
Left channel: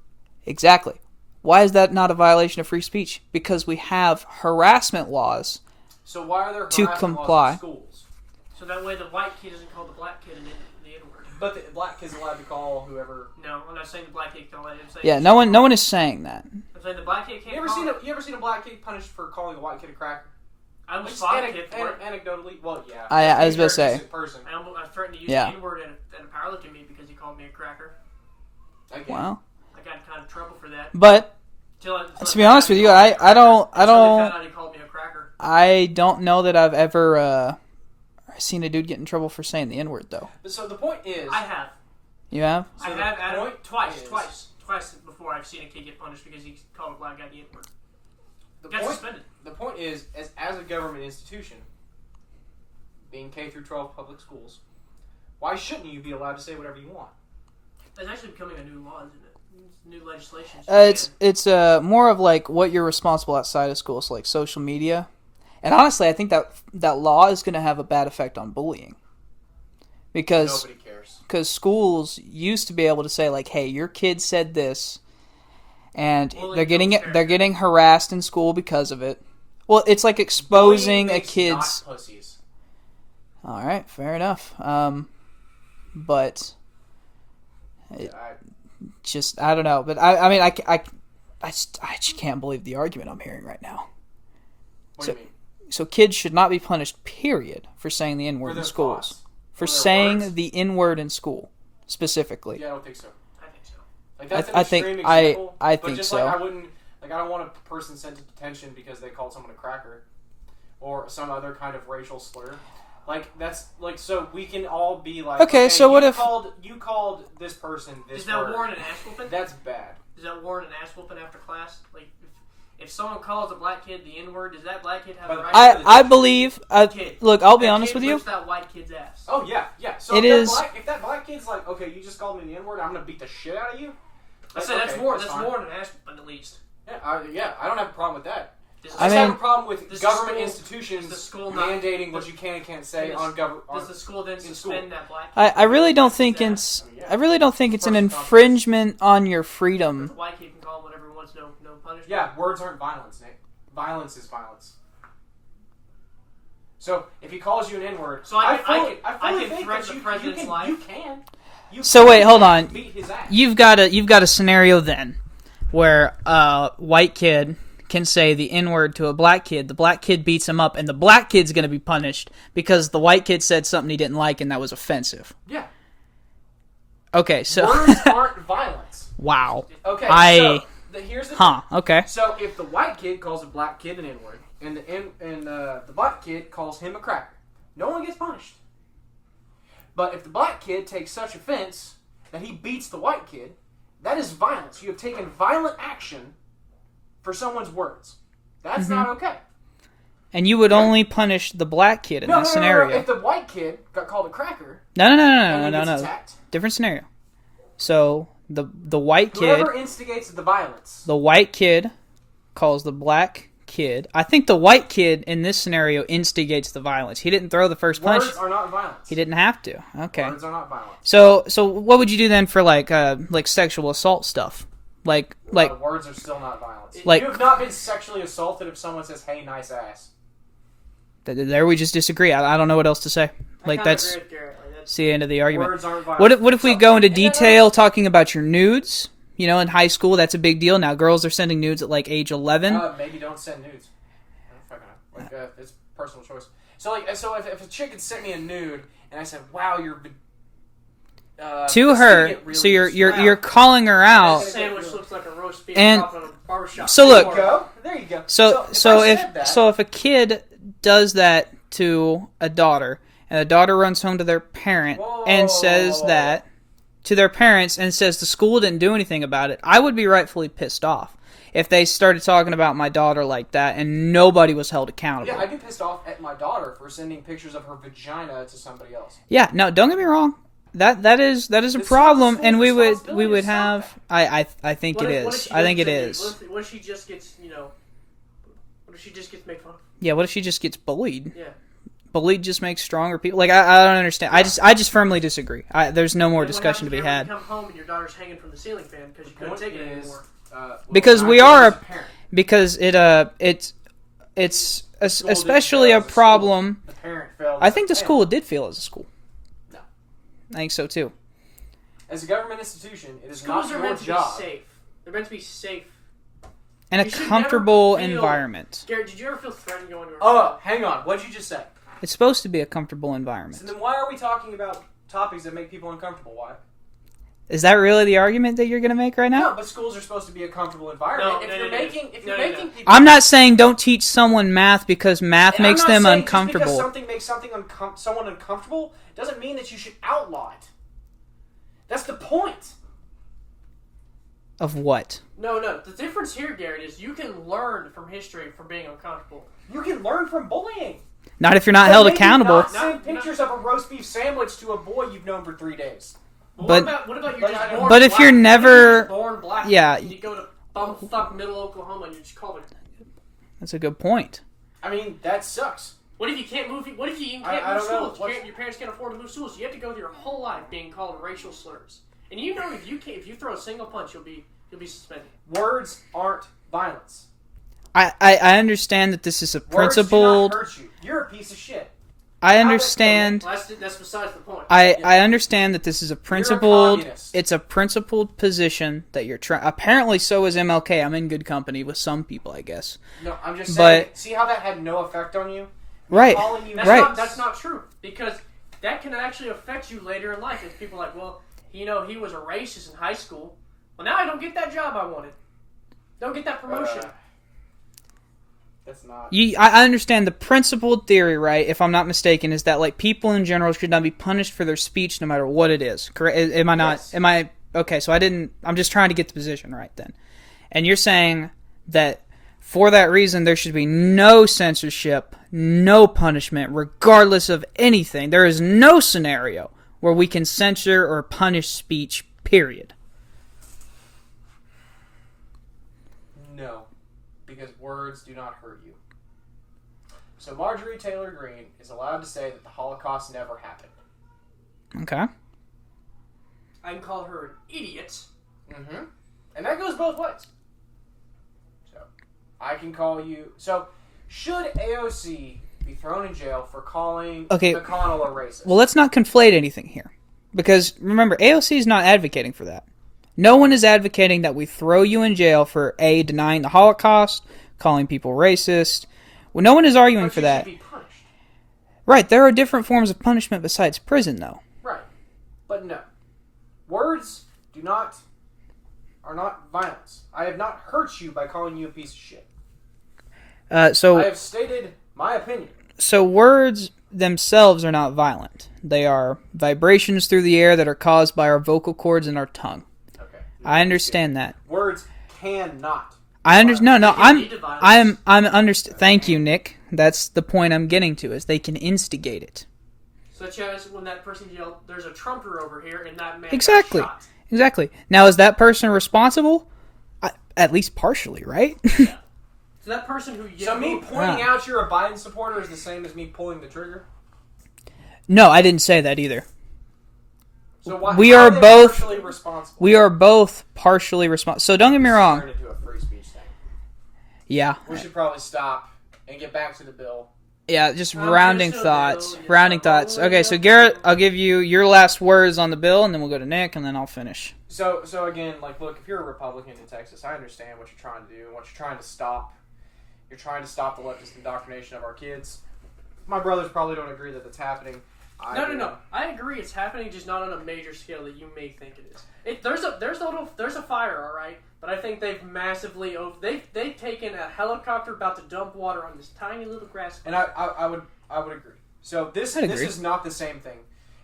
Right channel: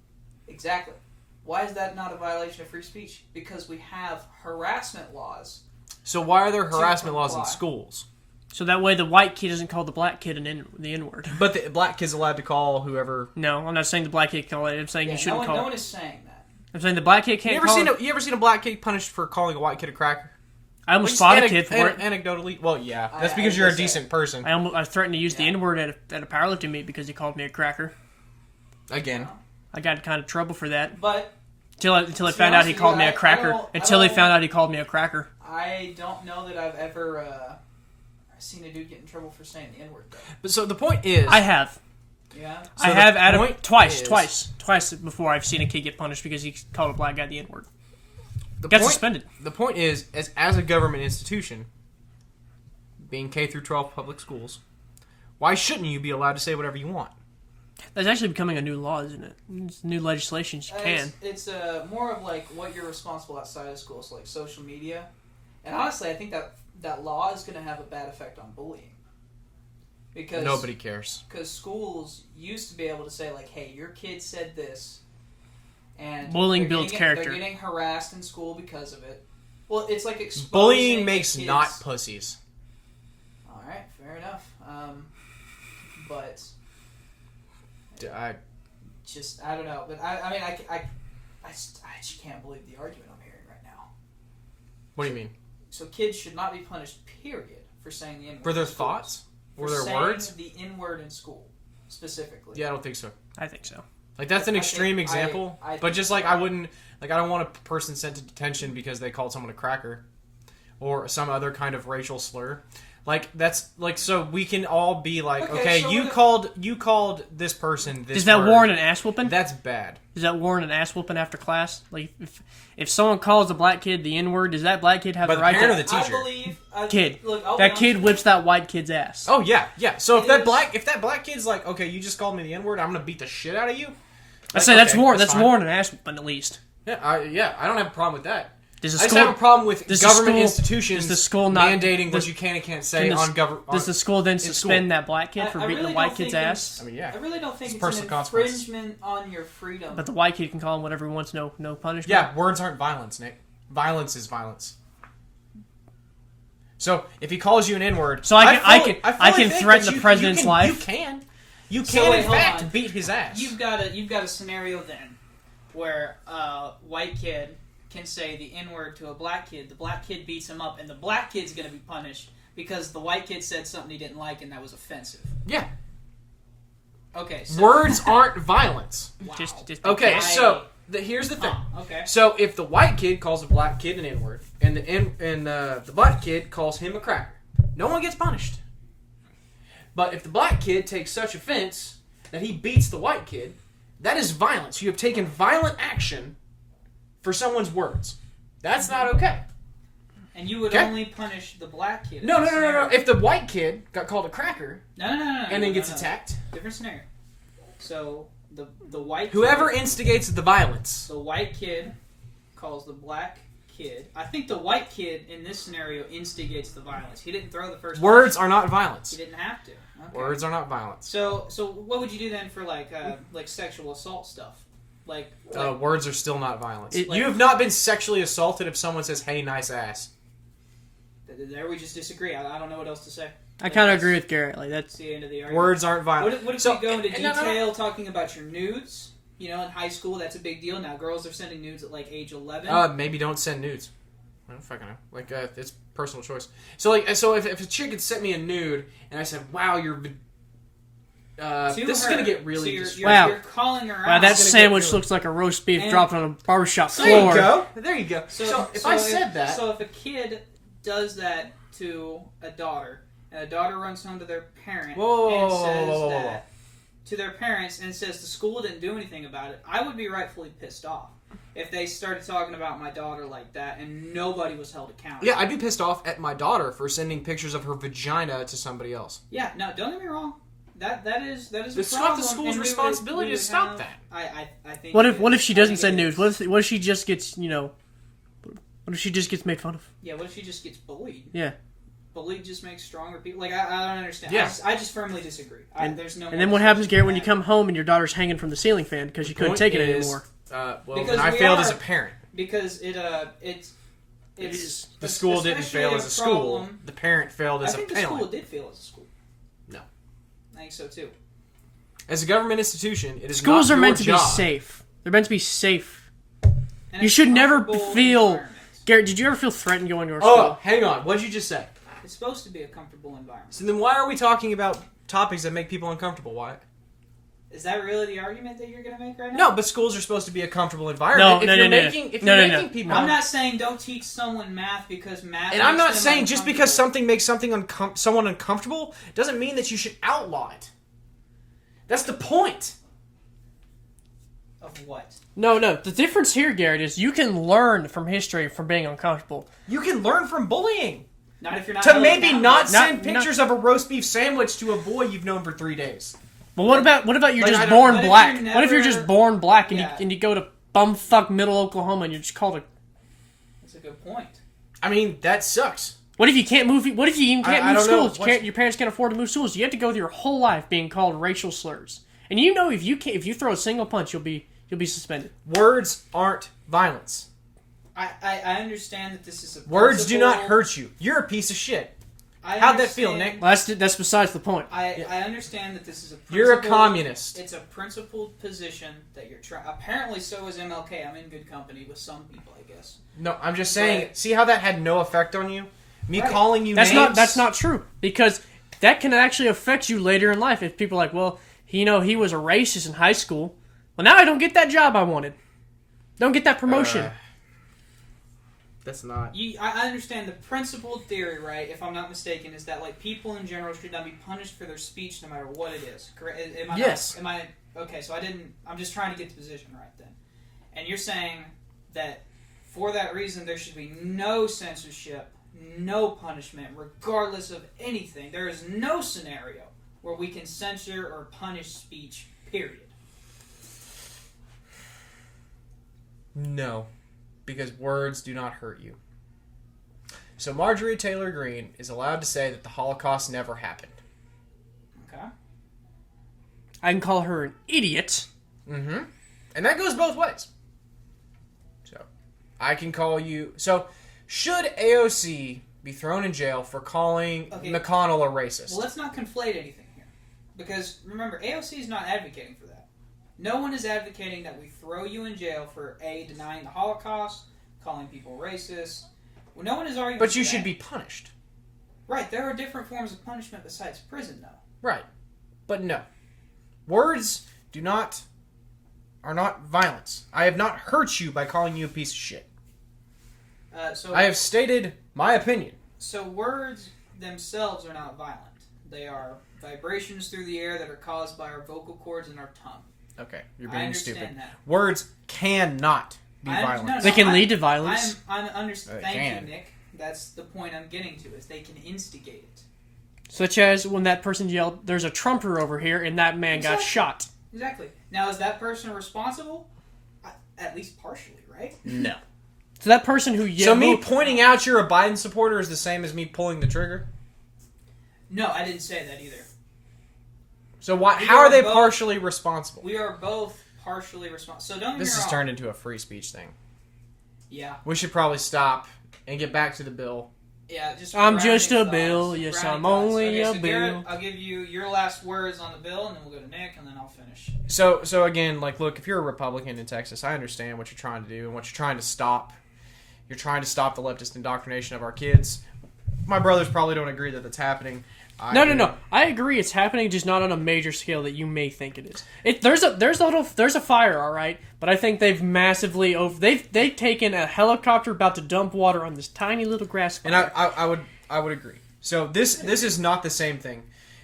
Exactly. Why is that not a violation of free speech? Because we have harassment laws. So why are there harassment laws in schools? So that way the white kid doesn't call the black kid the N-word. But the black kid's allowed to call whoever... No, I'm not saying the black kid can call it. I'm saying no one is saying that. I'm saying the black kid can't call it. You ever seen a black kid punished for calling a white kid a cracker? I almost fought a kid for it. Anecdotally, well, yeah. That's because you're a decent person. I threatened to use the N-word at a powerlifting meet because he called me a cracker. Again. Wow. I got in kind of trouble for that. But... Until to be honest with you, I don't... Until he found out he called me a cracker. I don't know that I've ever seen a dude get in trouble for saying the N-word, though. But so the point is... I have. You have? So I have twice before I've seen a kid get punished because he called a black guy the N-word. Got suspended. The point is, as a government institution, being K through 12 public schools, why shouldn't you be allowed to say whatever you want? That's actually becoming a new law, isn't it? It's new legislation. It's more of like what you're responsible outside of school, so like social media. And honestly, I think that law is going to have a bad effect on bullying. Because nobody cares. Because schools used to be able to say like, "Hey, your kid said this," and they're getting harassed in school because of it. Well, it's like exposing a kid's... not pussies. All right, fair enough. But I don't know. But I just can't believe the argument I'm hearing right now. What do you mean? So kids should not be punished, period, for saying the N-word in schools. Thoughts? For saying the N-word in school, specifically. Yeah, I don't think so. I think so. Like, that's an extreme example. I but think just so. like, I wouldn't... Like, I don't want a person sent to detention because they called someone a cracker. Or some other kind of racial slur. Like, that's... Like, so we can all be like, okay so you called this person this Is that word. warrant an ass whooping? That's bad. Does that warrant an ass whooping after class? Like, if someone calls a black kid the N-word, does that black kid have the right to... I believe... kid. Look, I'll be honest with you. That kid whips that white kid's ass. Oh, yeah. So if that black kid's like, okay, you just called me the N-word, I'm going to beat the shit out of you. I say that's warrant an ass whooping, at least. Yeah, I don't have a problem with that. I just have a problem with government institutions mandating what you can and can't say on government. Does the school then suspend that black kid? I really don't think it's an infringement on your freedom. But the white kid can call him whatever he wants, no punishment. Yeah, words aren't violence, Nick. Violence is violence. So if he calls you an N-word, so I can threaten the president's life. You can. So wait, hold on. Beat his ass. You've got a scenario then where a white kid can say the N-word to a black kid, the black kid beats him up, and the black kid's going to be punished because the white kid said something he didn't like and that was offensive. Yeah. Okay, so... Words aren't violence. Wow. Okay, here's the thing. Okay. So if the white kid calls a black kid an N-word, and the black kid calls him a cracker, no one gets punished. But if the black kid takes such offense that he beats the white kid, that is violence. You have taken violent action for someone's words. That's not okay. And you would only punish the black kid in that scenario. No. If the white kid got called a cracker... No. And then gets attacked... Different scenario. So, the white kid... Whoever instigates the violence... The white kid calls the black kid... I think the white kid in this scenario instigates the violence. He didn't throw the first punch. Words are not violence. He didn't have to. Okay. Words are not violence. So what would you do then for like sexual assault stuff? Like words are still not violence. You Like, have not been sexually assaulted if someone says, "Hey, nice ass." There we just disagree. I don't know what else to say. I kind of agree with Garrett. Like that's the end of the argument. Words aren't violent. What if we go into detail talking about your nudes? You know, in high school, that's a big deal. Now, girls are sending nudes at like age 11. Maybe don't send nudes. I don't fucking know. Like it's personal choice. So if a chick had sent me a nude and I said, "Wow, you're." To her, really so you're calling her out. That sandwich looks like a roast beef dropped on a barbershop. So floor. There you go. So if a kid does that to a daughter, and the daughter runs home to their parent and says that to their parents and says the school didn't do anything about it, I would be rightfully pissed off if they started talking about my daughter like that and nobody was held accountable. Yeah, I'd be pissed off at my daughter for sending pictures of her vagina to somebody else. Yeah, no, don't get me wrong. That is a problem, and we would have. I think. What it if is. what if she I doesn't think send it nudes? is. What if she just gets What if she just gets made fun of? Yeah, what if she just gets bullied? Yeah. Bullied just makes stronger people. Like I don't understand. Yeah. I just firmly disagree. There's no more. And then what discussion happens, to be Gary, when you had. come home and your daughter's hanging from the ceiling fan because you couldn't take it anymore? Because when I we failed are as a parent. Because it's The school didn't especially fail a as school. problem. The parent failed. I As think a the school parent. did feel as a school. No. I think so too. As a government institution, it is Schools not are your meant to be job. safe. They're meant to be safe. And You a should never comfortable feel- environment. Garrett, did you ever feel threatened going to our school? Oh, hang on. What did you just say? It's supposed to be a comfortable environment. So then why are we talking about topics that make people uncomfortable? Why? Is that really the argument that you're going to make right now? No, but schools are supposed to be a comfortable environment. No, if no, you're no, no. making, if No, you're no, no. making people, I'm not saying don't teach someone math because math and makes I'm not them saying uncomfortable. just because something makes someone uncomfortable doesn't mean that you should outlaw it. That's the point. Of what? No. The difference here, Garrett, is you can learn from history from being uncomfortable. You can learn from bullying. Not if you're not So held maybe accountable. not send Not- pictures of a roast beef sandwich to a boy you've known for 3 days. But But- what about you're Like, just I don't- born But if black? you're What if never- you're just born black Yeah. and you go to bumfuck middle Oklahoma and you're just called a... That's a good point. I mean, that sucks. What if you can't move? What if you even can't I move don't know. schools? Your parents can't afford to move schools. You have to go through your whole life being called racial slurs. And you know if you throw a single punch, you'll be suspended. Words aren't violence. I understand that this is a Words do not principled. hurt you. You're a piece of shit. I How'd that feel, understand. Well, that's besides the point. I understand that this is a principled. communist. It's a principled position that you're trying. Apparently, so is MLK. I'm in good company with some people, I guess. No, I'm just saying. But- See how that had no effect on you? Me Right. calling you That's names. that's not true, because that can actually affect you later in life if people are like, well, he was a racist in high school. Well, now I don't get that job I wanted. Don't get that promotion. That's not. I understand the principled theory, right? If I'm not mistaken, is that like people in general should not be punished for their speech, no matter what it is. Correct? Am I not? Yes. Am I okay? So I didn't. I'm just trying to get the position right then. And you're saying that for that reason, there should be no censorship, no punishment, regardless of anything. There is no scenario where we can censor or punish speech. Period. No, because words do not hurt you. So Marjorie Taylor Greene is allowed to say that the Holocaust never happened. Okay. I can call her an idiot. Mm-hmm. And that goes both ways. So, I can call you... So, should AOC be thrown in jail for calling McConnell a racist? Well, let's not conflate anything here. Because, remember, AOC is not advocating for that. No one is advocating that we throw you in jail for, A, denying the Holocaust, calling people racist. Well, no one is arguing but for you that. should be punished. Right, there are different forms of punishment besides prison, though. Right. But no. Words are not violence. I have not hurt you by calling you a piece of shit. So I have stated my opinion. So words themselves are not violent. They are vibrations through the air that are caused by our vocal cords and our tongue. Okay. I understand that. Words cannot. I understand. No, They can lead to violence. Thank you, Man. Nick. That's the point I'm getting to. Is they can instigate it. Such as when that person yelled, "There's a Trumper over here," and that man Exactly. got shot. Exactly. Now, is that person responsible? At least partially, right? Yeah. So that person who yelled... So me pointing out you're a Biden supporter is the same as me pulling the trigger? No, I didn't say that either. So why We how are are they both- partially responsible? We are both partially responsible. So don't get me This has wrong. turned into a free speech thing. Yeah. We should probably stop and get back to the bill. Yeah, just I'm rounding just a thoughts. bill, yes, rounding I'm thoughts. only Okay, a so Garrett, bill. I'll give you your last words on the bill, and then we'll go to Nick, and then I'll finish. So again, like, look, if you're a Republican in Texas, I understand what you're trying to do and what you're trying to stop. You're trying to stop the leftist indoctrination of our kids. My brothers probably don't agree that that's happening, No. I agree. It's happening, just not on a major scale that you may think it is. There's a fire, all right. But I think they've massively they've taken a helicopter about to dump water on this tiny little grass fire. And I would agree. So this is not the same thing.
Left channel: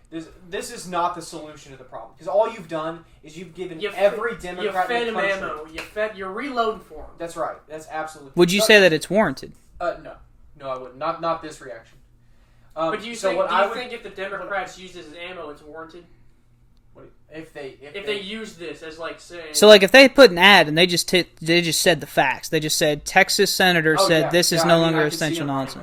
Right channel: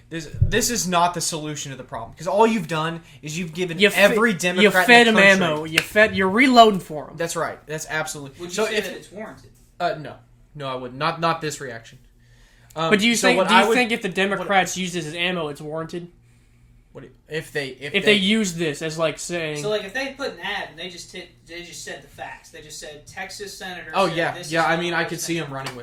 This is not the solution to the problem, because all you've done is you've given every Democrat you fed in them the country. ammo. You're reloading for them. That's right. That's absolutely. Would you say that it's warranted? No, I wouldn't. Not this reaction. But do you think if the Democrats use this as ammo, it's warranted? If they use this as like saying so, like if they put an ad and they just said the facts, they just said Texas senator said this is no longer extension on it.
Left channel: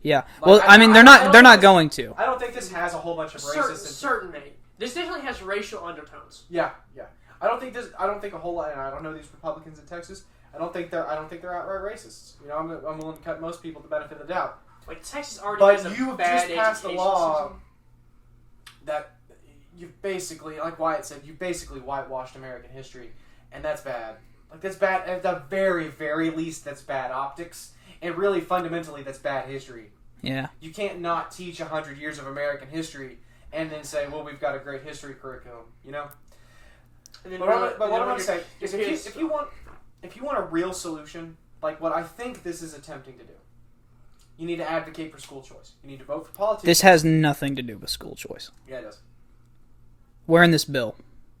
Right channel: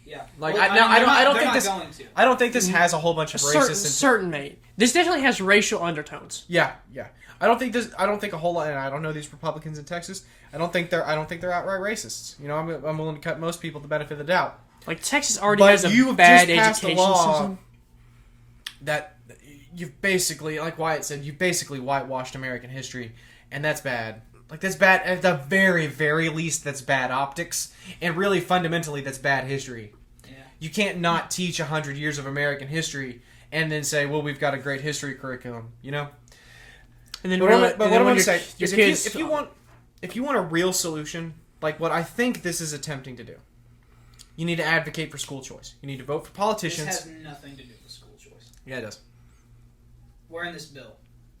Yeah, like, well, I mean they're not going to. I don't think this has a whole bunch of racist. Certain mate. This definitely has racial undertones. Yeah. I don't think a whole lot. And I don't know these Republicans in Texas. I don't think they're outright racists. You know, I'm willing to cut most people the benefit of the doubt. Like Texas already has a bad education system. That you've basically, like Wyatt said, you've basically whitewashed American history, and that's bad. Like, that's bad. At the very, very least, that's bad optics. And really, fundamentally, that's bad history. Yeah. You can't not teach 100 years of American history and then say, well, we've got a great history curriculum, you know? And then what I want to say is if you want a real solution, like what I think this is attempting to do, you need to advocate for school choice. You need to vote for politicians. This has nothing to do with school choice. Yeah, it does. Where in this bill?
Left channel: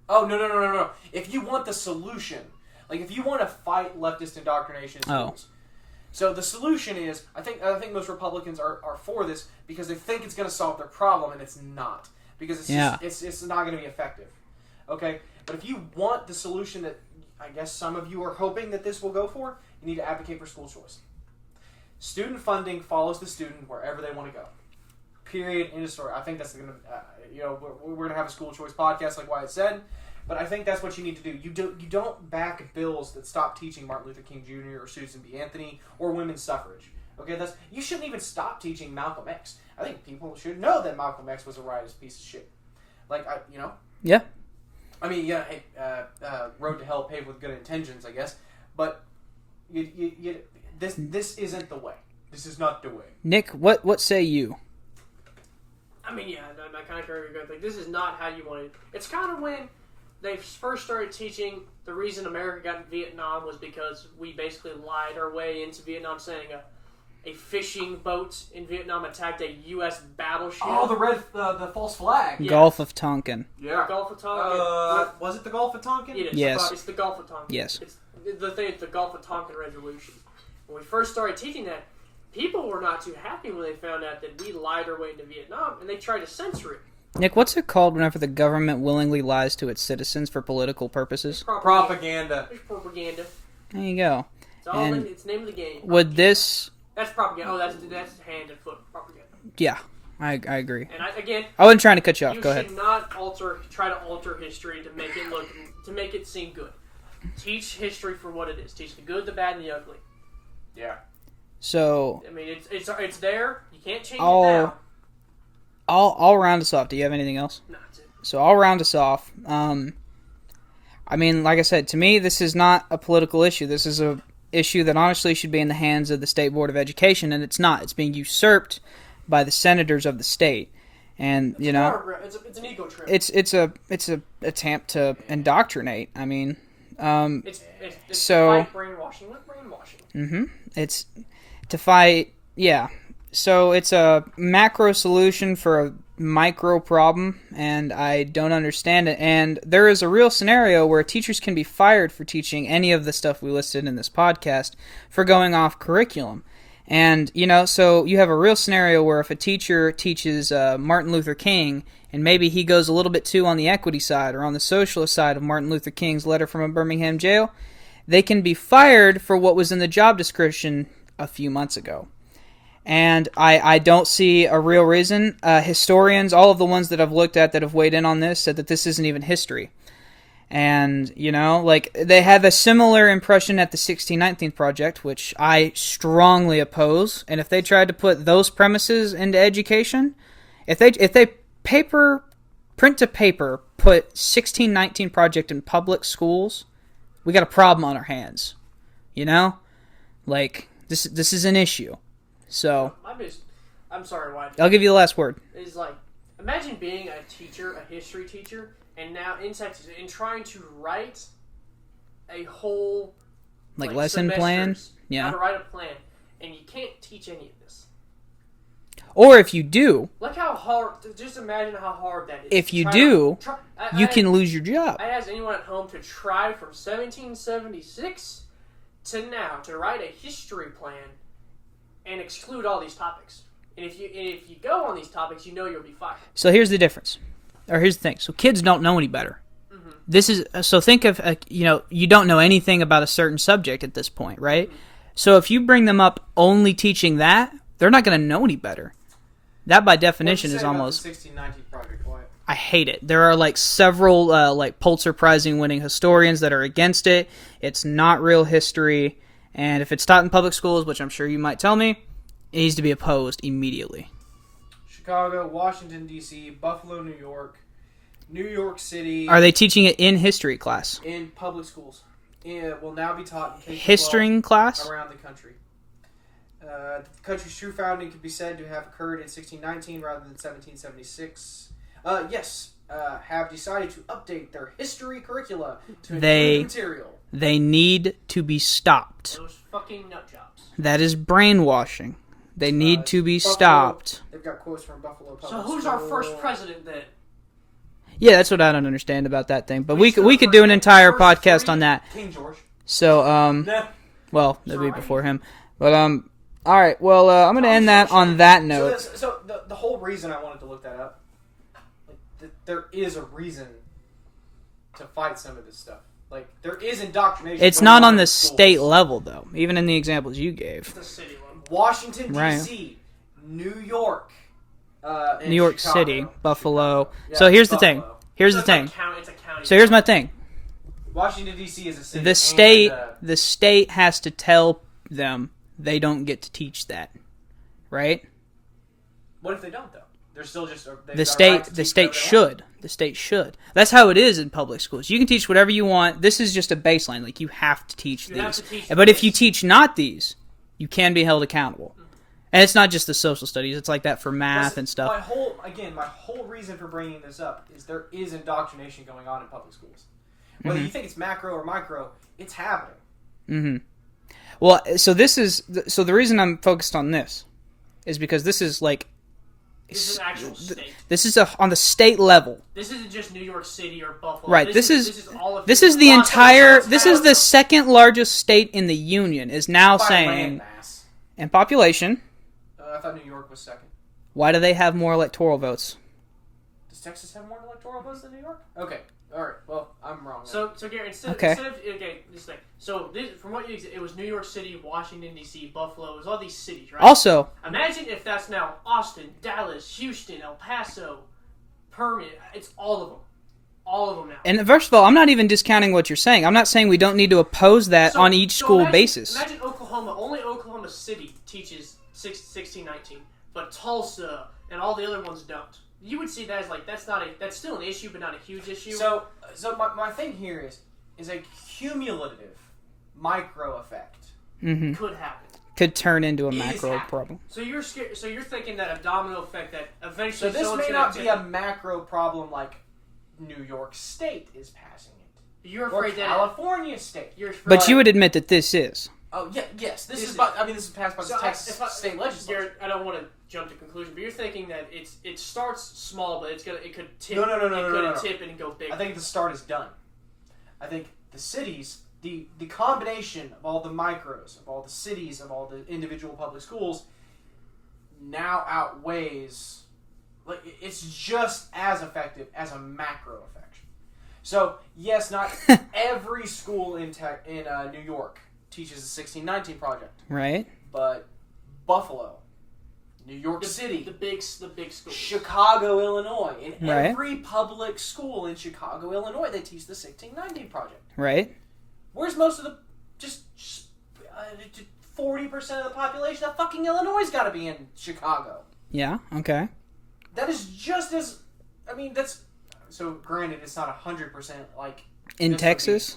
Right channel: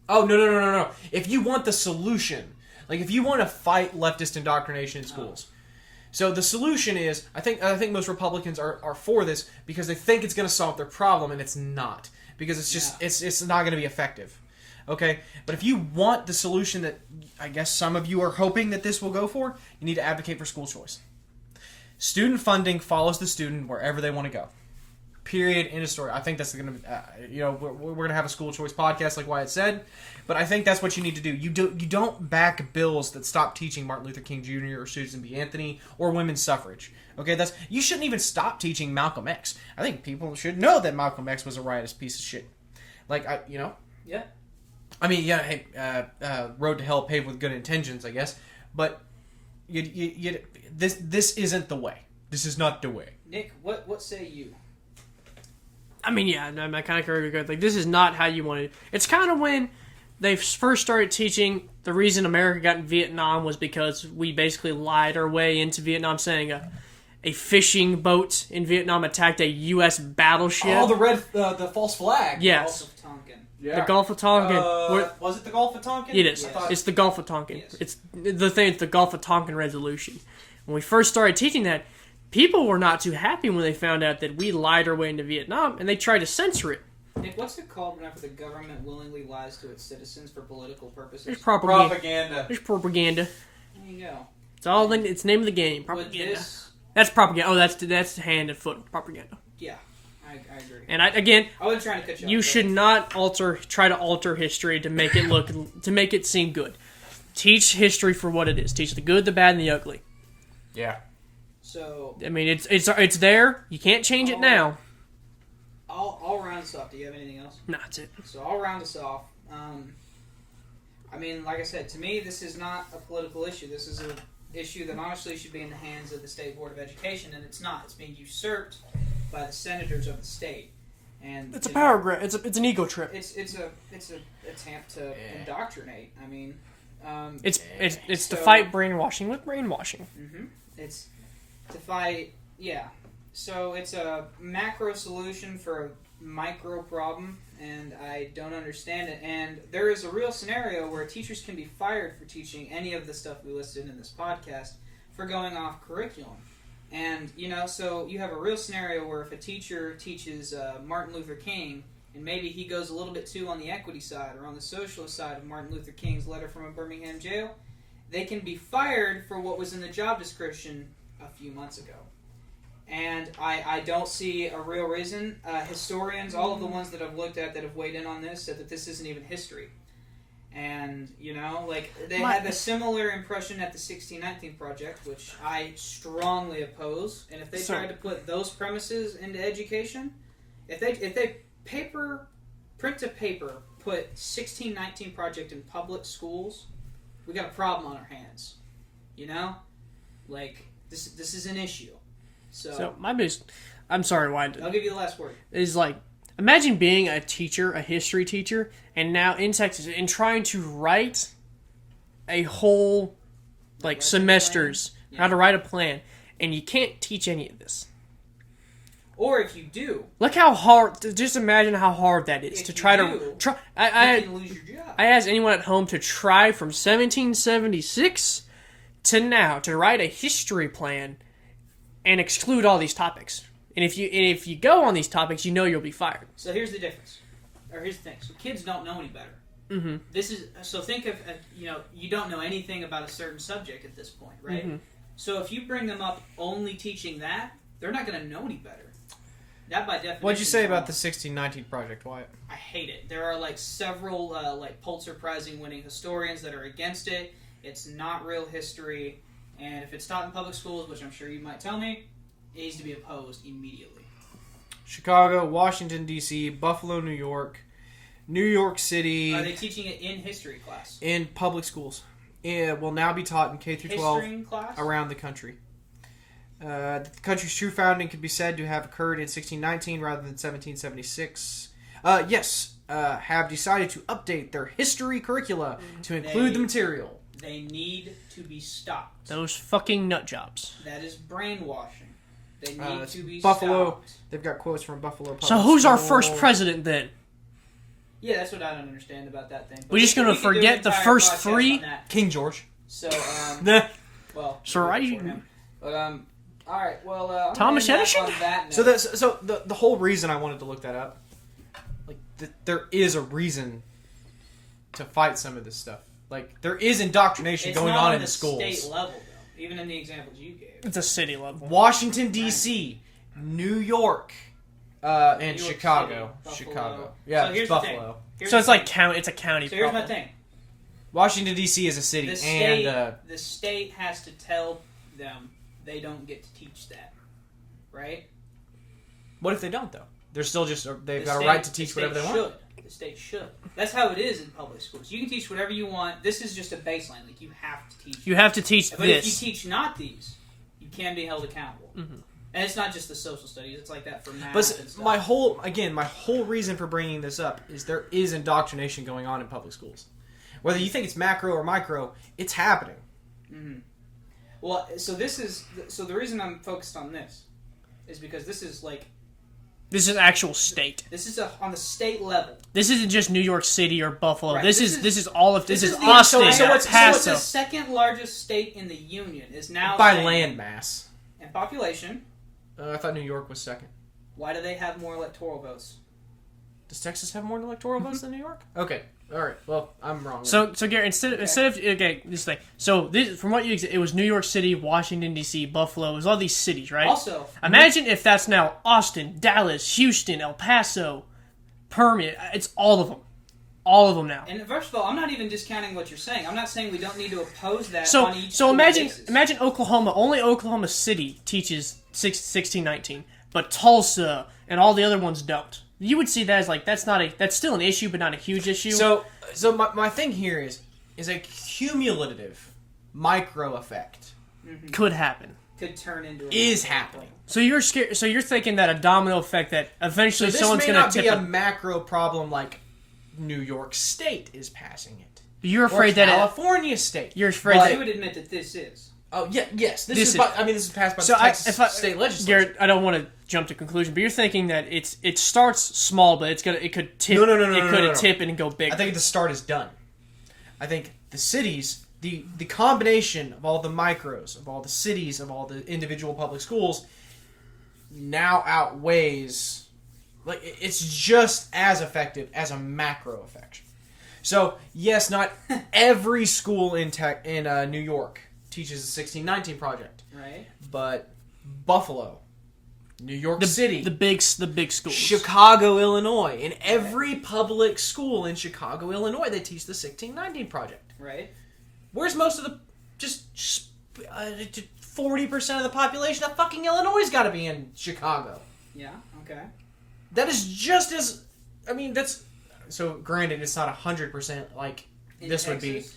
Oh, no. If you want the solution, like if you want to fight leftist indoctrination in schools. So the solution is, I think most Republicans are for this because they think it's going to solve their problem, and it's not. Because it's not going to be effective. Okay? But if you want the solution that I guess some of you are hoping that this will go for, you need to advocate for school choice. Student funding follows the student wherever they want to go. Period. End of story. I think that's going to, we're going to have a school choice podcast like Wyatt said, but I think that's what you need to do. You don't back bills that stop teaching Martin Luther King Jr. or Susan B. Anthony or women's suffrage. Okay, you shouldn't even stop teaching Malcolm X. I think people should know that Malcolm X was a riotous piece of shit. Yeah. I mean, yeah. Hey, road to hell paved with good intentions, I guess, but this isn't the way. This is not the way. Nick, what say you? I mean, yeah, no, I kind of agree with like this is not how you want it. It's kind of when they first started teaching the reason America got in Vietnam was because we basically lied our way into Vietnam, saying a fishing boat in Vietnam attacked a U.S. battleship. Oh, the false flag. Yes. Gulf of Tonkin. Yeah. The Gulf of Tonkin. Was it the Gulf of Tonkin? It is. Yes. It's the Gulf of Tonkin. Yes. It's the Gulf of Tonkin Resolution. When we first started teaching that, people were not too happy when they found out that we lied our way into Vietnam, and they tried to censor it. Nick, what's it called whenever the government willingly lies to its citizens for political purposes? It's propaganda. There's propaganda. There you go. It's all it's the name of the game. Propaganda. Would this... That's propaganda. Oh, that's hand and foot propaganda. Yeah, I agree. And I wasn't trying to cut you off. You should not try to alter history to make it seem good. Teach history for what it is. Teach the good, the bad, and the ugly. Yeah. So I mean, it's there. You can't change it now. I'll round us off. Do you have anything else? No, that's it. So I'll round us off. I mean, like I said, to me, this is not a political issue. This is a issue that honestly should be in the hands of the State Board of Education, and it's not. It's being usurped by the senators of the state, and it's an ego trip. It's a attempt to indoctrinate. I mean, it's to fight brainwashing with brainwashing. Mm-hmm. It's to fight, yeah. So it's a macro solution for a micro problem, and I don't understand it. And there is a real scenario where teachers can be fired for teaching any of the stuff we listed in this podcast for going off curriculum. And, so you have a real scenario where if a teacher teaches Martin Luther King, and maybe he goes a little bit too on the equity side or on the socialist side of Martin Luther King's letter from a Birmingham jail, they can be fired for what was in the job description a few months ago. And I don't see a real reason. Historians, all of the ones that I've looked at that have weighed in on this, said that this isn't even history. And, they have a similar impression at the 1619 Project, which I strongly oppose. And if they tried to put those premises into education, if they print to paper, put 1619 Project in public schools, we got a problem on our hands. This is an issue. So my biggest, I'm sorry, why? I'll give you the last word. Is Imagine being a teacher, a history teacher, and now in Texas, and trying to write a whole like lesson semesters, plans? Yeah. how to write a plan, and you can't teach any of this. Or if you do, Look how hard. Just imagine how hard that is. If to you try do, to, you can lose your job. I asked anyone at home to try from 1776 to now to write a history plan and exclude all these topics. And if you go on these topics, you know you'll be fired. So here's the difference, or here's the thing. So kids don't know any better. Mm-hmm. This is so. Think of you don't know anything about a certain subject at this point, right? Mm-hmm. So if you bring them up only teaching that, they're not going to know any better. That by definition What'd you say is about almost. the 1619 project, Wyatt? I hate it. There are like several like Pulitzer Prize winning historians that are against it. It's not real history, and if it's taught in public schools, which I'm sure you might tell me, it needs to be opposed immediately. Chicago, Washington, D.C., Buffalo, New York City. Are they teaching it in history class? In public schools. It will now be taught in K-12 History class? around the country. The country's true founding could be said to have occurred in 1619 rather than 1776. Have decided to update their history curricula to include the material. They need to be stopped. Those fucking nut jobs. That is brainwashing. They need to be Buffalo, stopped. They've got quotes from Buffalo Public So who's our School. first president then? Yeah, that's what I don't understand about that thing. But We we just could gonna do an forget entire the first podcast three? on that. King George. So well, So maybe right. before him. But all right. Well, I'm going to end that on that note. So the whole reason I wanted to look that up, like there is a reason to fight some of this stuff. Like there is indoctrination. It's going not on in the schools. state level though. Even in the examples you gave. It's a city level. Washington Right. D.C., New York, and New York Chicago. City, Buffalo. Chicago. Yeah, So here's the Buffalo. thing. Here's So the it's thing. like county. It's a county. So here's my problem. thing. Washington D.C. is a city. The state has to tell them they don't get to teach that, right? What if they don't though? They're still just The state should. That's how it is in public schools. You can teach whatever you want. This is just a baseline. Like you have to teach. You have to teach. But if you this. teach not these, you can be held accountable. Mm-hmm. And it's not just the social studies. It's like that for math and stuff. My whole reason for bringing this up is there is indoctrination going on in public schools. Whether you think it's macro or micro, it's happening. Mm-hmm. Well, so the reason I'm focused on this is because this is like. This is actual state. This is on the state level. This isn't just New York City or Buffalo. Right. This is all of. This is the entire. This is the second largest state in the union. Is now By saying land mass. and population. I thought New York was second. Why do they have more electoral votes? Does Texas have more electoral votes than New York? Okay. All right. Well, I'm wrong. So Gary, instead of this thing. So this, from what you, it was New York City, Washington D.C., Buffalo. It was all these cities, right? Also, imagine if that's now Austin, Dallas, Houston, El Paso, Permian. It's all of them. All of them now. and first of all, I'm not even discounting what you're saying. I'm not saying we don't need to oppose that on each school basis. Imagine Oklahoma. Only Oklahoma City teaches 1619, but Tulsa and all the other ones don't. You would see that as like that's still an issue, but not a huge issue. So my thing here is a cumulative micro effect. Mm-hmm. Could happen. Could turn into a Is macro happening. problem. So you're scared. So you're thinking that a domino effect that eventually So this someone's may going not to be tip a it. macro problem like New York State is passing it. You're Or afraid that California State. you're afraid. But you would admit that this is. Oh yeah, yes. This This is. is- This is passed by the Texas state legislature. Garrett, I don't want to jump to conclusion, but you're thinking that it starts small, but it could tip. No, It could tip and go big. I think the start is done. I think the cities, the combination of all the micros, of all the cities, of all the individual public schools, now outweighs. Like it's just as effective as a macro effect. So yes, not every school in New York teaches the 1619 project, Right? but Buffalo, New York City, the big schools. Chicago, Illinois. In Right. every public school in Chicago, Illinois, they teach the 1619 project. Right? Where's most of the 40% of the population of fucking Illinois got to be in Chicago? Yeah. Okay. That is just as. I mean, that's. So, granted, it's not 100% like In this would be, Texas?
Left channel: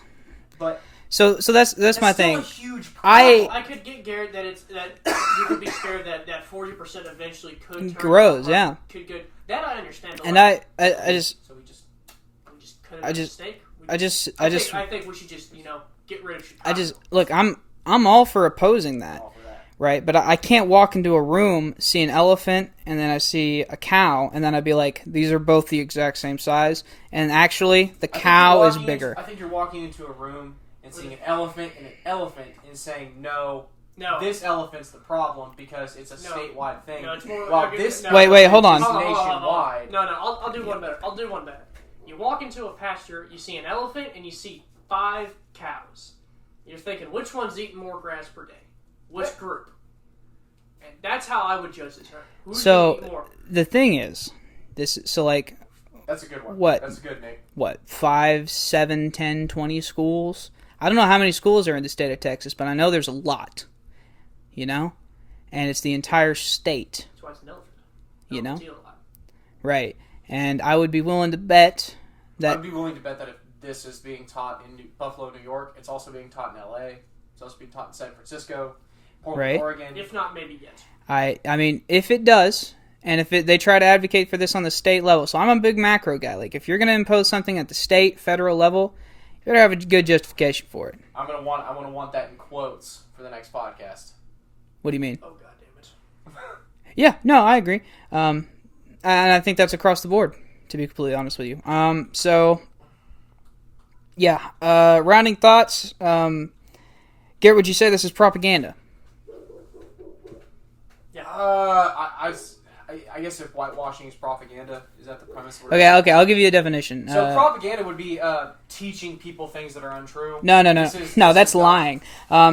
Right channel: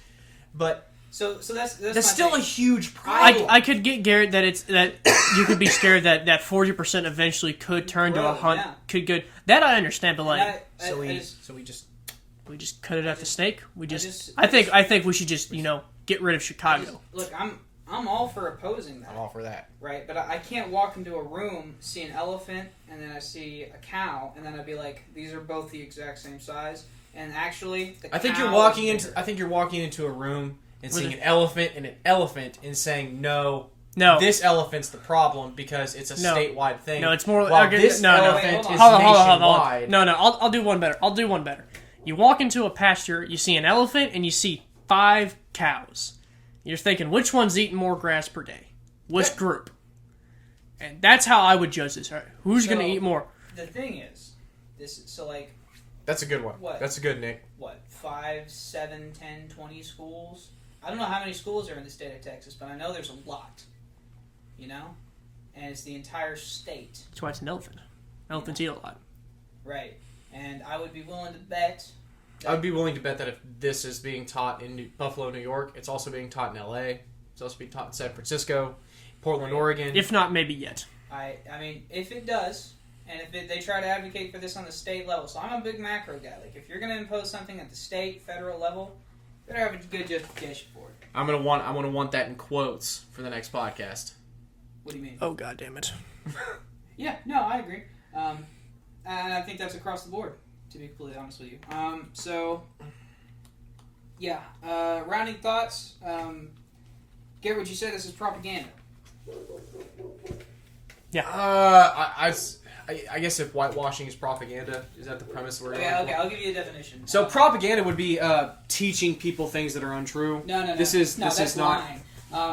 but So that's my still thing. a huge problem. I could get Garrett that you could be scared that 40% eventually could turn Grows, to a yeah. could good. That I understand. And I just we just cut it out the snake. I think we should just get rid of Chicago. look. I'm all for opposing that. all for that. Right, but I can't walk into a room, see an elephant, and then I see a cow, and then I'd be like, these are both the exact same size, and actually, the cow is bigger. I think you're walking into a room and seeing an elephant and saying, no, No. this elephant's the problem because it's a statewide thing. No, it's more. While okay, this no, wait, hold on. Hold on. nationwide. No, I'll do one better. You walk into a pasture, you see an elephant, and you see 5 cows. You're thinking, which one's eating more grass per day? Which group? And that's how I would judge this. Right? Who's going to eat more? The thing is, like, That's a good one. What? That's a good, Nick. 5, 7, 10, 20 schools? I don't know how many schools are in the state of Texas, but I know there's a lot. And it's the entire state. That's why it's an elephant. Elephants eat a lot. Right. And I would be willing to bet that... I'd be willing to bet that if this is being taught in Buffalo, New York, it's also being taught in L.A., it's also being taught in San Francisco, Portland, Right. Oregon. If not, maybe yet. I mean, if it does, and if they try to advocate for this on the state level, so I'm a big macro guy. Like, if you're going to impose something at the state, federal level, you better have a good justification for it. I'm gonna want that in quotes for the next podcast. What do you mean? Oh, God damn it. Yeah, no, I agree. And I think that's across the board, to be completely honest with you. Rounding thoughts. Garrett, would you say this is propaganda? Yeah. I guess if whitewashing is propaganda, is that the premise? Okay, I'll give you a definition. So propaganda would be teaching people things that are untrue. No. This That's is lying.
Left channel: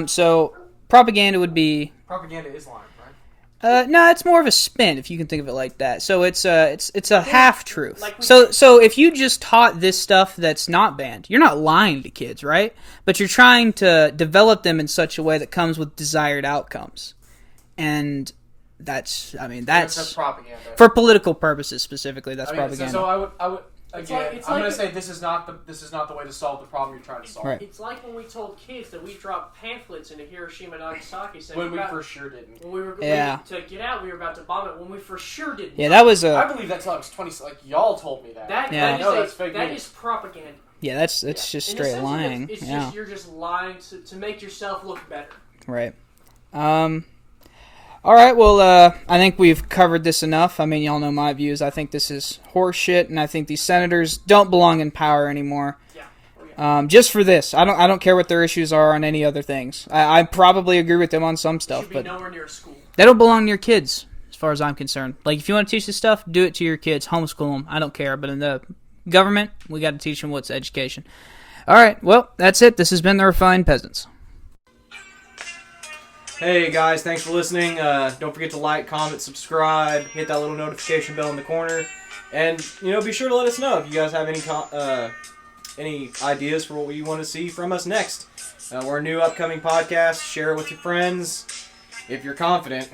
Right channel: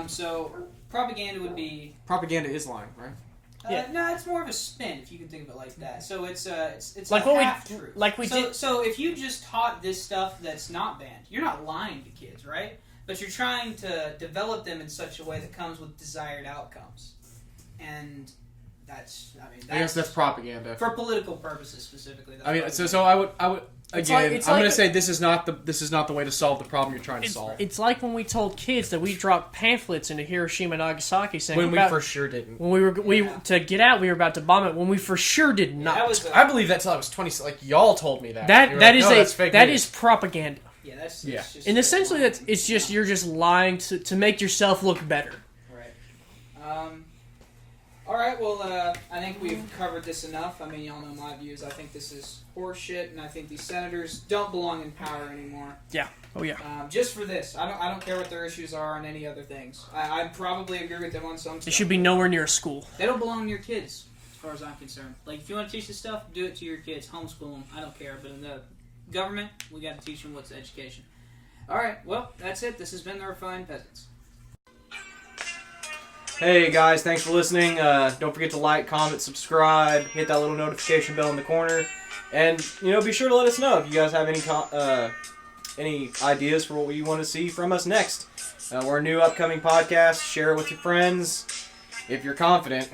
So propaganda would be... Propaganda is lying, right? No, it's more of a spin, if you can think of it like that. So it's a half truth. like we so if you just taught this stuff that's not banned, you're not lying to kids, right? But you're trying to develop them in such a way that comes with desired outcomes, and that's propaganda for political purposes specifically. That's propaganda. So I would again. it's I'm like- going to say this is not the way to solve the problem you're trying to solve. Right. It's like when we told kids that we dropped pamphlets into Hiroshima and Nagasaki saying When we for sure didn't. when we were Yeah. to get out, we were about to bomb it. When we for sure did not. Yeah, that was I believe that's how it was 20. Like y'all told me that. That's fake that news. is propaganda. that's Yeah. just In the straight sense that lying. it's just you're just lying to make yourself look better. Right. All right, well, I think we've covered this enough. I mean, y'all know my views. I think this is horseshit, and I think these senators don't belong in power anymore. Yeah. Oh yeah. Just for this. I don't care what their issues are on any other things. I probably agree with them on some It stuff. should be but nowhere near a school. they don't belong to your kids, as far as I'm concerned. Like, if you want to teach this stuff, do it to your kids. Homeschool them. I don't care. But in the government, we got to teach them what's education. All right, well, that's it. This has been the Refined Peasants. Hey guys, thanks for listening. Don't forget to like, comment, subscribe, hit that little notification bell in the corner, and be sure to let us know if you guys have any ideas for what you want to see from us next. We're a new upcoming podcast. Share it with your friends if you're confident.